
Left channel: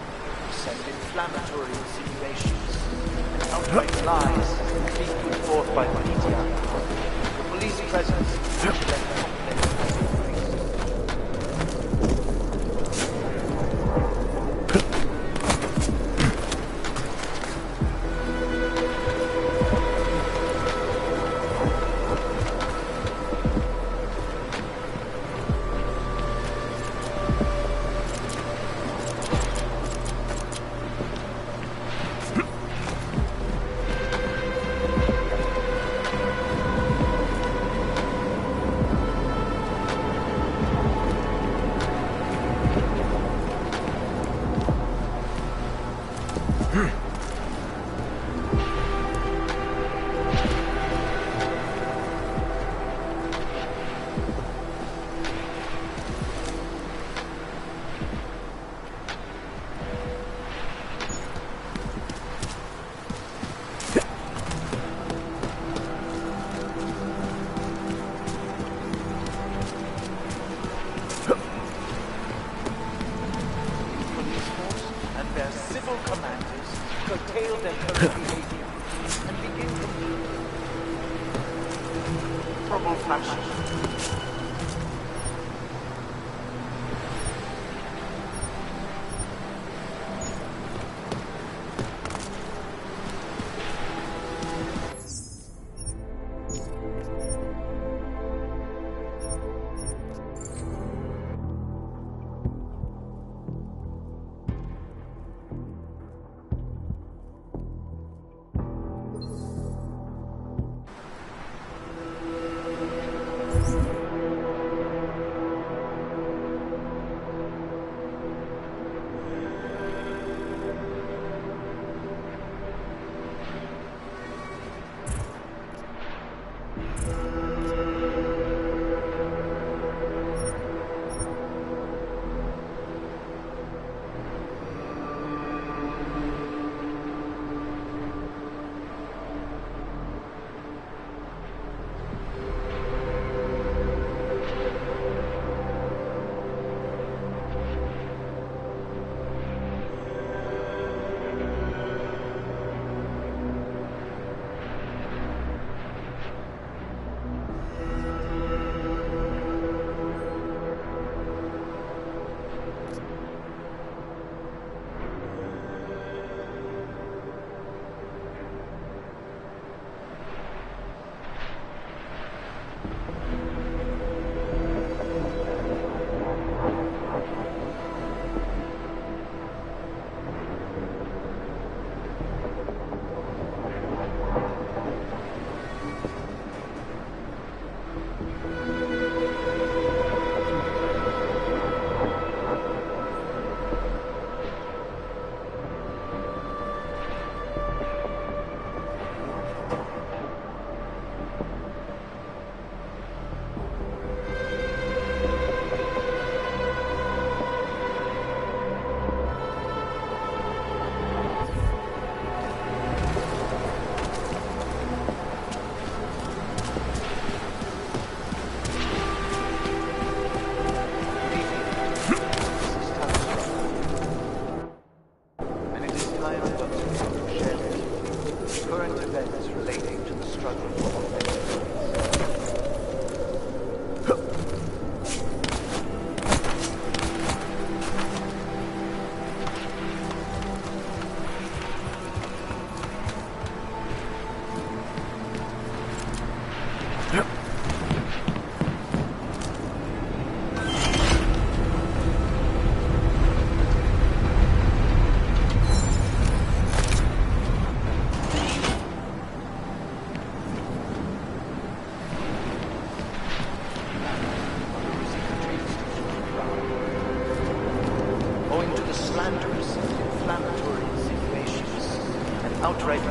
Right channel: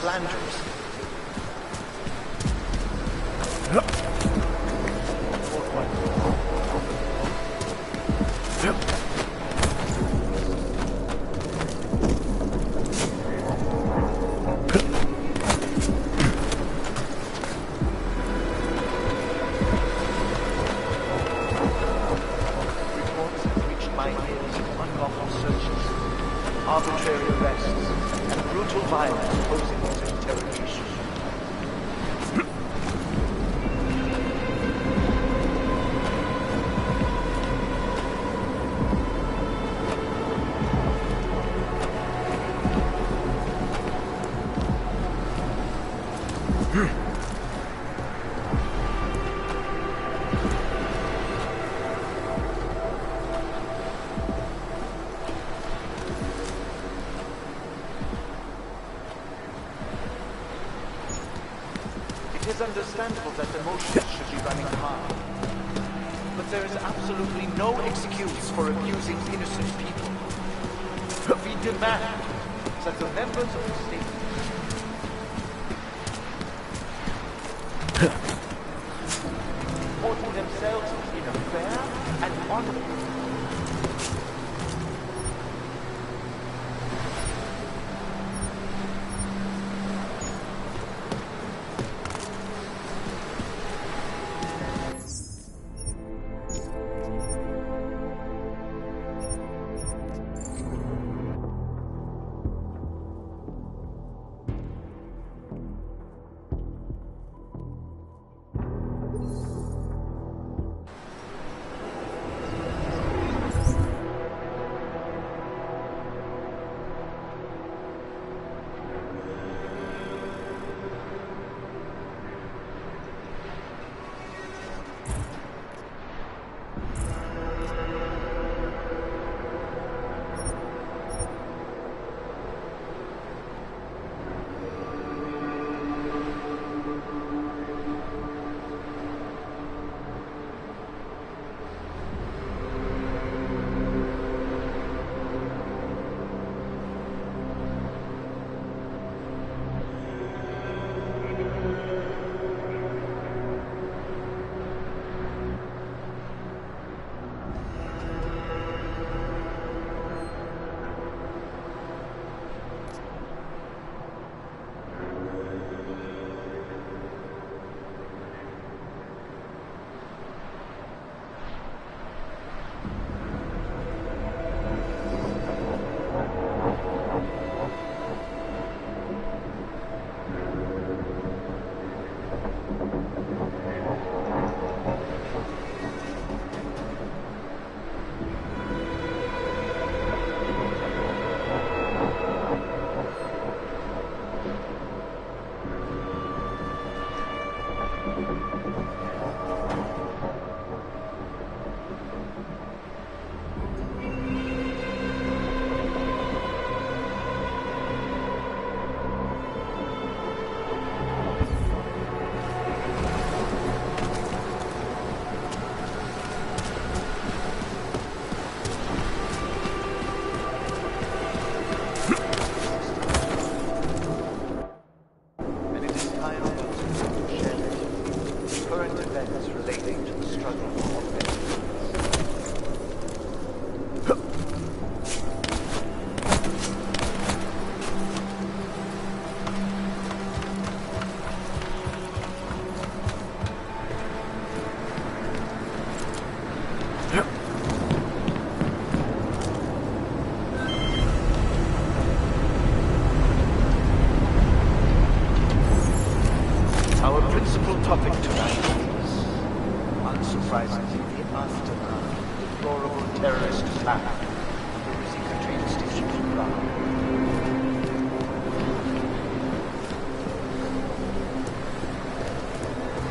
slanderous and inflammatory insinuations, outright lies being forth by the media. Police presence is left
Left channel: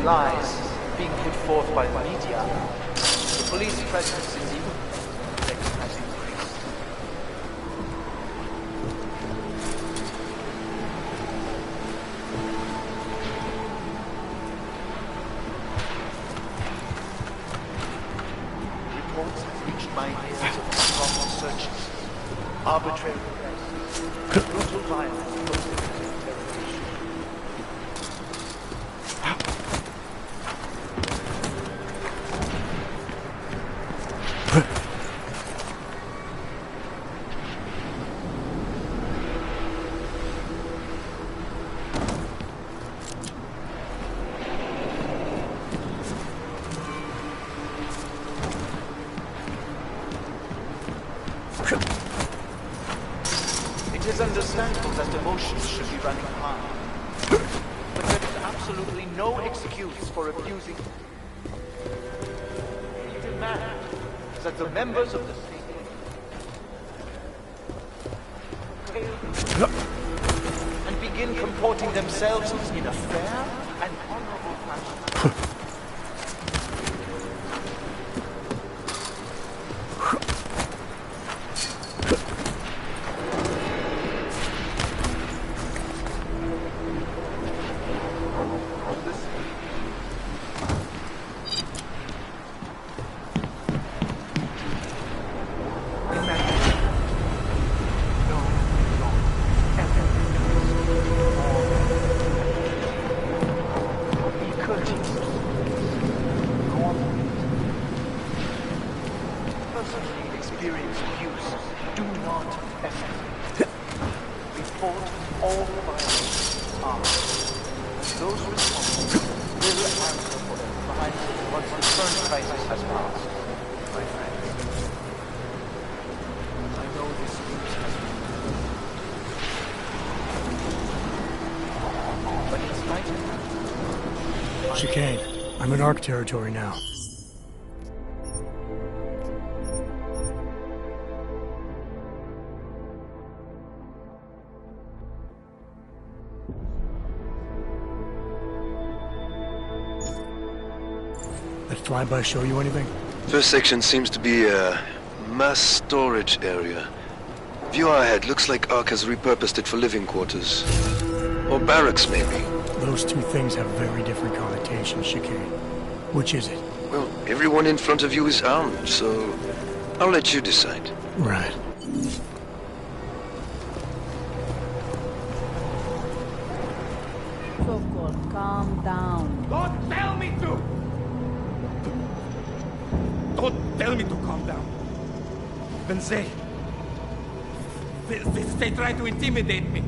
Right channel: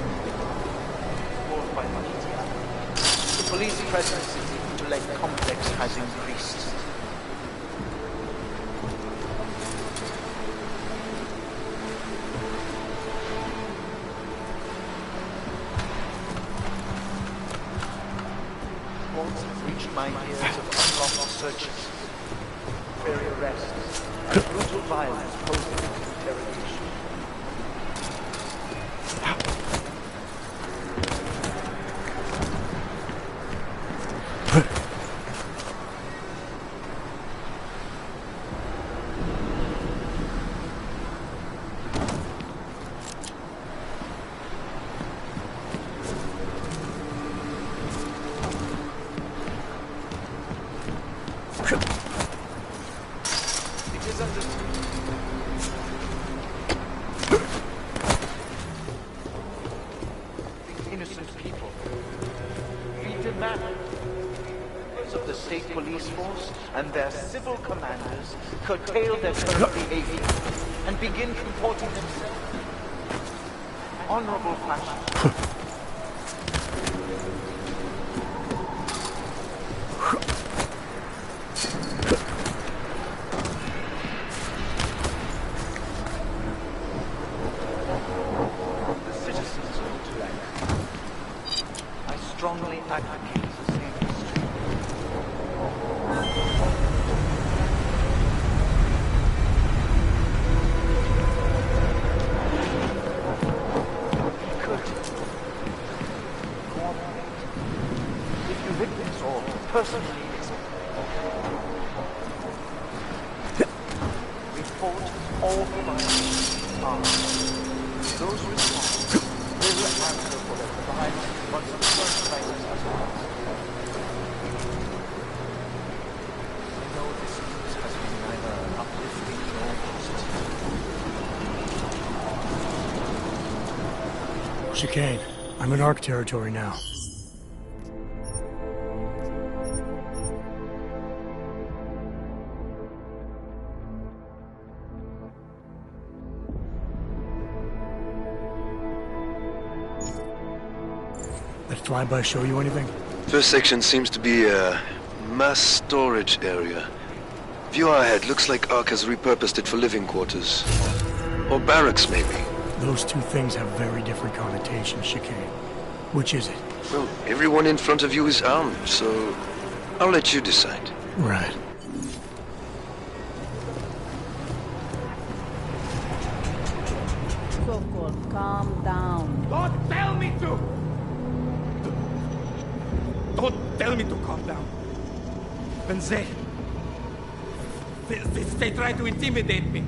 lies being put forth by the media, the police presence in the Intellect complex has increased. Reports have reached my ears of unlawful searches, arbitrary arrests, and brutal violence posed against interrogation. It is understandable that devotion should be running high. But there is absolutely no excuse for abusing innocent people. We demand that the members of the state police force and their civil commanders curtail their behavior and begin comporting themselves in a fair and honorable fashion. Personally experienced abuse do not escalate. Report all violations are. Those responsible will answer for their crimes once the first crisis has passed. I know this news has been neither enough. Chicane, I'm in ARC territory now. That flyby show you anything? First section seems to be a mass storage area. View ahead, looks like ARC has repurposed it for living quarters. Or barracks, maybe. Those two things have very different connotations, Chicane. Which is it? Well, everyone in front of you is armed, so I'll let you decide. Right. Sokol, calm down. Don't tell me to! Don't tell me to calm down. When they try to intimidate me.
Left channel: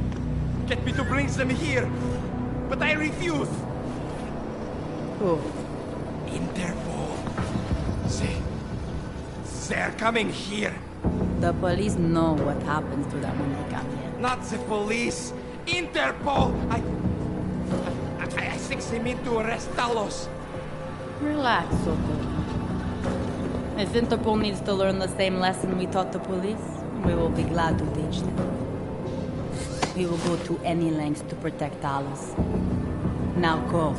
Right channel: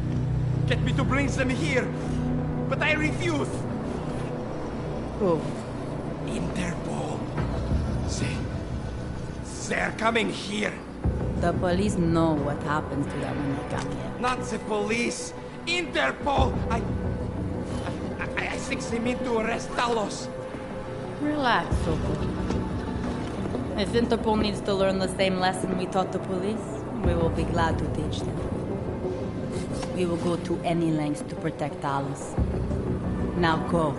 Get me to bring them here. But I refuse. Who? Interpol. They're coming here. The police know what happens to them when they come here. Not the police. Interpol. I think they mean to arrest Talos. Relax, Sokol. If Interpol needs to learn the same lesson we taught the police, we will be glad to teach them. We will go to any lengths to protect Talos. Now go.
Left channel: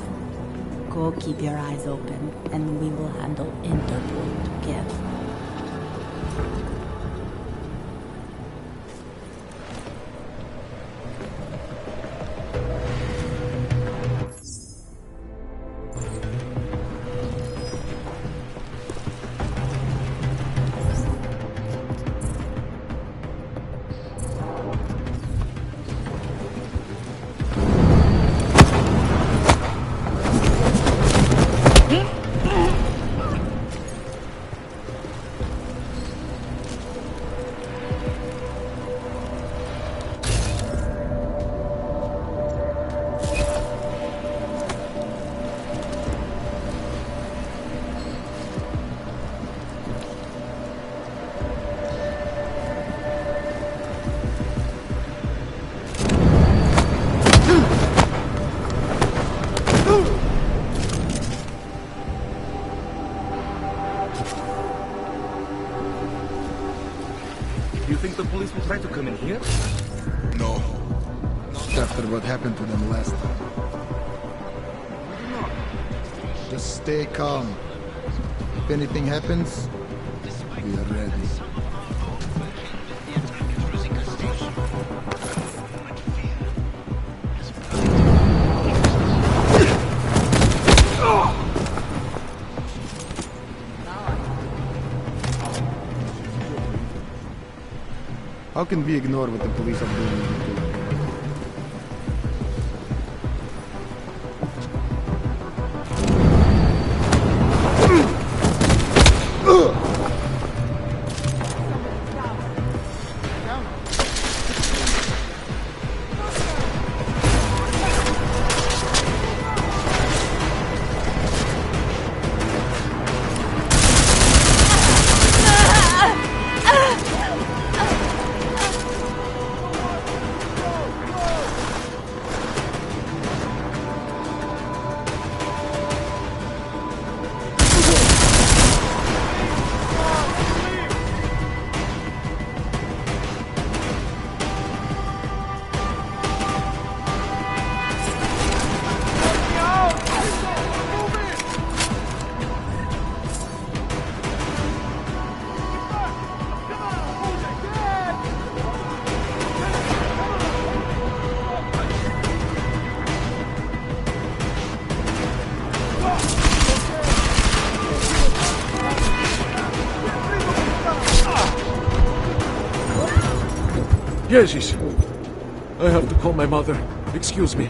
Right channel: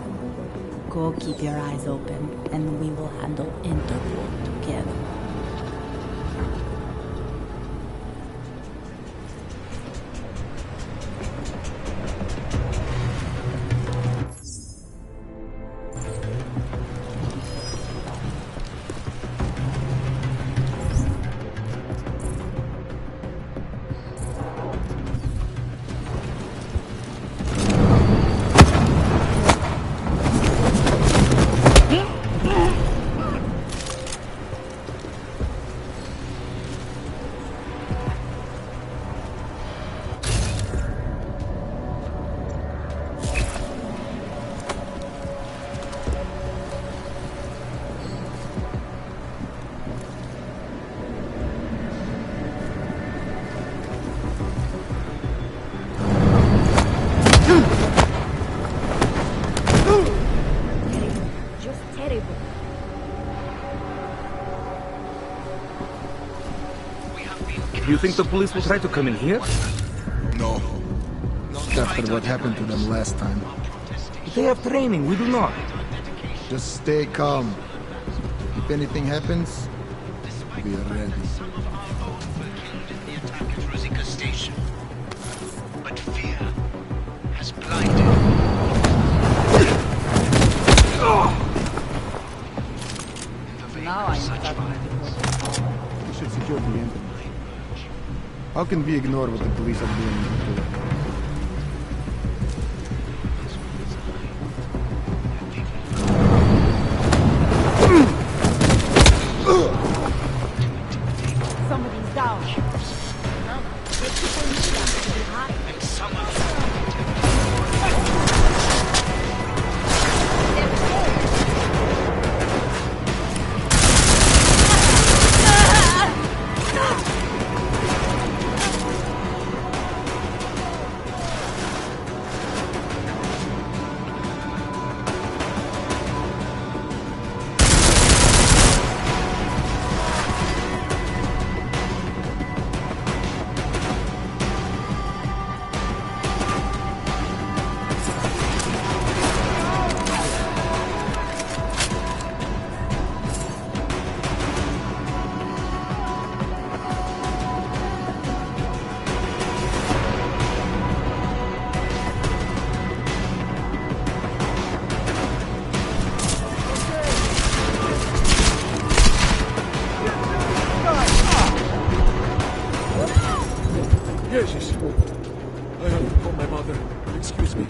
Go keep your eyes open, and we will handle Interpol together. You think the police will try to come in here? No. After what happened to them last time. They have training, we do not. Just stay calm. If anything happens, we are ready. How can we ignore what the police are doing in Hitler? Jesus. I have to call my mother. Excuse me.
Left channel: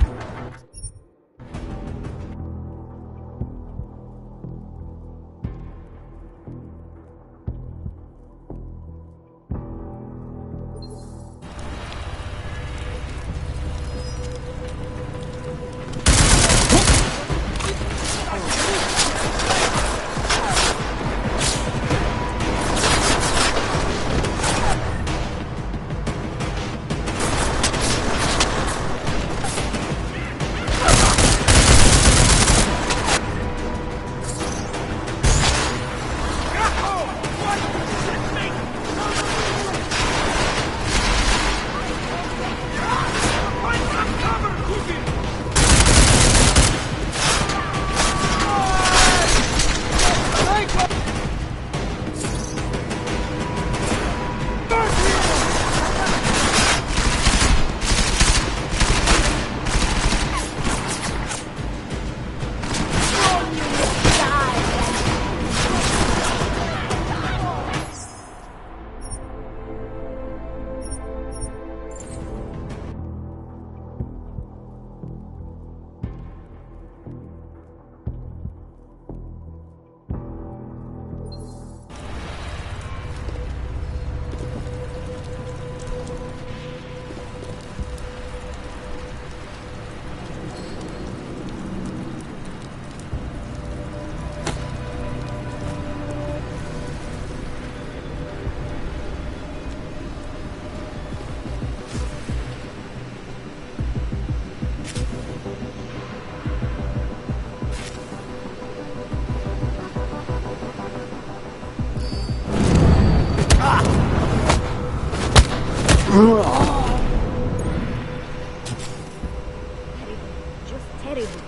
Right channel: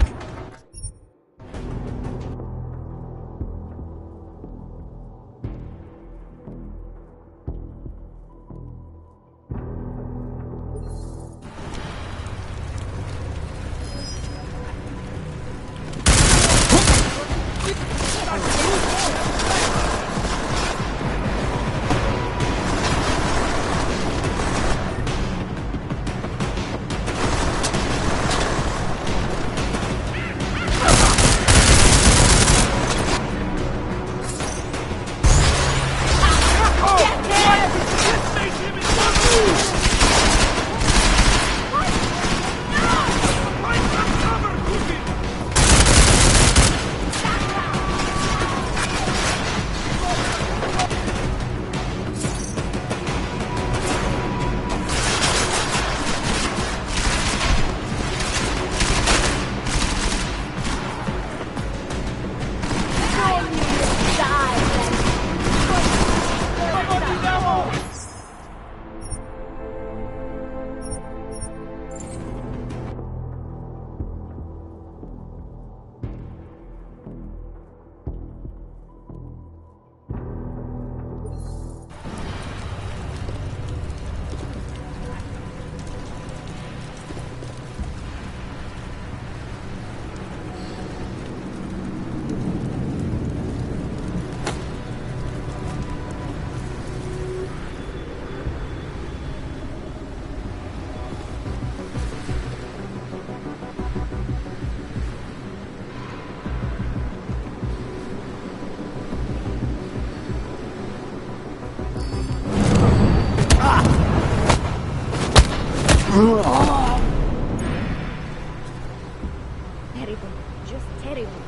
Terrible. Just terrible.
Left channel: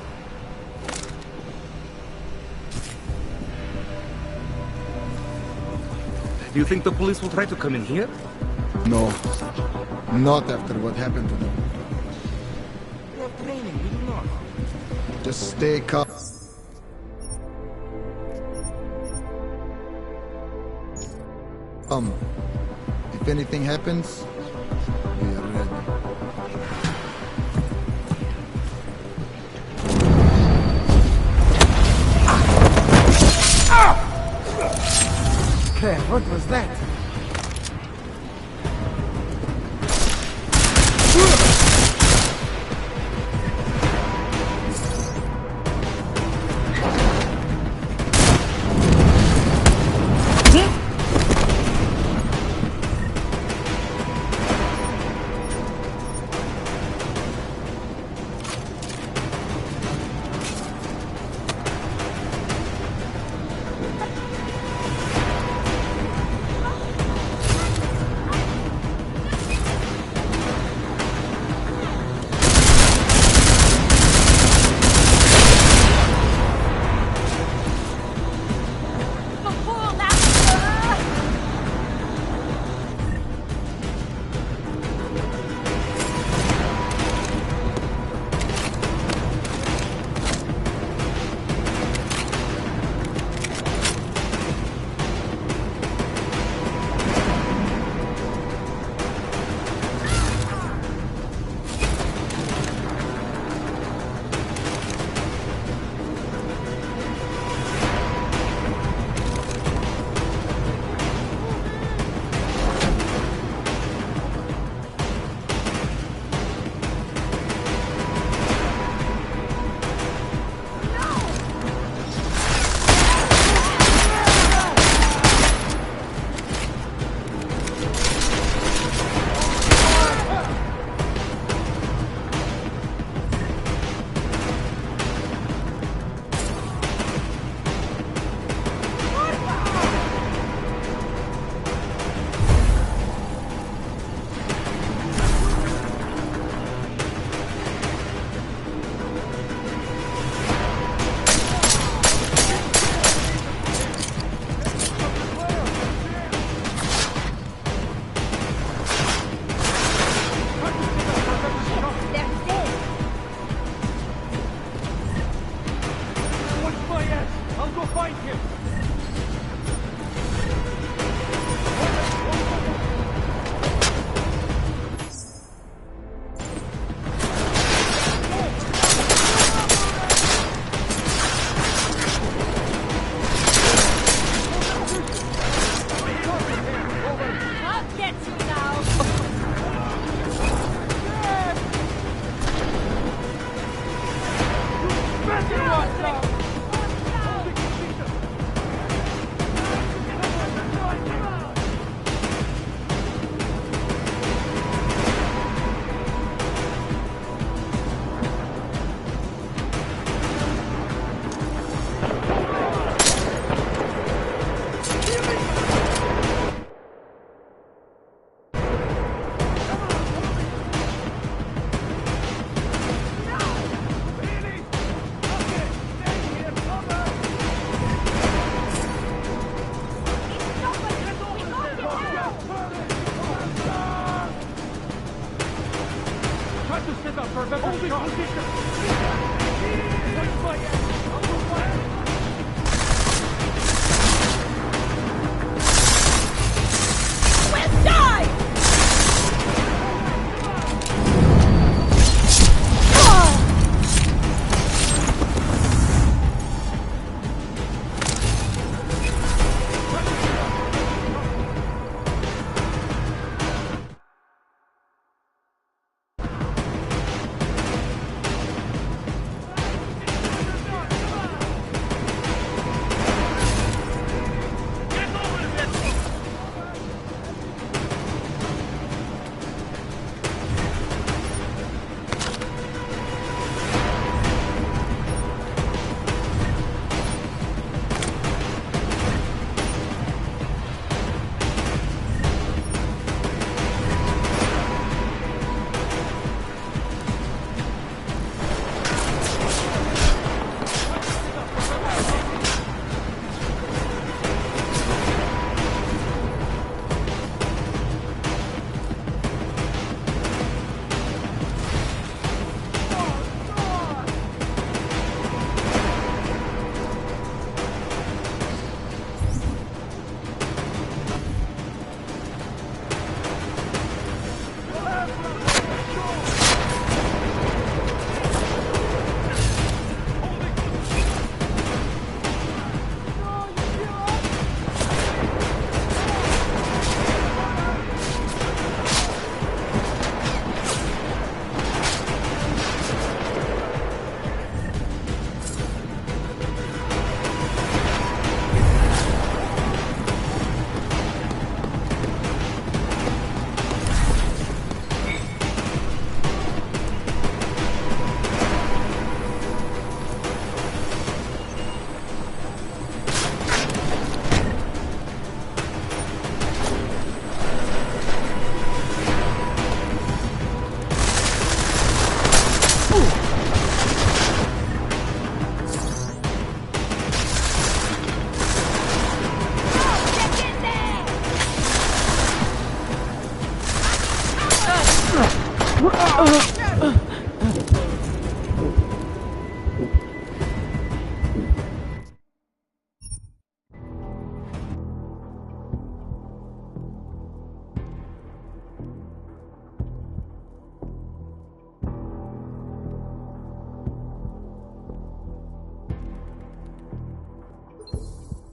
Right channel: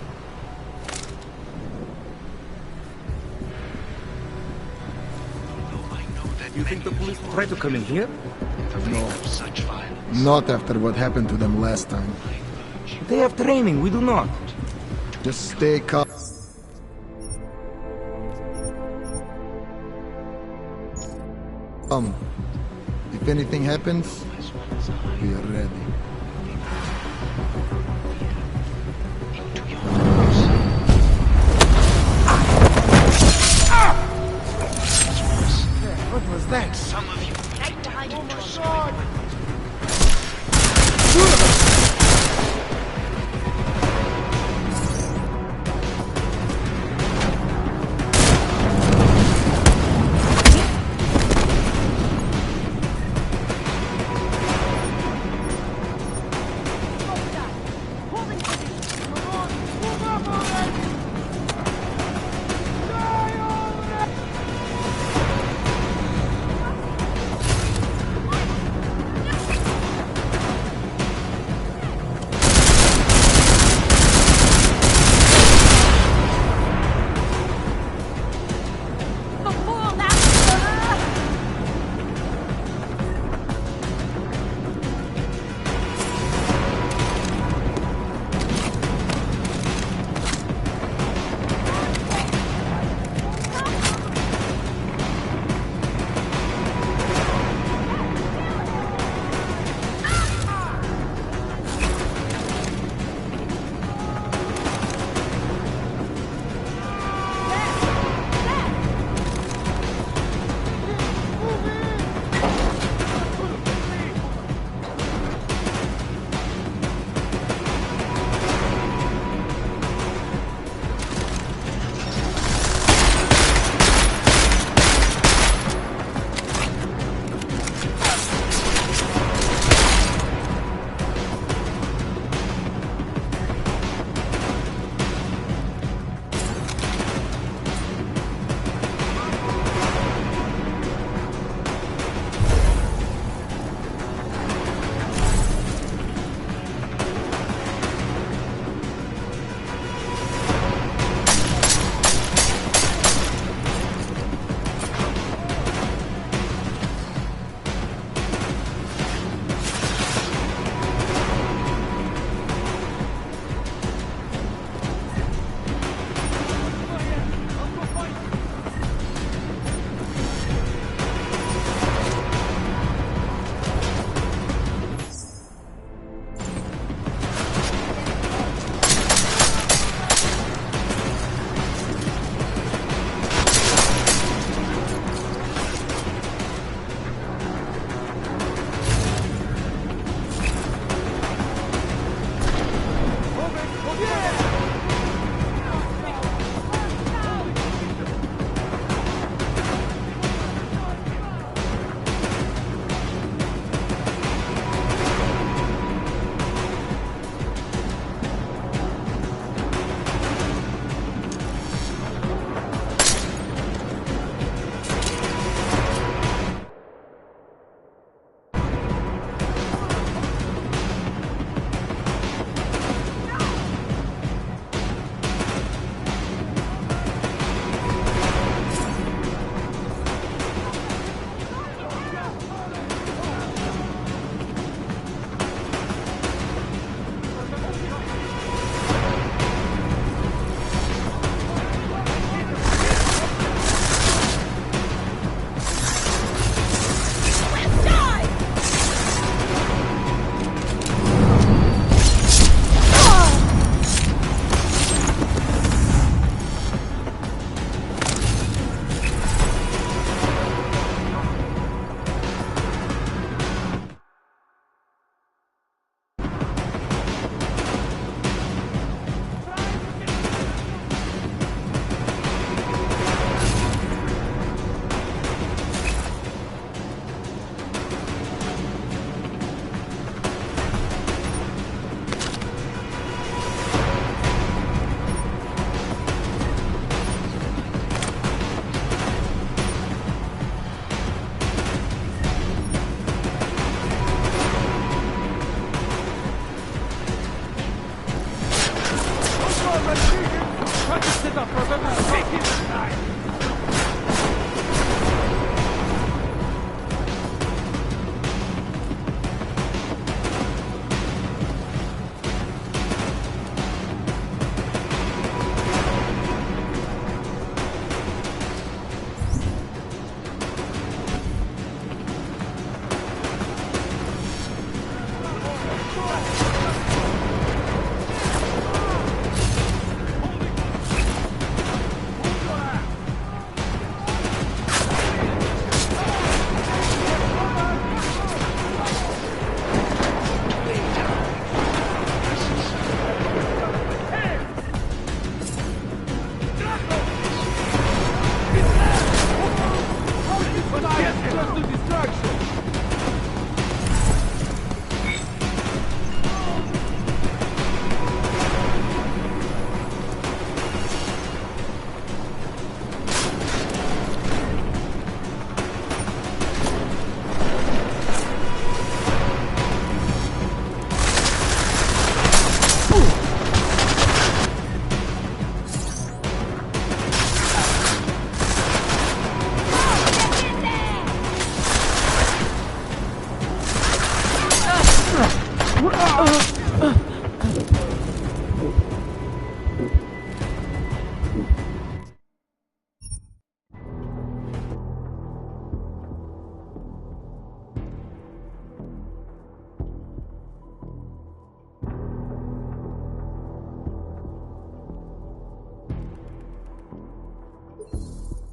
Do you think the police will try to come in here? No. Not after what happened to them last time. They have training, we do not. Just stay calm. If anything happens, we are ready. Claire, what was that?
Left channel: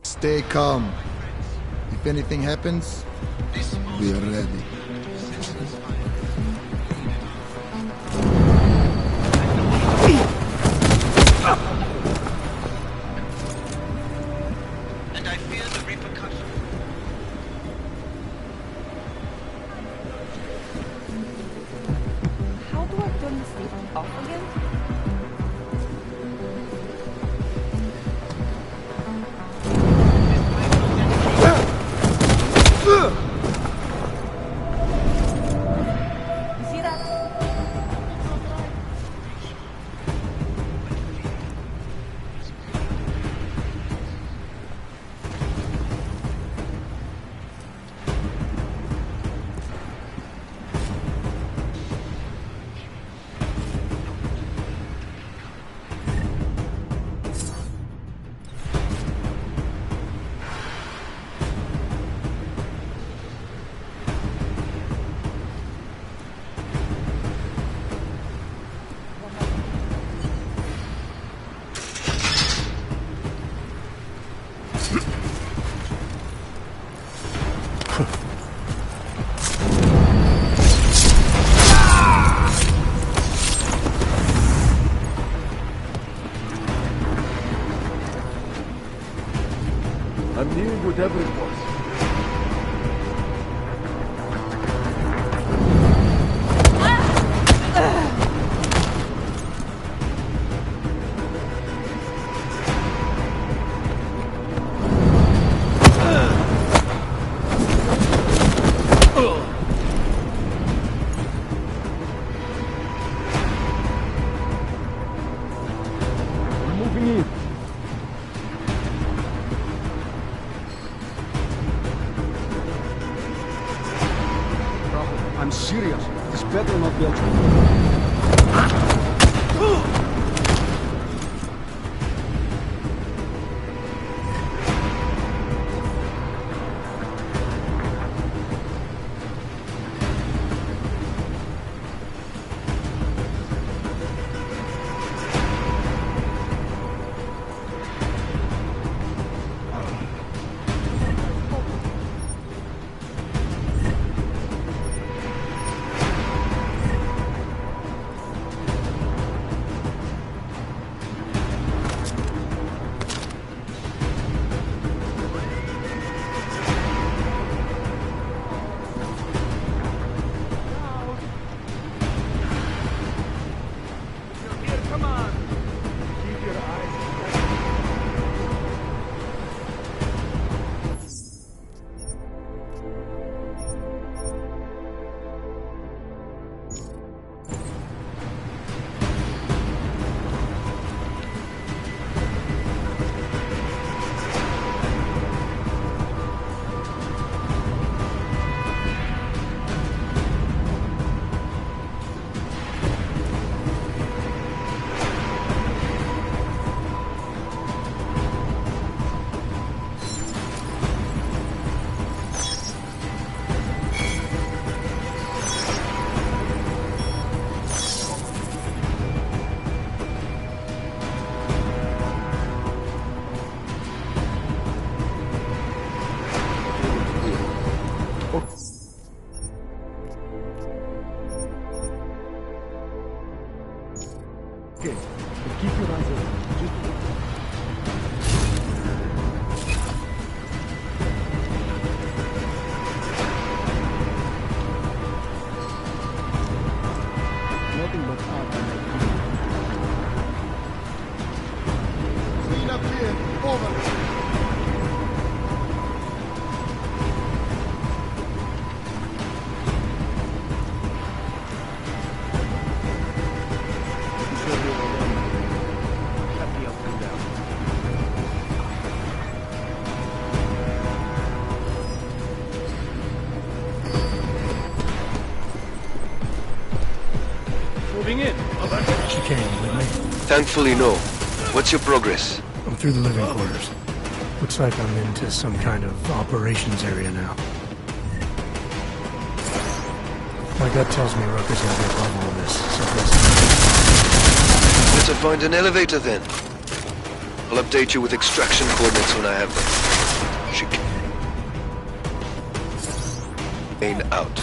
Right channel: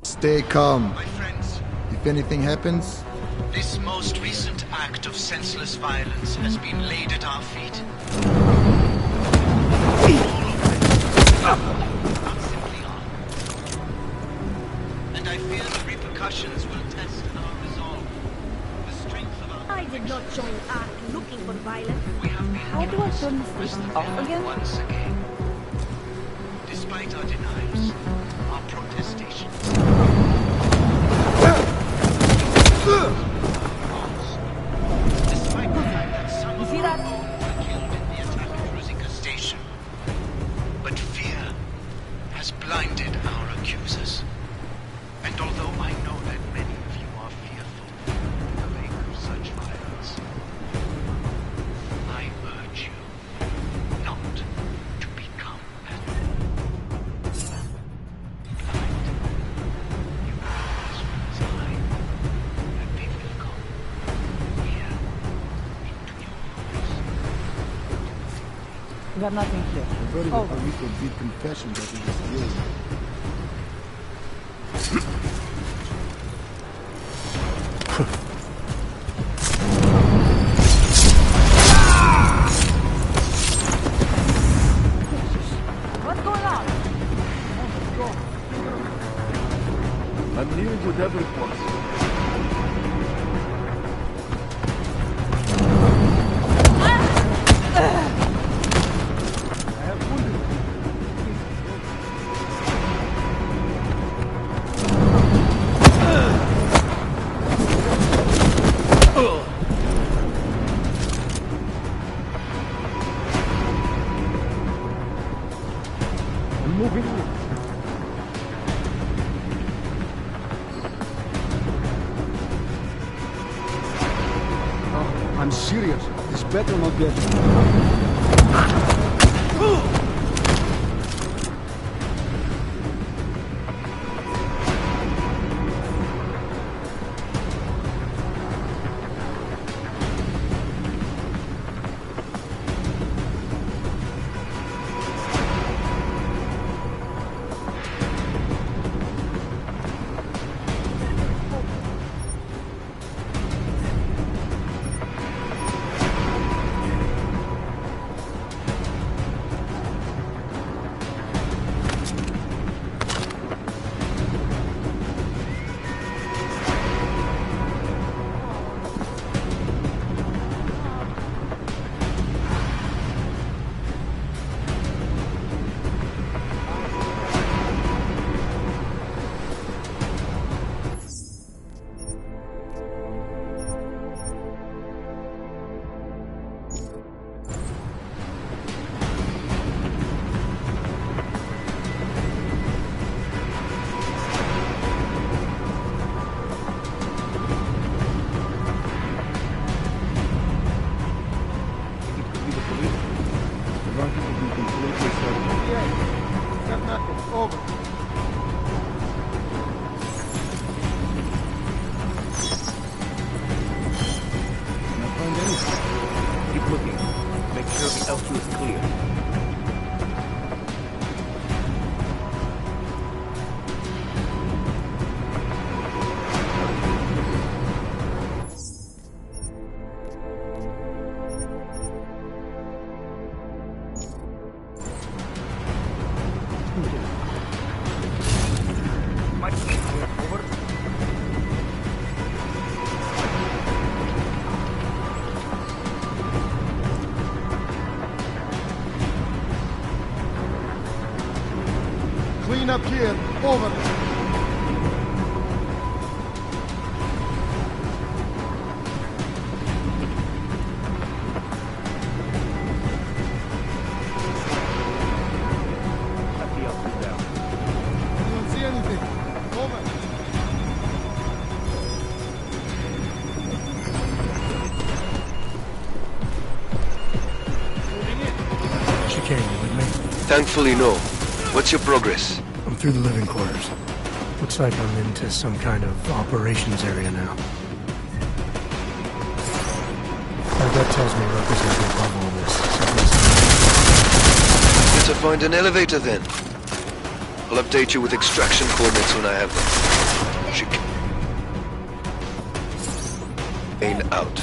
Stay calm. If anything happens, this most recent act of senseless violence has been laid at our feet. And I fear the repercussions will test our resolve. The strength of our... I did not join Ark looking for violence. How do I turn this thing off again? Once again, despite our denials, our protestations... You see that? But fear has blinded our accusers. And although I know that many of you are fearful in the wake of such violence, I urge you not to become We got nothing here. Oh. What's going on? I'm nearing whatever it was. I'm moving in. Oh, I'm serious. This better not be a joke. Nothing up here. Over. Shut the outfit down. Don't see anything. Over. Moving in. Chicane, you with me? Thankfully, no. What's your progress? I'm through the living quarters. Looks like I'm into some kind of operations area now. My gut tells me Rucker's gonna be above all this. Better find an elevator then. I'll update you with extraction coordinates when I have them. Chicane out.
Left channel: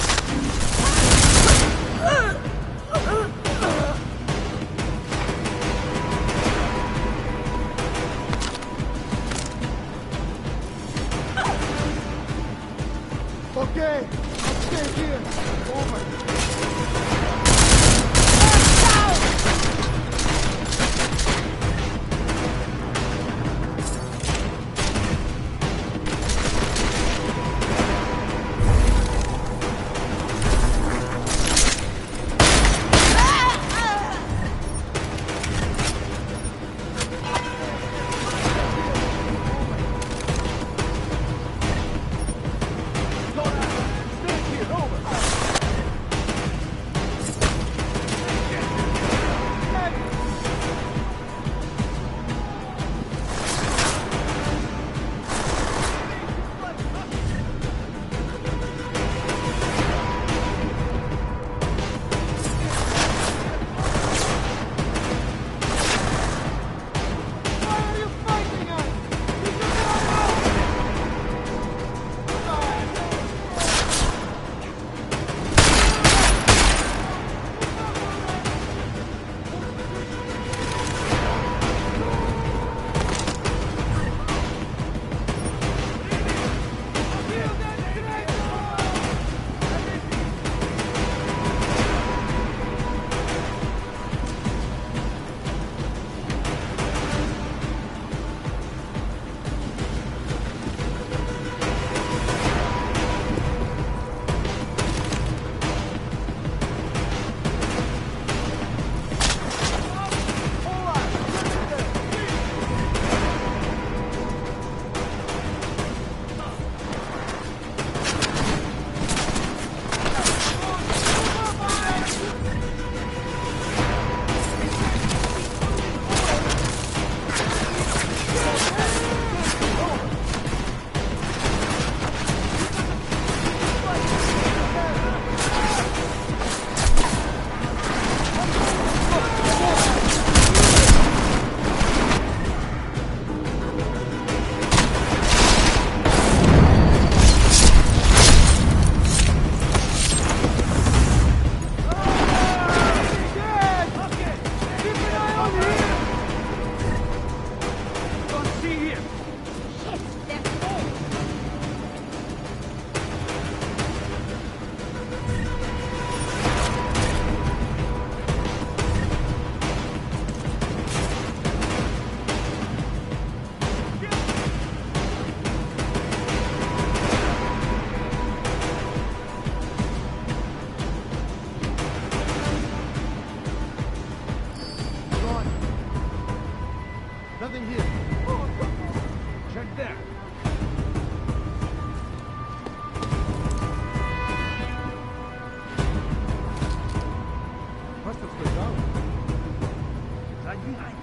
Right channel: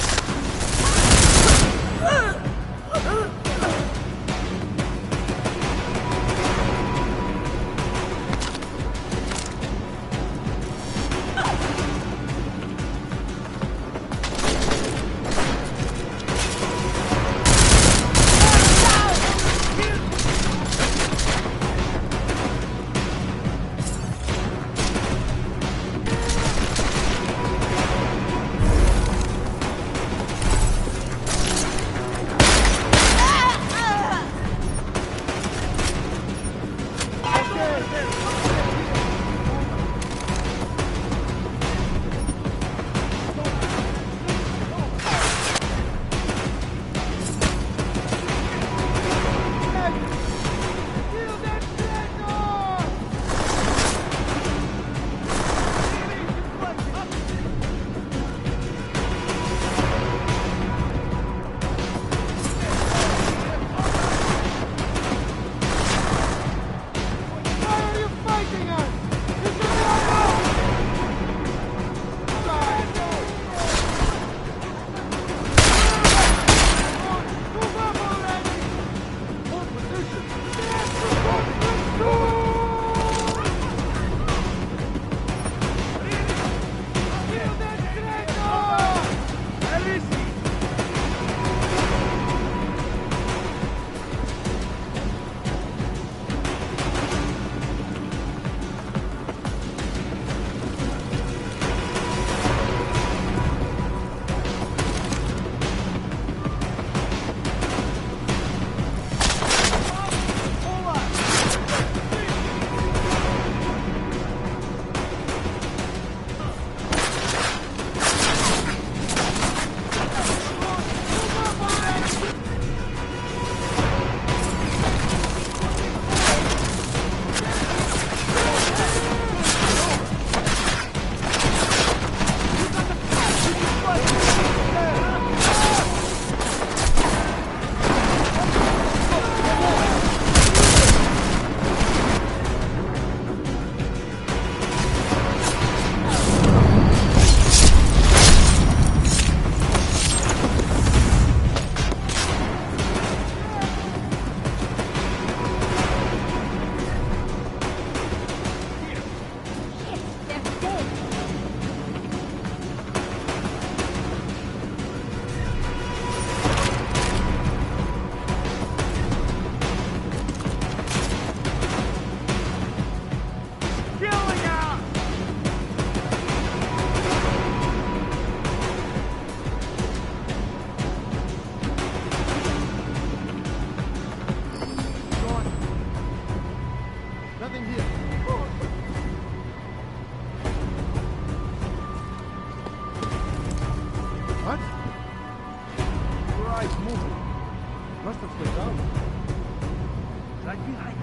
Nothing here. Check there. What? Your eyes moving. Must have slid down. Right behind.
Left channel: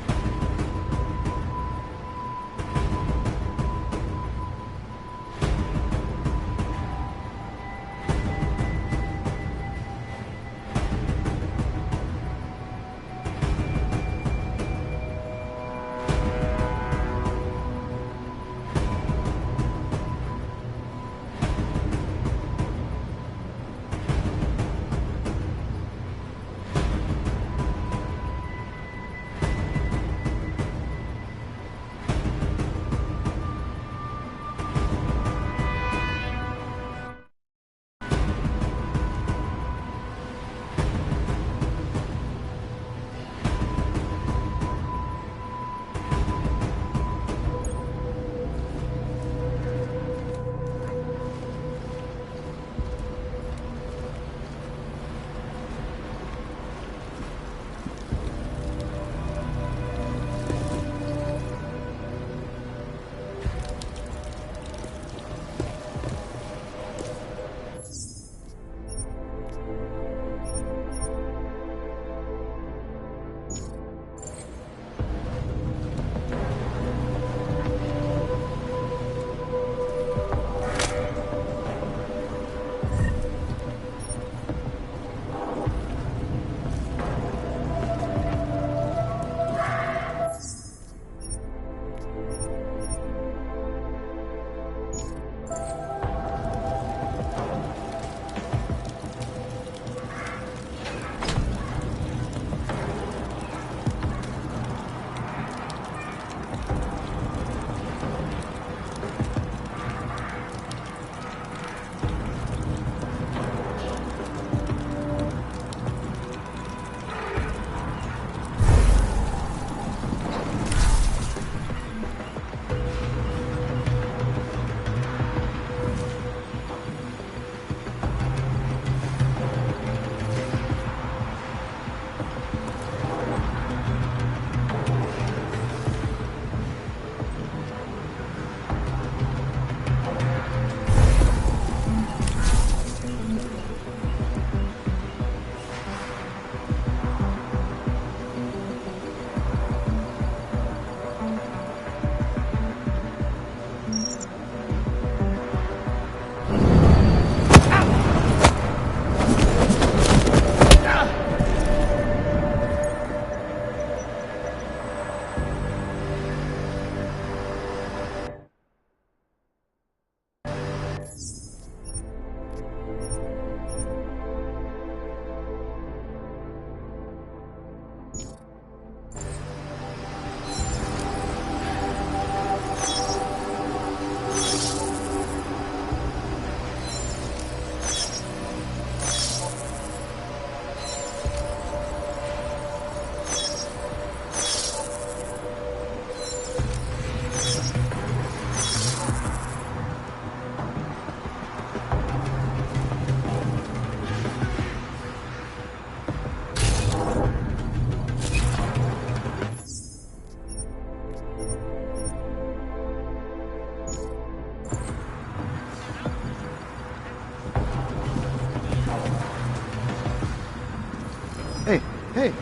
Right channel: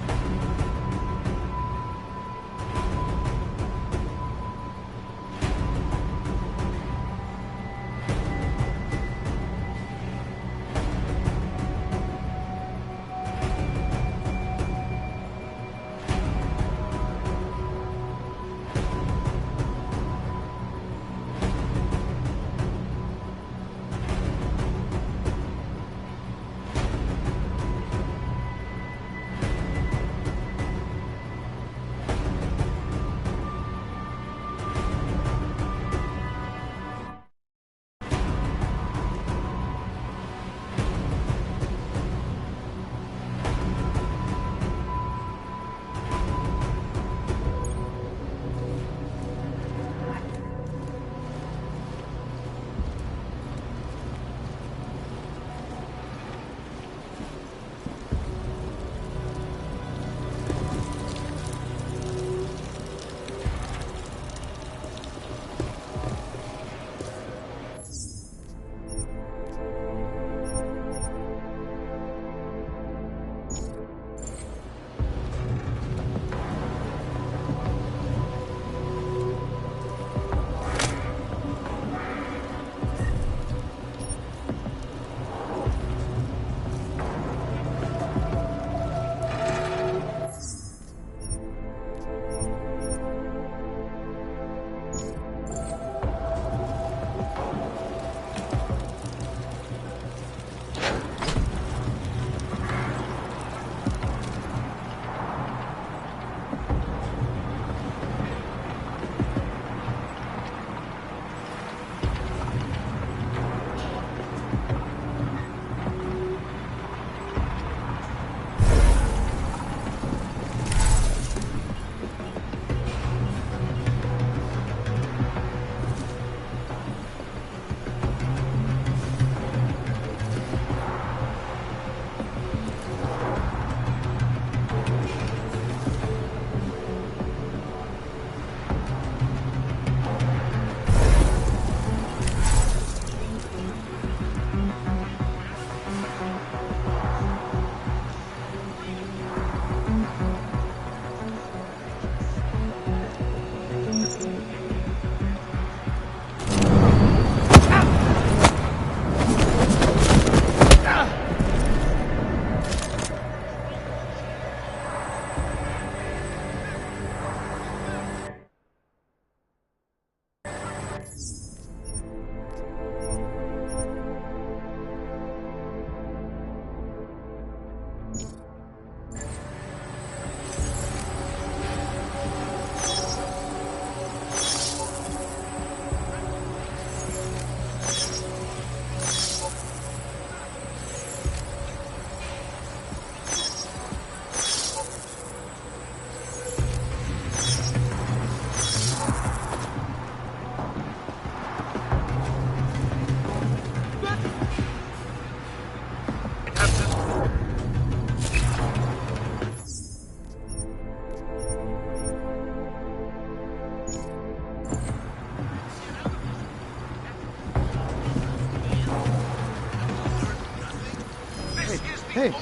Hey, hey.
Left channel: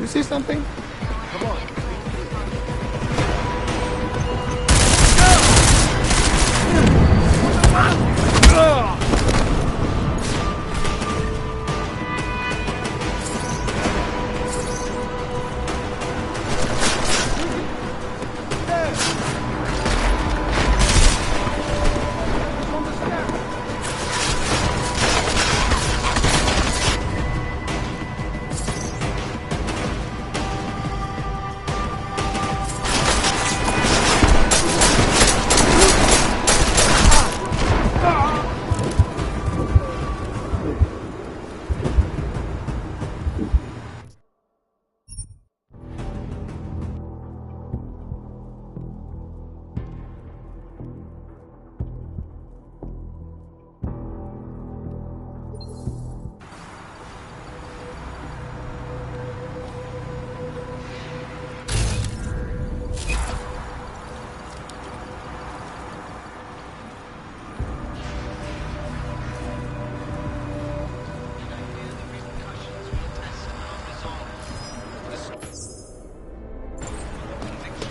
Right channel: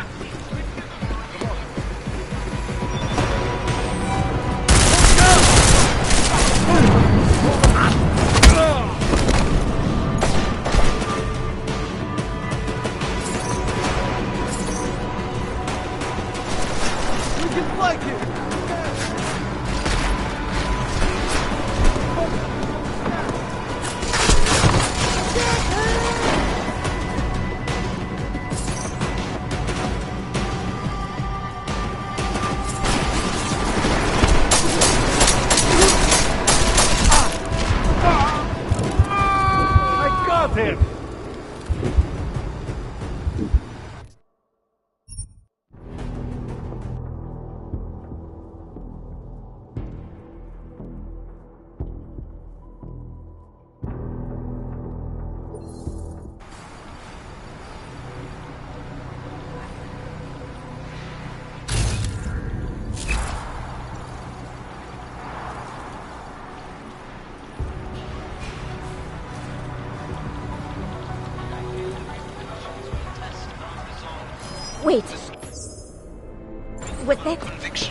You see something? Come on. We can flank it! Yeah! Focus on the stack! I got him! Wait. Was that...